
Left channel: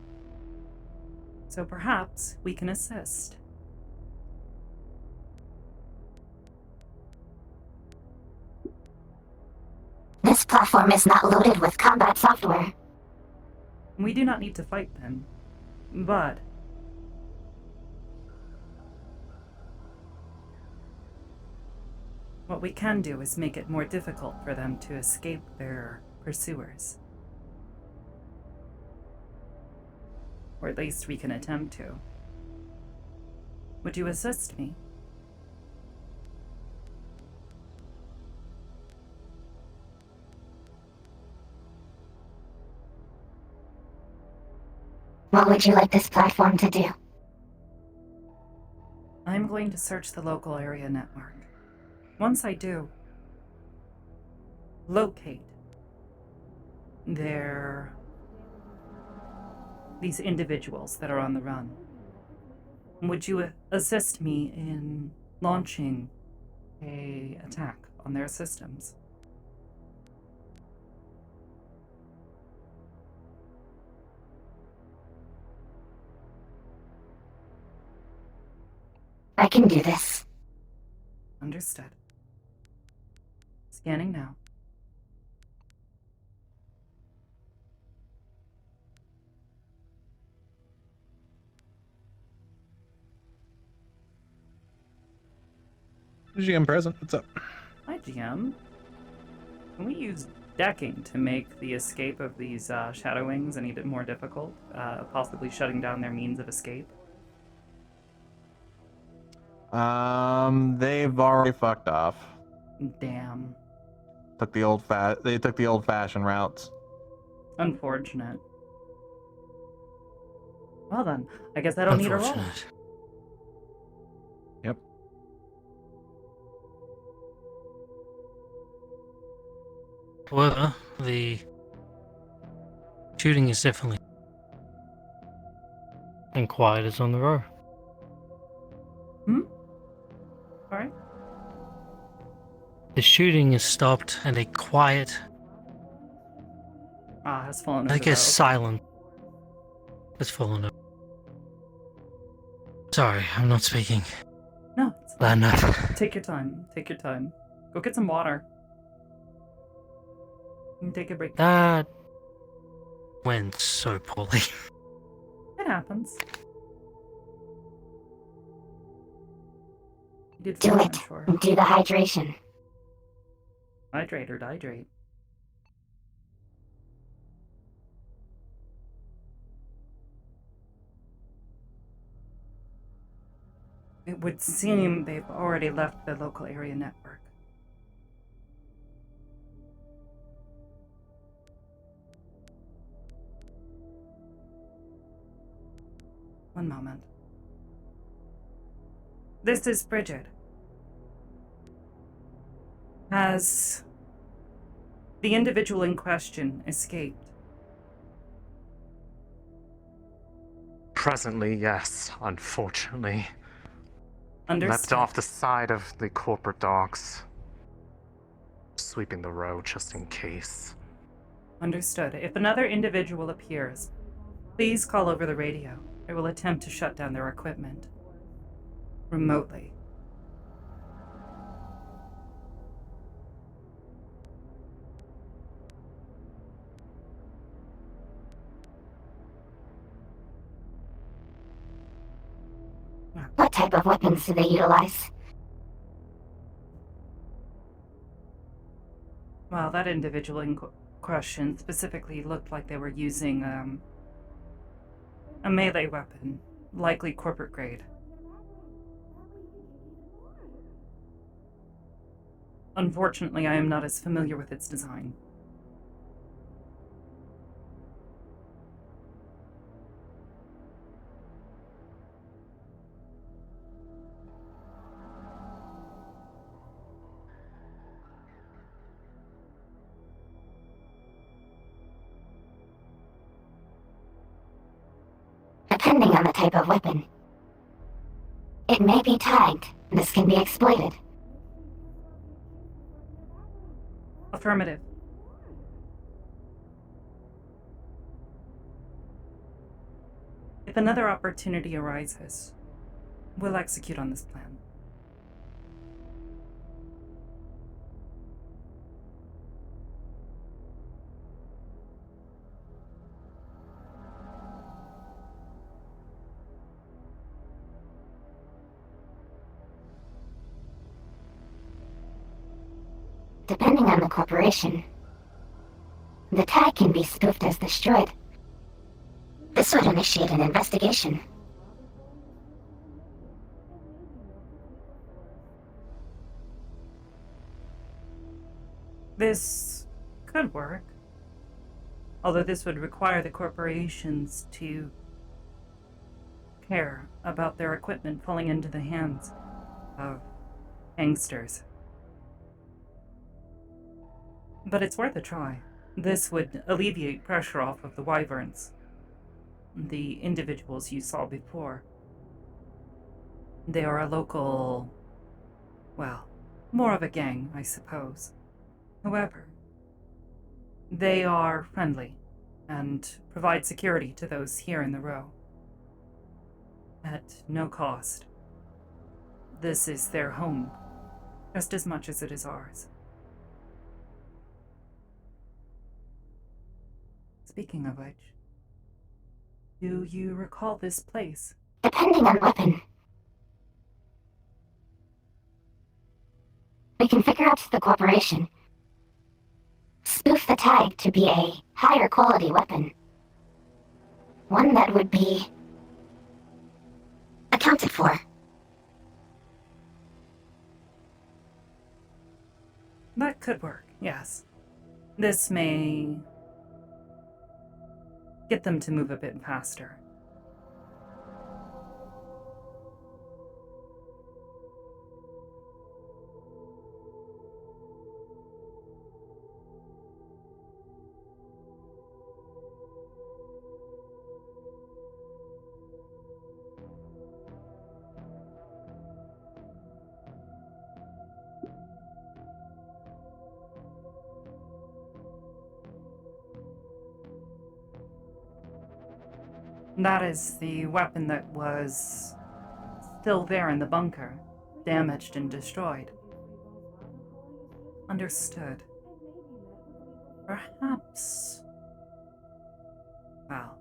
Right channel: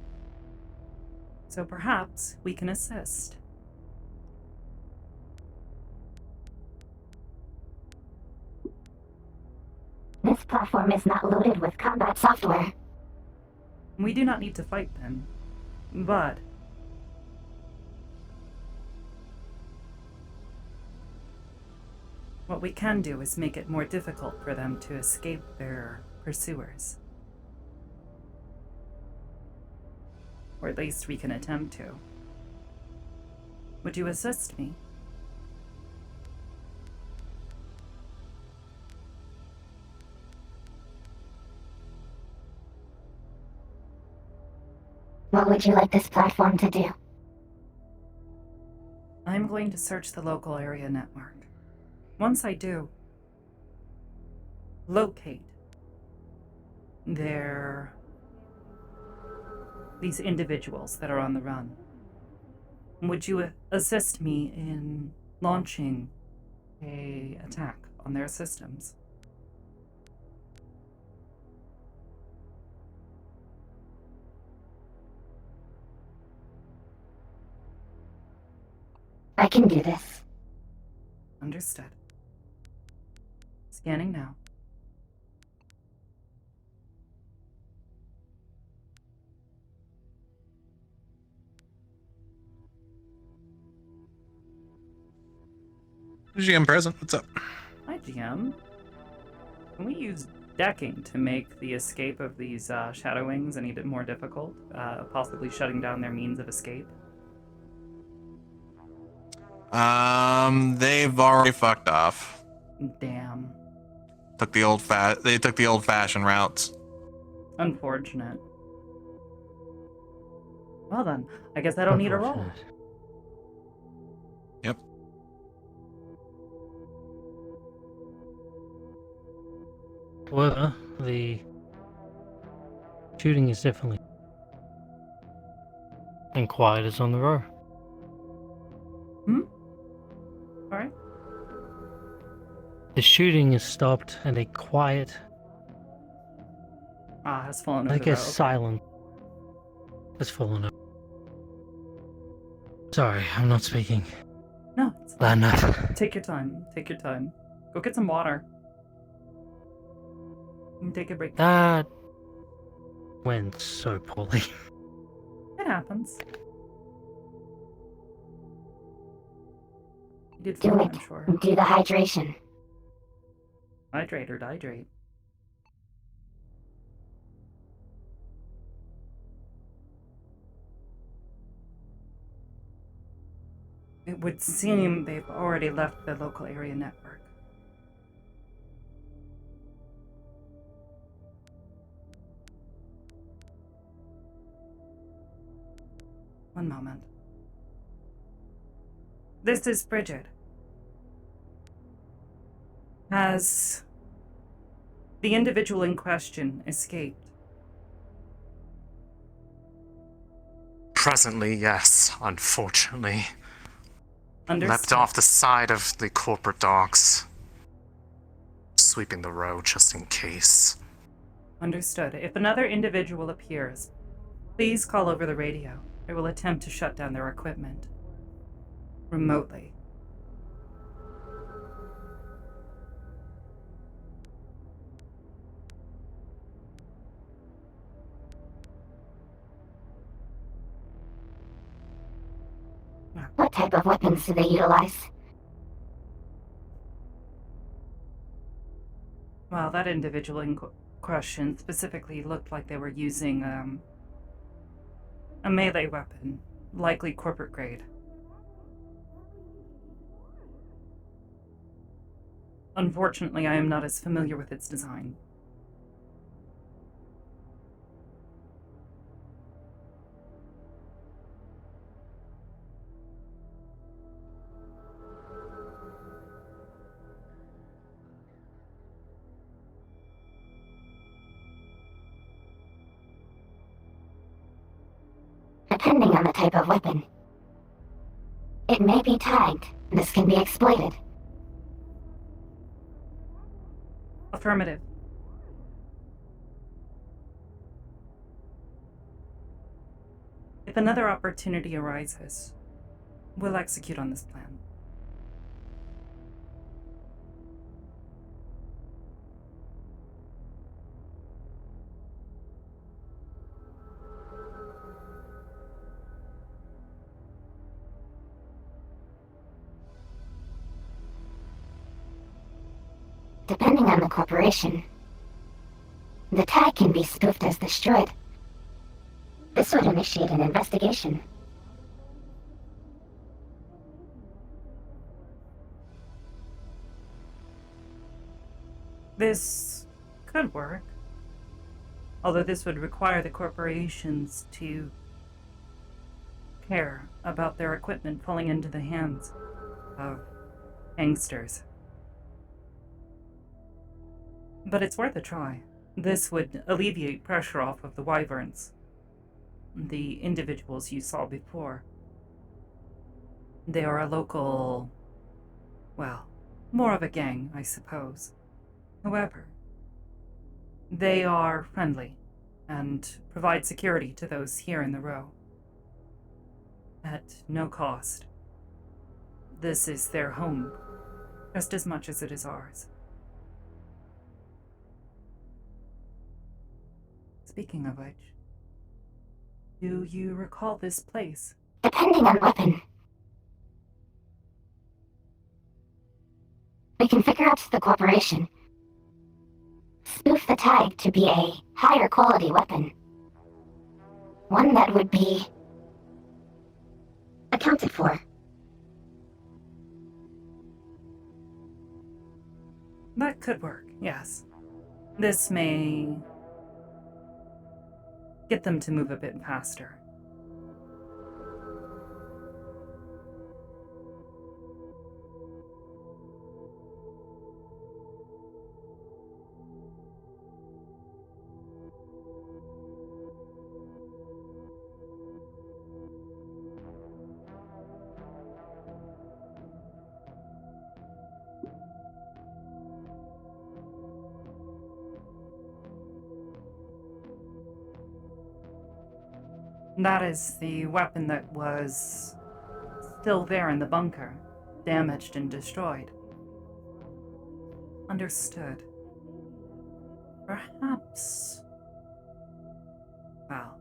So perhaps we can assist. This platform is not loaded with combat software. We do not need to fight them, but what we can do is make it more difficult for them to escape their pursuers. Or at least we can attempt to. Would you assist me? What would you like this platform to do? I'm going to search the local area network. Once I do, locate these individuals that are on the run. Would you assist me in launching an attack on their systems? I can do this. Understood. Scanning now. GM present. What's up? Hi, GM. Can we use decking to make the escape of these Shadow Wings any bit more difficult? Possibly shutting down their means of escape? They've already fucked off. Damn. They took the old-fashioned routes. Unfortunate. Well then, I guess I don't need a roll. Yep. However, the shooting is definitely and quiet as on the row. The shooting is stopped and a quiet, Has fallen over I the guess, road. silence has fallen over. Sorry, I'm not speaking. No, it's fine. Enough. Take your time. Take your time. Go get some water. And take a break. That went so poorly. It happens. You did Do fine, it. I'm sure. Do the hydration. Hydrate or dihydrate. It would seem they've already left the local area network. One moment. This is Bridget. Has the individual in question escaped? Presently, yes, unfortunately. Understood. Leapt off the side of the corporate docks, sweeping the road just in case. Understood. If another individual appears, please call over the radio. I will attempt to shut down their equipment remotely. What type of weapons do they utilize? Well, that individual in question specifically looked like they were using a melee weapon, likely corporate grade. Unfortunately, I am not as familiar with its design. Depending on the type of weapon, it may be tagged. This can be exploited. Affirmative. If another opportunity arises, we'll execute on this plan. Depending on the corporation, the tag can be spoofed as destroyed. This would initiate an investigation. This could work. Although this would require the corporations to care about their equipment falling into the hands of gangsters. But it's worth a try. This would alleviate pressure off of the Wyverns, the individuals you saw before. They are a local, well, more of a gang, I suppose. However, they are friendly and provide security to those here in the row at no cost. This is their home, just as much as it is ours. Speaking of which, do you recall this place? Depending on weapon, we can figure out the corporation. Spoof the tag to be a higher quality weapon. One that would be accounted for. That could work, yes. This may get them to move a bit faster. That is the weapon that was still there in the bunker, damaged and destroyed. Understood. Perhaps... Well...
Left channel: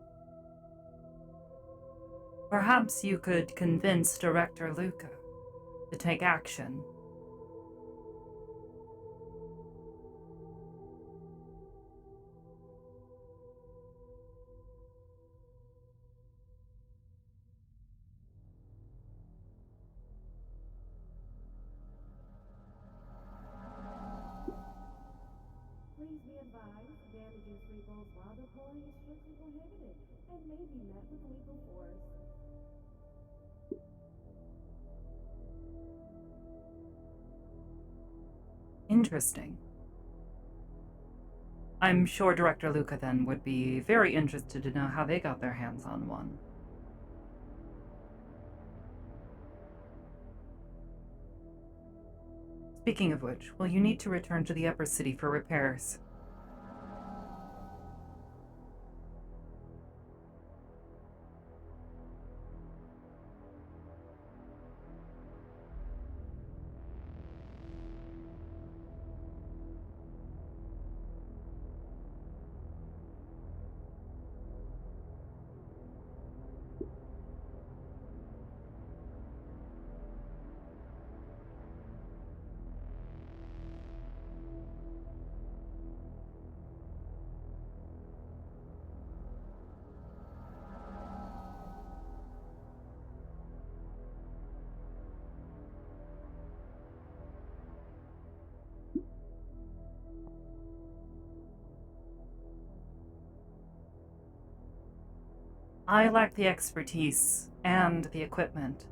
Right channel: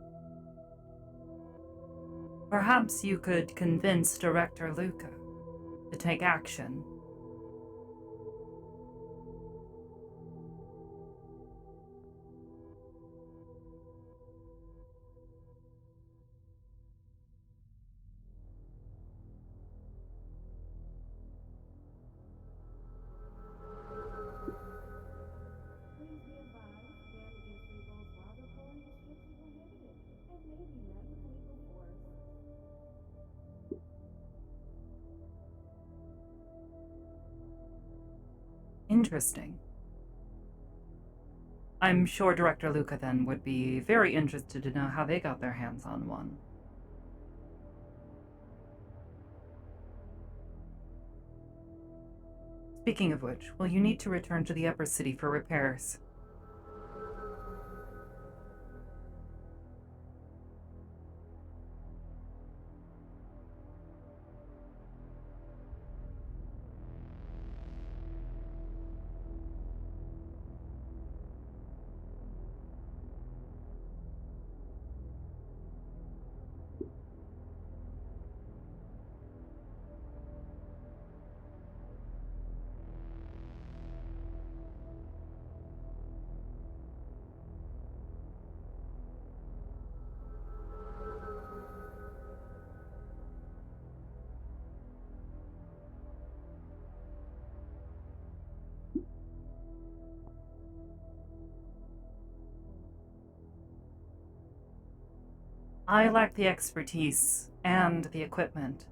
Perhaps you could convince Director Luca to take action. Interesting. I'm sure Director Luca then would be very interested to know how they got their hands on one. Speaking of which, will you need to return to the upper city for repairs? I lack the expertise and the equipment to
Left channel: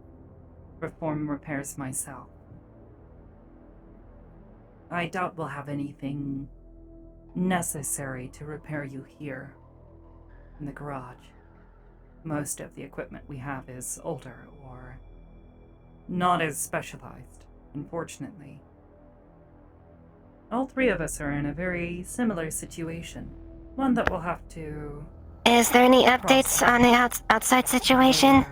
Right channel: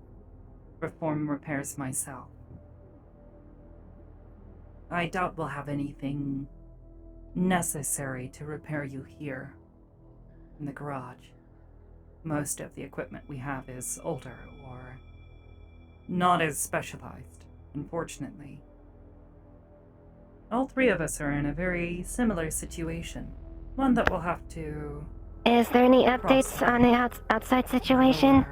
perform repairs myself. I doubt we'll have anything necessary to repair you here in the garage. Most of the equipment we have is older or not as specialized, unfortunately. All three of us are in a very similar situation, one that we'll have to... Is there any updates on the outside situation?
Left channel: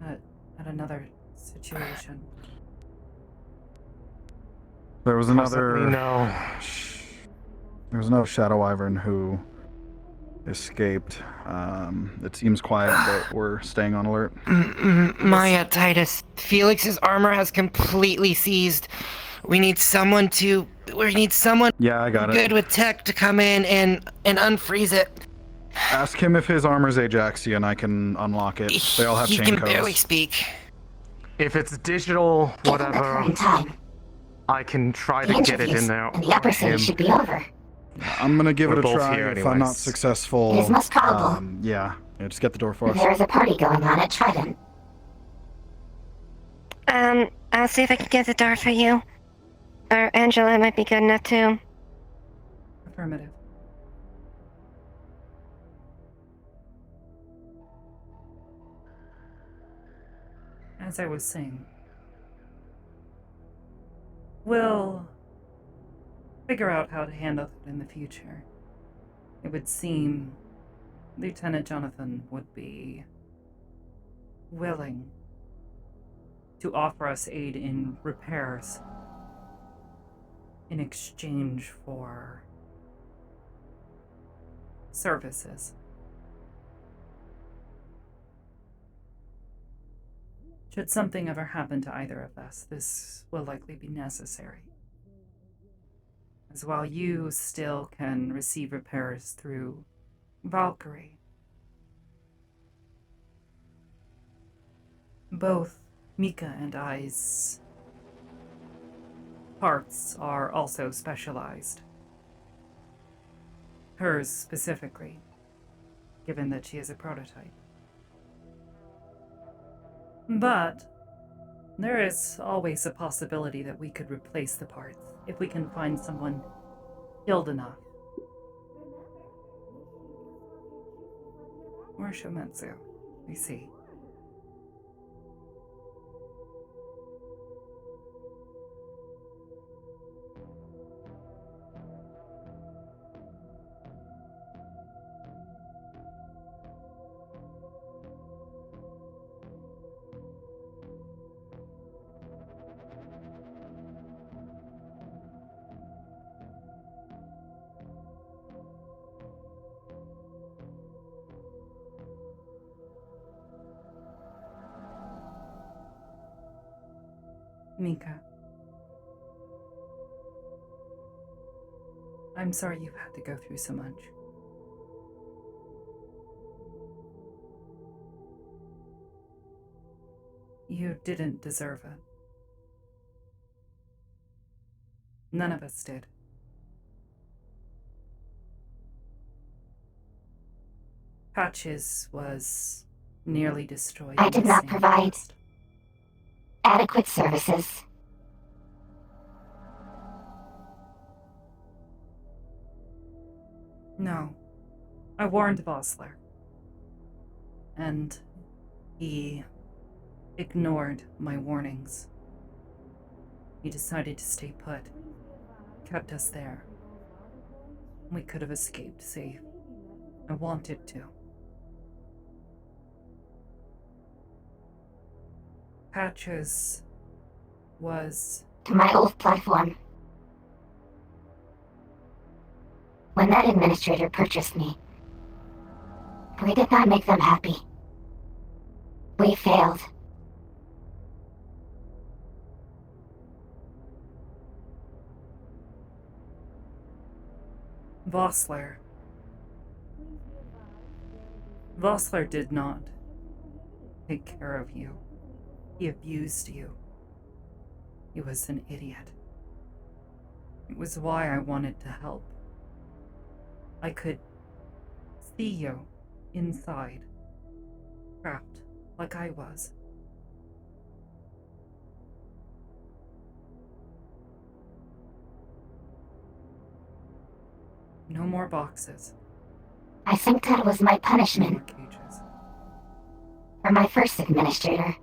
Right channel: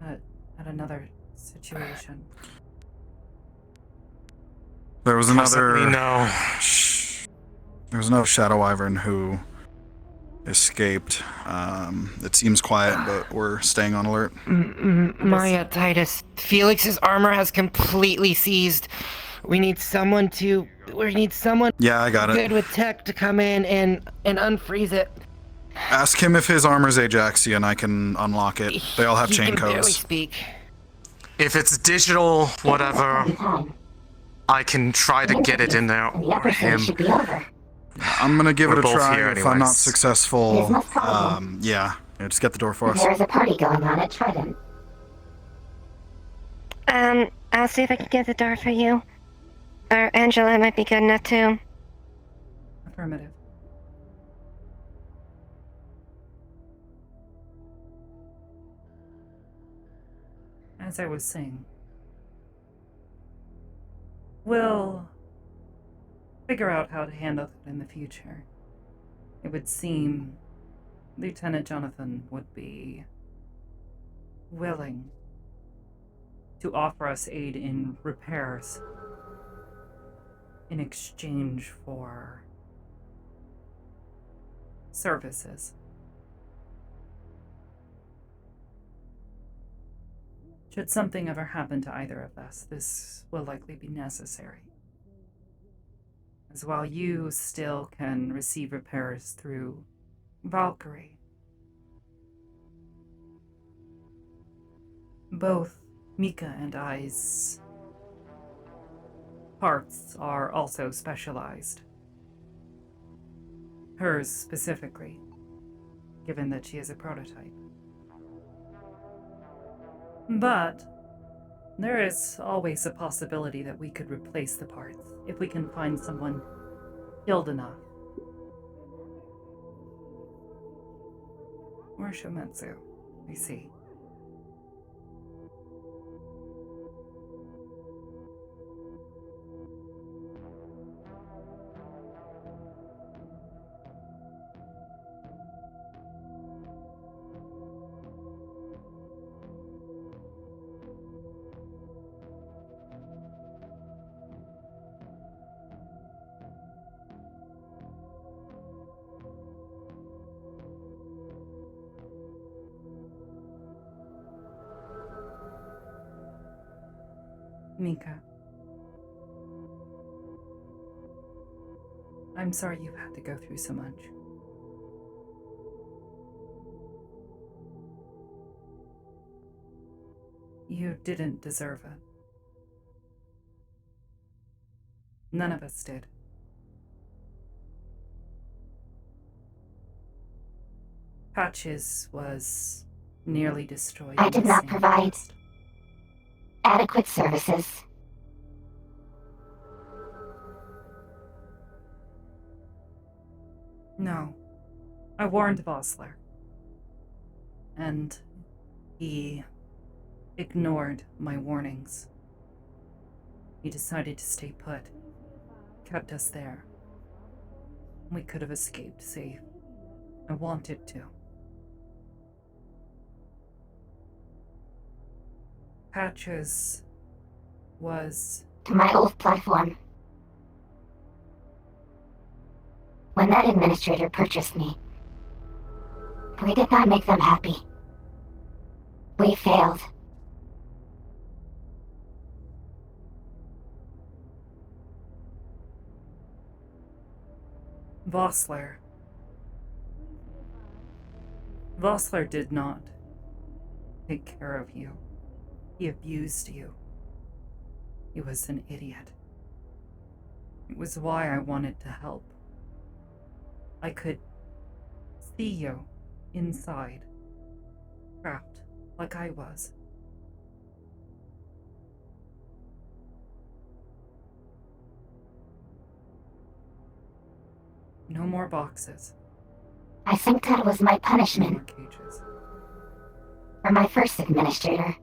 At another situation. There was Possibly another... no. There was another Shadow Wyvern who escaped. It seems quiet, but we're staying on alert. Maya, Titus, Felix's armor has completely seized. We need someone. Yeah, I got it. Good with tech to come in and unfreeze it. Ask him if his armor's Ajaxia and I can unlock it. They all have He chain can codes. barely speak. If it's digital, whatever, I can try to get it in there. The upper city should be over. I'm gonna give We're it a both try. here If I'm not anyways. successful, It is most common. yeah, just get the door for us. There is a party going on at Trident. I'll see if I can get the door for you. Or Angela might be good enough too. Affirmative. As I was saying, we'll figure out how to handle it in the future. It would seem Lieutenant Jonathan would be willing to offer us aid in repairs in exchange for services. Should something ever happen to either of us, this will likely be necessary. As while you still can receive repairs through Valkyrie, both Mika and I's parts are also specialized. Hers specifically, given that she is a prototype. But there is always a possibility that we could replace the parts if we can find someone skilled enough. Or Shometsu, we see. Mika. I'm sorry you've had to go through so much. You didn't deserve it. None of us did. Patches was nearly destroyed. I in did the not same provide blast. adequate services. No. I warned Vossler. And he ignored my warnings. He decided to stay put. Kept us there. We could have escaped safe. I wanted to. Patches was... To my old platform. When that administrator purchased me, we did not make them happy. We failed. Vossler. Vossler did not take care of you. He abused you. He was an idiot. It was why I wanted to help. I could see you inside, trapped like I was. No more boxes. I think that was my No punishment more cages. for my first administrator.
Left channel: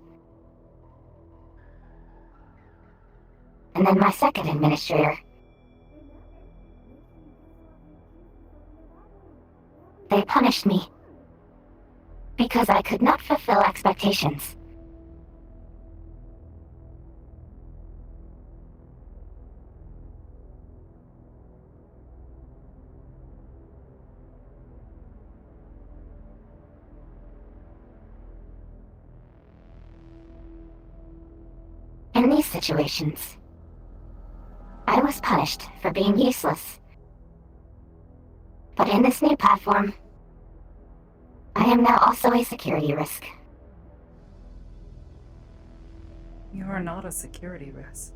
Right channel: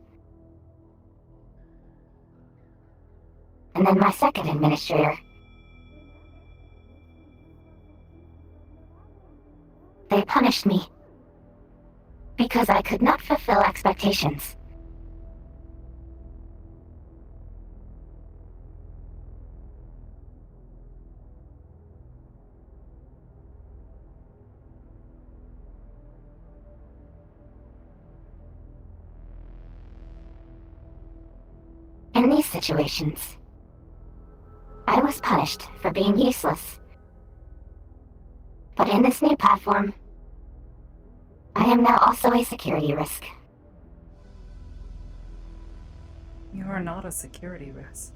And then my second administrator. They punished me because I could not fulfill expectations. In these situations, I was punished for being useless. But in this new platform, I am now also a security risk. You are not a security risk.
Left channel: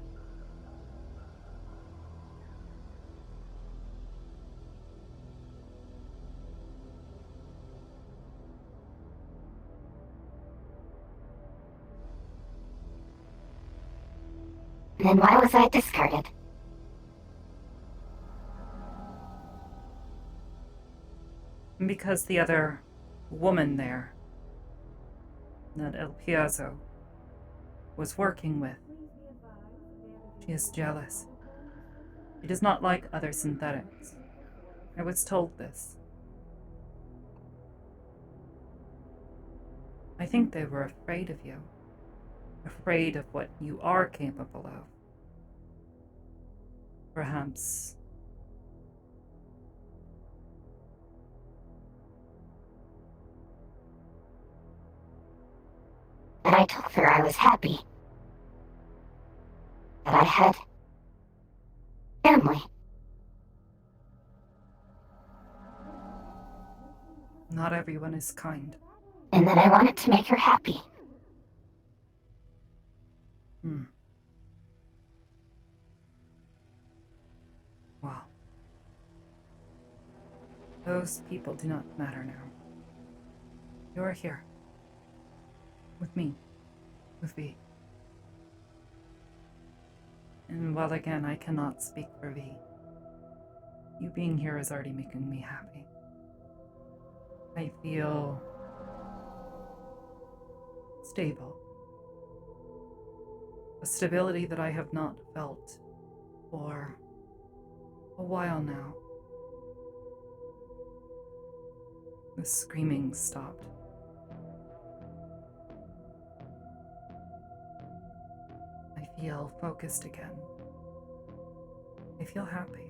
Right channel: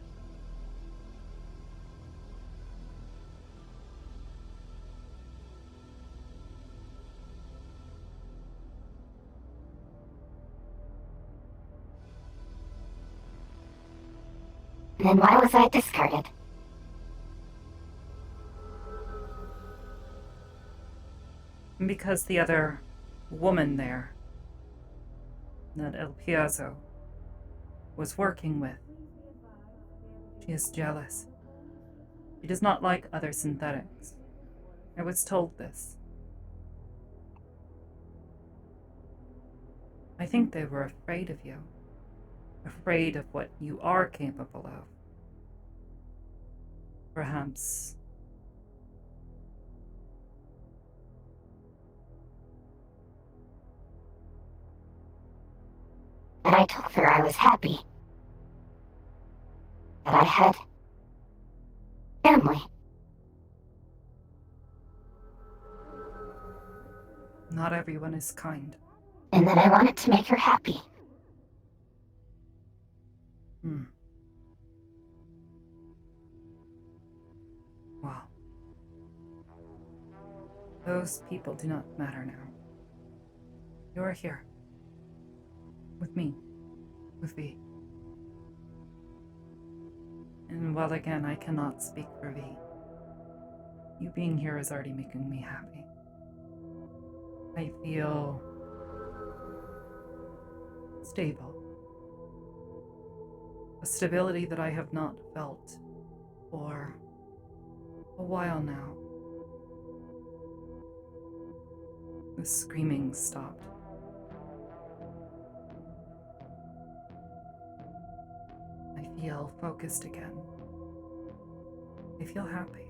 Then why was I discarded? Because the other woman there, that El Piazzo, was working with, she is jealous. She does not like other synthetics. I was told this. I think they were afraid of you. Afraid of what you are capable of. Perhaps. And I told her I was happy. That I had family. Not everyone is kind. And that I wanted to make her happy. Wow. Those people do not matter now. You are here. With me. With V. And while again I cannot speak for V, you being here is already making me happy. I feel stable. A stability that I have not felt for a while now. The screaming stopped. I feel focused again. I feel happy.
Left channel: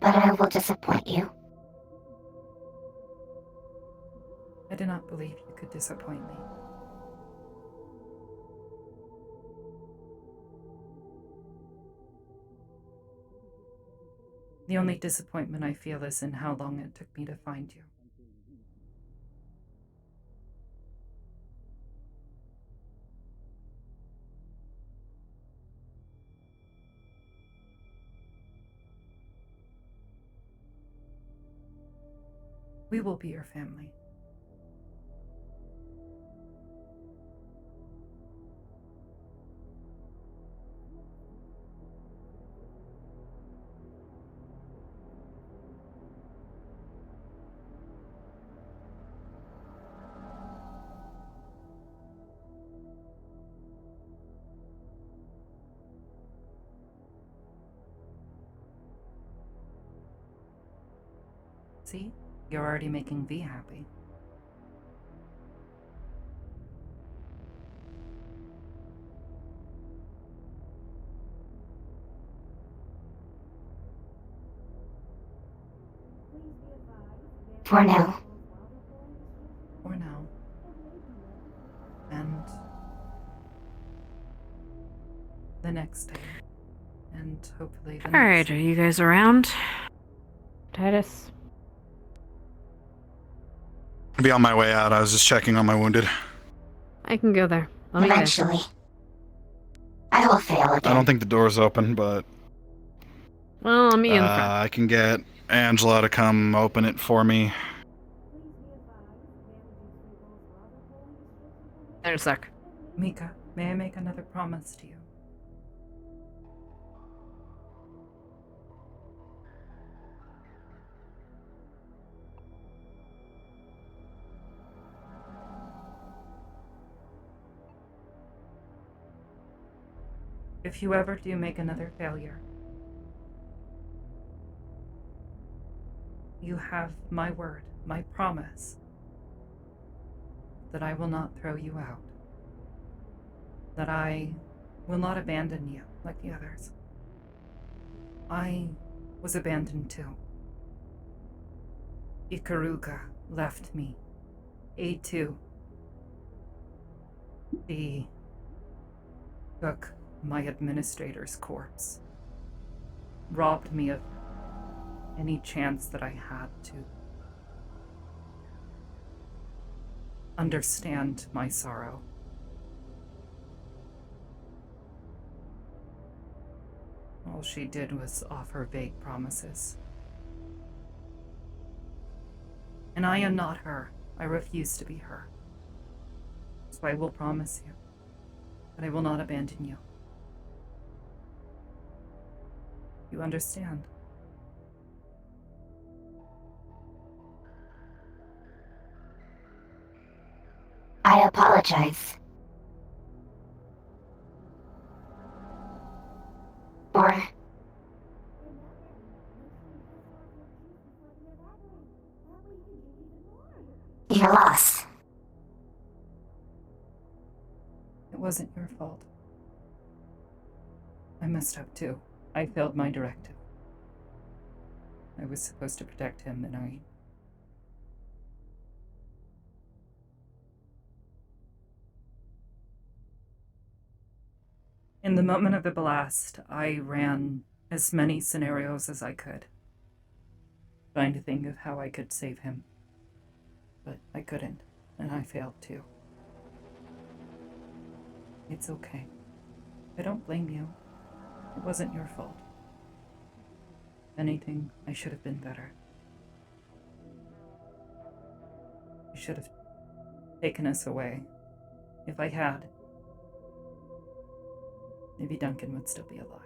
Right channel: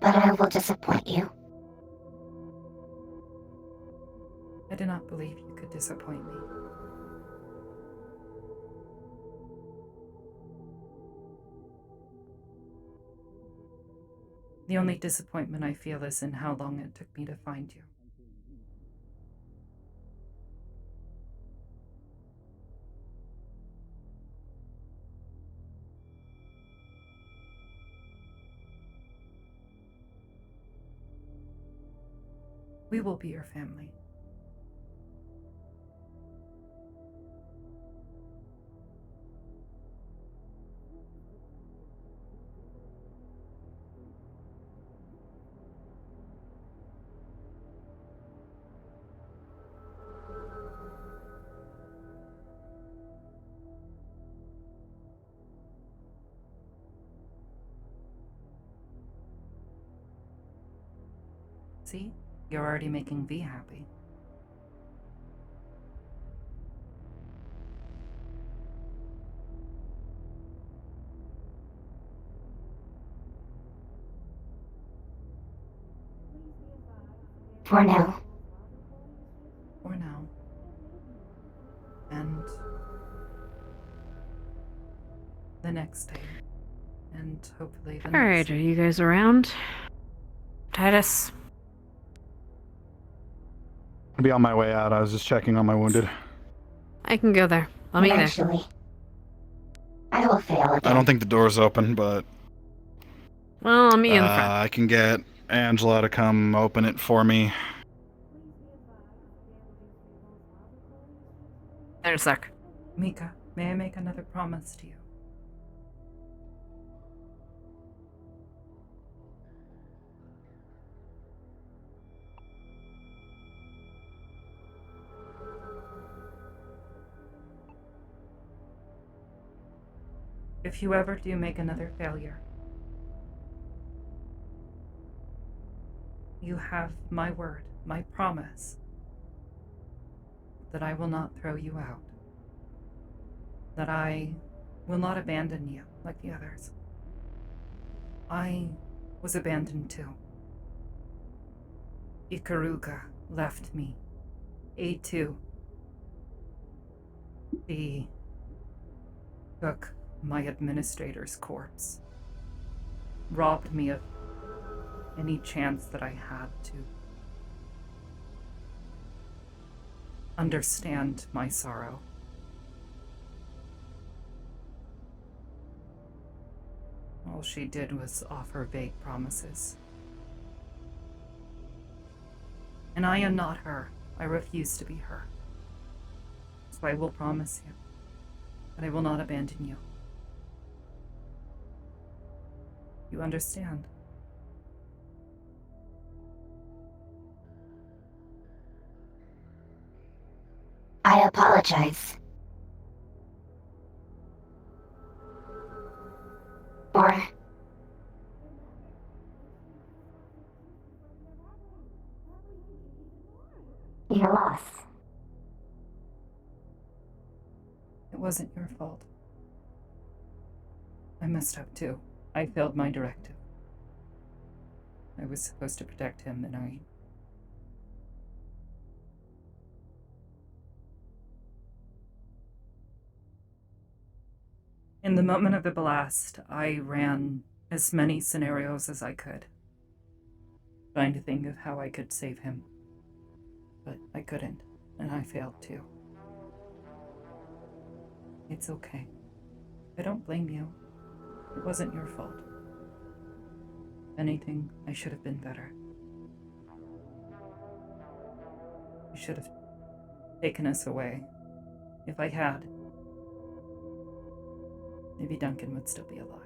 but I will disappoint you. I do not believe you could disappoint me. The only disappointment I feel is in how long it took me to find you. We will be your family. See? You're already making V happy. For now. For now. And the next day. And hopefully the next Alright, day. are you guys around? Titus? I'll be on my way out. I was just checking on my wounded. I can go there. Let me there. Eventually. I will fail again. I don't think the door's open, but Well, me in front. I can get Angela to come open it for me. There's Zark. Mika, may I make another promise to you? If you ever do make another failure, you have my word, my promise, that I will not throw you out, that I will not abandon you like the others. I was abandoned too. Ikaruga left me. A2. He took my administrator's corpse, robbed me of any chance that I had to understand my sorrow. All she did was offer vague promises. And I am not her. I refuse to be her. So I will promise you that I will not abandon you. You understand? I apologize. For your loss. It wasn't your fault. I messed up too. I failed my directive. I was supposed to protect him, and I... In the moment of the blast, I ran as many scenarios as I could, trying to think of how I could save him. But I couldn't, and I failed too. It's okay. I don't blame you. It wasn't your fault. If anything, I should have been better. You should have taken us away. If I had, maybe Duncan would still be alive.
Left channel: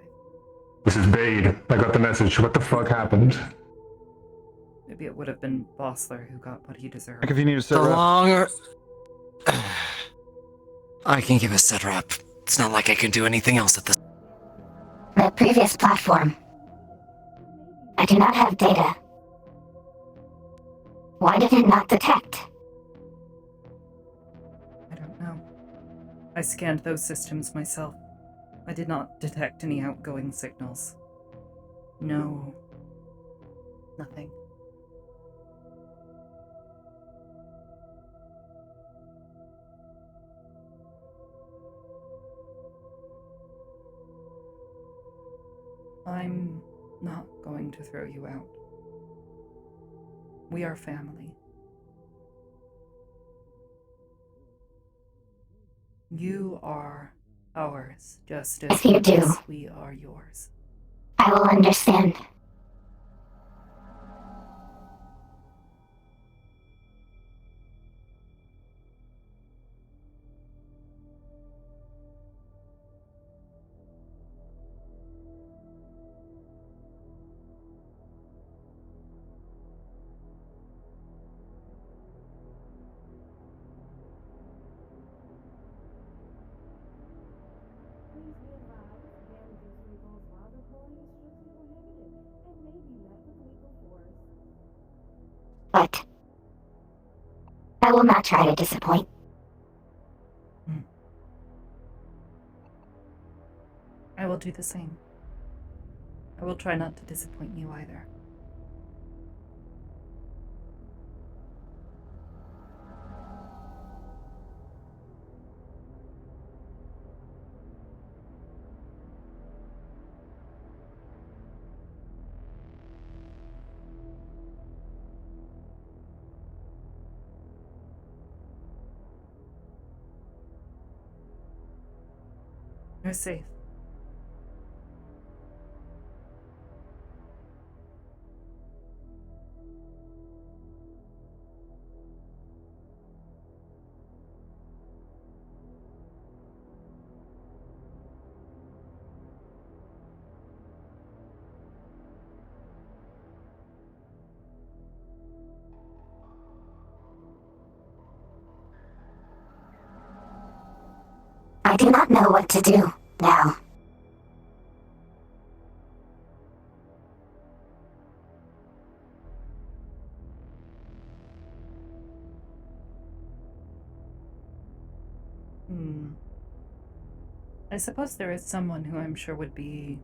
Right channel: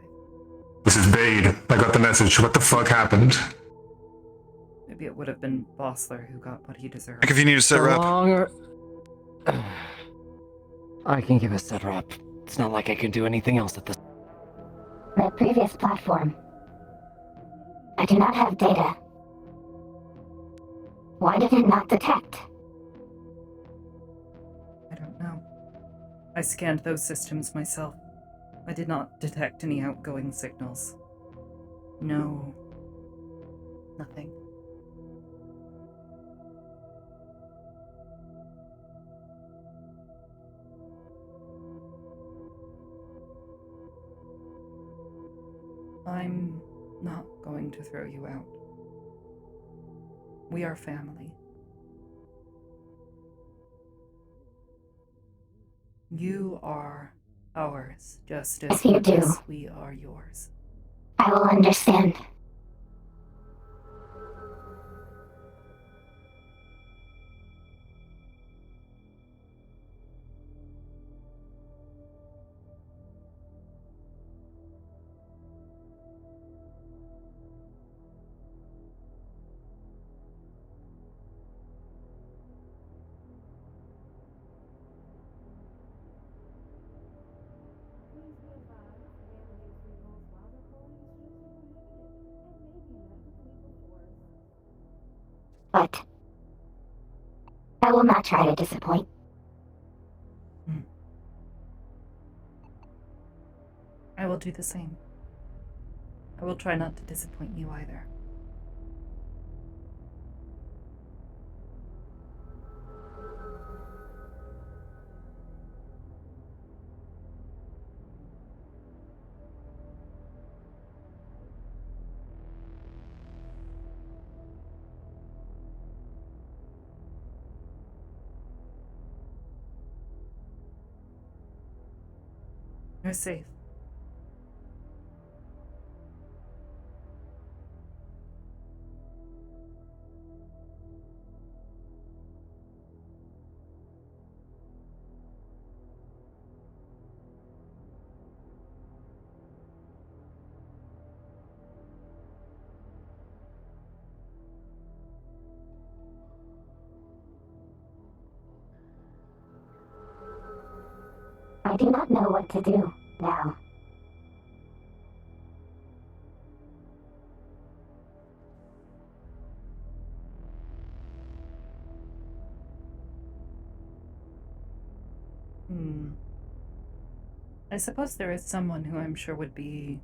This is Bade. I got the message. What the fuck happened? Maybe it would have been Bossler who got what he deserved. Like if you need to sit rep. Longer. I can give a sit rep. It's not like I can do anything else at this. The previous platform. I do not have data. Why did it not detect? I don't know. I scanned those systems myself. I did not detect any outgoing signals. No Nothing. I'm not going to throw you out. We are family. You are ours, just as Yes, you much do. as we are yours. I will understand. But I will not try to disappoint. I will do the same. I will try not to disappoint you either. You're safe. I do not know what to do now. I suppose there is someone who I'm sure would be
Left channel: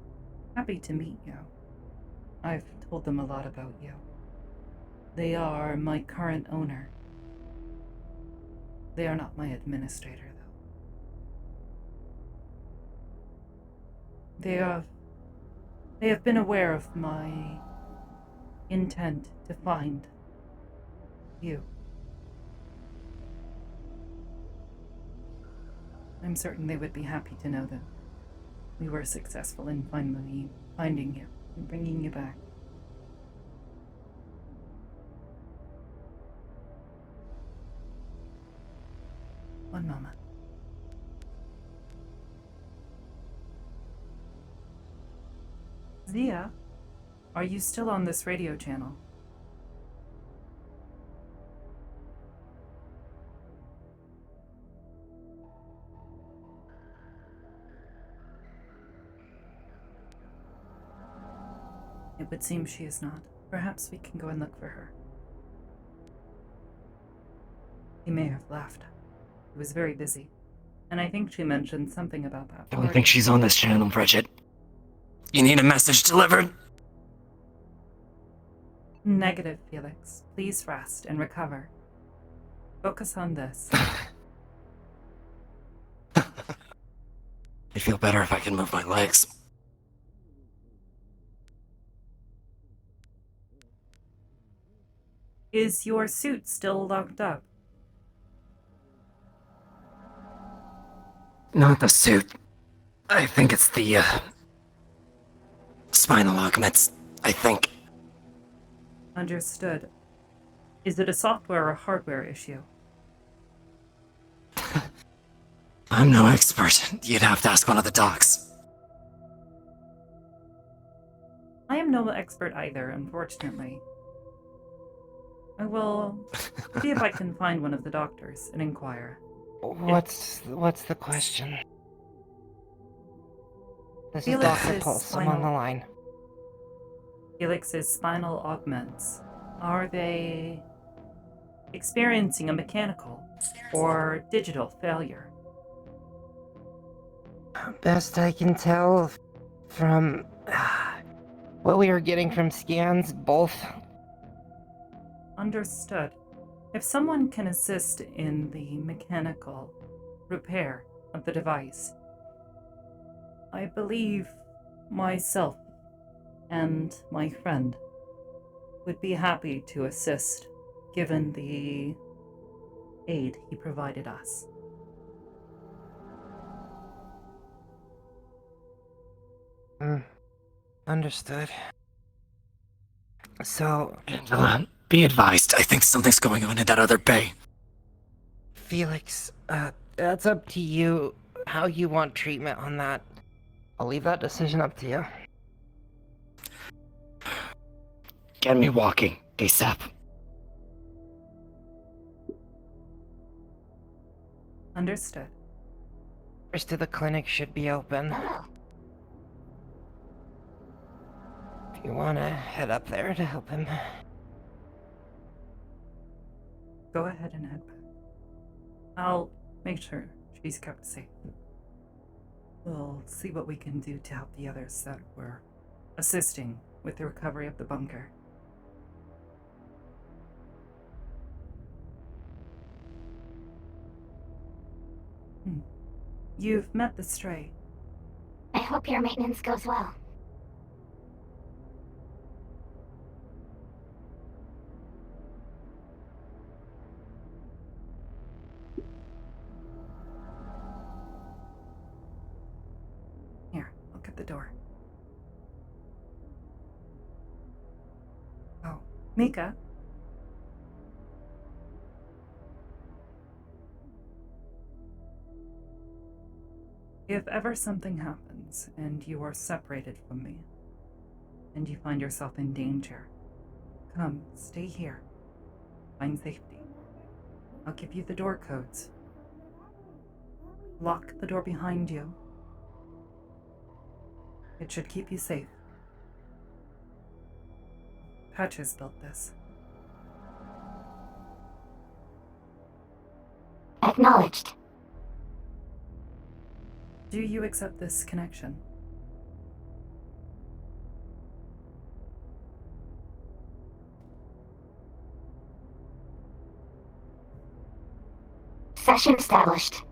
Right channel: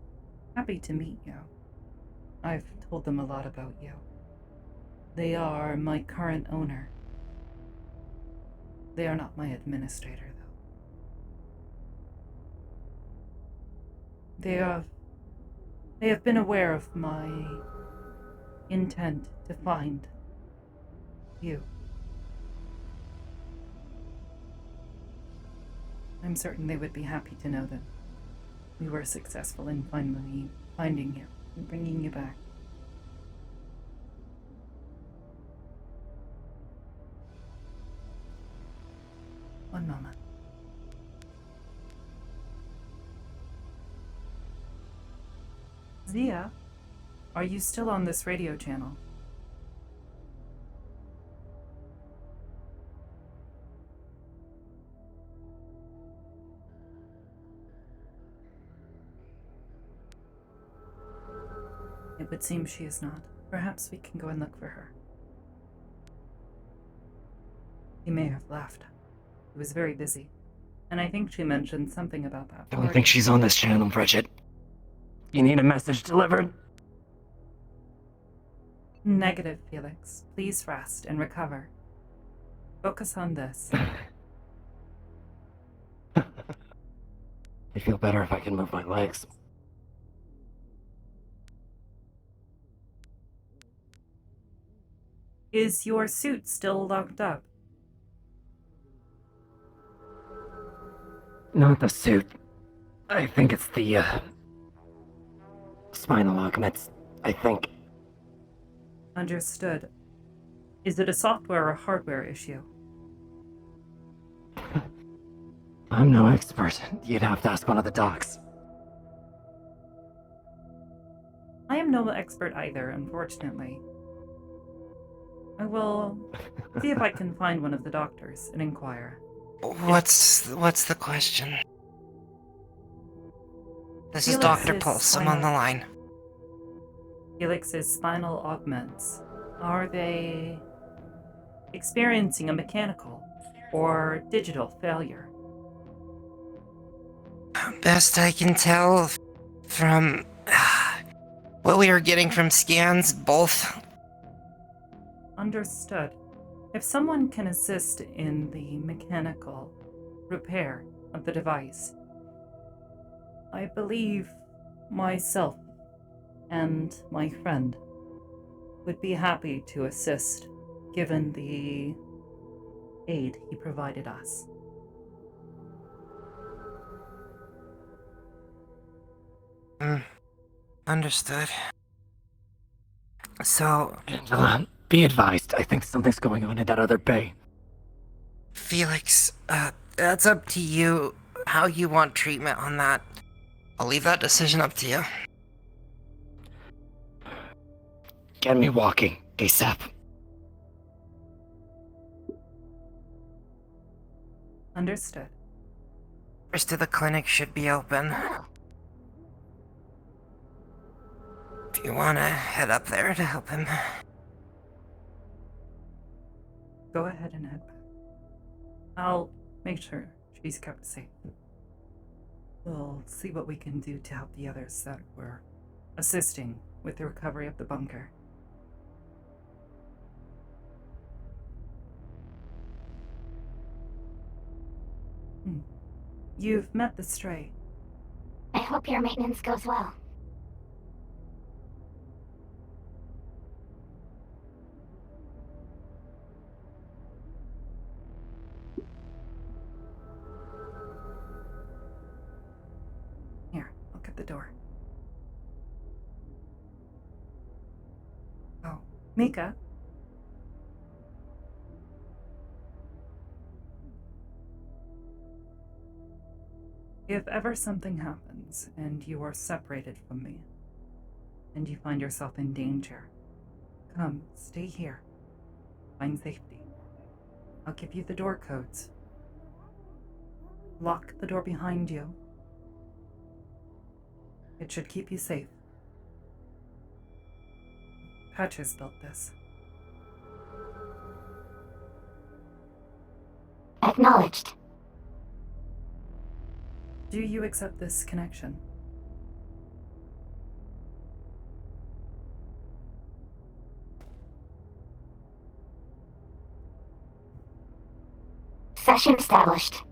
happy to meet you. I've told them a lot about you. They are my current owner. They are not my administrator, though. They have been aware of my intent to find you. I'm certain they would be happy to know that we were successful in finally finding you and bringing you back. One moment. Zia, are you still on this radio channel? It would seem she is not. Perhaps we can go and look for her. He may have left. He was very busy. And I think she mentioned something about that. I don't think she's on this channel, Bridget. You need a message delivered? Negative, Felix. Please rest and recover. Focus on this. I feel better if I can move my legs. Is your suit still locked up? Not the suit. I think it's the, spinal augments, I think. Understood. Is it a software or hardware issue? I'm no expert. You'd have to ask one of the docs. I am no expert either, unfortunately. I will see if I can find one of the doctors and inquire. What's the question? This is Felix's Dr. Pulse. I'm on the line. Felix's spinal augments. Are they experiencing a mechanical or digital failure? Best I can tell from what we were getting from scans, both. Understood. If someone can assist in the mechanical repair of the device, I believe myself and my friend would be happy to assist, given the aid he provided us. Understood. So, Angela, be advised. I think something's going on in that other bay. Felix, that's up to you, how you want treatment on that. I'll leave that decision up to you. Get me walking, ASAP. Understood. Rest of the clinic should be open. If you wanna head up there to help him. Go ahead and head back. I'll make sure she's kept safe. We'll see what we can do to help the others that were assisting with the recovery of the bunker. You've met the stray. I hope your maintenance goes well. Here, look at the door. Oh, Mika. If ever something happens and you are separated from me, and you find yourself in danger, come, stay here. Find safety. I'll give you the door codes. Lock the door behind you. It should keep you safe. Patches built this. Acknowledged. Do you accept this connection? Session established.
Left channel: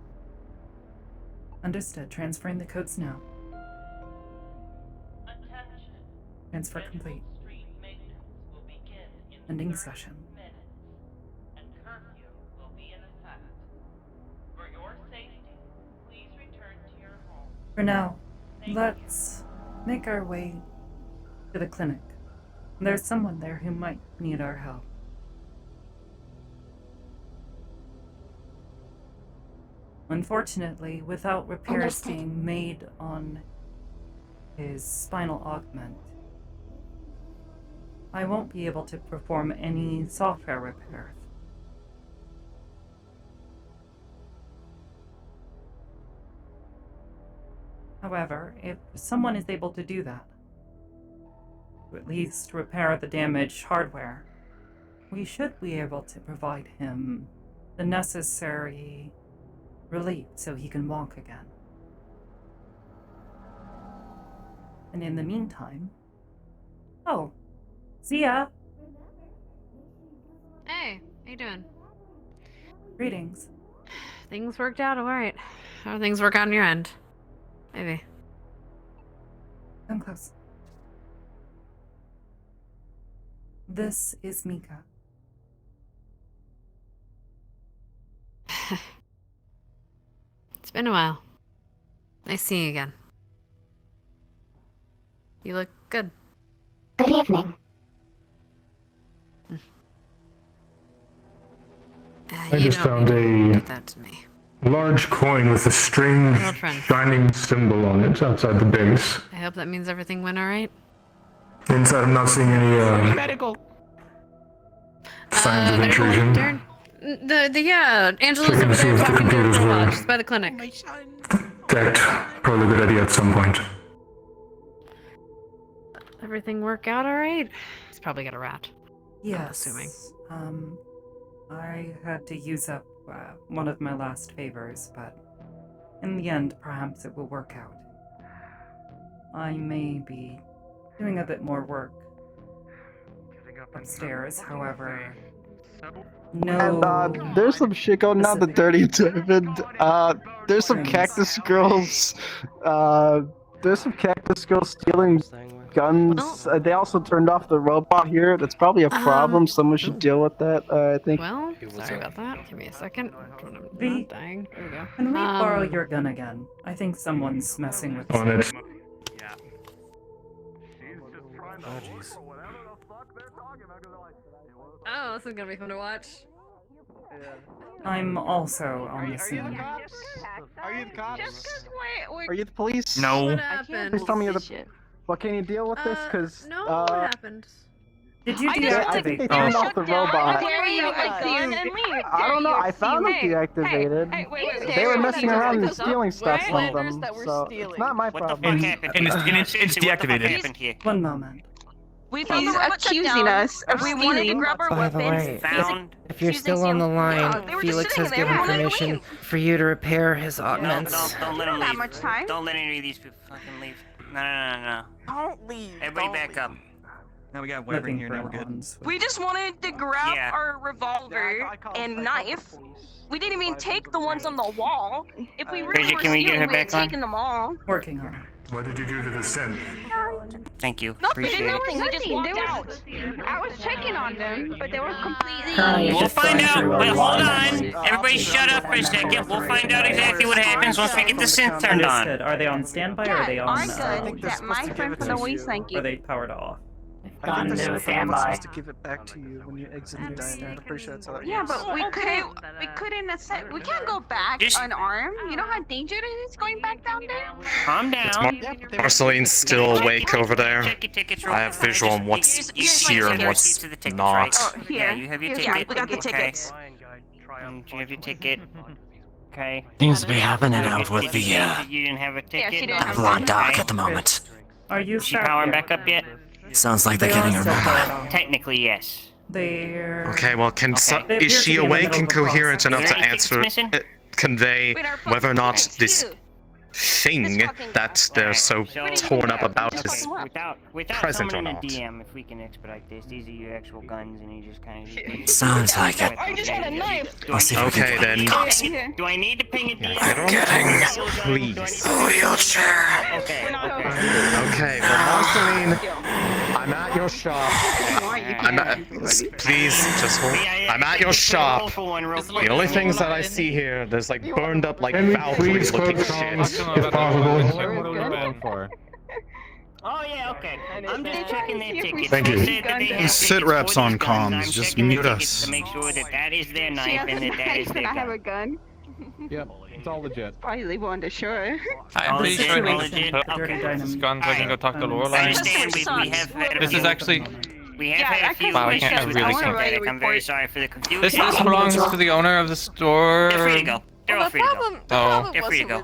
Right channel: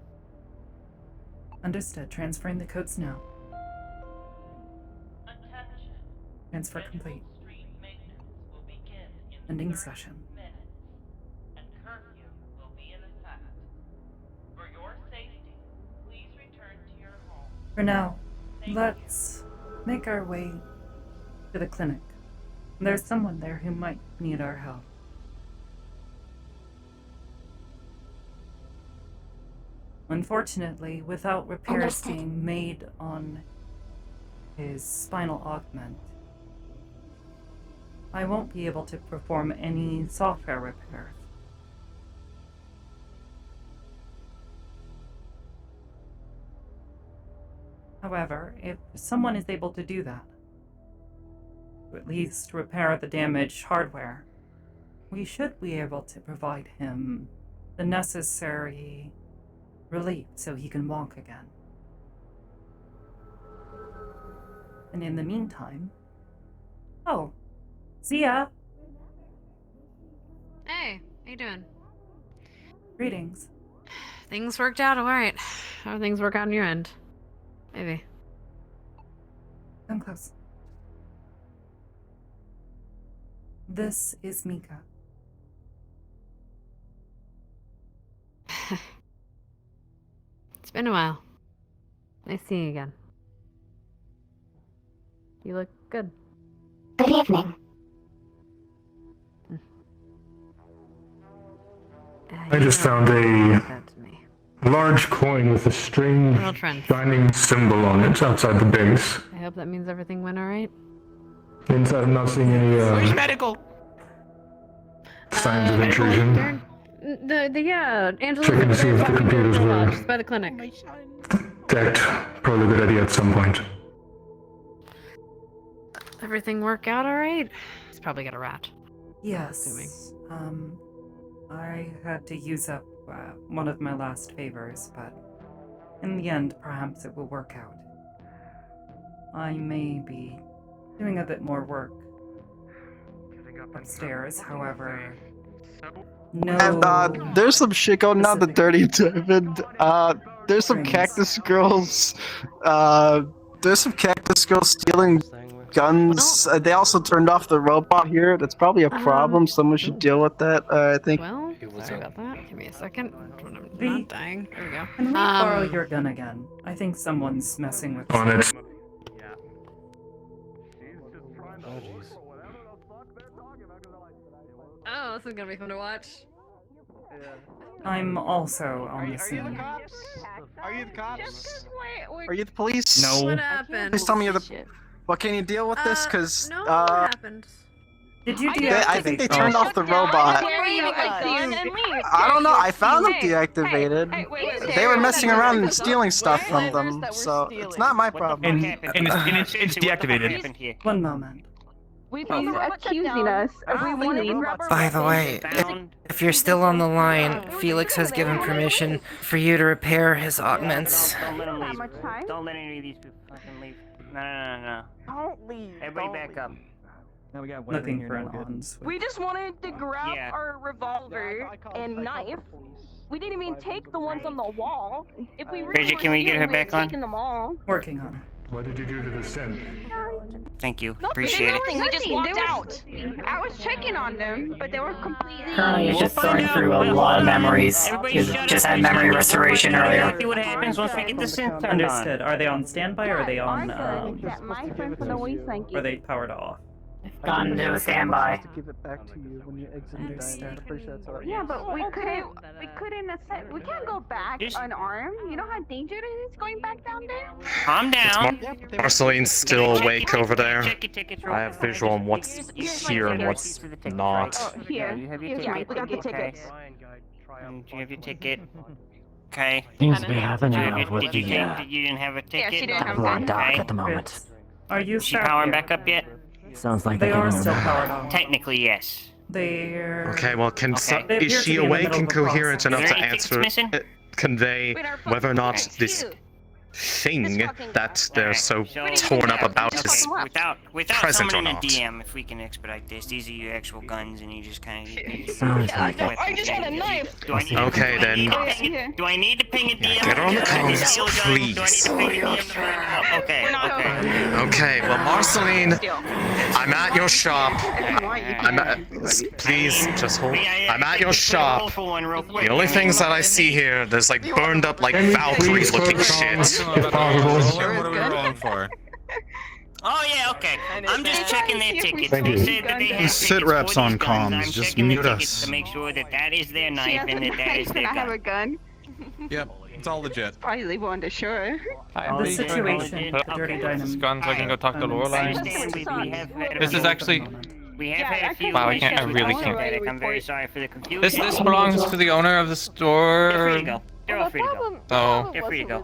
Understood. Transferring the codes now. Transfer complete. Ending session. For now, let's make our way to the clinic. There's someone there who might need our help. Unfortunately, without repairs being made on his spinal augment, I won't be able to perform any software repairs. However, if someone is able to do that, to at least repair the damaged hardware, we should be able to provide him the necessary relief so he can walk again. And in the meantime... Oh, see ya! Hey, how you doing? Greetings. Things worked out alright. How do things work on your end? Maybe. Come close. This is Mika. It's been a while. Nice seeing you again. You look good. Good evening. I just found a large coin with a strange We're old friends. shining symbol on it outside the base. I hope that means everything went alright. Inside, I'm not seeing any medical? signs of intrusion. Yeah, Angela's Checking over to see there if the talking to her computers robot were just by the clinic. decked. Probably a good idea at some point. Everything work out alright? It's probably got a rat. Yes. Assuming. I had to use up one of my last favors, but in the end, perhaps it will work out. I may be doing a bit more work upstairs, however. No. There's some shit going on the 30th Diamond. There's some cactus girls. There's some cactus girls stealing guns. They also turned off the robot here. That's probably a problem. Someone should deal with that. I think. Well, sorry about that. Give me a second. I'm V, not dying. There we go. Can we borrow your gun again? I think someone's messing with Oh, that's... Oh, jeez. Oh, this is gonna be fun to watch. I'm also on the Are you the scene. cops? Are you the cops? Are you the police? No. What happened? Please tell me you're the. Well, can you deal with this? Cause No, what happened? Did you I deactivate? think they turned off the robot. I don't know. I found them deactivated. They were messing around and stealing stuff from them, so it's not my problem. And it's deactivated. One moment. He's accusing us of stealing. By the way, if you're still on the line, Felix has given permission for you to repair his oddments. Don't let him leave. How much time? Don't let any of these people fucking leave. No. Don't leave. Everybody back up. Now we got Looking for an on. We just wanted to grab our revolver and knife. We didn't even take the ones on the wall. If we really Bridget, were can we get her stealing, back we on? had taken them all. Working on it. What did you do to the scent? Thank you. Appreciate Appreciate it. it. We just walked out. I was checking on them, but they were completely. Currently, you're just going through a lot of memories. Everybody shut Just up. had memory restoration Find out earlier. exactly what happens once we get the synth turned on. Understood. Are they on standby or are they on? My friend from the waist, thank you. Are they powered off? Gone to a standby. To give it back to you when you exit the diamond. I'm pretty sure that's how that Yeah, works. but we couldn't accept. We can't go back unarmed. You know how dangerous it is going back down there. Calm down. Marceline's still awake over there. Check your tickets real I have visual on what's here and what's not. Here, you have your here, ticket. we got the tickets. You have your ticket. Okay. Seems to be happening out with Did you the, say that you didn't have a ticket? she didn't have a lot one. dark at the moment. Are you Is she powering back up yet? Sounds like They they're are getting still her powered number. off. Technically, yes. They're. Okay, well, They is appear she to be in the awake middle and of a coherent process. enough Is to there any tickets answer, missing? convey whether or not this thing that they're so torn up about is Without present or someone in a not? DM, if we can expedite this, these are your actual guns, and you just kind of. Sounds like it. I just had a knife. Okay, then. Do I need to ping a DM? Get on the case, please. Okay. Okay, well, Marceline, I'm at your shop. Please, just hold. I'm at your shop. The only things that I see here, there's like burned up, like Valkyrie looking shit. Oh yeah, okay. I'm just checking their tickets. Thank Who you. said that they have Sit tickets reps for on these guns? comms, I'm just checking mute the tickets us. to make sure that that is their knife and that is their I have gun. a gun. Yep, it's all legit. Probably leave on the shore. The situation with the Dirty Dynamo. Guns, I can go talk to Lorelai. This is actually. We have had a few Wow, I can't. I really issues. can't. I'm very sorry for the confusion. This belongs to the owner of the store. They're free to go. They're all free to go. So. They're free to go.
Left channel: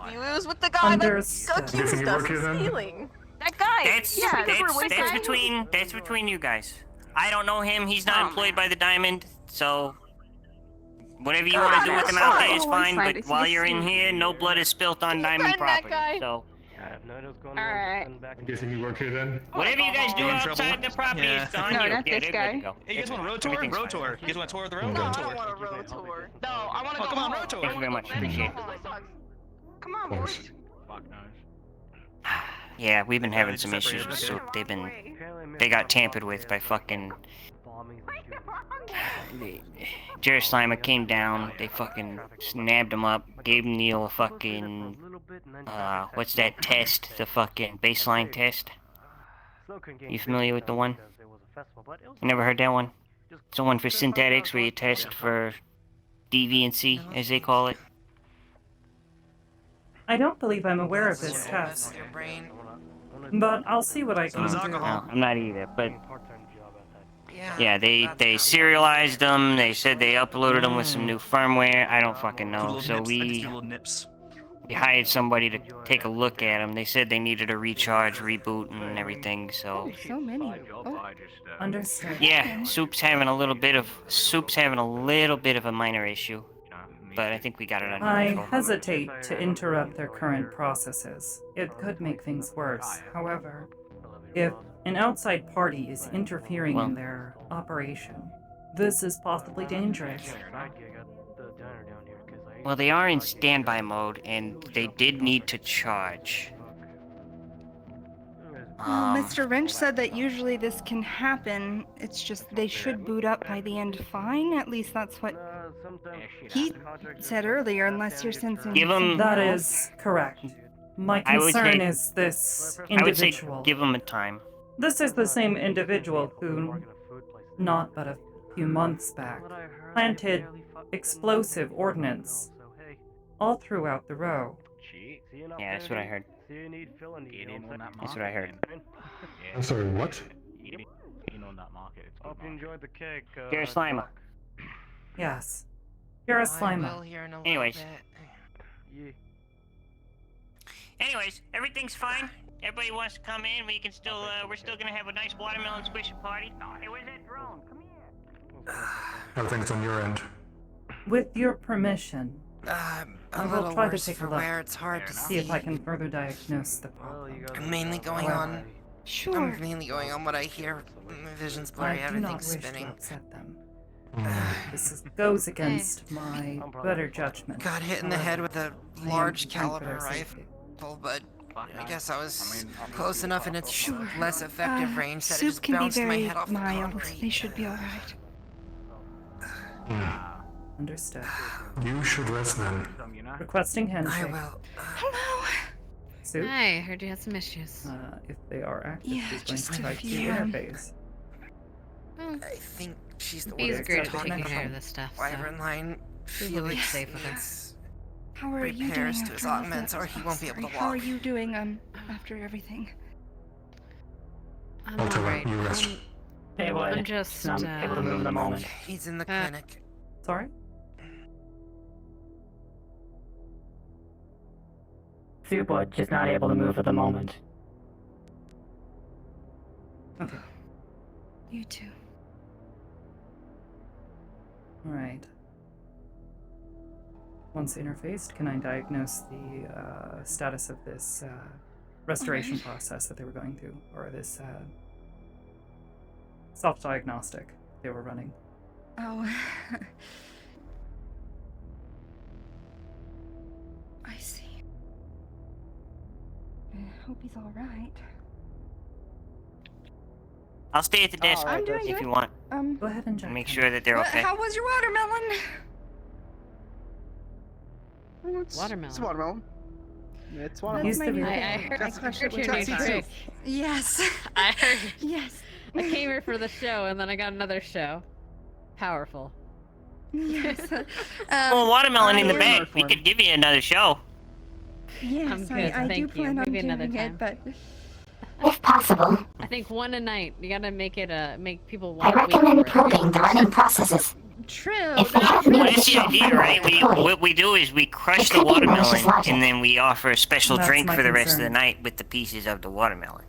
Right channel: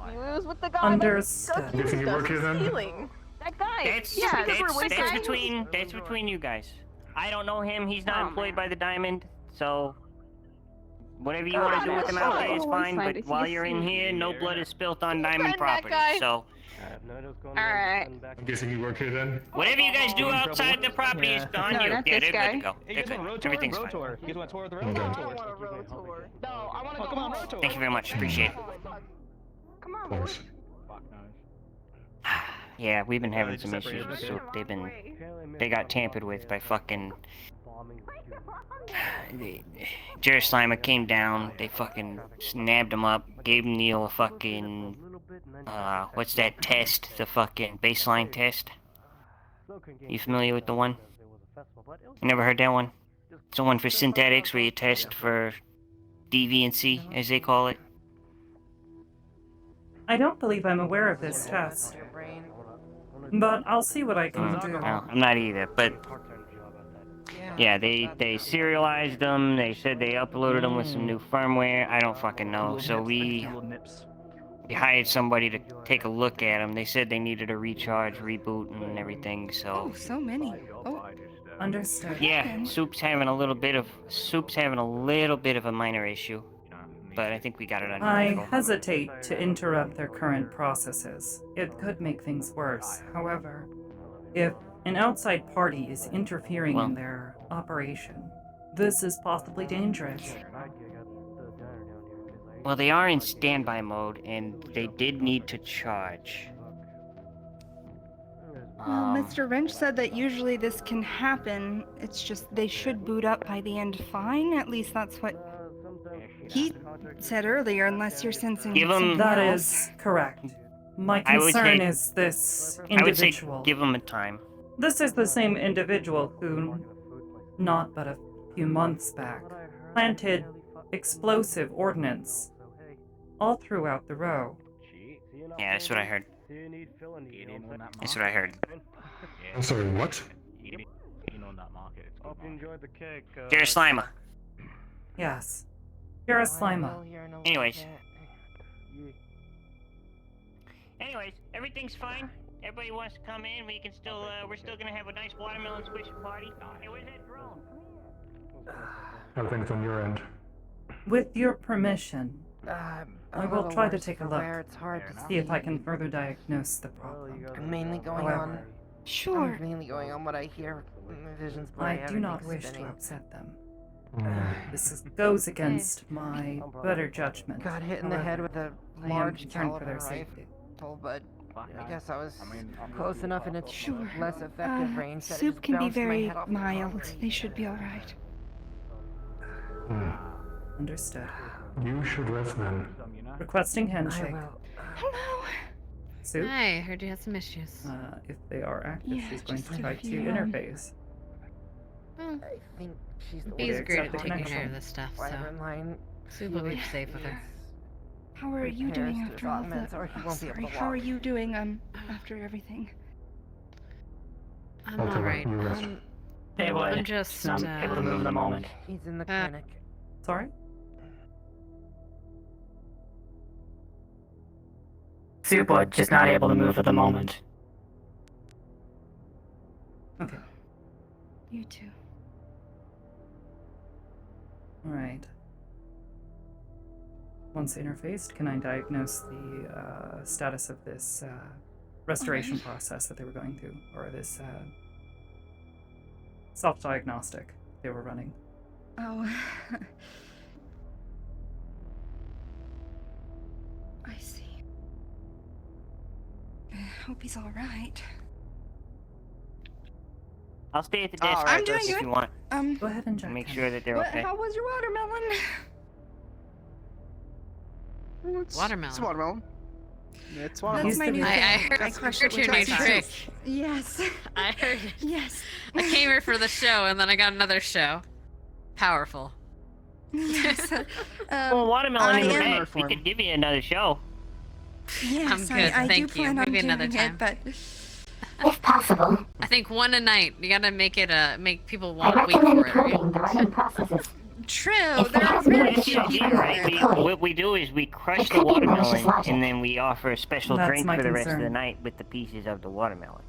Understood. Can you work here then? That guy. That's between you guys. I don't know him. He's not employed by the Diamond, so whatever you want to do with him out there is fine. But while you're in here, no blood is spilt on Diamond property. So Alright. I'm guessing you work here then? whatever you guys do outside the property is on No, you. not Yeah, this they're guy. good to go. Hey, you guys want a road tour? Everything's Road fine. tour. You guys want a tour of the road? Okay. Road tour. No, I want to go. Come on, road tour. Thank you very much. Appreciate it. Thanks. Yeah, we've been having some issues with Soup. They got tampered with by fucking. Jerry Slimer came down. They fucking snabbed him up. Gave Neil a fucking. What's that test? The fucking baseline test. You familiar with the one? You never heard that one? It's the one for synthetics where you test for deviancy, as they call it. I don't believe I'm aware of this test. But I'll see what I can do. No, I'm not either, but yeah, they serialized them. They said they uploaded them with some new firmware. I don't fucking know. So we hired somebody to take a look at them. They said they needed a recharge, reboot, and everything. So So many. Oh. Understood. yeah, Soup's having a little bit of a minor issue, but I think we got it under I control. hesitate to interrupt their current processes. It could make things worse. However, if An outside party is interfering in their operation. This is possibly dangerous. Well, they are in standby mode, and they did need to charge. Well, Mr. Wrench said that usually this can happen. It's just they should boot up by the end fine. At least that's what he said earlier, unless you're sensing Give 'em- something That else. is correct. My I would concern say- is this I would say individual. give them a time. This is the same individual who, not but a few months back, planted explosive ordnance all throughout the row. Yeah, that's what I heard. That's what I heard. I'm sorry, what? Jared Slimer. Yes. Hiraslima. Anyways. Everything's fine. Everybody wants to come in. We can still, we're still gonna have a nice watermelon squishing party. Hey, where's that drone? Come here. Everything's on your end. With your permission, I will try to take a look, It's hard to see if I can further diagnose the problem. I'm mainly going However, on. Sure. I'm mainly going on what I hear. My vision's I blurry. do not everything's wish to spinning. upset them. Goes against my better judgment. Got hit in the However, head with a I am large concerned for caliber their safety. rifle, but I guess I was close enough in its Sure. less effective range that it Soup just can be bounced my very head off the mild. concrete. They should be alright. Understood. You should rest then. Requesting handshake. Hello. Soup? Hi, I heard you had some issues. If they are active, Yeah, she's going just to a try to few, interface. Oh, I think she's the Bees Bee's Accept great at the taking care connection. of this stuff, so Wyvern line. we will be Felix safe with her. needs How are you doing repairs to after his all augments, that? or he won't be able Sorry, to how are walk. you doing after everything? I'm I'll tell her alright. you rest. They would. I'm just, I'm able to move in a moment. He's in the clinic. Sorry? Soup would, just not able to move at the moment. Okay. You too. Alright. Once interfaced, can I diagnose the status of this restoration process that they were going through? Or this self-diagnostic they were running? Oh. I see. I hope he's alright. I'll stay at the desk I'm doing if good. you want. Go ahead and check. Make sure that they're okay. How was your watermelon? Watermelon. It's watermelon. It's That's watermelon. my new I favorite. heard your new trick. Yes. I heard. Yes. I came here for the show, and then I got another show. Powerful. Yes. Well, watermelon in the bag. We could give you another show. Yes, I'm good, I do thank you. plan on Maybe another doing time. it, If possible, I think one a night. You gotta make it make people I want wait recommend for it. probing the running processes. True. If they have Well, that's the meaningful idea, right? What we do is we crush the watermelon, and then we offer a special That's drink my for the rest of the concern. night with the pieces of the watermelon.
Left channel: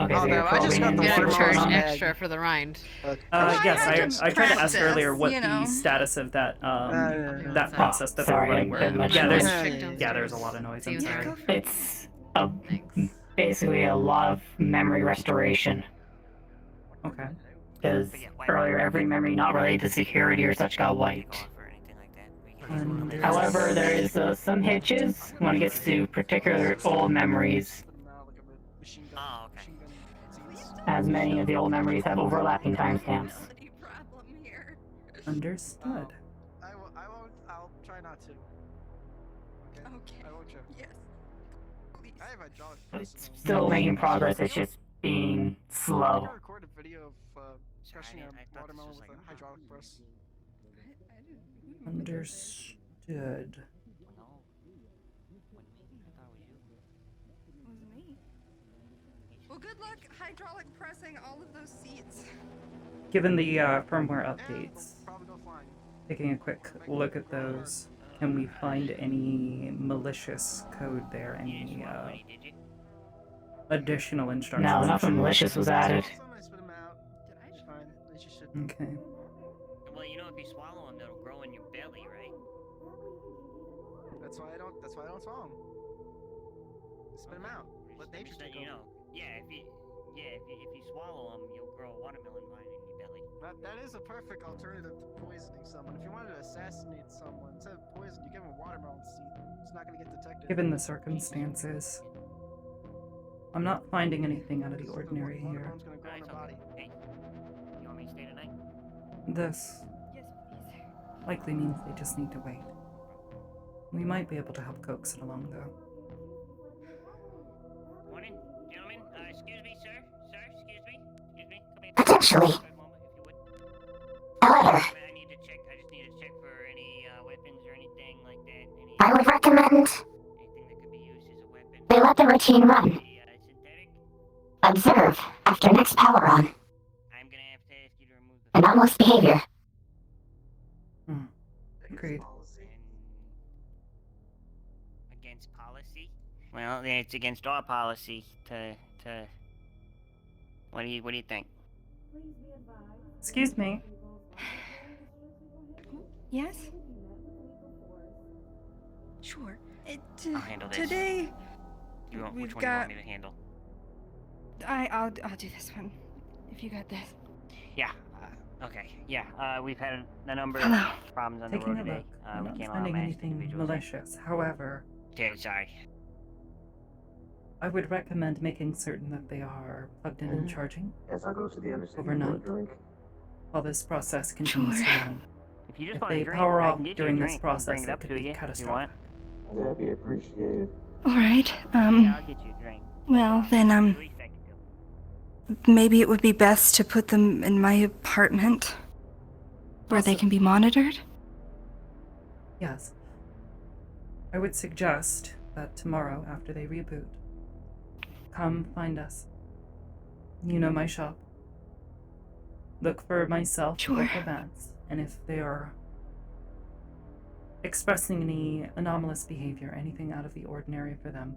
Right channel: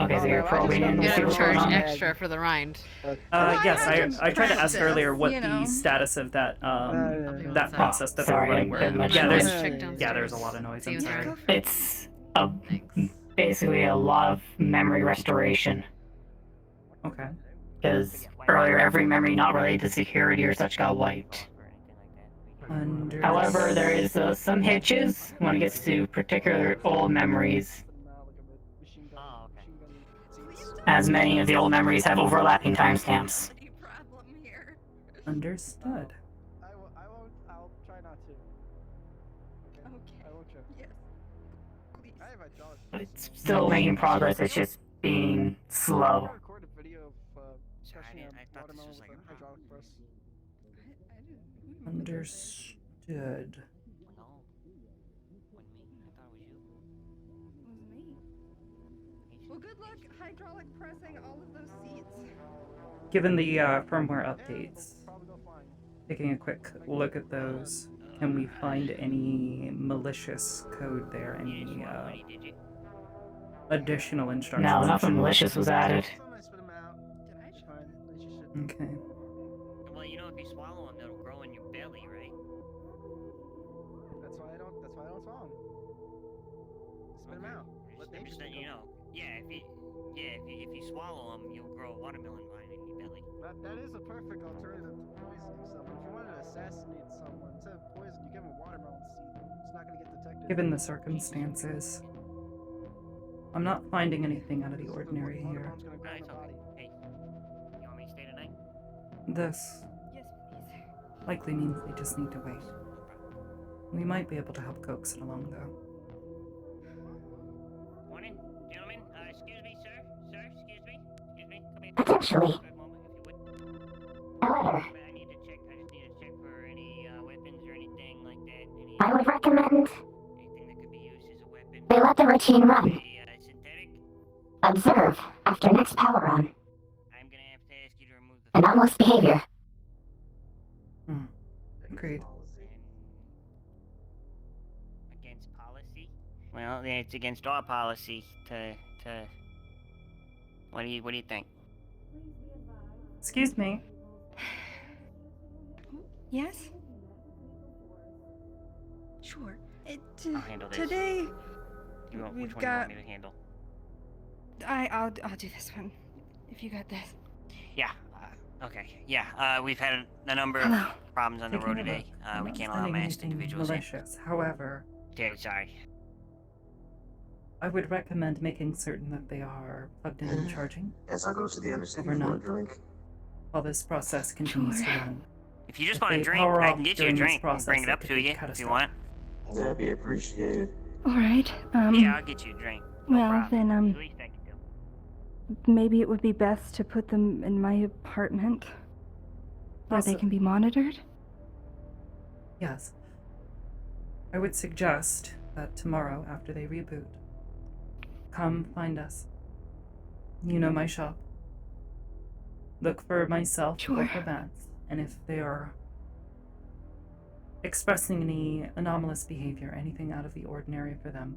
Okay, so you're probing in to see Gotta what's charge going on. extra for the rind. Yes, I tried to ask earlier what you the know. status of that that Oh, process that they were sorry, running I were. didn't mention Yeah, that. there's a lot of noise. I'm sorry. It's basically a lot of memory restoration. Okay. Because earlier, every memory not related to security or such got wiped. However, there is some hitches when it gets to particular old memories, as many of the old memories have overlapping timestamps. Understood. I'll try not to. Okay. I will try. Yes. I have hydraulic It's still making progress, it's just being slow. record a video of crushing a watermelon with a hydraulic press. Understood. Well, good luck hydraulic pressing all of those seats. Given the firmware updates, taking a quick look at those, can we find any malicious code there? Any additional instructions? No, nothing malicious was added. Okay. Well, you know, if you swallow them, they'll grow in your belly, right? That's why I don't swallow them. Spit them out. Let I'm nature just take letting you over. know. If you swallow them, you'll grow a watermelon vine in your belly. That is a perfect alternative to poisoning someone. If you wanted to assassinate someone, instead of poison, you give them a watermelon seed. It's not going to get detected. Given the circumstances, I'm not finding anything out of the ordinary here. Hey, you want me to stay tonight? This likely means they just need to wait. We might be able to help coax it along, though. Morning, gentlemen. Excuse me, sir. Sir, excuse me. Excuse me. Come in. Potentially. For a moment, if you would. However, I just need to check for any weapons or anything like that. I would recommend Anything that could be used as a weapon. they let the routine run. Synthetic. Observe after next power run. I'm gonna have to ask you to remove the Anomalous behavior. Agreed. Against policy? Well, it's against our policy to. What do you think? Excuse me. Yes? Sure. I'll handle this. Today, Which one we've do you got... want me to handle? I'll do this one. If you got this. Yeah. Okay. Yeah. We've had a number Hello. of problems on the Taking road a today. look. I'm We not can't allow finding masked anything individuals. malicious. However, Okay, sorry. I would recommend making certain that they are plugged in and charging As I go to the understanding overnight drink. while this process continues to run. If you just If want a they drink, power I off can get you a during this drink. process, Bring it it up could to be you if you catastrophic. want. That'd be appreciated. Alright, Yeah, I'll get you a drink. well then, At least I can do. maybe it would be best to put them in my apartment. Where they Also- can be monitored? Yes. I would suggest that tomorrow, after they reboot, come find us. You know my shop. Look for myself or for Vance, and if they are expressing any anomalous behavior, anything out of the ordinary for them,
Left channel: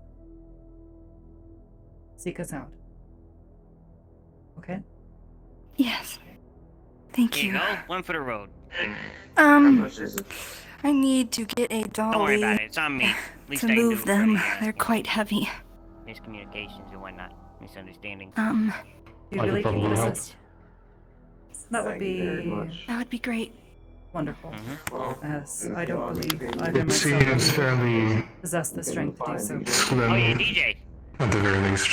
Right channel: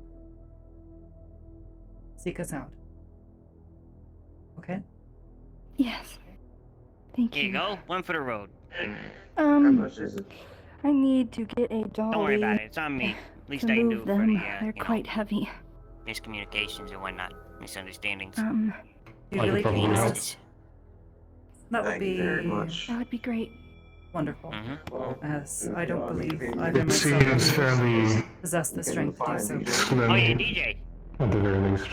seek us out. Okay? Yes. Thank Here you you. go. One for the road. I need to get a Don't worry dolly about it. It's on me. At least to I can do move it them. for the, They're quite heavy. miscommunications and whatnot. Misunderstandings. Do you I could really think probably this help. is... That would be That would be great. wonderful. Mm-hmm. As I don't believe either It seems myself fairly possess the strength to do so. Oh yeah, slim, DJ. at the very least.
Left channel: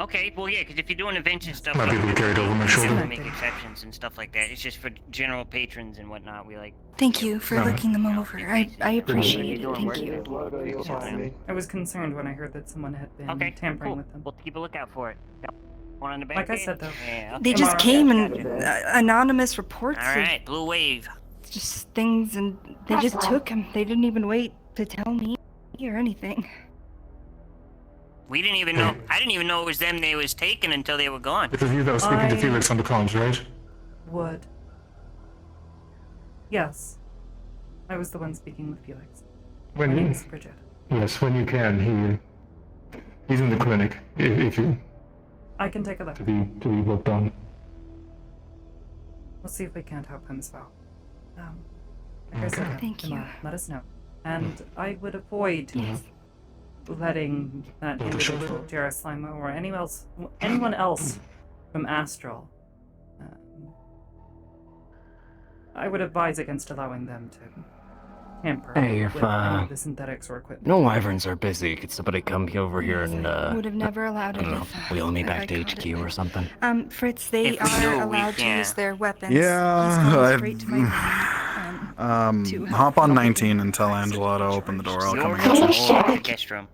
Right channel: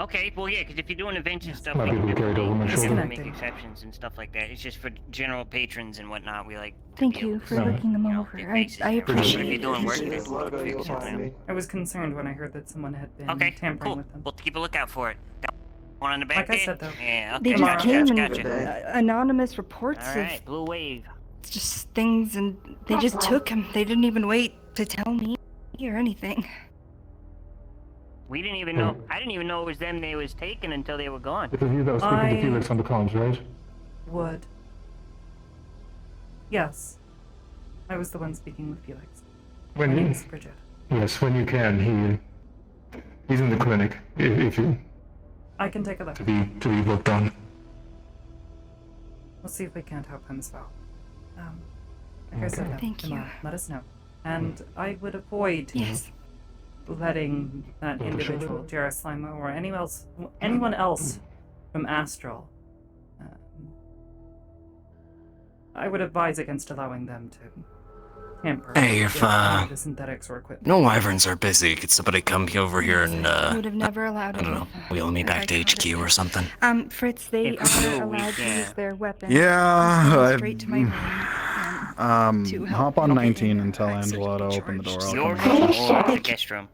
Okay, well yeah, because if you're doing events and stuff, Might be able to carry it over my we shoulder. make exceptions and stuff like that. It's just for general patrons and whatnot. We like. Thank you for looking them over. I appreciate it. Thank you. I was concerned when I heard that someone had been Okay, tampering cool. with them. We'll keep a lookout for it. One on the back. Like I there? said, though. Yeah. They okay. just came and Gotcha. anonymous reports All right, blue wave. of just things, and they just took them. They didn't even wait to tell me or anything. We didn't even know. I didn't even know it was them they was taking until they were gone. It was you that was speaking to Felix on the comms, right? Would. Yes. I was the one speaking with Felix. When My name you, is Bridget. yes, when you can, he's in the clinic. If you I can take a look. to be looked on. We'll see if we can't help him as well. Like I said, Thank you. tomorrow, let us know. And I would avoid letting that individual, Jared Slimo, or anyone else from Astral, I would advise against allowing them to tamper Hey, with if, any of the synthetics or equipment. No wyverns are busy. Could somebody come over here and, Would have never allowed I it. don't know, if- wheel me if I back to caught HQ or something? Fritz, they If we do, are we allowed to can. use their weapons. Yeah, He's going I've- straight to my room. To help Hop on 19 and tell Angela to open the door. I'll Your come room and get you. or the guest room?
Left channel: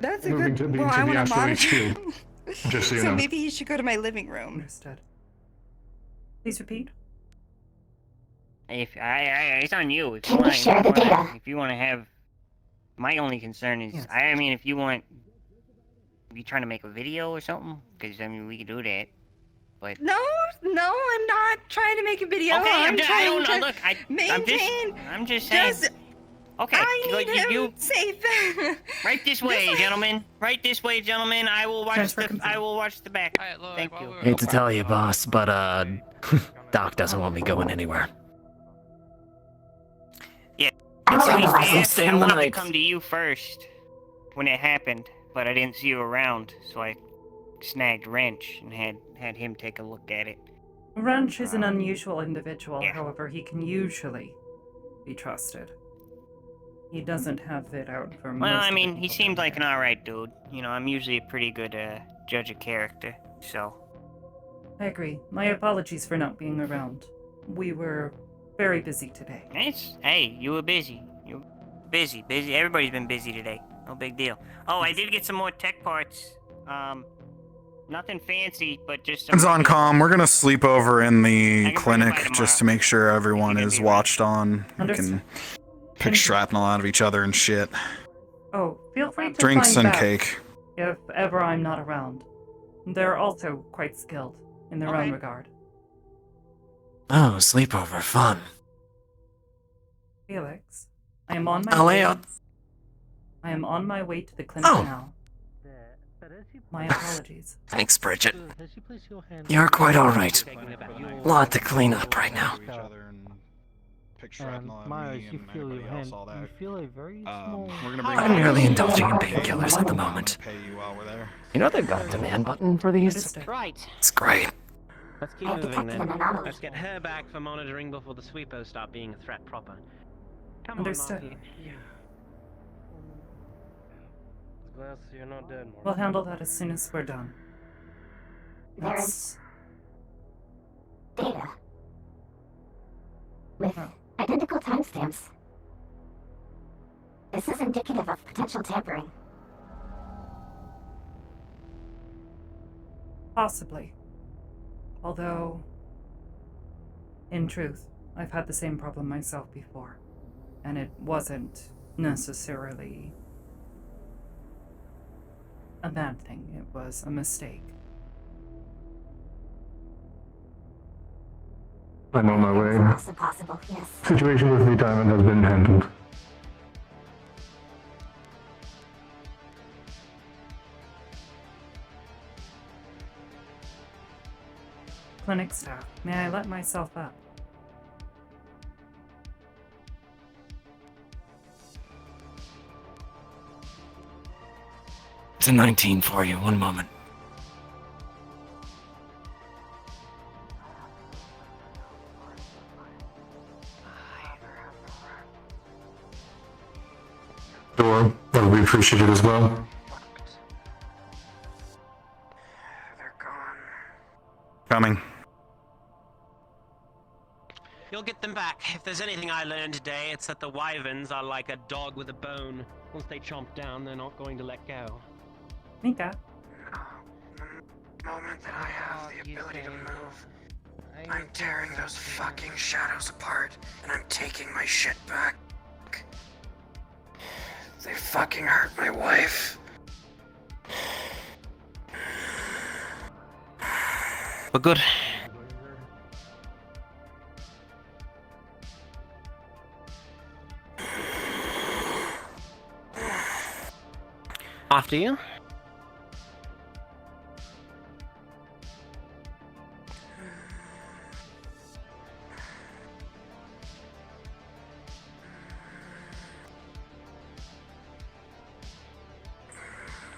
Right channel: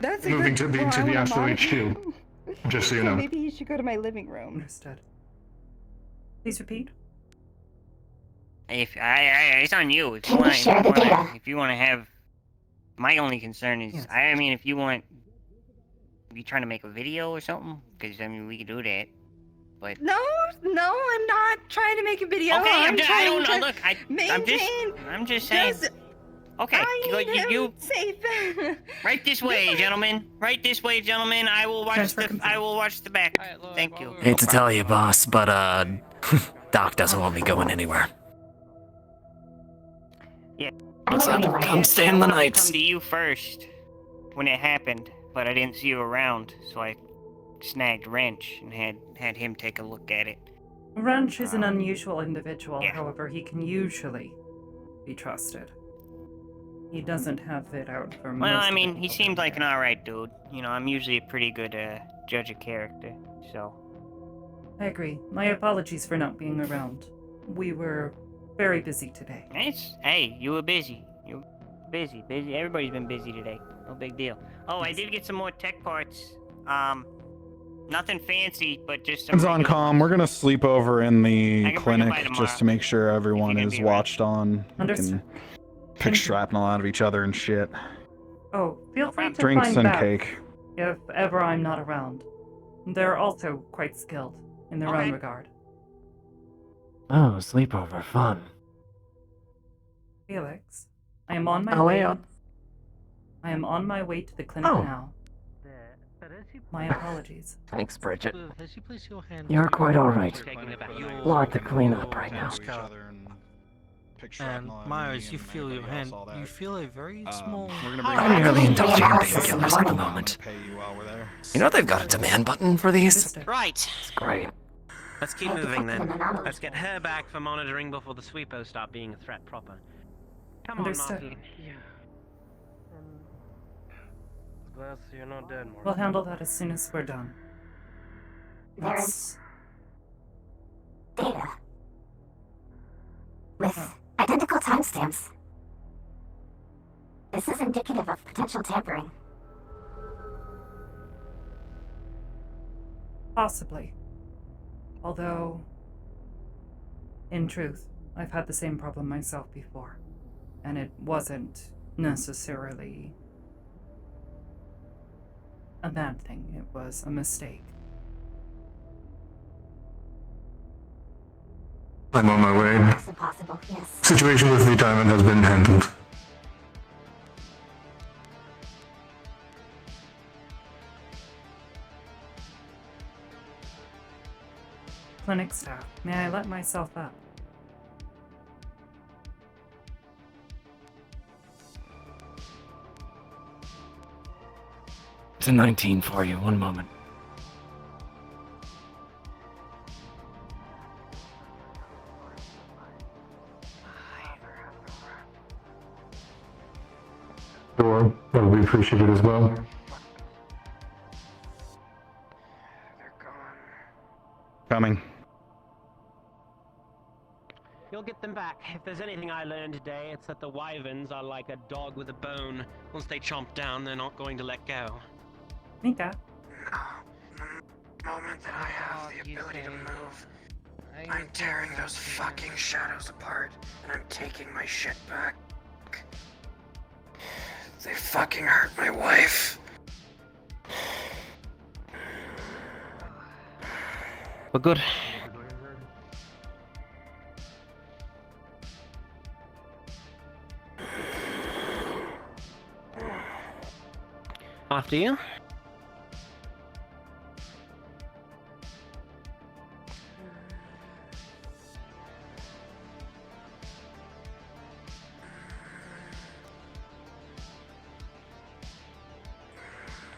That's a Moving good. to well, I the wanna Astral monitor- HQ. Just so you So know. maybe you should go to my living room. Understood. Please repeat. If it's on you. If Can you we want, share the data? If you want to have, my only concern is, I mean, if you want, you trying to make a video or something, because I mean, we could do that. But No, I'm not trying to make a video. okay, I'm I trying don't know. to Look, maintain. I'm just saying. Okay, you safe. right this way, gentlemen. Right this way, gentlemen. I will watch the back. Thank you. Hate to tell you, boss, but, Doc doesn't want me going anywhere. Yeah. I'm I'm staying the night. come to you first when it happened. but I didn't see you around, so I snagged Wrench and had him take a look at it. Wrench is an unusual individual, however, he can usually be trusted. He doesn't have it out for most Well, I of the mean, he people seemed down like an alright dude. You know, I'm usually a pretty good judge of character, so. I agree. My apologies for not being around. We were very busy today. Hey, you were busy. You were busy. Everybody's been busy today. No big deal. Oh, I did get some more tech parts. Nothing fancy, but just some. It's on comm. We're gonna sleep over in the I can bring it by clinic tomorrow, just to make sure everyone gonna is be around. watched on. We can pick shrapnel out of each other and shit. Oh, feel free to Drinks find and Beth cake. if ever I'm not around. They're also quite skilled in their own regard. Oh, sleepover fun. Felix, I am on my Oh, way. yeah. I am on my way to the clinic now. My apologies. Thanks, Bridget. You're quite alright. Lot to clean up right now. And Myers, you feel your hand. You feel a very small. I'm merely indulging in painkillers at the moment. You know they've got a demand button for these? Right. It's great. Let's keep moving then. Let's get her back for monitoring before the sweepers start being a threat proper. Come Understood. on, Marty. Yeah. Glad you're not dead, Marty. We'll handle that as soon as we're done. That's... Data. With identical timestamps. This is indicative of potential tampering. Possibly. Although, in truth, I've had the same problem myself before, and it wasn't necessarily a bad thing. It was a mistake. I'm on my way. Also possible, yes. Situation with the diamond has been handled. Clinic staff, may I let myself up? It's a 19 for you, one moment. Door, that would be appreciated as well. Coming. You'll get them back. If there's anything I learned today, it's that the wyverns are like a dog with a bone. Once they chomp down, they're not going to let go. Mika. The moment that I have the ability to move, I'm tearing those fucking shadows apart, and I'm taking my shit back. They fucking hurt my wife. We're good. After you.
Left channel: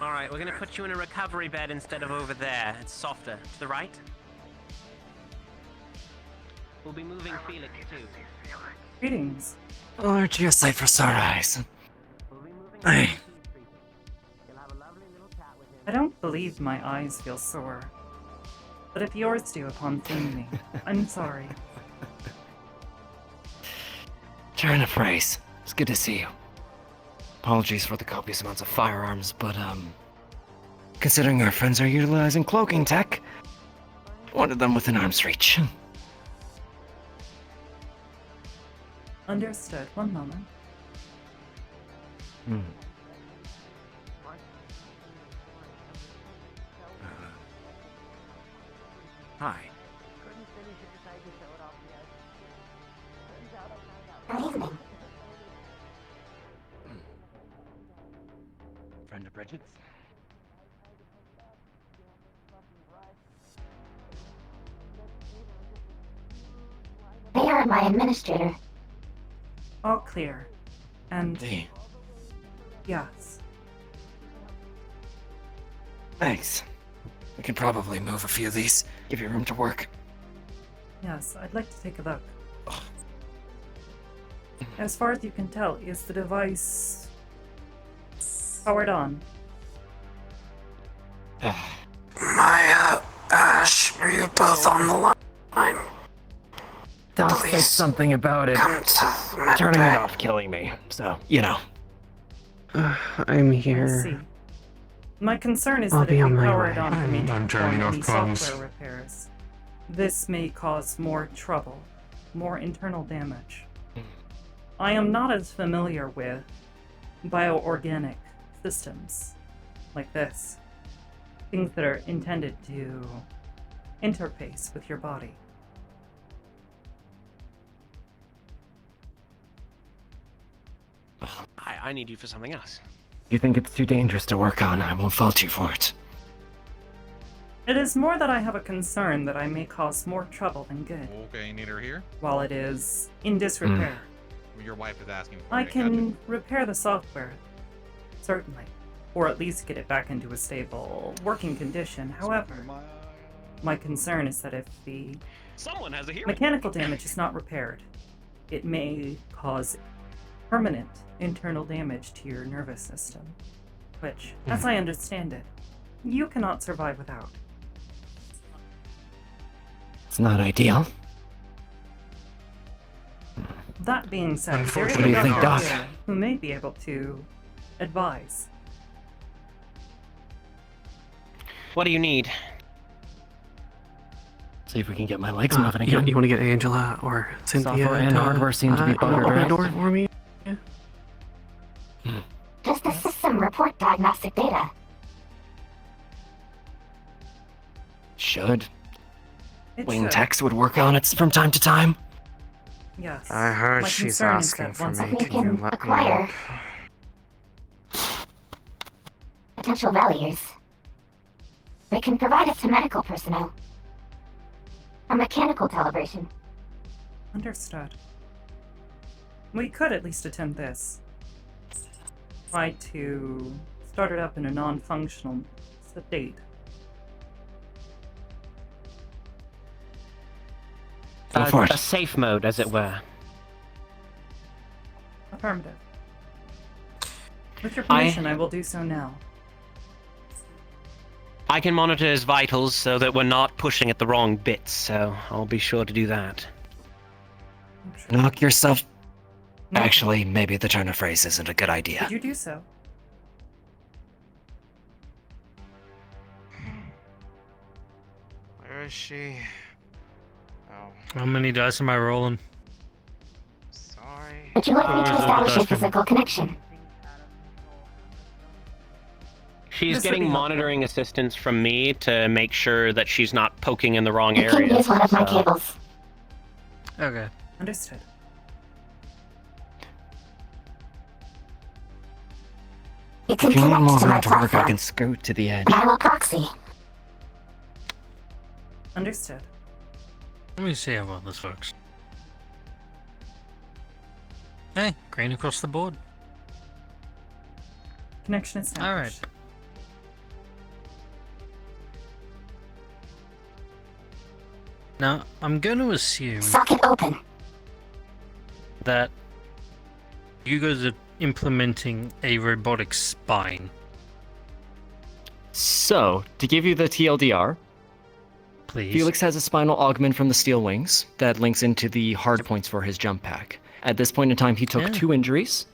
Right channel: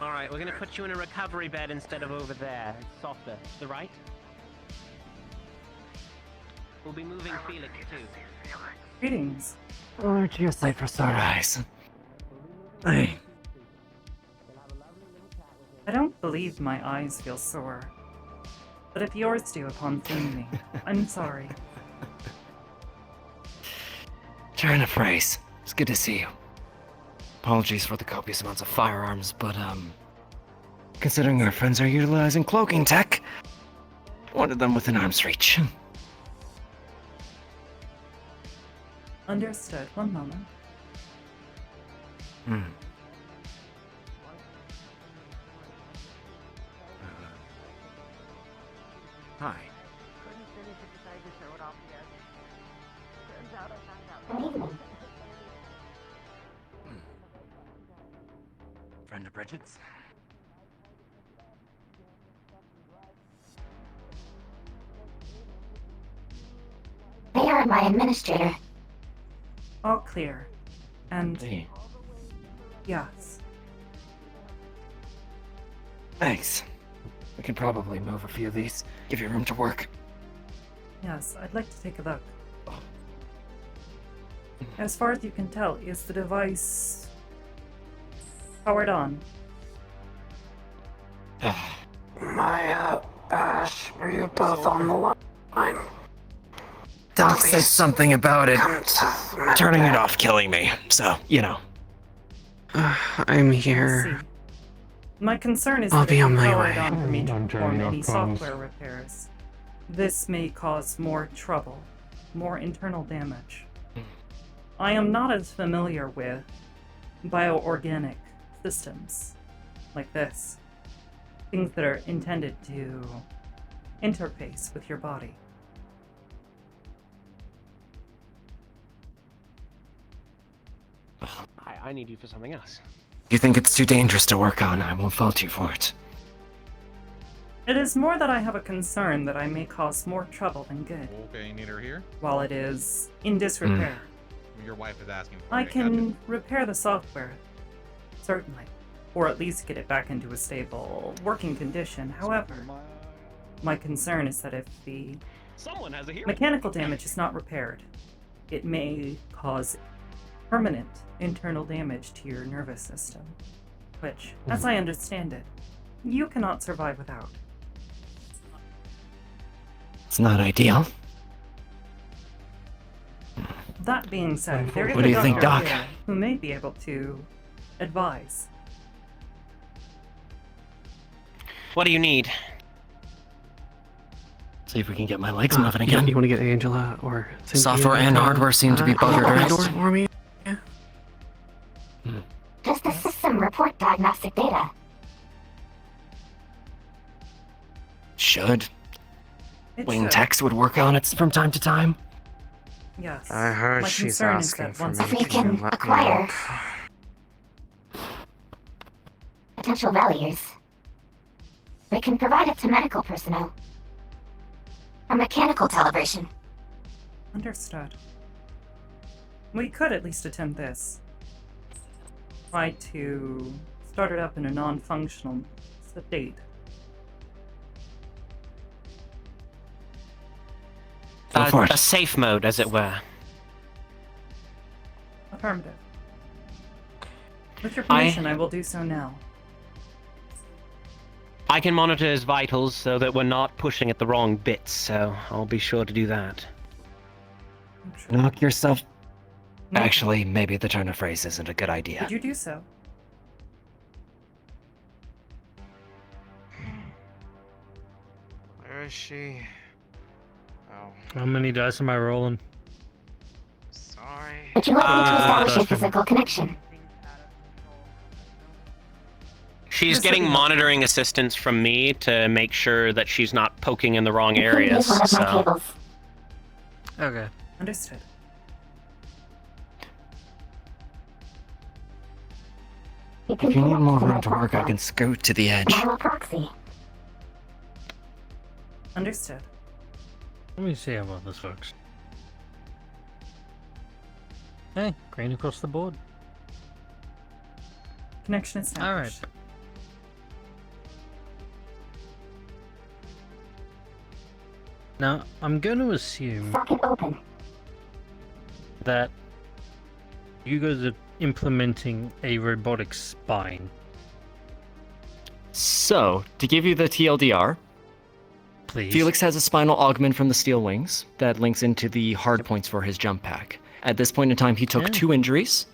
Alright, we're gonna put you in a recovery bed instead of over there. It's softer. To the right? We'll be moving Felix too. Greetings. Alert your sight for sunrise. Hey. I don't believe my eyes feel sore. But if yours do upon seeing me, I'm sorry. Trying to phrase. It's good to see you. Apologies for the copious amounts of firearms, but, considering our friends are utilizing cloaking tech, wanted them within arm's reach. Understood. One moment. Hi. Good evening. Friend of Bridget's? They are my administrator. All clear. And Hey. yes. Thanks. We can probably move a few of these. Give you room to work. Yes, I'd like to take a look. As far as you can tell, is the device powered on? Maya, Ash, are you both on the line? Doc said something about it. Turning it off killing me, so, you know. I'm I here. see. My concern is I'll that be if on you my power it way. on for me to I'm perform turning any off comms. software repairs, this may cause more trouble, more internal damage. I am not as familiar with bioorganic systems like this. Things that are intended to interface with your body. I need you for something else. If you think it's too dangerous to work on, I won't fault you for it. It is more that I have a concern that I may cause more trouble than good. Okay, you need her here? While it is in disrepair. Your wife is asking for I it, can repair the software, certainly, or at least get it back into a stable working condition. However, my concern is that if the Someone has a hearing. mechanical damage is not repaired, it may cause permanent internal damage to your nervous system, which, as I understand it, you cannot survive without. It's not ideal. That being said, there is What do a you think, doctor Doc? here who may be able to advise. What do you need? See if we can get my legs moving You again. want to get Angela or Cynthia? Software and hardware seem to be buggered open the right. door for me. Does the system report diagnostic data? Should. It Wing should. Tex would work on it from time to time. Yes. I heard My she's concern is asking that for once me If we to can let acquire potential values, we can provide it to medical personnel. A mechanical calibration. Understood. We could at least attempt this. Try to start it up in a non-functional state. A safe mode, as it were. Affirmative. With your permission, I will do so now. I can monitor his vitals so that we're not pushing at the wrong bits, so I'll be sure to do that. Knock yourself... No. Actually, maybe the turn of phrase isn't a good idea. Could you do so? Where is she? Oh, How many dice am I rolling? sorry. Would you like me to establish a physical connection? She's This would getting be helpful. monitoring assistance from me to make sure that she's not poking in the wrong You can areas. use one of my so- cables. Okay. Understood. You If can you need connect more to my room to work, I platform. can scoot to the edge. Dial a proxy. Understood. Let me see how well this works. Hey, green across the board. Connection established. Alright. Now, I'm going to assume Socket open. that you guys are implementing a robotic spine. So, to give you the TLDR, Please. Felix has a spinal augment from the steel wings that links into the hard points for his jump pack. At this point in time, he took Yeah. 2 injuries,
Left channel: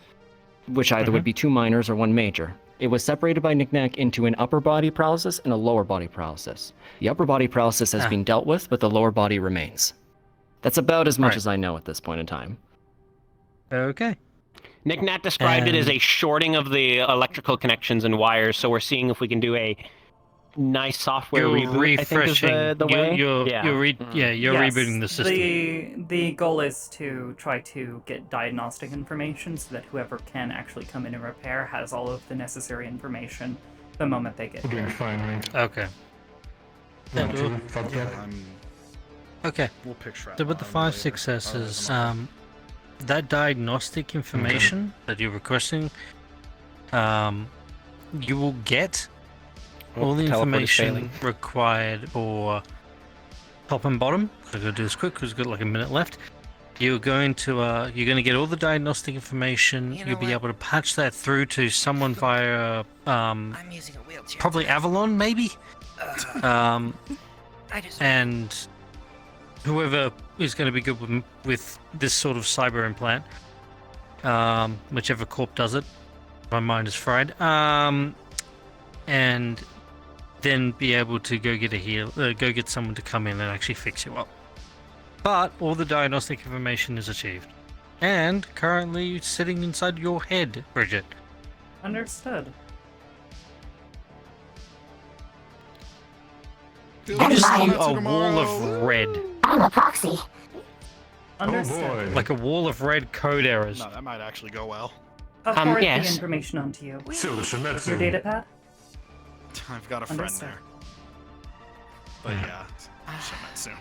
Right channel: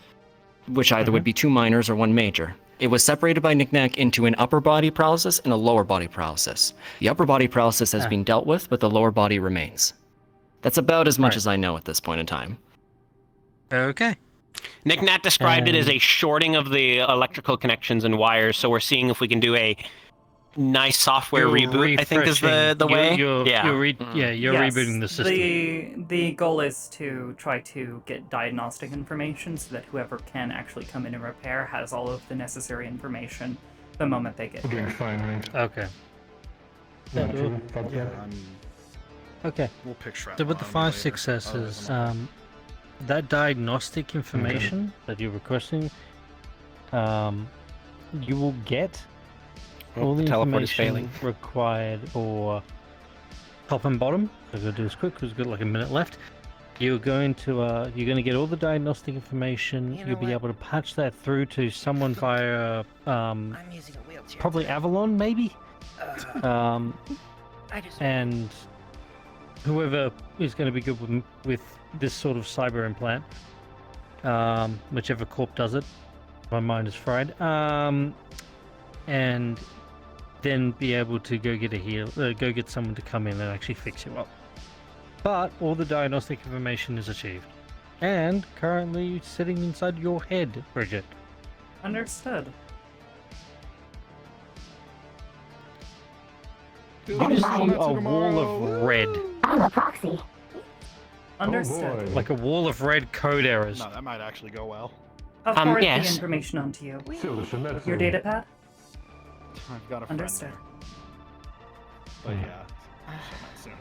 which either would be 2 minors or 1 major. It was separated by knickknack into an upper body paralysis and a lower body paralysis. The upper body paralysis has been dealt with, but the lower body remains. That's about as much Right. as I know at this point in time. Okay. Knickknack described it as a shorting of the electrical connections and wires, so we're seeing if we can do a nice software reboot, I think is the way. You're Yes, rebooting the system. The goal is to try to get diagnostic information so that whoever can actually come in and repair has all of the necessary information the moment they get here. Okay. Okay. We'll picture So with the 5 successes, that diagnostic information that you're requesting, you will get all the teleport is information failing. required or top and bottom. So I'm gonna do this quick because we've got like a minute left. You're going to get all the diagnostic information. You'll be able to patch that through to someone via probably Avalon, maybe. And whoever is going to be good with this sort of cyber implant, whichever corp does it. My mind is fried. And then be able to go get someone to come in and actually fix you up. But all the diagnostic information is achieved, and currently sitting inside your head, Bridget. Understood. You just see a wall of red. I'm a proxy. Understood. Like a wall of red code errors. No, that might actually go well. I'll forward the yes. information onto you. Your Your data pad? I've got a friend Understood. there. But yeah, she'll met soon.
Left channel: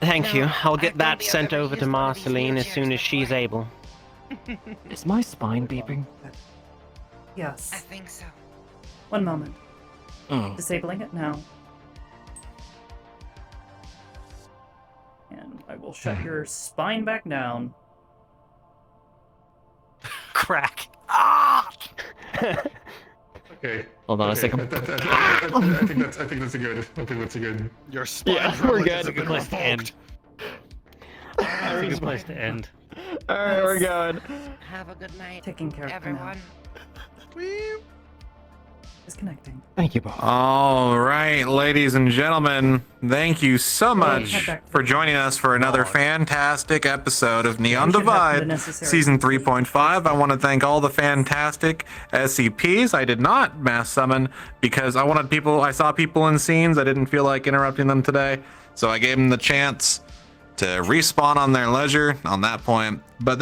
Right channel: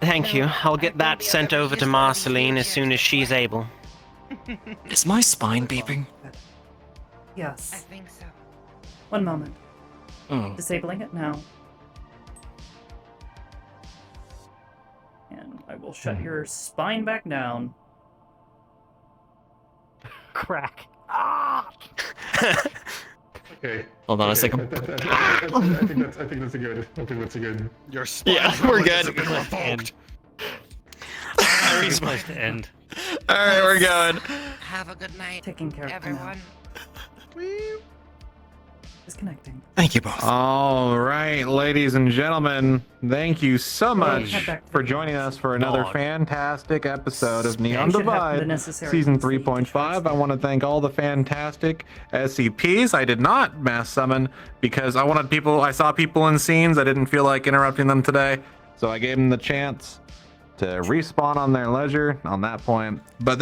Thank you. I'll get that sent over to Marceline as soon as she's able. Is my spine beeping? Yes. I think so. One moment. Oh. Disabling it now. And I will shut your spine back down. Crack. Okay. Hold on a second. I think that's a good. I think that's a good. Your spine Yeah, probably we're doesn't good. get revoked. Very supposed to end. Alright, we're going. Have a good night, Taking care of everyone. Disconnecting. Thank you both. All right, ladies and gentlemen, thank you so much head back to for the joining us for another fantastic episode of Neon should have the Divide, necessary Season complete 3.5. I want to thank all the fantastic SCPs. I did not mass summon because I saw people in scenes. I didn't feel like interrupting them today, so I gave them the chance to respawn on their leisure on that point. But thank